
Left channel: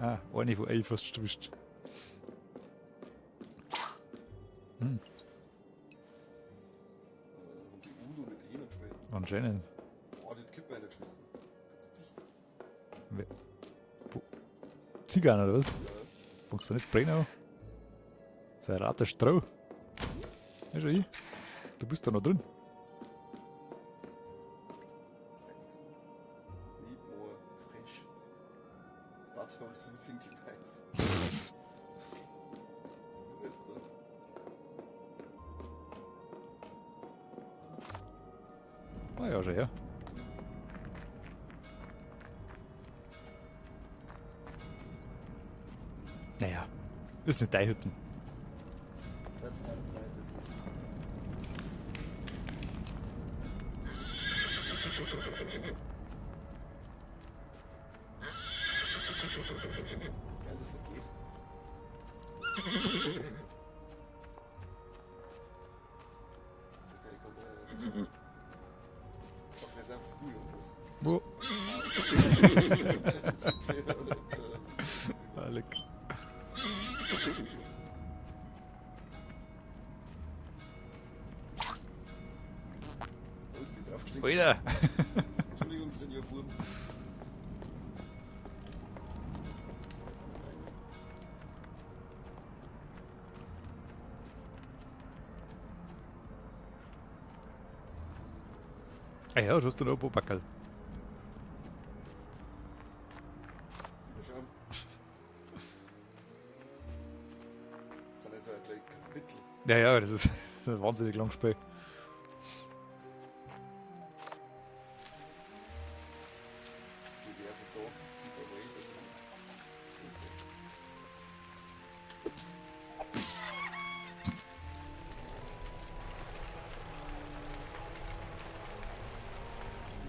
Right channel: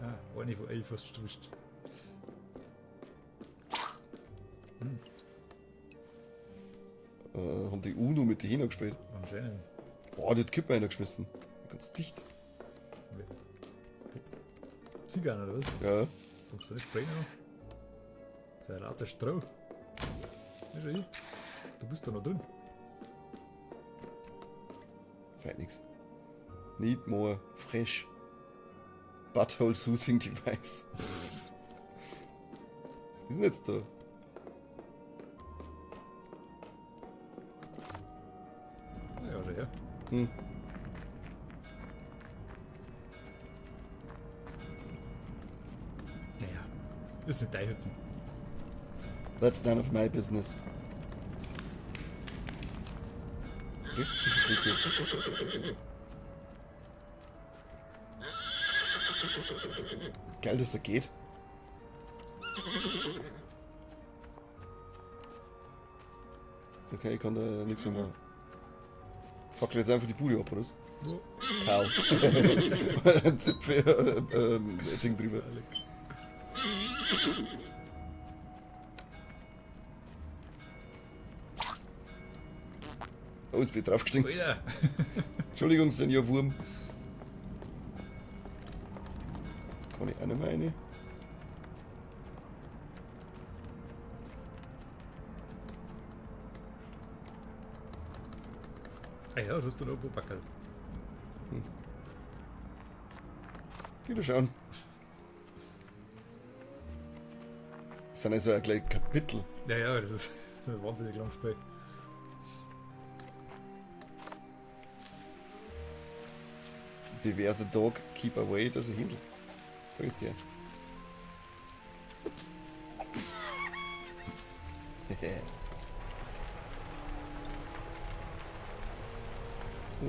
Ah, eine von euch fast getuscht. Haben die Uno mit den Hähnern gespielt. Anscheinend. Boah, die hat Kippe einer geschmissen. Ganz dicht. Zigarren oder was? Ja. Fängst du nicht brennen? Das ist ein rater Stroh. Ja, schon ich. Du bist da noch drin. Feit nix. Need more fresh. Butthole soothing device. Was ist denn jetzt da? Ah ja, schon, ja. Hm. Naja, ist nicht dein Hütten. That's none of my business. Geil, dass er geht. Okay, ich kann da nichts mehr machen. Fuck jetzt einfach die Bude ab, oder was? Wo? Hau. Zipfel, Ding drüber. Oh, jetzt bin ich draufgestiegen. Wieder. Entschuldigung, Senior Wurm. Kann ich auch nicht mehr rein? Ah ja, du hast da noch ein paar Backerl. Wieder schauen. Das sind also gleich Kapitel. Ja, das ist ein wahnsinnig langes Spiel. Beware the dog, keep away, das ist ein Hindel. Vergiss die.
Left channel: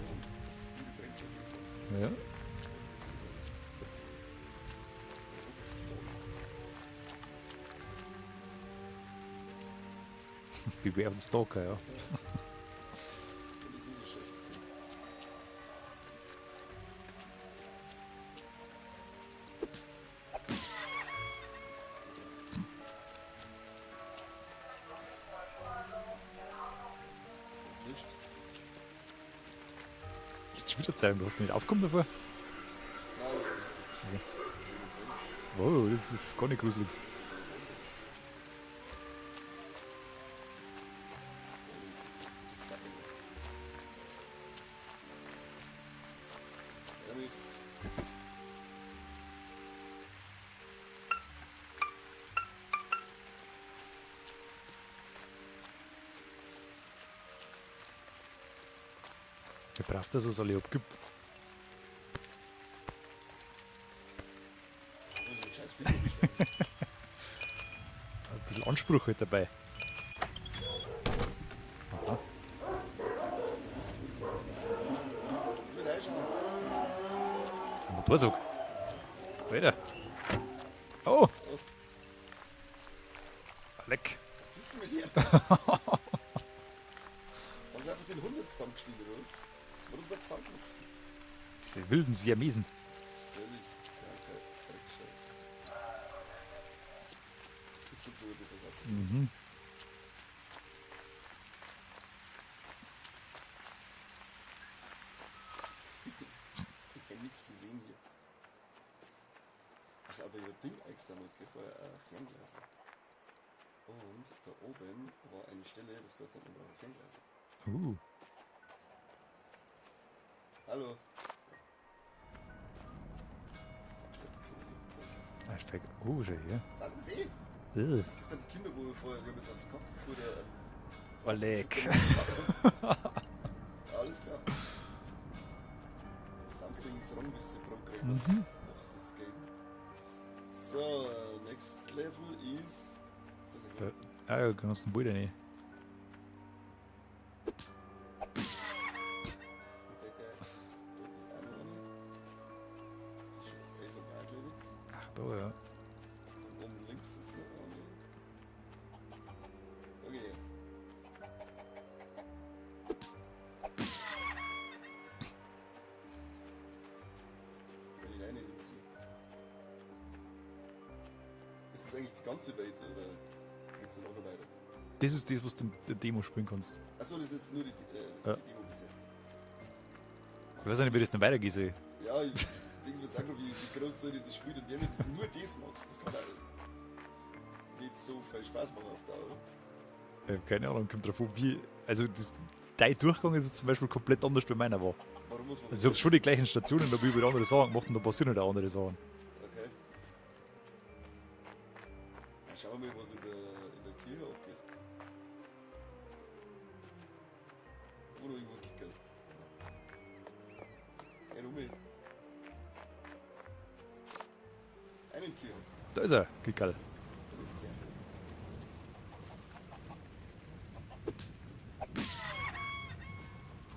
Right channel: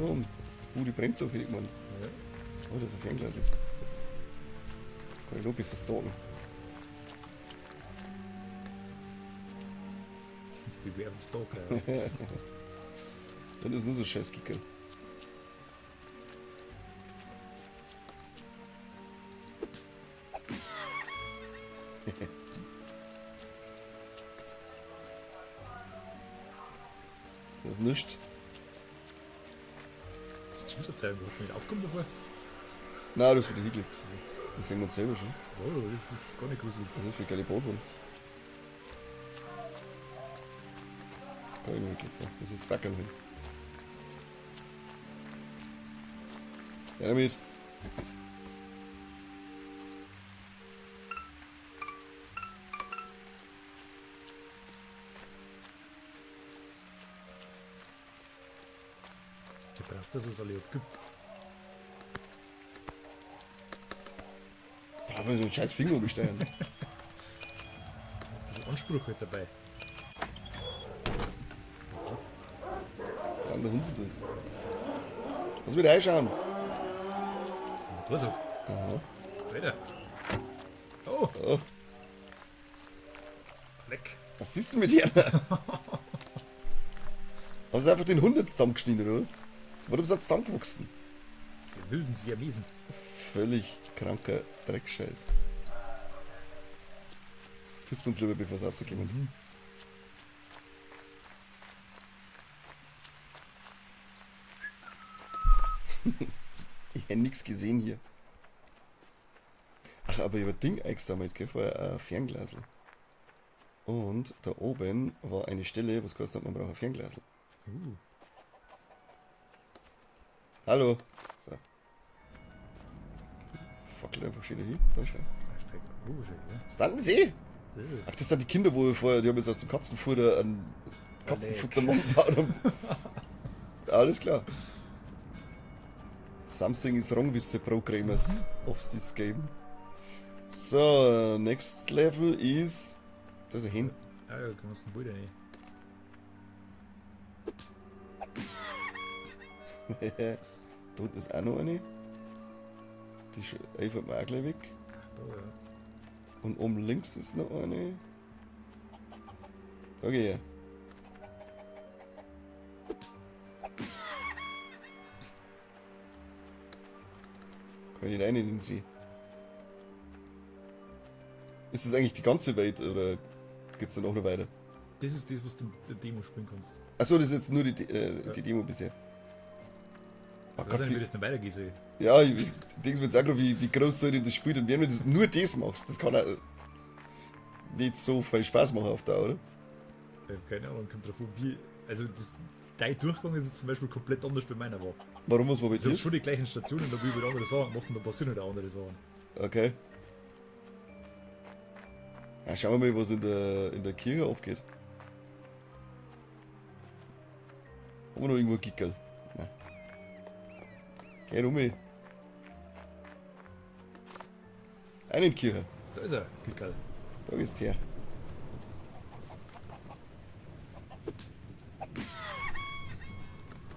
Oh, die brennt doch irgendwann. Ja. Oh, das ist ein Fernglas. Look, ist das Dog. Wie wären Stalker, ja. Das ist nur so Scheißkicker. Das ist nichts. Das ist schon wieder zeigen, du hast nicht aufgekommen davor. Nein, das ist ein Hügel. Das sehen wir uns selber schon. Oh, das ist gar nicht gruselig. Das ist für geile Boden. Das ist Backen. Damit. Ich brauche, dass es alle abgibt. Da haben wir so einen scheiß Finger umstellen. Ein bisschen Anspruch halt dabei. Was hat der Hund zu tun? Lass mich reinschauen. Das ist ein Motorsog. Alter. Oh, Oh, leck. was ist denn mit dir? Hast du einfach den Hund jetzt zusammengeschnitten, oder was? Warum ist er zusammengewachsen? Diese wilden Siamesen. Völlig kranker Dreckscheiß. Küssen wir uns lieber, bevor es rauskommt. Mhm. Ich hätte nichts gesehen hier. Ach, aber ich habe ein Ding eingesammelt, gell? Vorher ein Fernglas. Und da oben war eine Stelle, was kostet, man braucht ein Fernglas. Hallo. So. Fuck, wo steht der hin? Da steht. Ah, spekt. Schon hier. Was dann See? Ach, das sind die Kinder, wo wir vorher, die haben jetzt aus dem Katzenfutter ein Katzenfutter machen. Alles klar. Something is wrong with the programmers of this game. So, next level is. Da ist er hin. Ah ja, genossen Bilder nicht. Dort ist auch noch eine. Die ist einfach mal auch gleich weg. Ach, da ja. Und oben links ist noch eine. Okay. Kann ich rein in den See? Ist das eigentlich die ganze Welt oder geht's dann auch noch weiter? Das ist das, was du in der Demo spielen kannst. Achso, das ist jetzt nur die Demo bisher. Ich weiß nicht, wie das dann weitergehen soll. Ja, ich denke mir jetzt auch gerade, wie groß soll denn das Spiel denn werden, wenn du nur das machst? Das kann auch nicht so viel Spaß machen auf Dauer, oder? Ich hab keine Ahnung, kommt drauf an, wie. Also, dein Durchgang ist jetzt zum Beispiel komplett anders wie meiner war. Warum muss man bei Ich habe dir? schon die gleichen Stationen, da will ich andere Sachen gemacht und da passieren halt auch andere Sachen. Okay. Ja, schauen wir mal, was in der Kirche abgeht. Haben wir noch irgendwo Gickel? Nein. Geh rum. Eine in die Kirche. Da ist er, Kickerl. Da bist du her.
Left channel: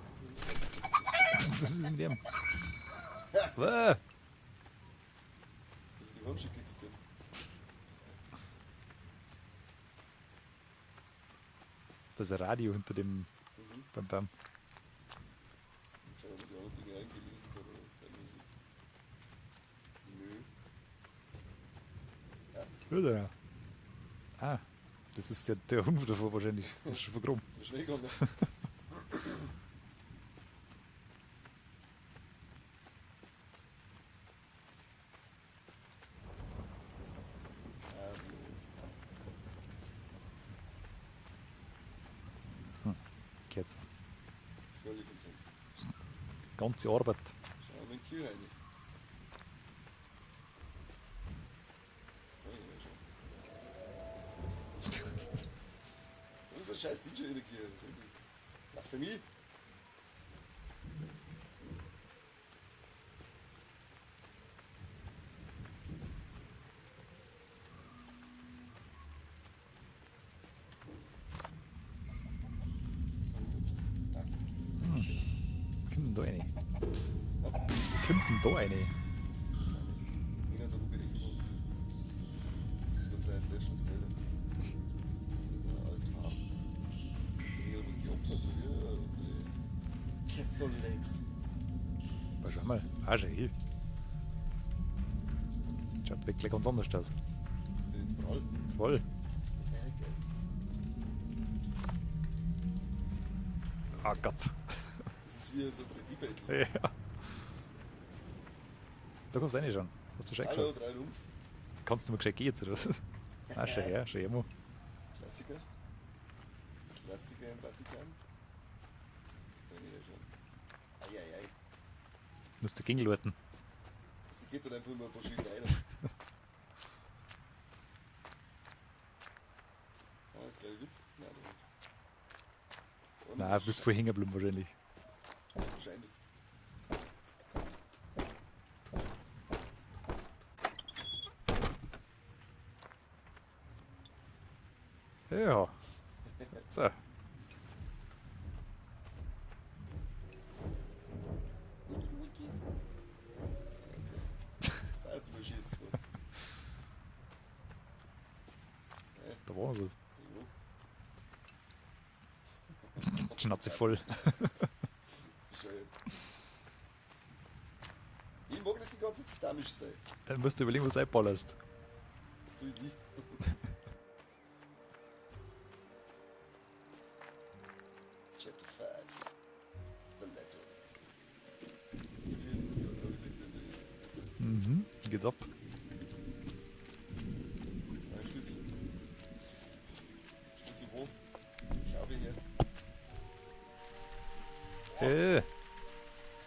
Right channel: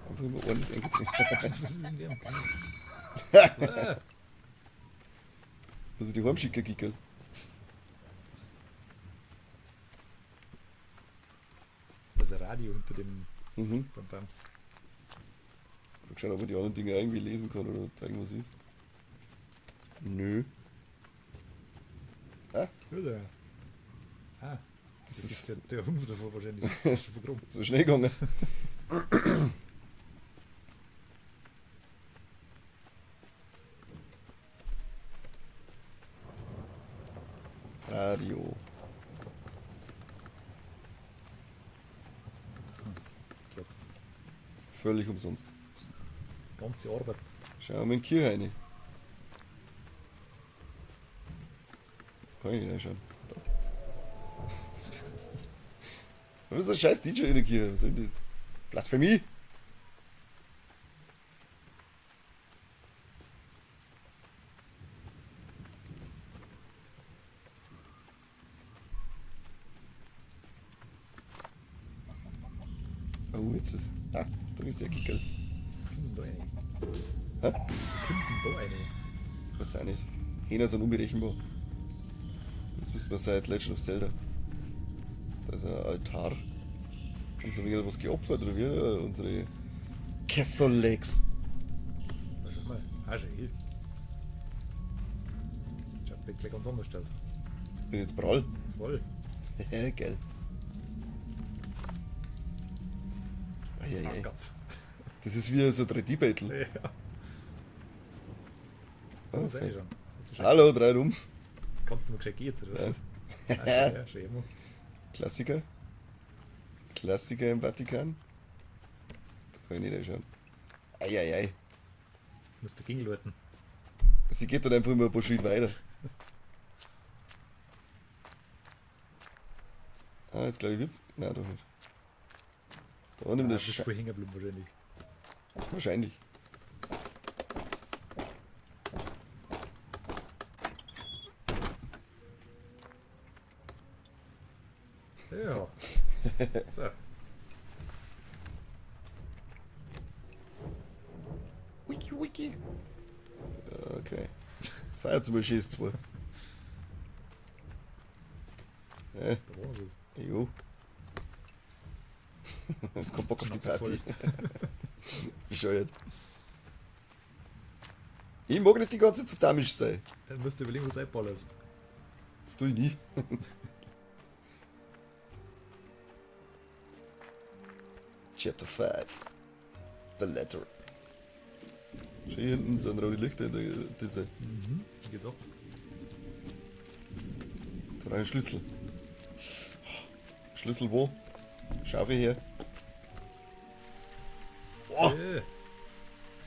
Einfach nur ordentlich eingezogen. Was ist in dem? Muss ich die heimschicken, Gickel? Das ist ein Radio hinter dem Mhm. Bam. Mal schauen, ob man die anderen Dinge irgendwie lesen kann oder ob da irgendwas ist. Nö. Ah, Ja, da. Ah, das ist der Hund davor wahrscheinlich. Das ist schon vergraben. so schnell gegangen. Radio. Jetzt. Völlig umsonst. Ganze Arbeit. Schauen wir mal in die Kirche rein. Kann ich reinschauen. Da. Was ist ein scheiß DJ in der Kirche? Was ist denn das? Blasphemie? Oh, jetzt ist. Ah, da ist der Kickel. Da rein. Hä? Wie kommst du denn da rein? Weiß auch nicht. Hähner sind unberechenbar. Das wissen wir seit Legend of Zelda. Da ist ein Altar. Uns haben wieder was geopfert, oder wie? Unsere Catholics. Schau mal. Ah, schon hier. Schaut wirklich ganz anders aus. Bin jetzt prall. Voll. Geil. Ah Eieiei. Gott. Das ist wie so ein 3D-Battle. Ja. Da muss rein schon. Hast du schon Hallo, drei rum. Kannst du mal gescheit gehen jetzt, oder was? Ah, schon, ja, schon immer. Klassiker. Klassiker im Vatikan. Da kann ich nicht reinschauen. Eieiei. Musst du Gingel läuten. Sie geht dann einfach immer ein paar Schritte weiter. Ah, jetzt glaube ich wird's. Nein, doch nicht. Da nimmt Ah, der du bist voll hängen geblieben wahrscheinlich. Wahrscheinlich. Ja. So. Wiki, wiki. Okay. Feier zum Beispiel ist zwar. Da war es. Jo. Kein Bock auf die Schnauze Party. voll. Bescheuert. Ich mag nicht die ganze Zeit damisch sein. Dann musst du überlegen, was du einballerst. Das tue ich nie. Chapter 5. The Letter. Schau, hier hinten sind rote Lichter in der Disse. Mhm. Wie geht's ab? Da war ein Schlüssel. Schlüssel wo? Schaufel her. Oh,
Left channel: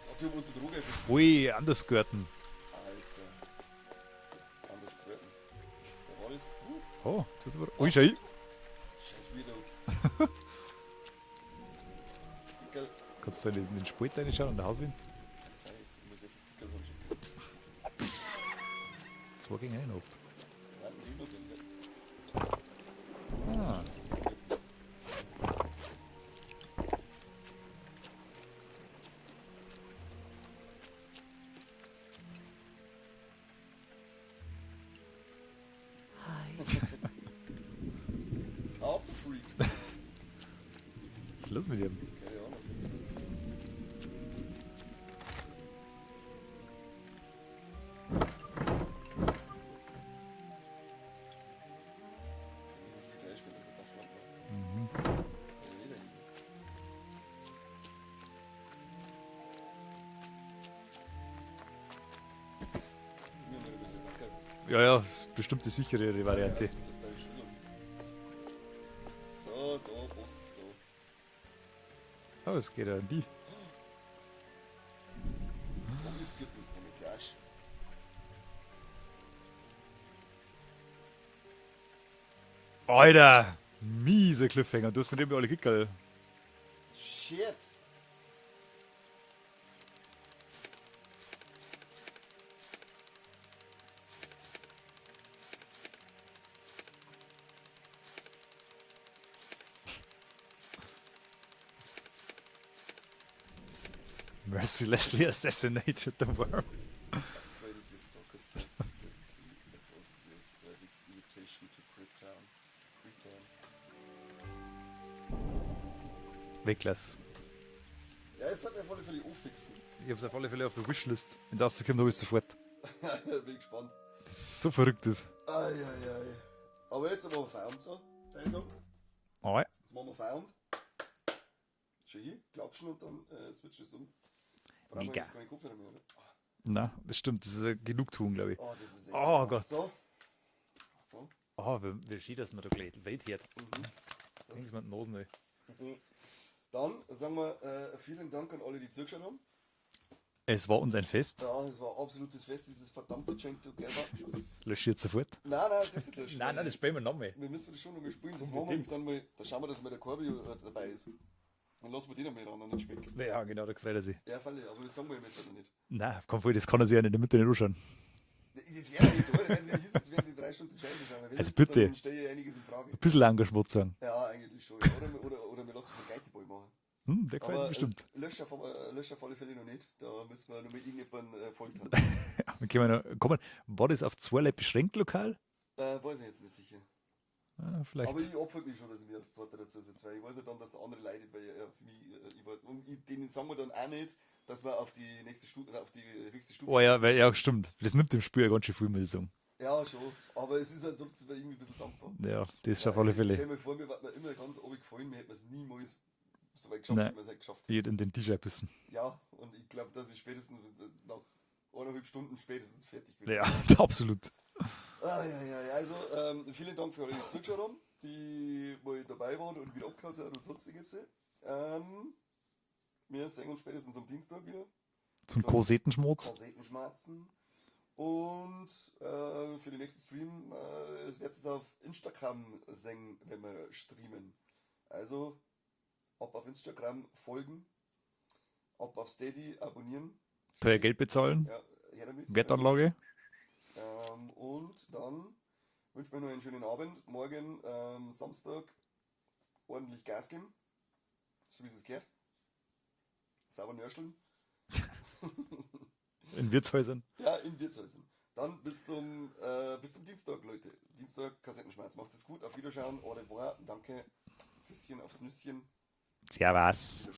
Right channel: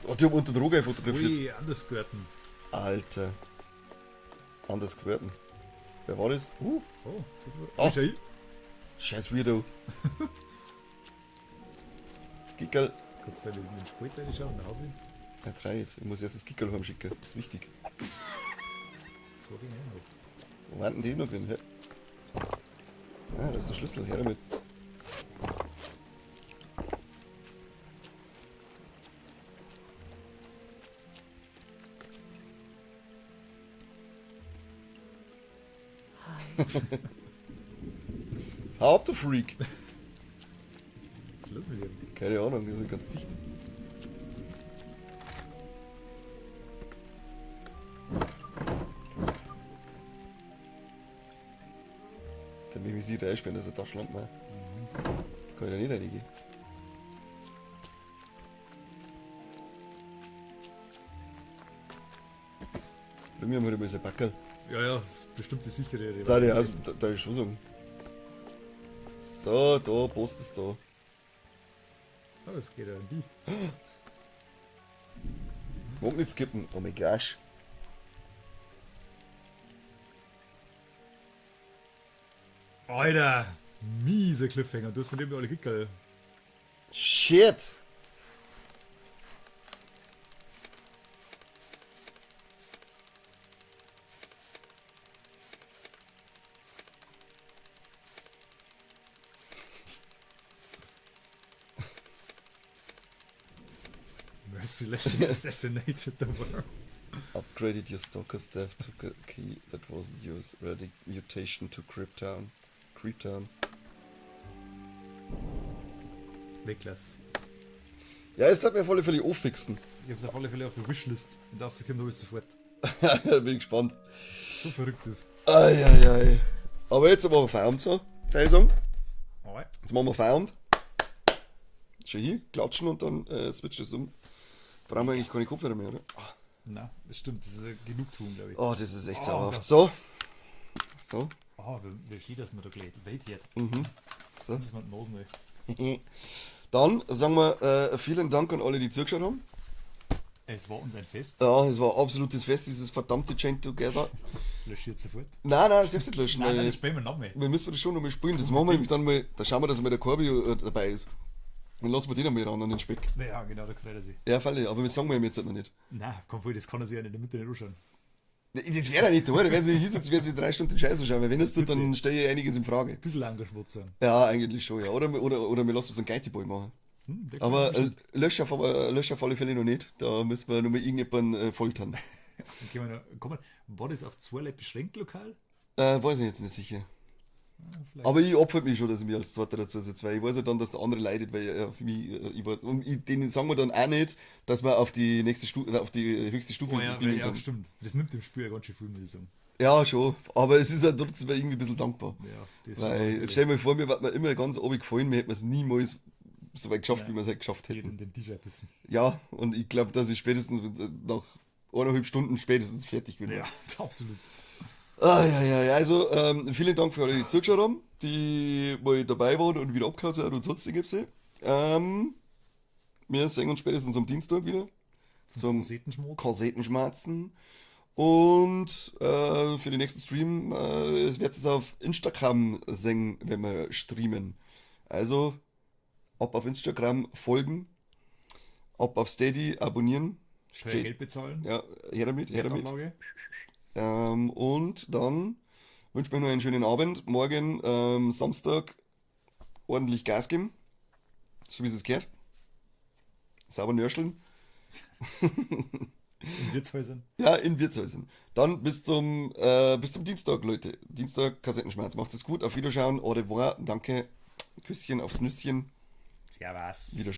oh, die haben unter Droge fotografiert. Ui, anders gehörten. Alter. Anders geworden. Wer war das? Oh, jetzt ist aber. Oh. Ui, schau hin. Scheiß Weirdo. Gickel. Kannst du in den Spalt reinschauen und nach Hause will? Ja, 3. Ich muss erst das Gickel heimschicken. Das ist wichtig. 2 gegen 1 noch. Wo warten die noch drin? Ja. Ah, das ist der Schlüssel. Her damit. Hau ab, du Freak. Was ist los mit ihm? Keine Ahnung, die sind ganz dicht. Dann nehme ich sie da einsperren, das ist eine Taschenlampe. Ne? Kann ich ja nicht reingehen. Bei mir haben wir immer so ein Backerl. Ja, ja, das ist bestimmt die sichere. Da, also, da ist schon so. So, da, Post ist da. Oh, es geht ja an die. Mag nicht skippen, oh mein gosh. Alter! Mieser Cliffhanger, du hast von dem ja alle Kickerl. Shit! Mercilessly assassinated the worm. Upgraded your stalker staff to a key that wasn't used. Ready mutation to Cryptown. Creeptown. Weglass. Ja, jetzt hat mir auf alle Fälle auffixen. Ich hab's auf alle Fälle auf der Wishlist. In der ersten kommt alles sofort. Bin ich gespannt. So verrückt ist. Eieiei. Aber jetzt machen wir Feierabend so, kann ich sagen. Ah, Jetzt machen wir Feierabend. Schau hier, klatschen und dann switch das um. Brauchen wir eigentlich keine Kopfhörer mehr, oder? na, das stimmt, das ist Genugtuung, glaube ich. Oh, das ist echt Oh sauer. Gott. So. So. Oh, wie schön, dass man da gleich Welt hier hat. So. Muss man die Nosen weg. Dann sagen wir vielen Dank an alle, die zugeschaut haben. Es war uns ein Fest. Ja, es war ein absolutes Fest, dieses verdammte Chain Together. Löschiert sofort. Nein, selbst nicht löschen. weil spielen wir nochmal. wir müssen das schon nochmal spielen. Das machen wir nämlich dann mal, da schauen wir, dass mal der Corby dabei ist. Dann lassen wir den einmal ran an den Speck. Ja, genau, da freut er sich. Ja, Falle, aber wir sagen wir ihm jetzt halt noch nicht. Nein, komm voll, das kann er sich ja in der Mitte nicht anschauen. Das wäre ja nicht da, wenn sie hier sitzt, werden sie 3 Stunden Scheiße schauen, weil wenn es tut, bitte. dann stelle ich einiges in Frage. Ein bisschen Engagement sein. Ja, eigentlich schon, ja. Oder wir lassen es einen Geitiball machen. Der kann Aber bestimmt. lösch auf alle Fälle noch nicht. Da müssen wir nochmal irgendjemanden foltern. Dann können wir noch, komm, war das auf 2 Leute beschränkt lokal? Weiß ich jetzt nicht sicher. Ja, vielleicht. Aber ich opfer mich schon, dass ich mich als Zweiter dazu setze, weil ich weiß ja dann, dass der andere leidet, weil für mich, ich weiß, und denen sagen wir dann auch nicht, dass wir auf die nächste Stufe, auf die höchste Stufe. Oh ja, weil, ja, stimmt. Das nimmt dem Spiel ja ganz schön viel, muss ich sagen. Ja, schon. Aber es ist ja trotzdem irgendwie ein bisschen dankbar. Ja, das ist auf alle Weil, stell Fälle. dir mal vor, mir wird mir immer ganz obig gefallen, mir hätte man es niemals so weit geschafft, Nein. wie wir es halt geschafft Hier hätten. in den Tisch einbissen. Ja, und ich glaube, dass ich spätestens nach 1,5 Stunden spätestens fertig bin. Ja, absolut. Ja, also vielen Dank für alle, die zugeschaut haben, die mal dabei waren und wieder abgehauen sind und sonstiges. Wir sehen uns spätestens am Dienstag wieder. Zum Zum Korsettenschmutz. Kassettenschmerzen. Und für den nächsten Stream es wird es auf Instagram singen, wenn wir streamen. Also ab auf Instagram folgen, ab auf Steady abonnieren. Teuer Geld bezahlen. Ja, her damit. Wertanlage. Und dann wünsche ich mir noch einen schönen Abend. Morgen Samstag ordentlich Gas geben, so wie es gehört. Sauber nörscheln. In Wirtshäusern. Ja, in Wirtshäusern. Dann bis zum Dienstag, Leute. Dienstag Kassettenschmerz. Macht es gut. Auf Wiederschauen. Au revoir. Danke. Küsschen aufs Nüsschen. Servus. Wiederschauen.